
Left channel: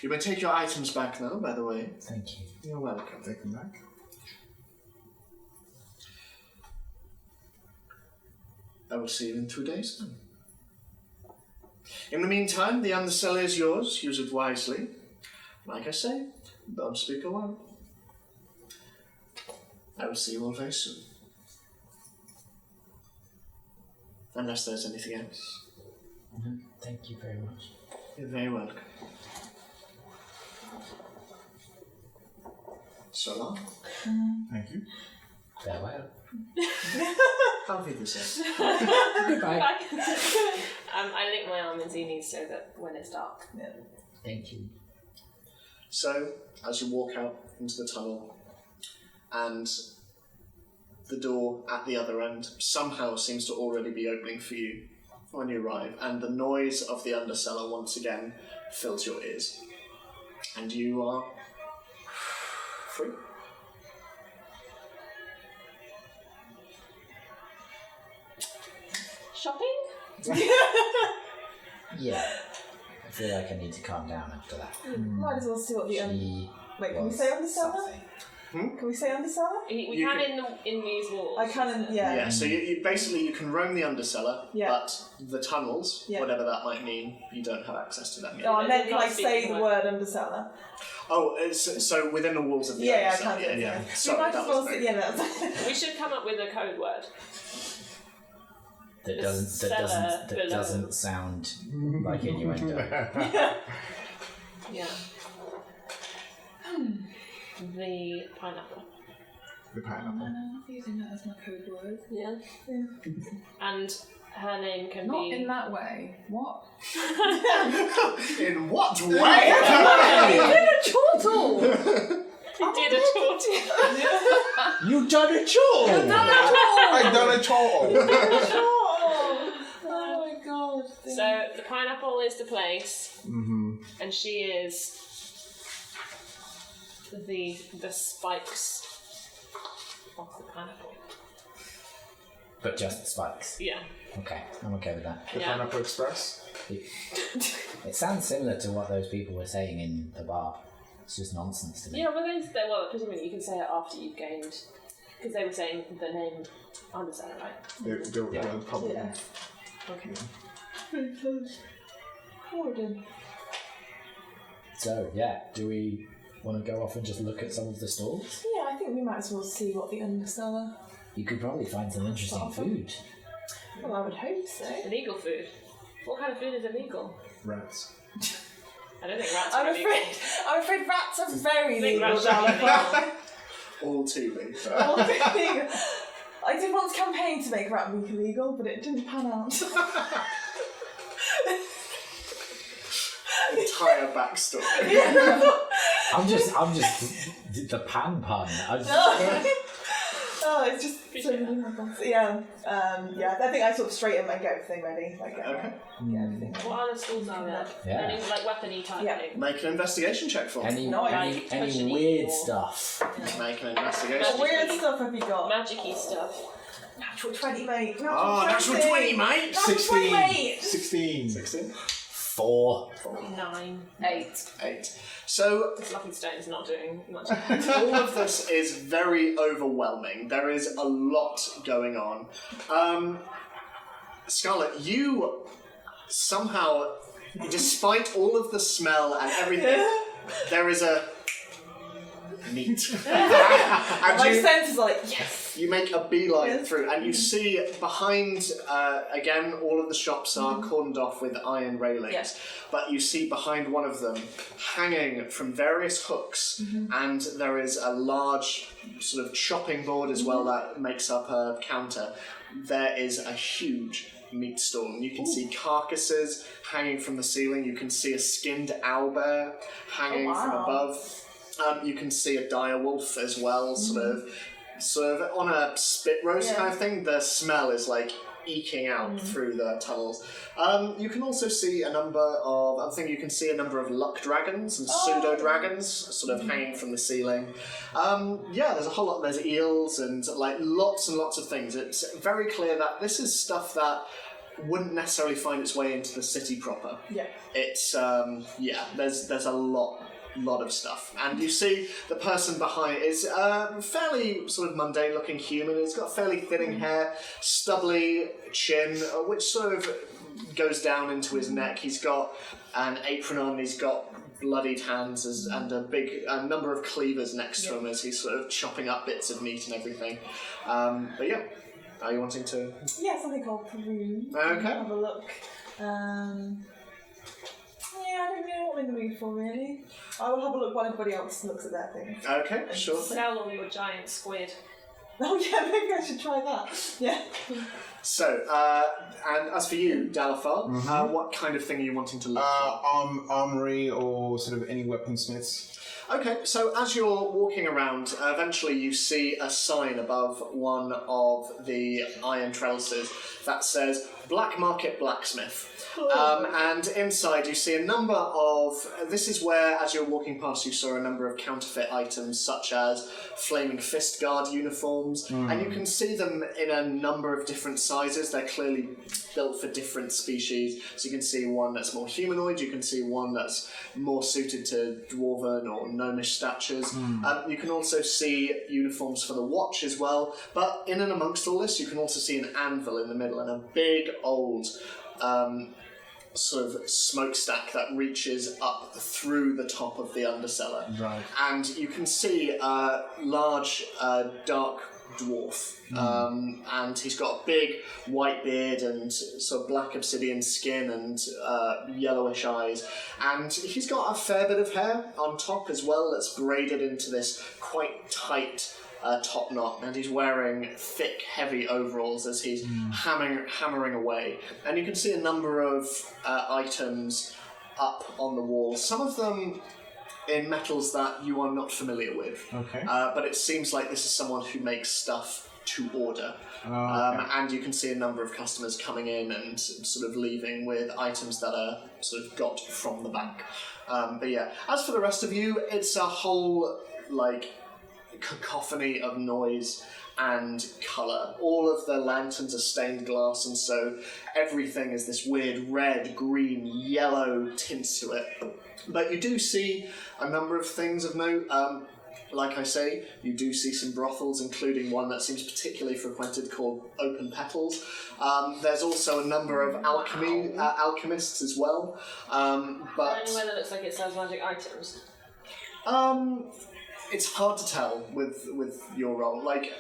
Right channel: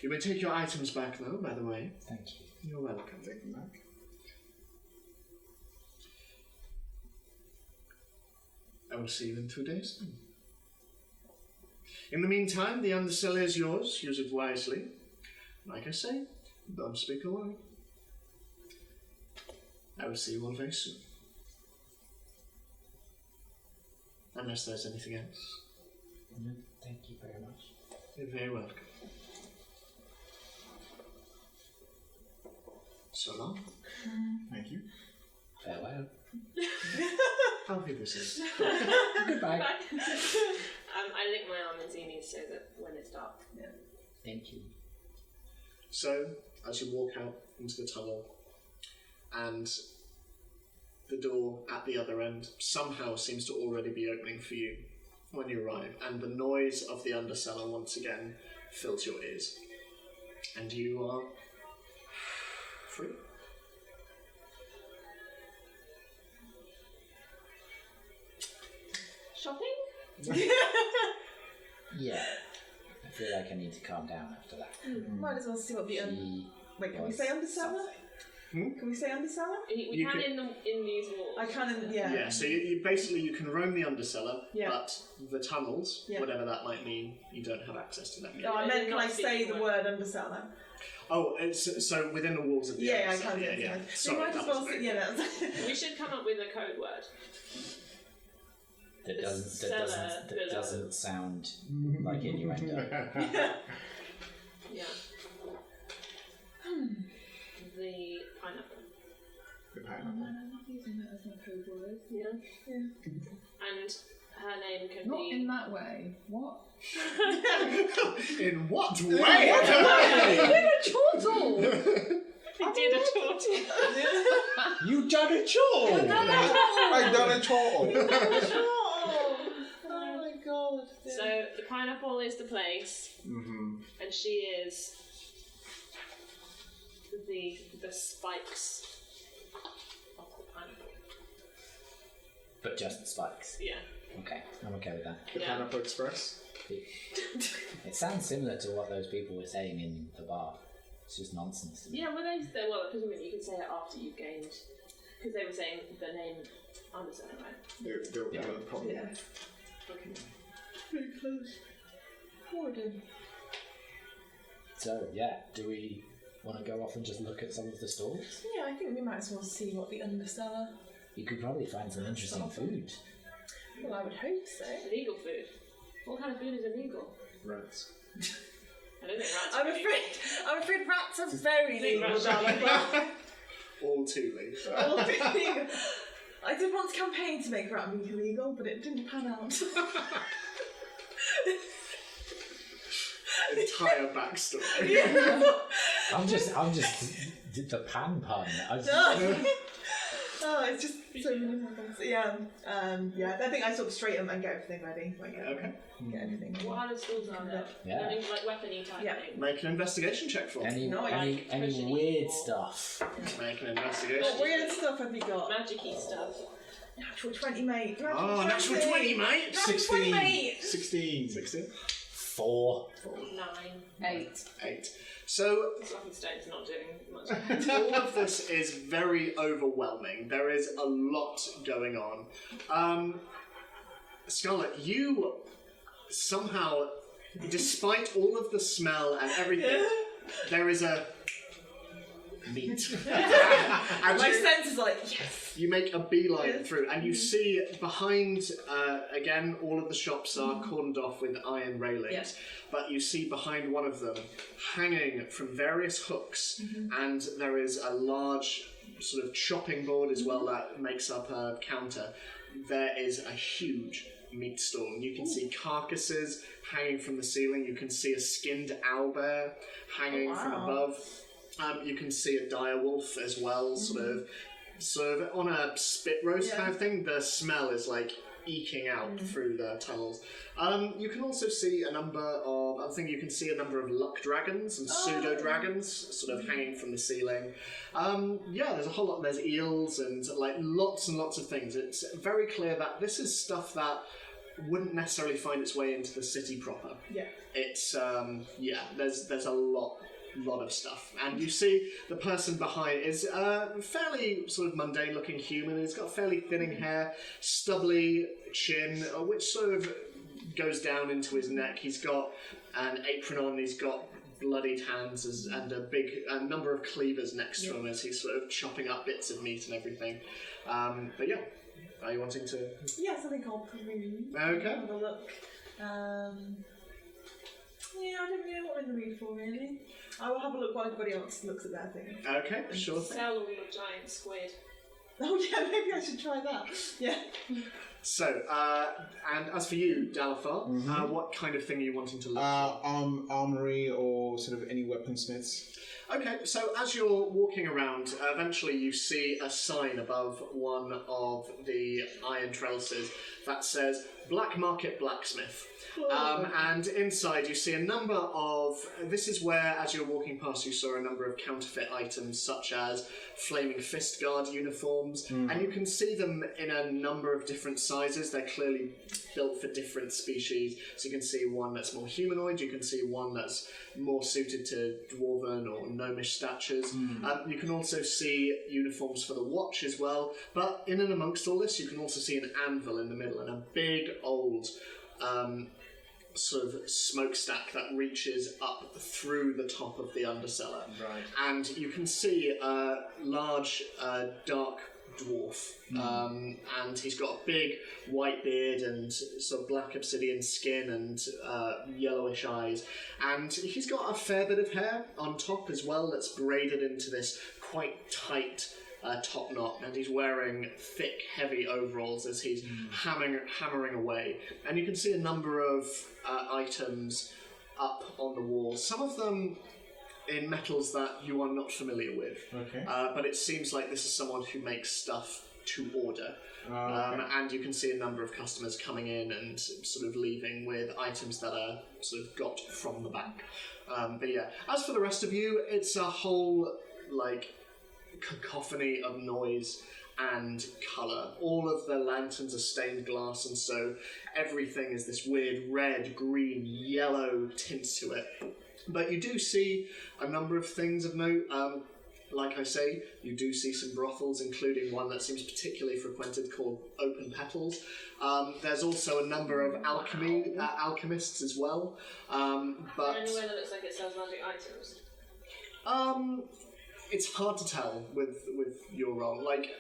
You may take your items back now, by the way. Thank you. You're welcome. Take them back. I will see you in 2 days then. In the meantime, the undercellar is yours. Use it wisely. Like I say, don't speak a word. I will see you all very soon. Unless there's anything else. No, thank you very much. You're very welcome. So long. Thank you. Farewell. Auf Wiedersehen. Goodbye. I link my arm in Zini so that when it's dark. Thank you. So, as you walk out into the tunnel, and the door at the other end somehow seems to already be opening for you when you arrive, and the noise of the undercellar once again fills your ears. And you are free. Shopping? Yeah. I feel like I need to calm down after that. Might as well see what the She Wait, can we was say undercellar? something. Can we say undercellar? We You can can- in these walls. I can, Yeah, so you basically you can roam the undercellar, Yeah. but the tunnels, Yeah. whatever that might mean, you don't have access to them yet. No, I meant Not can I say speaking the word. word undercellar? Oh, so within the walls of the Yeah, I undercellar. can do it. Yeah. Sorry, you might that as well was say, very... yeah, that's We should come up with a code word. That The doesn't cellar below. doesn't sound like innuendo. Yeah. The pineapple. The pineapple. I'm using that as my code word. Yeah. And her name can Not be. in that way. What? In what way? Chortle! He did a torty. You done a chore! I done a chore. Oh my god. So the pineapple is the place, Mm-hmm. and she is the spikes of the pineapple. But just the spikes. Yeah. Okay, I'm okay with that. The Yeah. Pineapple Express. It sounds similar to what those people were saying in the bar. It's just nonsense to me. Yeah, well, presumably you can say it after you've gained, because they were saying the name undercellar, right? They'll probably. Yeah. Okay. pretty close. Warden. So, yeah, do we want to go off and just look at some of the stalls? Yeah, I think we might as well see what the undercellar. You could probably find some interesting food. Well, I would hope so. Illegal food. What kind of food is illegal? Rats. I don't think rats are illegal. I'm afraid rats are very think legal, rats are darling. All too late. All very legal. I did once campaign to make rat meat illegal, but it didn't pan out. Entire backstory. I'm just the pan pun. Oh, it's just so many happens. Yeah, yeah. I think I sort of straighten and get everything ready. Like get everything. What other schools are there? Yeah. Any like weapony type Yeah. thing? Make an investigation check for me. Any Nice. any weird stuff? Make an investigation. What weird stuff have you got? Magic-y stuff. Natural 20, mate. Oh, natural 20, mate. Natural 20, mate. 16. 16. 4. 9. 8. 8. So, This lucky stone's not doing much. all of this is very overwhelming. There is a lot going on. Scarlett, you somehow, despite all of the smell and everything, there is a meat. And My you- sense is like, yes. You make a beeline Yes. through, and you see behind, again, all of the shops are cordoned off with iron railings, Yeah. but you see behind one of them, hanging from various hooks, and there is a large sort of chopping board as well that makes up a counter. There is a huge meat stall, and you can see carcasses hanging from the ceiling. You can see a skinned owlbear hanging from wow. above. You can see a dire wolf as well, sort of on a spit roast kind of thing. The smell is like eking out through the tunnels. You can also see a number of luck dragons and pseudo dragons sort of hanging from the ceiling. There's a whole lot. There's eels and like lots and lots of things. It's very clear that this is stuff that wouldn't necessarily find its way into the city proper. Yeah. It's there's a lot of stuff, and you see the person behind is fairly sort of mundane looking human. He's got fairly thinning hair, stubbly chin, which sort of goes down into his neck. He's got an apron on, he's got bloodied hands and a number of cleavers next to him as he's sort of chopping up bits of meat and everything. Are you wanting to? Yes, I think I'll peruse. Okay. Have a look. I don't know what I'm in the mood for, really. I will have a look while everybody else looks at their things. Okay, sure. Sell on the giant squid. Oh yeah, maybe I should try that. Yeah. So, and as for you, Dalafar, what kind of thing are you wanting to look for? Armory or sort of any weaponsmiths. Okay, so as you're walking around, eventually you see a sign above one of the iron trellises that says Black Market Blacksmith. And inside you see a number of... This is where, as you're walking past, you saw a number of counterfeit items, such as Flaming Fist Guard uniforms, and you can see them in a number of different sizes. They're clearly built for different species. So you can see one that's more humanoid, you can see one that's more suited to dwarven or gnomish statures. You can also see uniforms for the Watch as well, but in and amongst all this, you can also see an anvil in the middle and a big old sort of smokestack that reaches up through the top of the undercellar. Right. And you can see a large, dark dwarf. And he's got a big white beard and sort of black obsidian skin and yellowish eyes. And he's got a fair bit of hair on top as well that's braided into this quite tight top knot, and he's wearing thick, heavy overalls as he's hammering away. And you can see a number of items up on the walls, some of them in metals that you are not familiar with. Okay. But it seems like this is someone who makes stuff to order. Okay. And you can see a number of customers coming in and sort of leaving with items that are sort of got from the bank. But yeah, as for the rest of you, it's a whole, like, cacophony of noise and colour. All of the lanterns are stained glass, and so everything is this weird red, green, yellow tints to it. But you do see a number of things of note. Like I say, you do see some brothels, including one that seems particularly frequented called Open Petals. There's also a number of alchemists as well. But anywhere that looks like it sells magic items. It's hard to tell with your role. Like,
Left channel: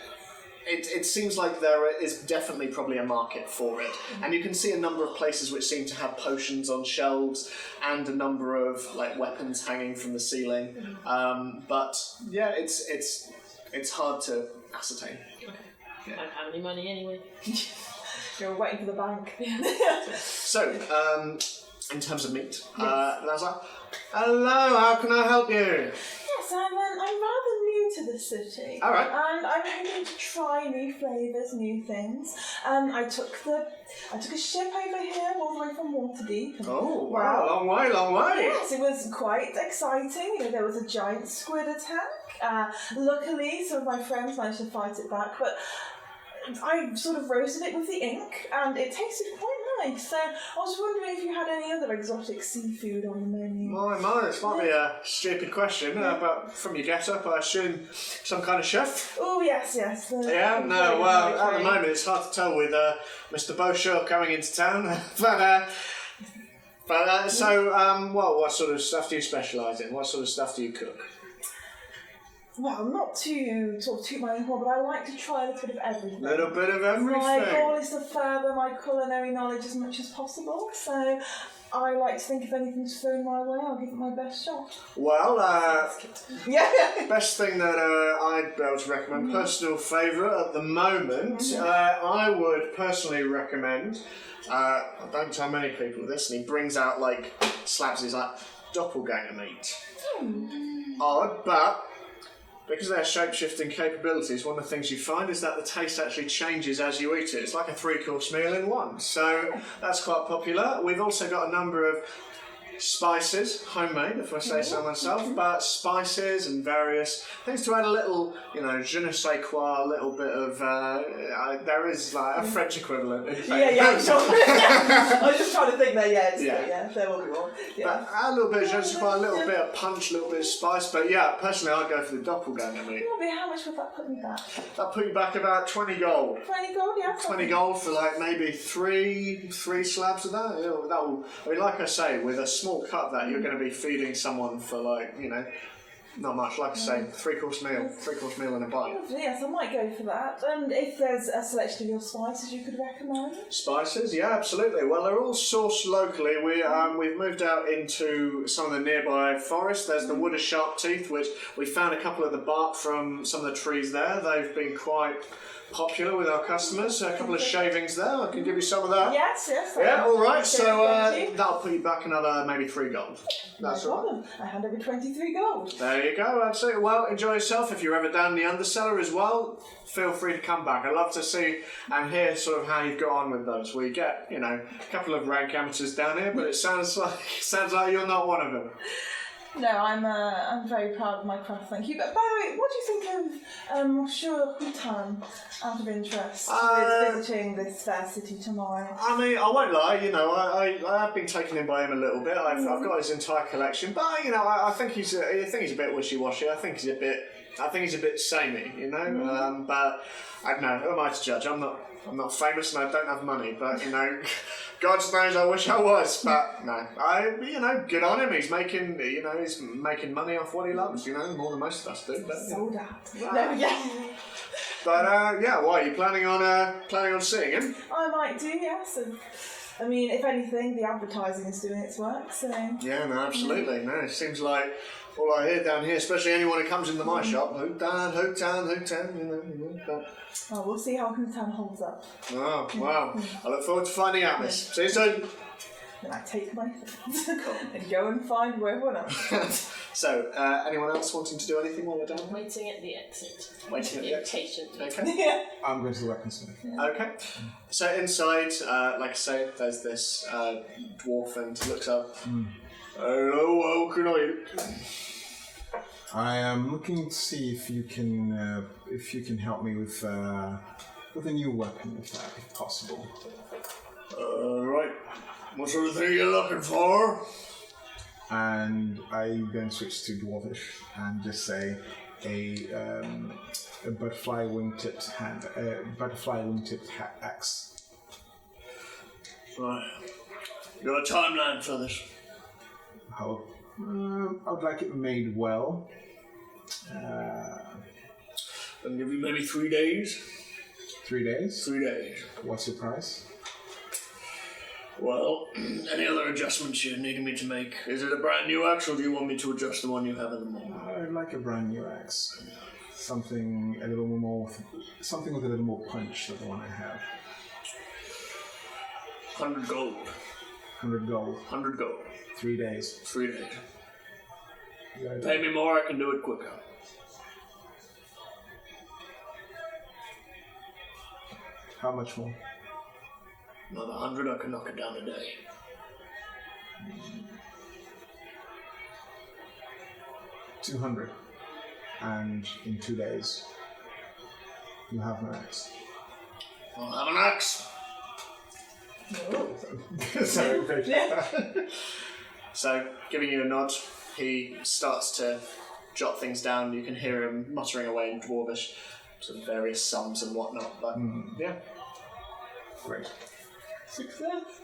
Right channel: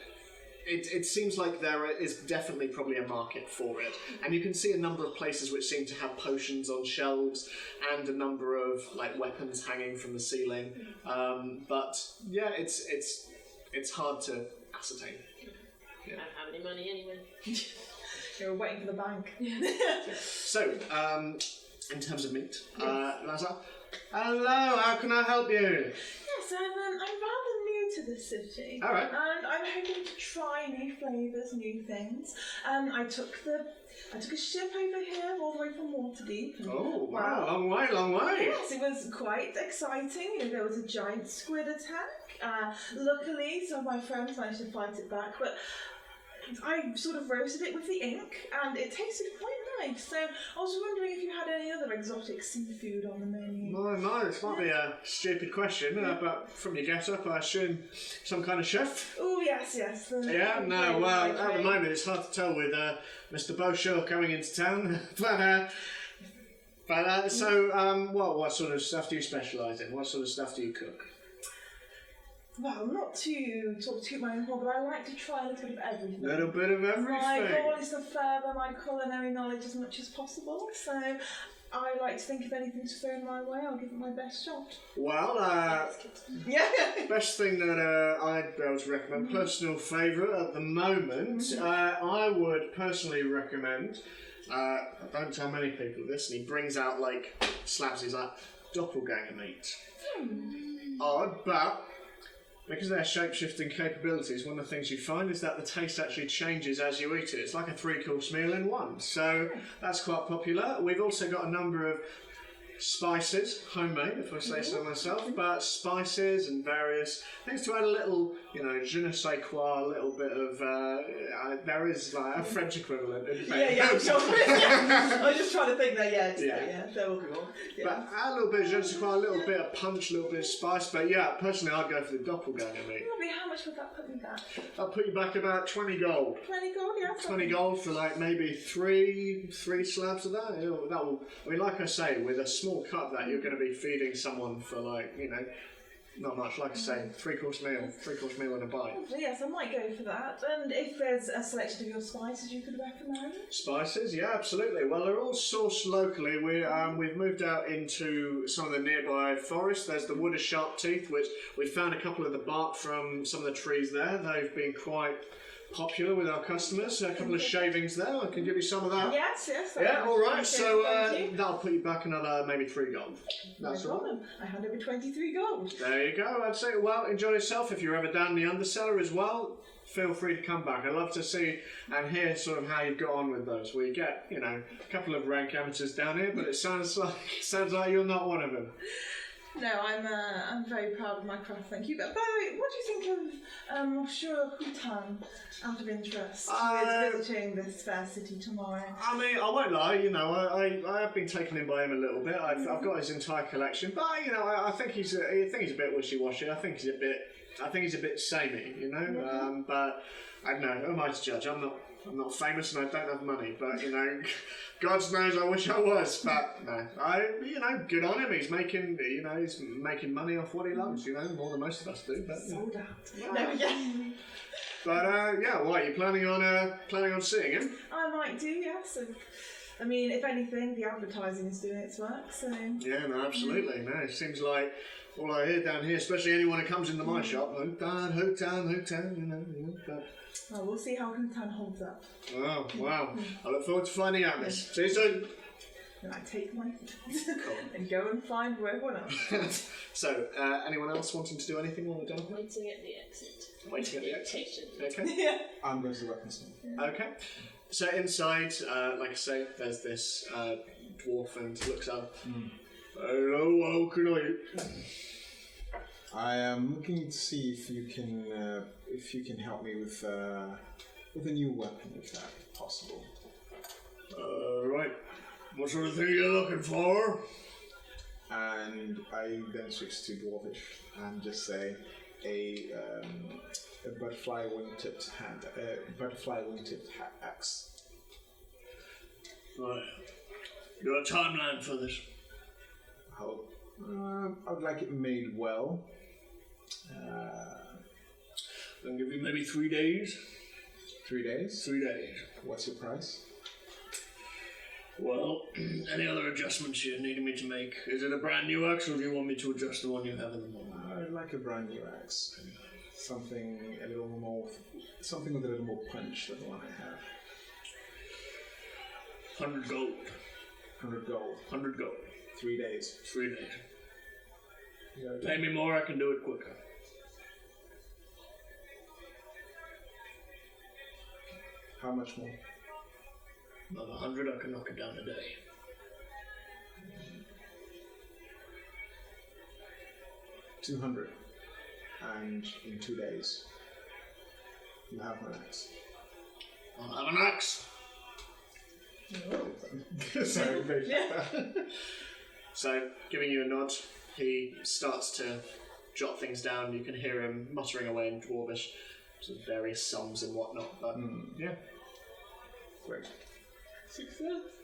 it seems like there is definitely probably a market for it, and you can see a number of places which seem to have potions on shelves and a number of like weapons hanging from the ceiling. But yeah, it's hard to ascertain. Okay. Yeah. I don't have any money anyway. You're waiting for the bank. So, in terms of meat, Lazar, hello, how can I help you? Yes, I'm rather new to the city. All right. And I'm hoping to try new flavours, new things. I took a ship over here all the way from Waterdeep. And, Oh, wow, long way. Yes, it was quite exciting. You know, there was a giant squid attack. Luckily, some of my friends managed to fight it back, but I sort of roasted it with the ink, and it tasted quite nice. So I was wondering if you had any other exotic seafood on the menu. My, this might be a stupid question, but from your get-up, I assume some kind of chef? Oh, yes. Yeah, no, well, at the moment it's hard to tell with Mr. Beauchamp coming into town, what sort of stuff do you specialise in? What sort of stuff do you cook? Well, not to sort of toot my own horn, but I like to try a little bit of everything. A little bit of everything. My goal is to further my culinary knowledge as much as possible, so I like to think if anything's thrown my way, I'll give it my best shot. Well, Yeah. best thing that I'd be able to recommend, personal favourite at the moment, I would personally recommend, I don't tell many people this, and he brings out, like, slabs, he's like, doppelganger meat. odd, but because they have shape-shifting capabilities, one of the things you find is that the taste actually changes as you eat it. It's like a 3-course meal in one, so that's quite popular. We've also got a number of spices, homemade if I say so myself, but spices and various things to add a little, je ne sais quoi, a little bit of, there is like a French equivalent. In fact. Yeah, sure. I was just trying to think there, there will be one. Yeah. But add a little bit of je ne sais quoi, a little bit of punch, a little bit of spice, but yeah, personally I'd go for the doppelganger meat. Lovely, how much would that put me back? That'll put you back about 20 gold. 20 gold, yeah. 20 gold for like maybe three slabs of that. That will, I mean, like I say, with a small cut that you're going to be feeding someone for like, not much. Like I say, 3-course meal and a bite. Lovely, yes, I might go for that. And if there's a selection of your spices you could recommend? Spices, yeah, absolutely. Well, they're all sourced locally. We've moved out into some of the nearby forest. There's the wood of sharp teeth, which we found a couple of the bark from some of the trees there. They've been quite popular with our customers. A couple of shavings there. I can give you some of that. Yes. Yeah, all right. So that'll put you back another maybe 3 gold. That's no all right. problem. I hand over 23 gold. There you go. Absolutely. Well, enjoy yourself. If you're ever down in the undercellar as well, feel free to come back. I'd love to see and hear sort of how you've got on with those. We get, a couple of rank amateurs down here, but it sounds like you're not one of them. No, I'm very proud of my craft, thank you. But by the way, what do you think of Monsieur Hutan, out of interest, who is visiting this fair city tomorrow? I mean, I won't lie, I have been taken in by him a little bit. I've got his entire collection, but I think he's a bit wishy-washy. I think he's a bit samey, but I don't know. Who am I to judge? I'm not famous and I don't have money, but God knows I wish I was. But no, good on him. He's making money off what he loves. More than most of us do. But, Sold out. No, yeah. But what are you planning on seeing him? I might do, yes. I mean, if anything, the advertising is doing its work. So. Yeah, no, absolutely. No, it seems like all I hear down here, especially anyone who comes into my shop, Hotan, but... Oh, we'll see how Hutan holds up. Oh, wow. I look forward to finding out, miss. See you soon. Then I take my things and go and find everyone else. So, anyone else wanting to do anything while we're down? Waiting at the exit. Waiting at the exit. Impatient. Okay. Yeah. I'm going to the weaponsmith. Okay. So inside, like I say, there's this dwarf and he looks up. Hello, how can I? I am looking to see if you can help me with a new weapon, if possible. Right. What sort of thing are you looking for? And I then switch to Dwarvish and just say a butterfly wing-tipped axe. Right. You got a timeline for this? How? I would like it made well. I'll give you maybe 3 days. 3 days? 3 days. What's your price? Well, any other adjustments you need me to make? Is it a brand new axe, or do you want me to adjust the one you have at the moment? I'd like a brand new axe. Something with a little more punch than the one I have. 100 gold. 100 gold. 100 gold. 3 days. 3 days. Yeah, Pay me more, I can do it quicker. How much more? Another 100, I can knock it down a day. 200. And in 2 days, you have an axe. I'll have an axe. Sorry, So, giving you a nod, he starts to jot things down. You can hear him muttering away in Dwarvish, some various sums and whatnot. But yeah, great. Success.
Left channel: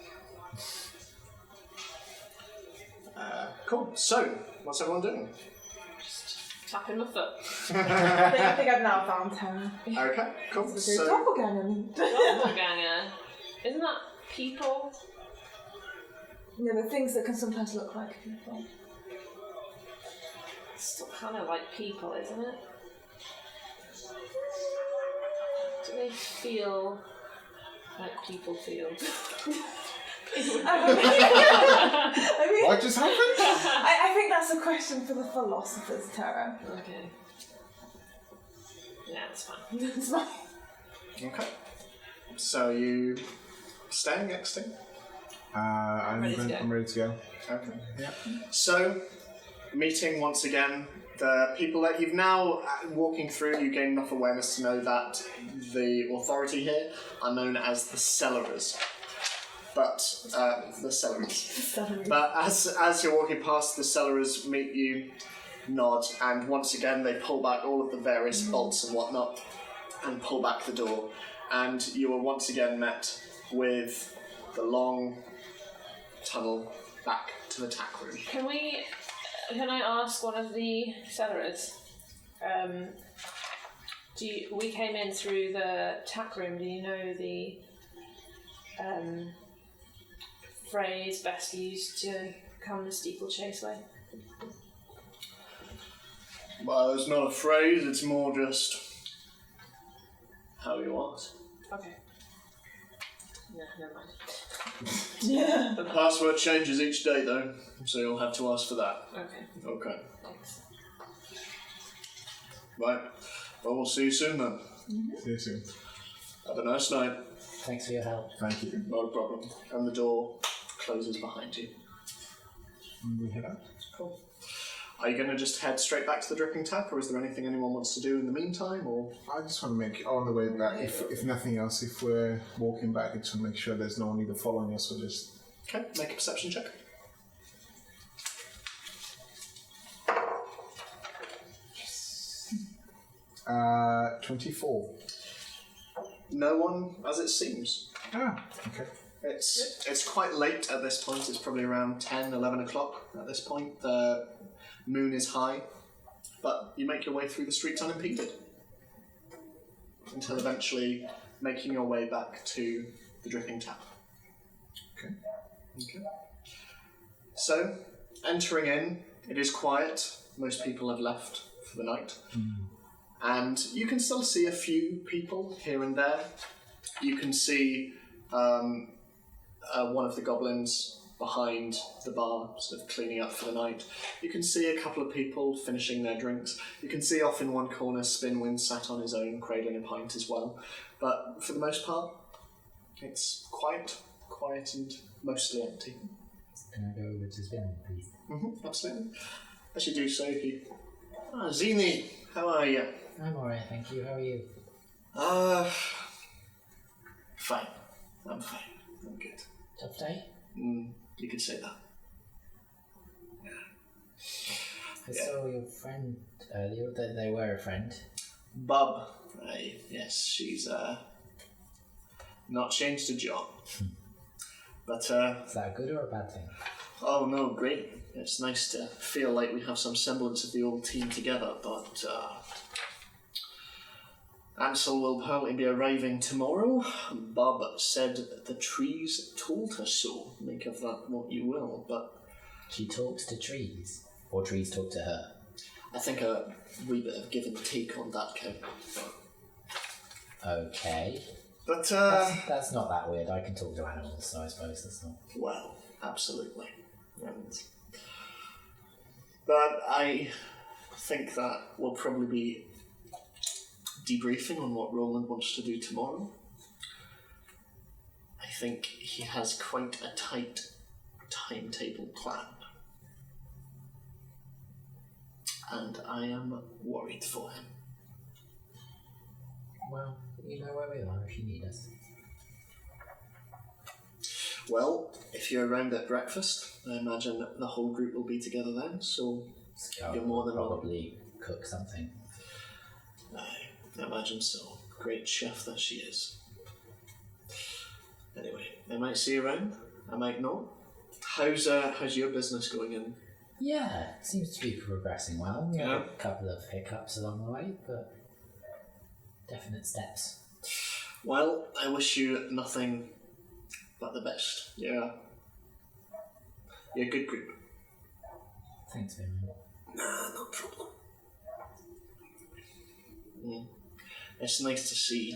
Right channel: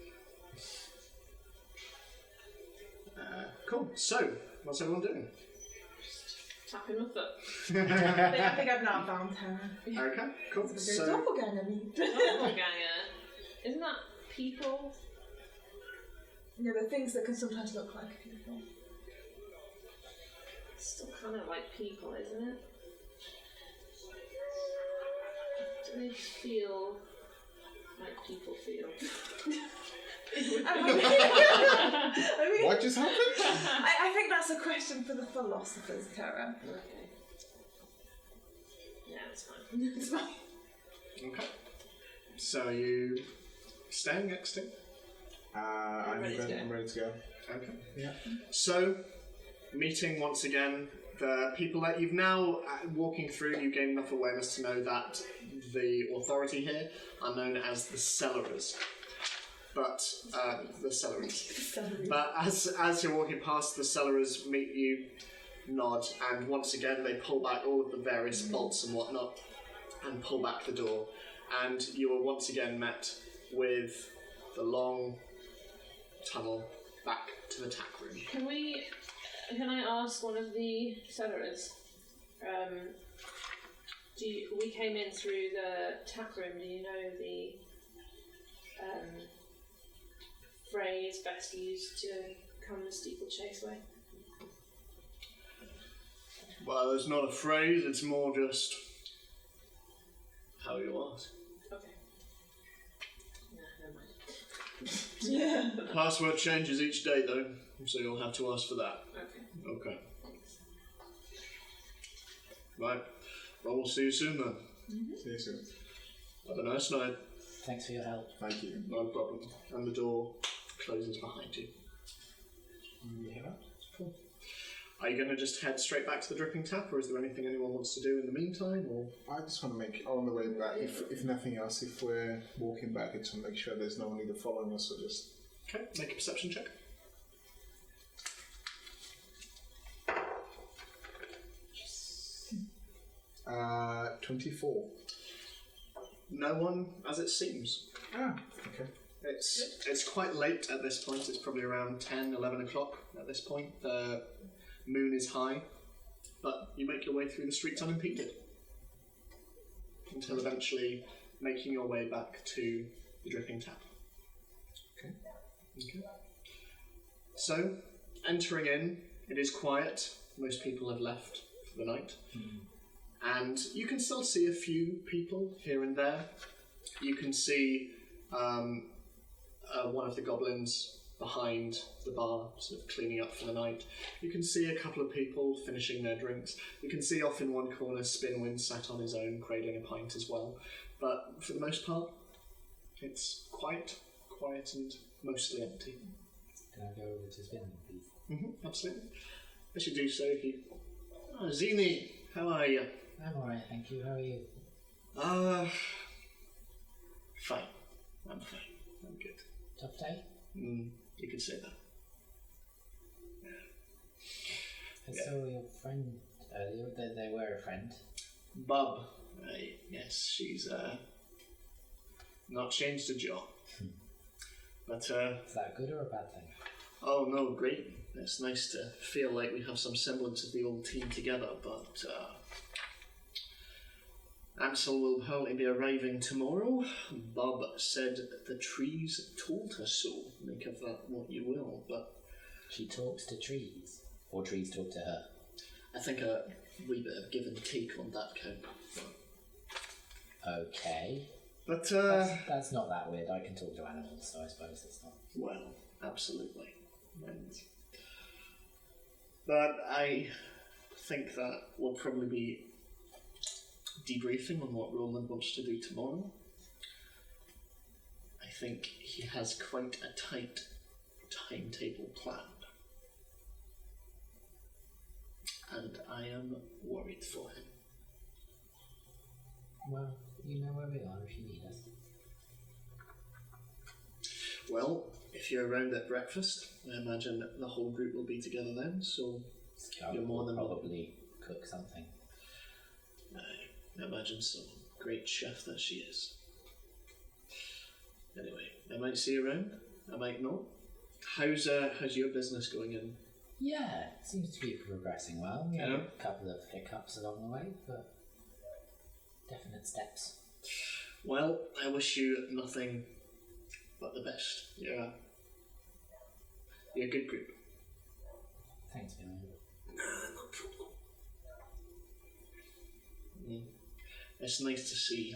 Cool. So, what's everyone doing? Tapping my foot. I think I've now found Terra. Okay, cool. The So, doppelganger meat. Doppelganger. Isn't that people? Yeah, the things that can sometimes look like people. It's still kind of like people, isn't it? Do they feel like people feel? I mean, What just happened? I think that's a question for the philosophers, Tara. Okay. Yeah, that's fine. It's fine. Okay. So you staying next to? I'm ready to go. ready to go. Okay. Yeah. So, meeting once again the people that you've now walking through. You gain enough awareness to know that the authority here are known as the Cellarers. But the Cellarers. But as you're walking past, the Cellarers meet you, nod, and once again they pull back all of the various bolts and whatnot, and pull back the door, and you are once again met with the long tunnel back to the tack room. Can I ask one of the Cellarers? We came in through the tack room. Do you know the phrase best used to come the steeplechase way? Well, it's not a phrase, it's more just how you ask. Okay. No, never mind. Yeah. The password changes each day though, so you'll have to ask for that. Okay. Okay. Thanks. Right. Well, we'll see you soon then. See you soon. Have a nice night. Thanks for your help. Thank you. No problem. And the door closes behind you. We head out. Cool. Are you going to just head straight back to the dripping tap, or is there anything anyone wants to do in the meantime? Or I just want to make on the way back. If nothing else, if we're walking back, I just want to make sure there's no one either following us or just. okay, make a perception check. Yes. 24. No one, as it seems. Ah. Okay. It's quite late at this point. It's probably around 10, 11 o'clock at this point. The moon is high, but you make your way through the streets unimpeded until eventually making your way back to the dripping tap. Okay. Okay. So, entering in, it is quiet. Most people have left for the night. And you can still see a few people here and there. You can see one of the goblins behind the bar, sort of cleaning up for the night. You can see a couple of people finishing their drinks. You can see off in one corner Spinwind sat on his own, cradling a pint as well. But for the most part, it's quiet and mostly empty. Can I go over to Spinning, please? Absolutely. As you do so, you... Zini, how are you? I'm alright, thank you. How are you? Fine. I'm fine. I'm good. Tough day? You could say that. I saw your friend earlier. They were a friend. Bub. Yes, she's not changed a jot. But Is that a good or a bad thing? oh no, great. It's nice to feel like we have some semblance of the old team together, but Ansel will apparently be arriving tomorrow. Bob said the trees told her so. Make of that what you will, but She talks to trees, or trees talk to her. I think a wee bit of give and take on that count. Okay. But That's not that weird. I can talk to animals, so I suppose that's not. well, absolutely. But I think that we'll probably be debriefing on what Roland wants to do tomorrow. I think he has quite a tight timetable planned. And I am worried for him. Well, you know where we are if you need us. Well, if you're around at breakfast, I imagine that the whole group will be together then, so you're more than welcome. Probably cook something. I imagine so. Great chef that she is. Anyway, I might see you around. I might not. How's your business going in? Yeah, seems to be progressing well. We had Yeah. a couple of hiccups along the way, but definite steps. Well, I wish you nothing but the best. Yeah. You're a good group. Thanks, Vin. Nah, no problem. It's nice to see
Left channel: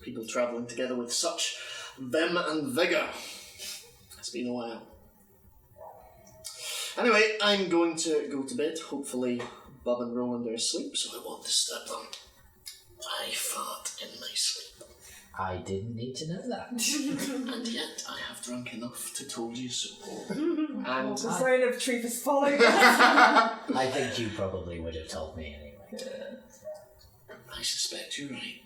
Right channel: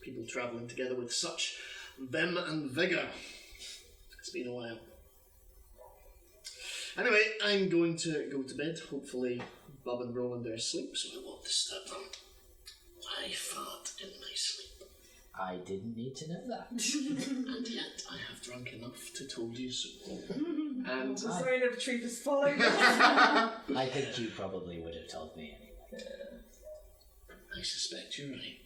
people travelling together with such Vim and vigour. It's been a while. Anyway, I'm going to go to bed. Hopefully, Bob and Roland are asleep, so I won't disturb them. I fart in my sleep. I didn't need to know that. And yet, I have drunk enough to told you so. And The zone of truth is following us. I think you probably would have told me anyway. I suspect you're right.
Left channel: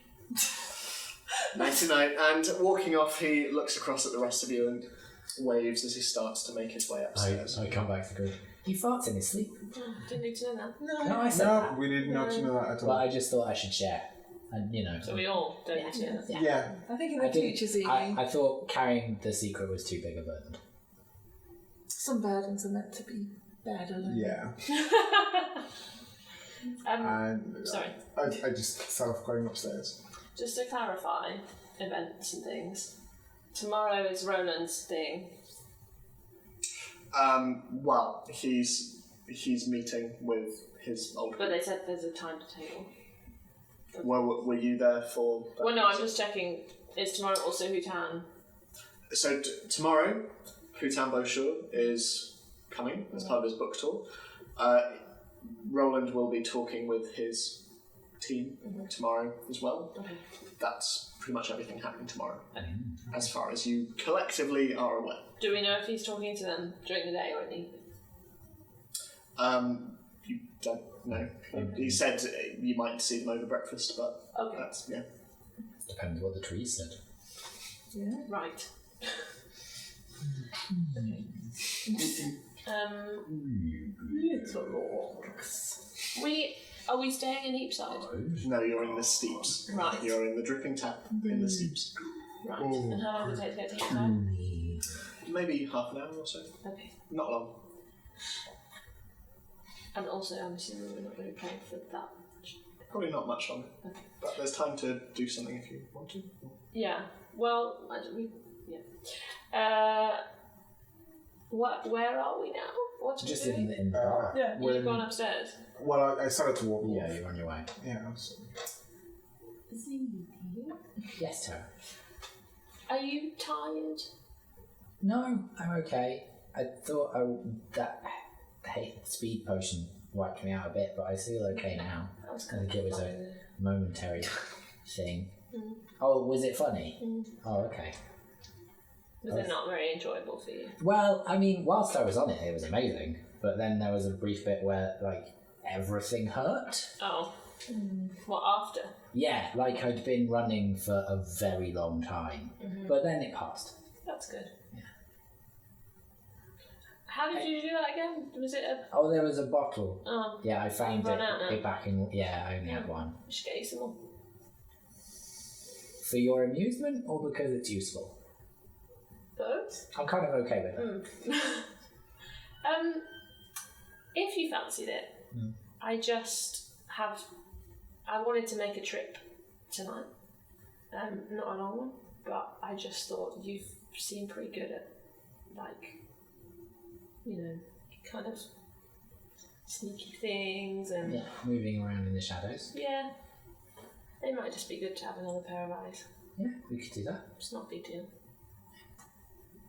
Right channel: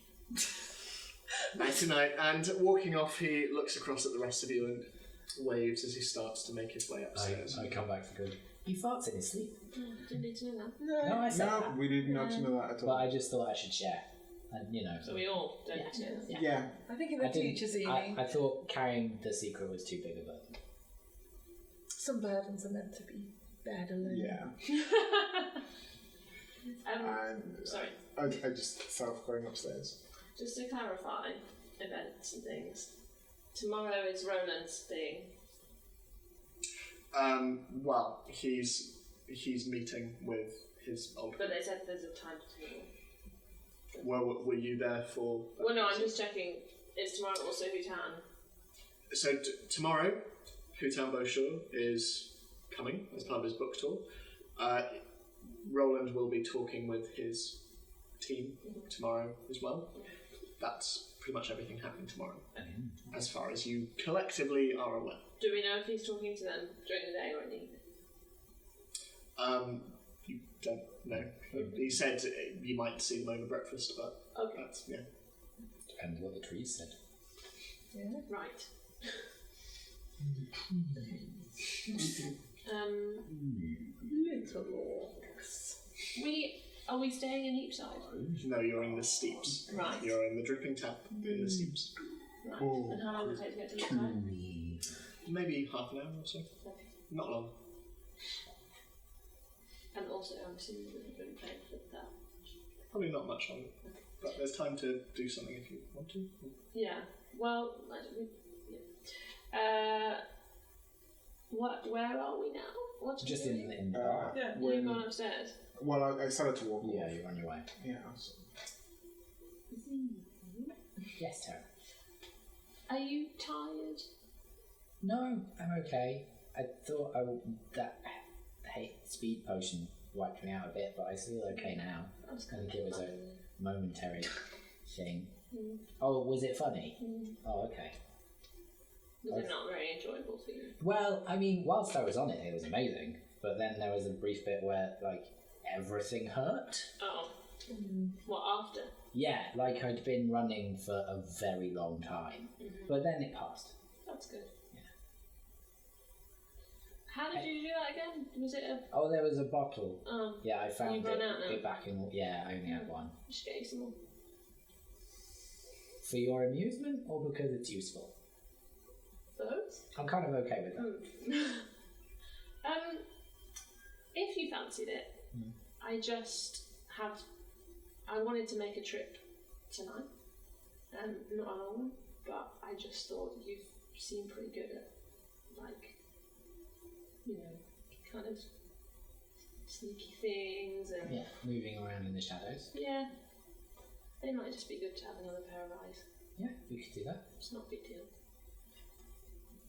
Night night. And walking off, he looks across at the rest of you and waves as he starts to make his way upstairs. I come back for good. He farts in his sleep. Didn't need to know that. No, I said No, that. we did not know that at But all. I just thought I should share. And, you know. So we all don't need to know that. Yeah. I think in I the didn't- future, I thought carrying the secret was too big a burden. some burdens are meant to be bared alone. Yeah. And Sorry. I just set off going upstairs. Just to clarify events and things. Tomorrow is Roland's thing. Well, he's meeting with his old. But they said there's a timetable. Well, were you there for? Well, no, I'm just checking. Is tomorrow also Hutan? So tomorrow, Hutan Beauchur is coming as part of his book tour. Roland will be talking with his team tomorrow as well. Okay. That's pretty much everything happening tomorrow, as far as you collectively are aware. Do we know if he's talking to them during the day or in the evening? You don't know. He said you might see them over breakfast, but Okay. that's Depends what the trees said. Yeah. Right. Little orcs. Are we staying in Eepside? No, you're in the steeps. Right. You're in the dripping tap in the steeps. Right. Oh. And how long would it take to get to Eepside? Maybe half an hour or so. Okay. Not long. And also, I'm assuming we're not really playing for that much. Probably not much longer. Okay. But there's time to do something if you want to. Yeah. Well, where are we now? What are Just we doing? in the bar. Yeah. You've gone upstairs. Well, I started to walk. Yeah, off. you're on your way. Yeah. I was- Yes, Tara. Are you tired? No, I'm okay. I thought that speed potion wiped me out a bit, but I feel okay now. I was I think it was a funny. momentary thing. Mm. Oh, was it funny? Mm. Oh, okay. Was it not very enjoyable for you? Well, I mean, whilst I was on it, it was amazing. But then there was a brief bit where, like, everything hurt. Oh. What, after? Yeah, like I'd been running for a very long time. But then it passed. That's good. Yeah. How did you do that again? Was it a... Oh, there was a bottle. Oh, Yeah, I found You've run out now? it back in... Yeah, I only had one. I should get you some more. For your amusement or because it's useful? Both? I'm kind of okay with it. If you fancied it, I wanted to make a trip tonight. Not a long one, but I just thought you've seemed pretty good at, like, you know, kind of sneaky things and... Yeah, moving around in the shadows. Yeah. It might just be good to have another pair of eyes. Yeah, we could do that. It's not a big deal.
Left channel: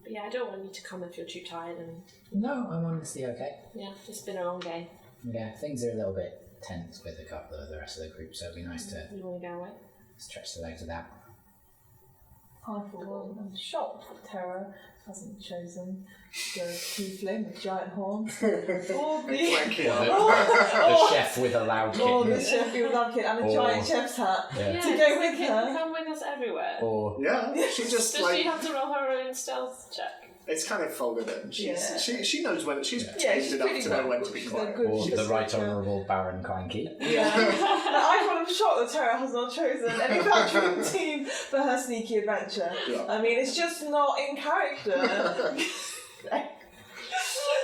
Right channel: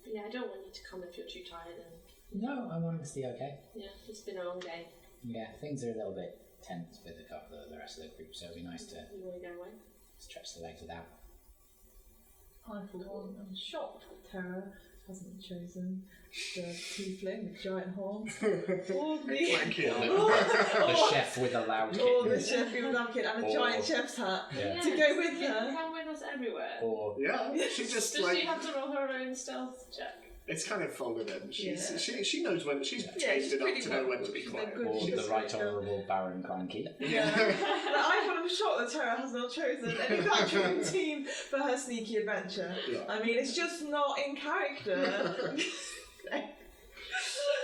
But yeah, I don't want you to come if you're too tired and... No, I'm honestly okay. Yeah, it's been a long day. Yeah, things are a little bit tense with a couple of the rest of the group, so it'd be nice to You want to go away? stretch the legs of that. I, for one, am shocked that Terra hasn't chosen the tiefling with giant horns. Or The chef with a loud or the kitten. chef with a love kit and a Or- giant chef's hat. Yeah. To go with her. Come with us everywhere. Or Yeah, she just Does like she have to roll her own stealth check? it's kind of folded in. She's Yeah. she knows when she's Yeah, she's enough pretty to know when good. to be She's quiet. a good or the right speaker. honourable Baron Clanky. Yeah. I'm shocked that Terra has not chosen any veteran team for her sneaky adventure. Yeah. I mean, it's just not in character.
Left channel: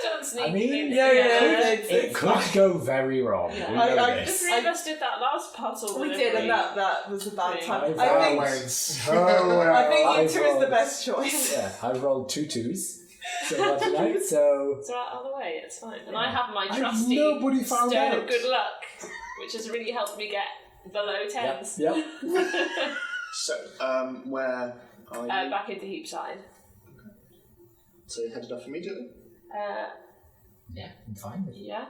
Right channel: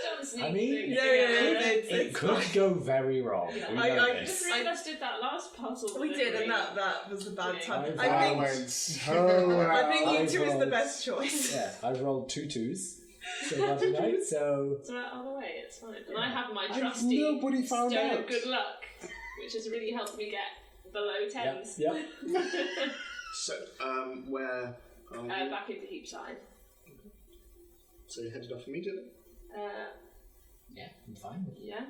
Don't sneak I mean, things. It could go very wrong. Yeah. We know I The this. three of us did that last puzzle. We with did, every- and that was a bad time. I I think went so well. I think I you two is the rolled- best choice. Yeah, I rolled 2 2s so far tonight, so It's right out of the way, it's fine. And I have my And trusty nobody found stone out. of good luck, which has really helped me get below 10s. Yep. So, where Are you? Back into Heapside. So you headed off immediately? Yeah, I'm fine with it. Yeah.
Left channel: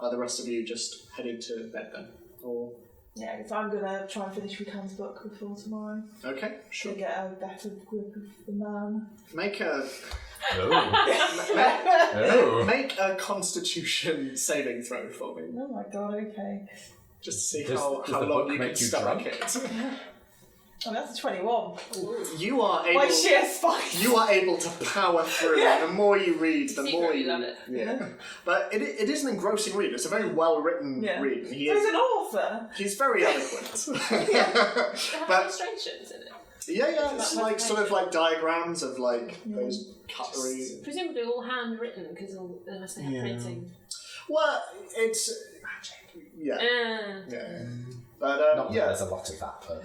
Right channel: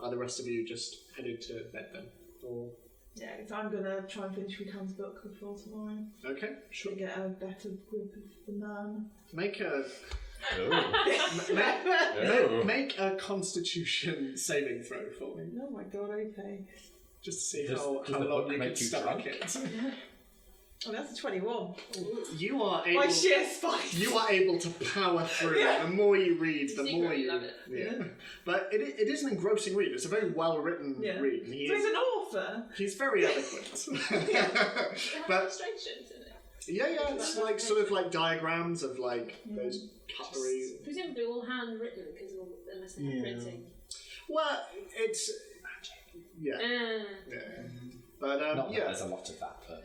Are the rest of you just headed to bed then? Or Yeah, because I'm going to try and finish Rican's book before tomorrow okay, sure. to get a better grip of the man. Make a Oh. make a Constitution saving throw for me, Oh my god, okay. just to see Does how the long book you make can you stomach drunk? it. Oh, that's a 21. You are My able. sheer spice. You are able to power through. Yeah. The more you read, You the secretly more you love it. Yeah. But it is an engrossing read. It's a very well written Yeah. read. And So he's an author. he's very eloquent. They have But illustrations in it. yeah, it's like sort of like diagrams of like those cutlery. Presumably all handwritten because unless they have Yeah. printing. Well, it's yeah. yeah. But Not that yeah. there's a lot of that, but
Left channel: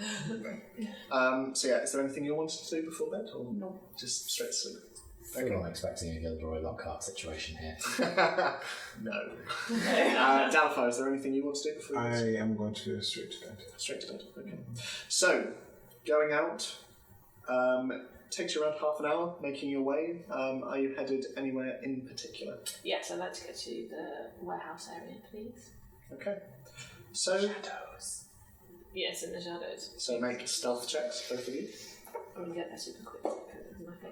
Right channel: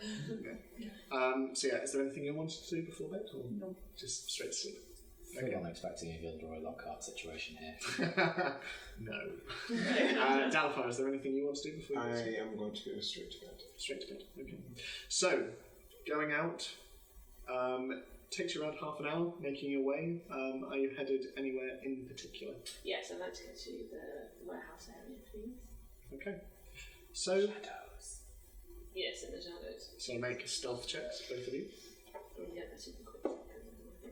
So yeah, is there anything you wanted to do before bed, or just straight to sleep? I'm not expecting a Gilderoy Lockhart situation here. No. Dalifar, is there anything you want to do before you go to sleep? I am going to go straight to bed. Straight to bed. Okay. So, going out takes you around half an hour making your way. Are you headed anywhere in particular? Yes, I'd like to go to the warehouse area, please. Okay. So, Yes, in the shadows. so make stealth checks, both of you. I'm gonna get there super quick because it's my thing.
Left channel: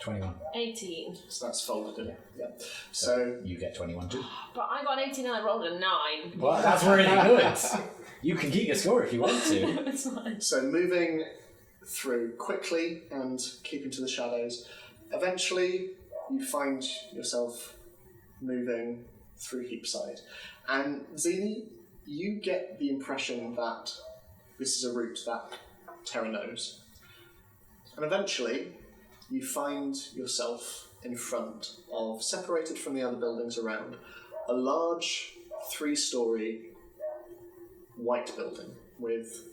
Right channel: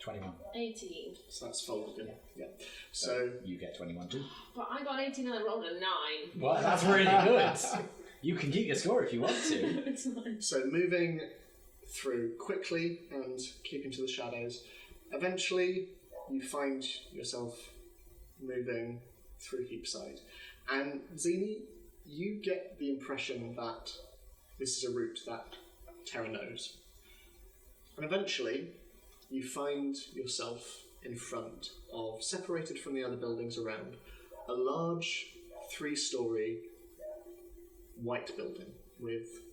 21. 18. So that's folded in. Yeah. So So, you get 21 too. But I got 18 and I rolled a 9. Well, that's really good. You can keep your score if you want to. It's fine. so moving through quickly and keeping to the shadows. Eventually, you find yourself moving through Heapside. And Zini, you get the impression that this is a route that Terra knows. And eventually, you find yourself in front of, separated from the other buildings around, a large 3-story white building with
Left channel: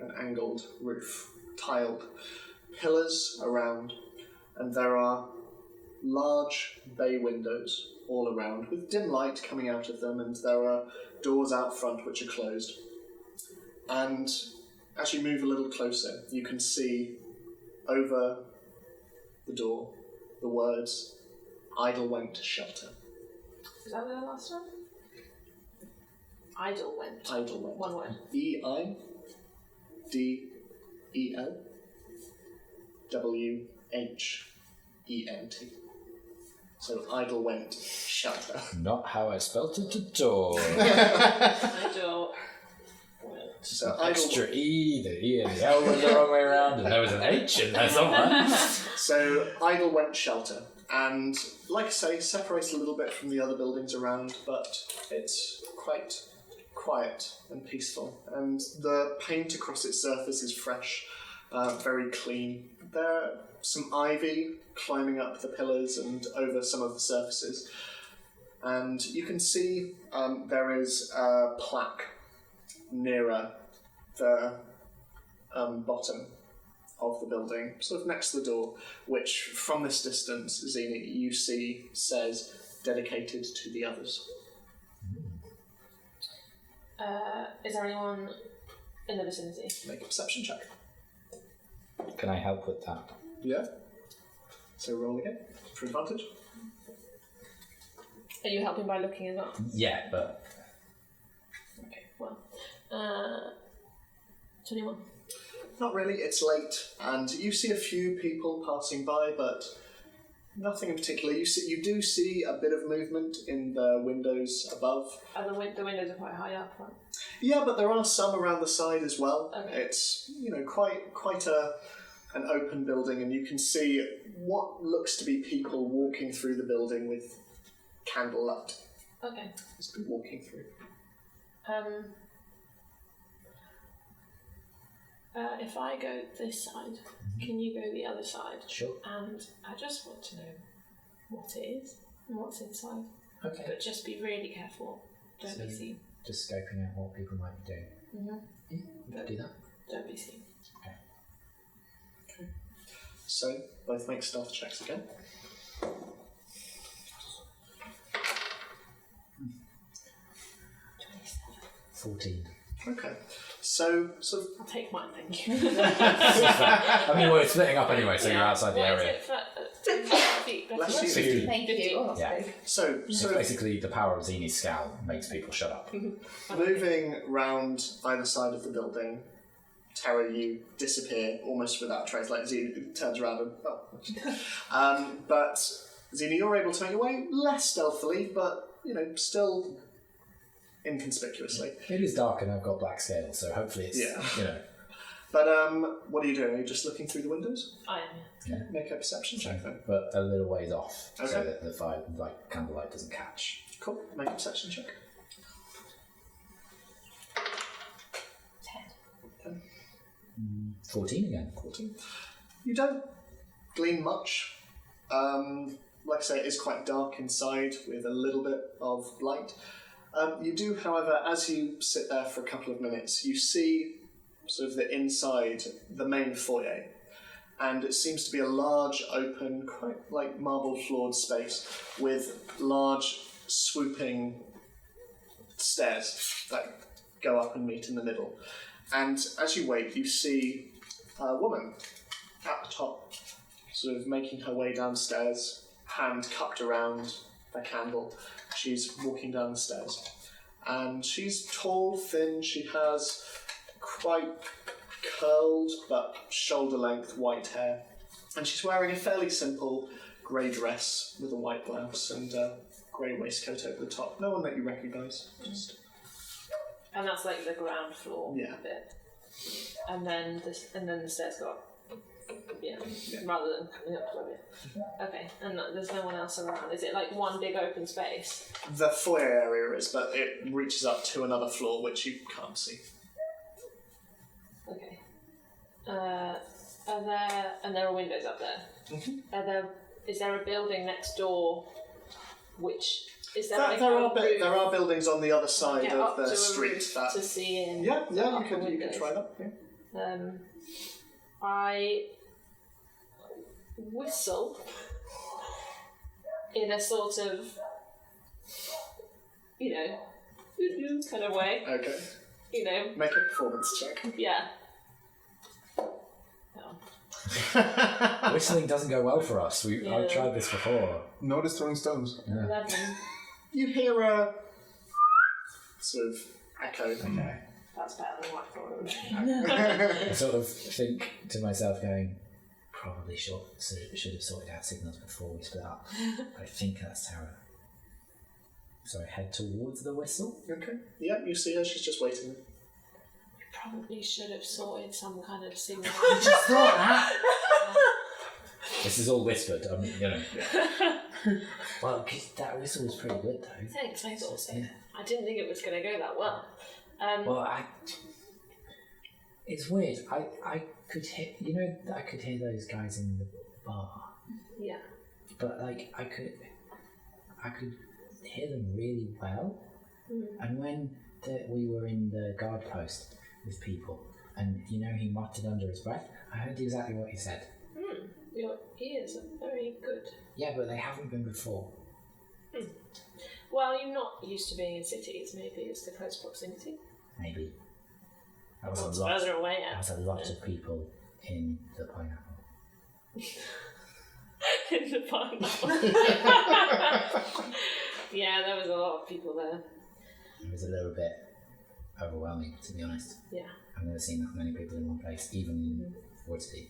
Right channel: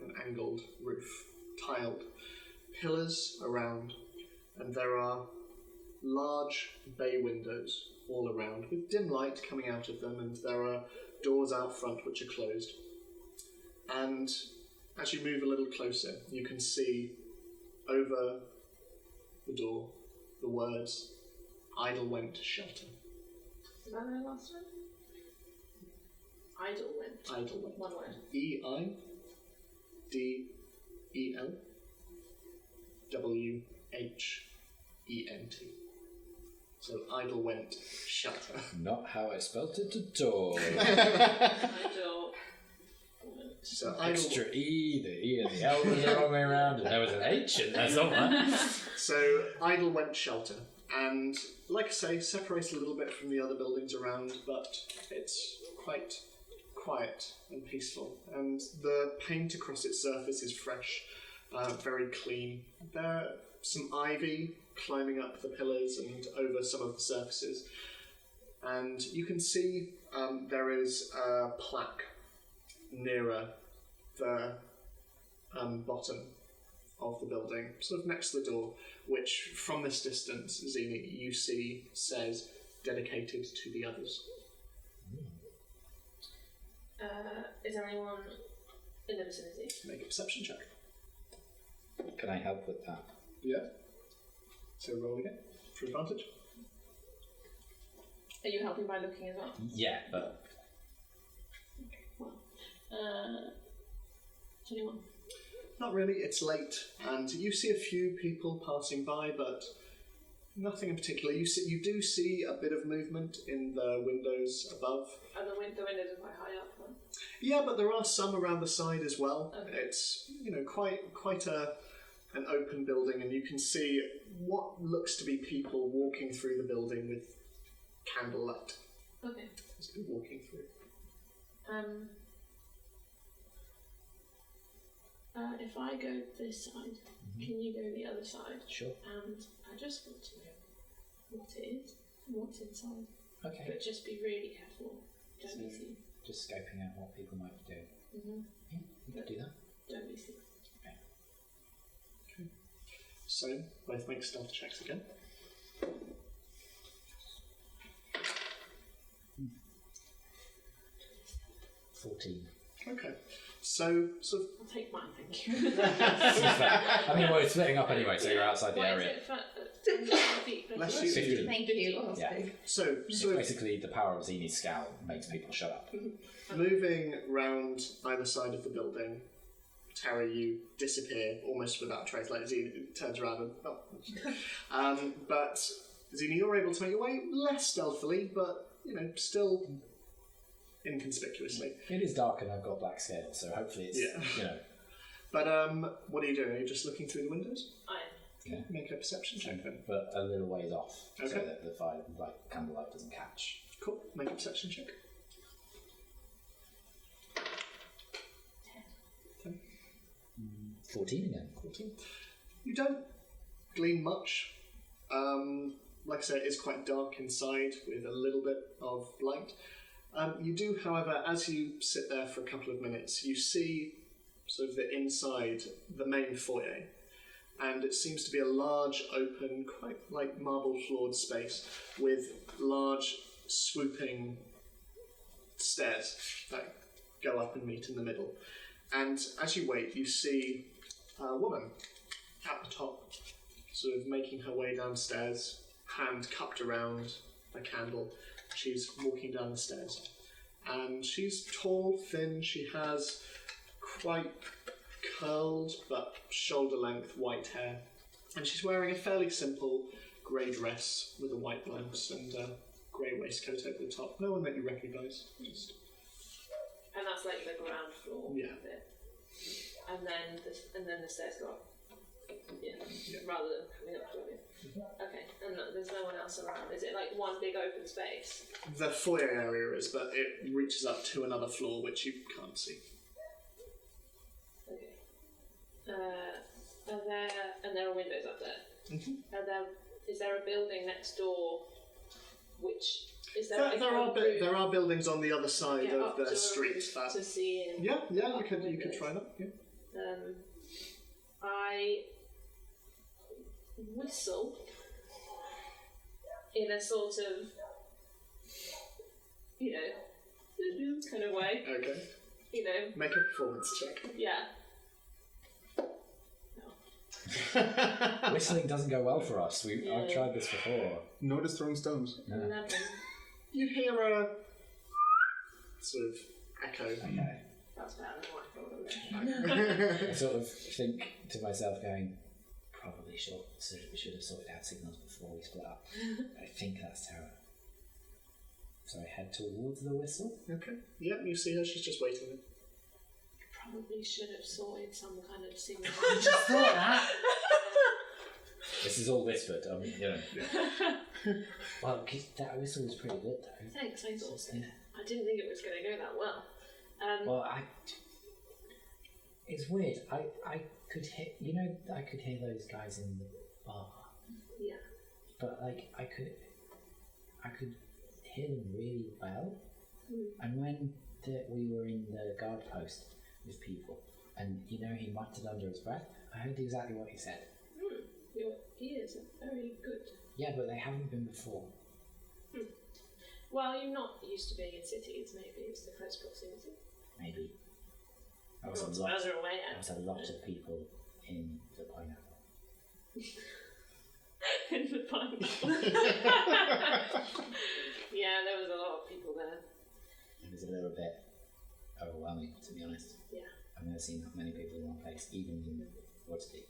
an angled roof, tiled pillars around, and there are large bay windows all around with dim light coming out of them, and there are doors out front which are closed. And as you move a little closer, you can see over the door the words, "Idle went to shelter." Is that the last one? Idle went. Idle went. One word. EIDELWHENT. So idle went shelter. Not how I spelt it at all. Idle went. So Extra E, the E and the L went the wrong way around, and there was an H in there somewhere. So idle went shelter, and like I say, separates a little bit from the other buildings around, but it's quite quiet and peaceful, and the paint across its surface is fresh, very clean. There are some ivy climbing up the pillars and over some of the surfaces, and you can see there is a plaque nearer the bottom of the building, sort of next to the door, which from this distance, Zena, you see says dedicated to the others. Is there anyone in the vicinity? Make a perception check. Can I help with that? Yeah. So roll again for advantage. Are you helping by looking as well? Yeah, but Okay, well. 21. Not really, it's late, and you see a few people passing by, but nothing in particular. You do see a bit of movement in the windows above. The windows are quite high up, right? Yeah, but there are some around the side as well. Okay. It's quite an open building, and you can see what looks to be people walking through the building with candlelight. Okay. Just been walking through. If I go this side, can you go the other side? sure. And I just want to know what it is and what's inside. Okay. But just be really careful. Don't be So- seen. Just scoping out what people might be doing. Mm-hmm. Yeah, we could do that. Don't be seen. So, both make stealth checks again. 14. Okay. So I'll take mine, thank you. I mean, we're splitting up anyway, so you're outside the What area. is it for feet? Bless you. 50. Thank you. Oh, that's Yeah. big. So It's basically the power of Zini's scowl makes people shut up. moving round either side of the building, Tara, you disappear almost without a trace. Like Zena turns around and but Zena, you're able to make your way less stealthily, but still inconspicuously. It is dark and I've got black scales, so hopefully it's But what are you doing? Are you just looking through the windows? I am. Yeah. Make a perception check then. but a little ways off, so Okay. that the fire, candlelight doesn't catch. Cool. Make a perception check. 14 again. 14. You don't glean much. Like I say, it is quite dark inside with a little bit of light. You do, however, as you sit there for a couple of minutes, you see sort of the inside, the main foyer. And it seems to be a large, open, quite like marble-floored space with large, swooping stairs that go up and meet in the middle. And as you wait, you see a woman at the top, sort of making her way downstairs, hand cupped around a candle. She's walking down the stairs. And she's tall, thin, she has quite curled but shoulder-length white hair. And she's wearing a fairly simple grey dress with a white blouse and a grey waistcoat over the top. No one that you recognise. Just And that's like the ground floor Yeah. bit. And then the stairs go up. Yeah. Rather than coming up to it. Okay. And there's no one else around. Is it like one big open space? the foyer area is, but it reaches up to another floor which you can't see. Okay. There are windows up there. Is there a building next door? Which is there? Like There a roof are buildings on the other side get of up to the a street roof that. to see in? Yeah, the you upper could windows? try that. Yeah. I whistle in a sort of, kind of way. Okay. Make a performance check. Yeah. Whistling doesn't go well for us. I've tried this before. Nor does throwing stones. Yeah. 11. You hear a sort of echo. Okay. That's better than what I thought. I sort of think to myself, going, probably should have sorted out signals before we split up. But I think that's Tara. So I head towards the whistle. Okay. Yeah, you see her. She's just waiting. Probably should have sorted some kind of signal. Just thought that. This is all whispered, Well, because that whistle was pretty good, though. Thanks, I thought so. Yeah. I didn't think it was going to go that well. Well, it's weird. I could hear, I could hear those guys in the bar. Yeah. But I could hear them really well. And when we were in the guard post with people, and he muttered under his breath, I heard exactly what he said. Your ears are very good. Yeah, but they haven't been before. Well, you're not used to being in cities. Maybe it's the close proximity. Maybe. That was What's a lot. further away That was a lot of people in the pineapple. in the pineapple. Yeah, there was a lot of people there. It was a little bit overwhelming, to be honest. Yeah. I've never seen that many people in one place, even in Woodsley.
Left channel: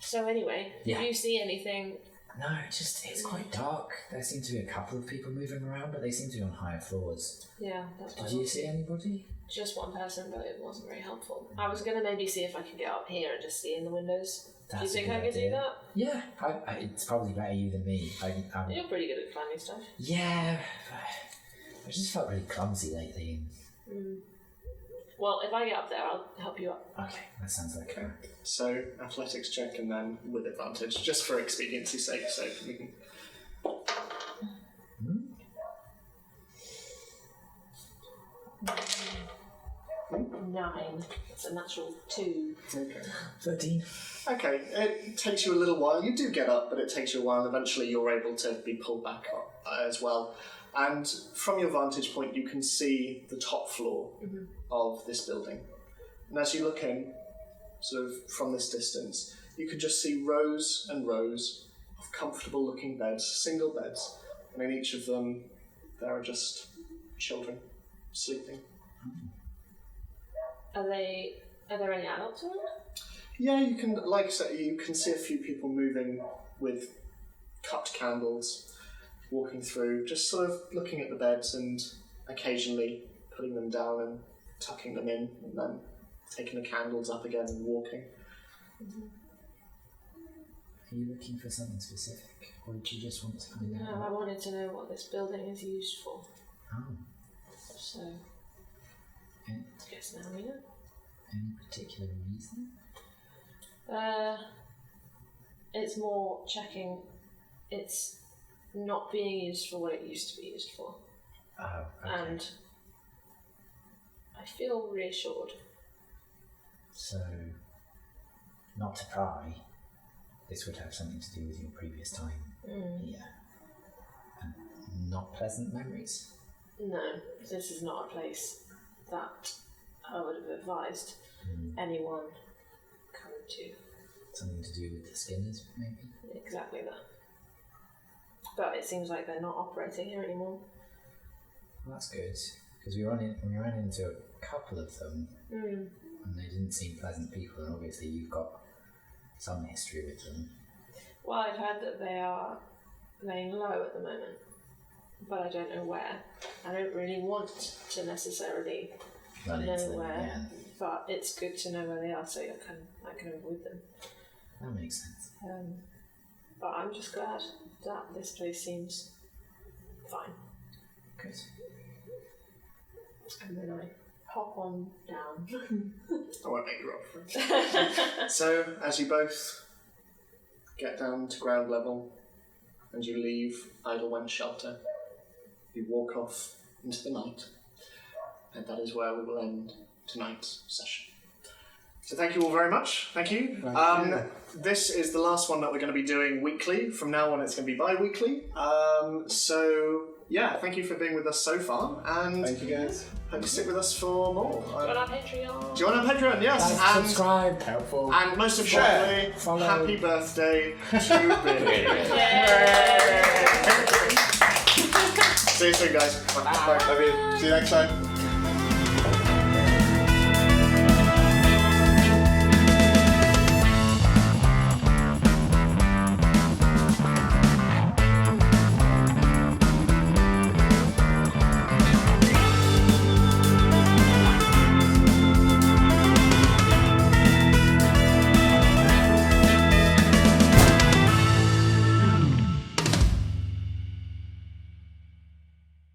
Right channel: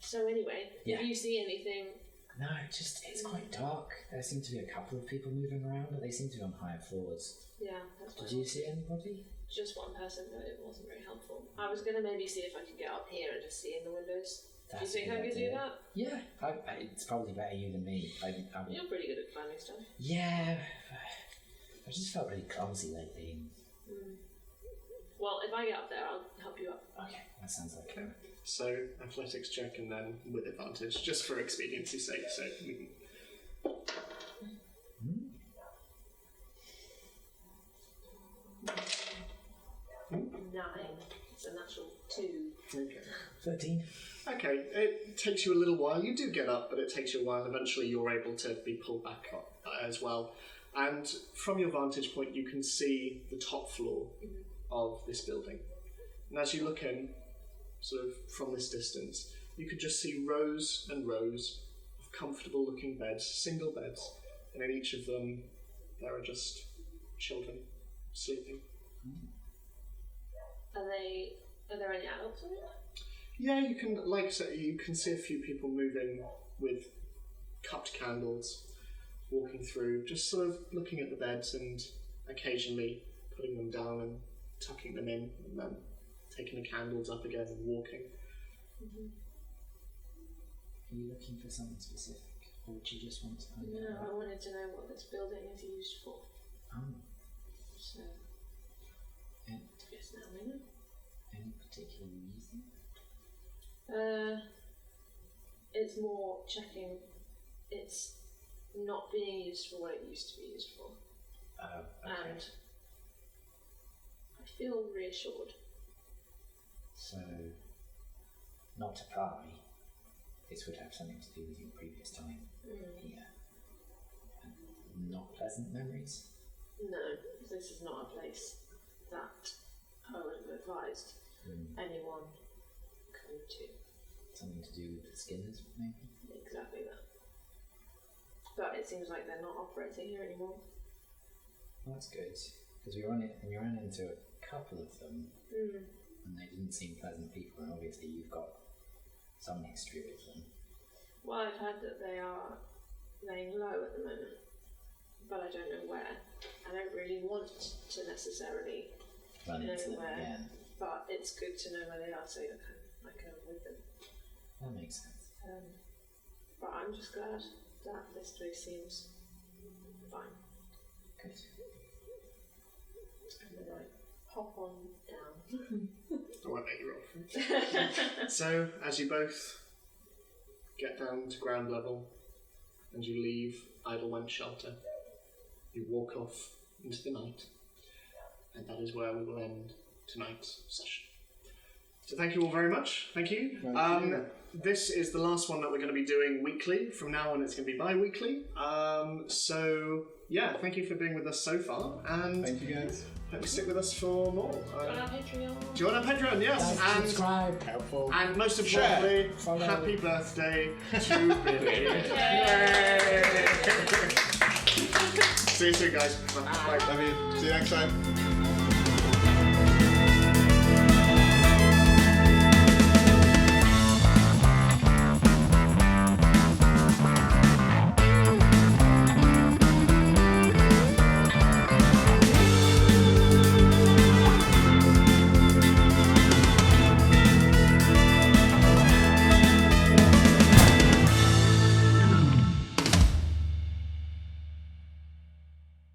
So anyway, Yeah. did you see anything? No, it's quite dark. There seem to be a couple of people moving around, but they seem to be on higher floors. Yeah, that's Did you see anybody? Just one person, but it wasn't very helpful. I was going to maybe see if I could get up here and just see in the windows. Do you That's a think I good could do idea. that? Yeah, it's probably better you than me. You're pretty good at climbing stuff. Yeah, I just felt really clumsy lately. Well, if I get up there, I'll help you up. Okay, that sounds like a... So, athletics check and then with advantage, just for expediency's sake, so we can... 9. It's a natural 2. Okay. 13. Okay, it takes you a little while. You do get up, but it takes you a while. Eventually, you're able to be pulled back up as well. And from your vantage point, you can see the top floor of this building. And as you look in, sort of from this distance, you can just see rows and rows of comfortable looking beds, single beds, and in each of them there are just children sleeping. Are there any adults around? Yeah, you can, like I said, you can see a few people moving with cupped candles, walking through, just sort of looking at the beds and occasionally putting them down and tucking them in, and then taking the candles up again and walking. Are you looking for something specific, or did you just want to find No, out? I wanted to know what this building is used for. Oh, So, and I guess now we know. any particular reason? It's more checking it's not being used for what it used to be used for. Oh, okay. And I feel reassured. So, not to pry, this would have something to do with your previous time here. And not pleasant memories? No, this is not a place that I would have advised anyone come to. Something to do with the Skinners, maybe? Exactly that. But it seems like they're not operating here anymore. Well, that's good, because we ran into a couple of them, and they didn't seem pleasant people, and obviously you've got some history with them. Well, I've heard that they are laying low at the moment, but I don't know where. I don't really want to necessarily Run know into them where, again. but it's good to know where they are so I can avoid them. That makes sense. But I'm just glad that this place seems fine. Good. And then I hop on down. I won't make you roll for it. So, as you both get down to ground level and you leave Idlewench Shelter, you walk off into the night, and that is where we will end tonight's session. So thank you all very much. Thank you. Thank you. This is the last one that we're going to be doing weekly. From now on, it's going to be bi-weekly. So yeah, thank you for being with us so far, and Thank you, guys. hope you stick with us for more. Join our Patreon. Join our Patreon, yes, Like, and subscribe. Helpful. and most Share, importantly, follow. happy birthday to Billy. See you soon, guys. Bye. Love you. See you next time.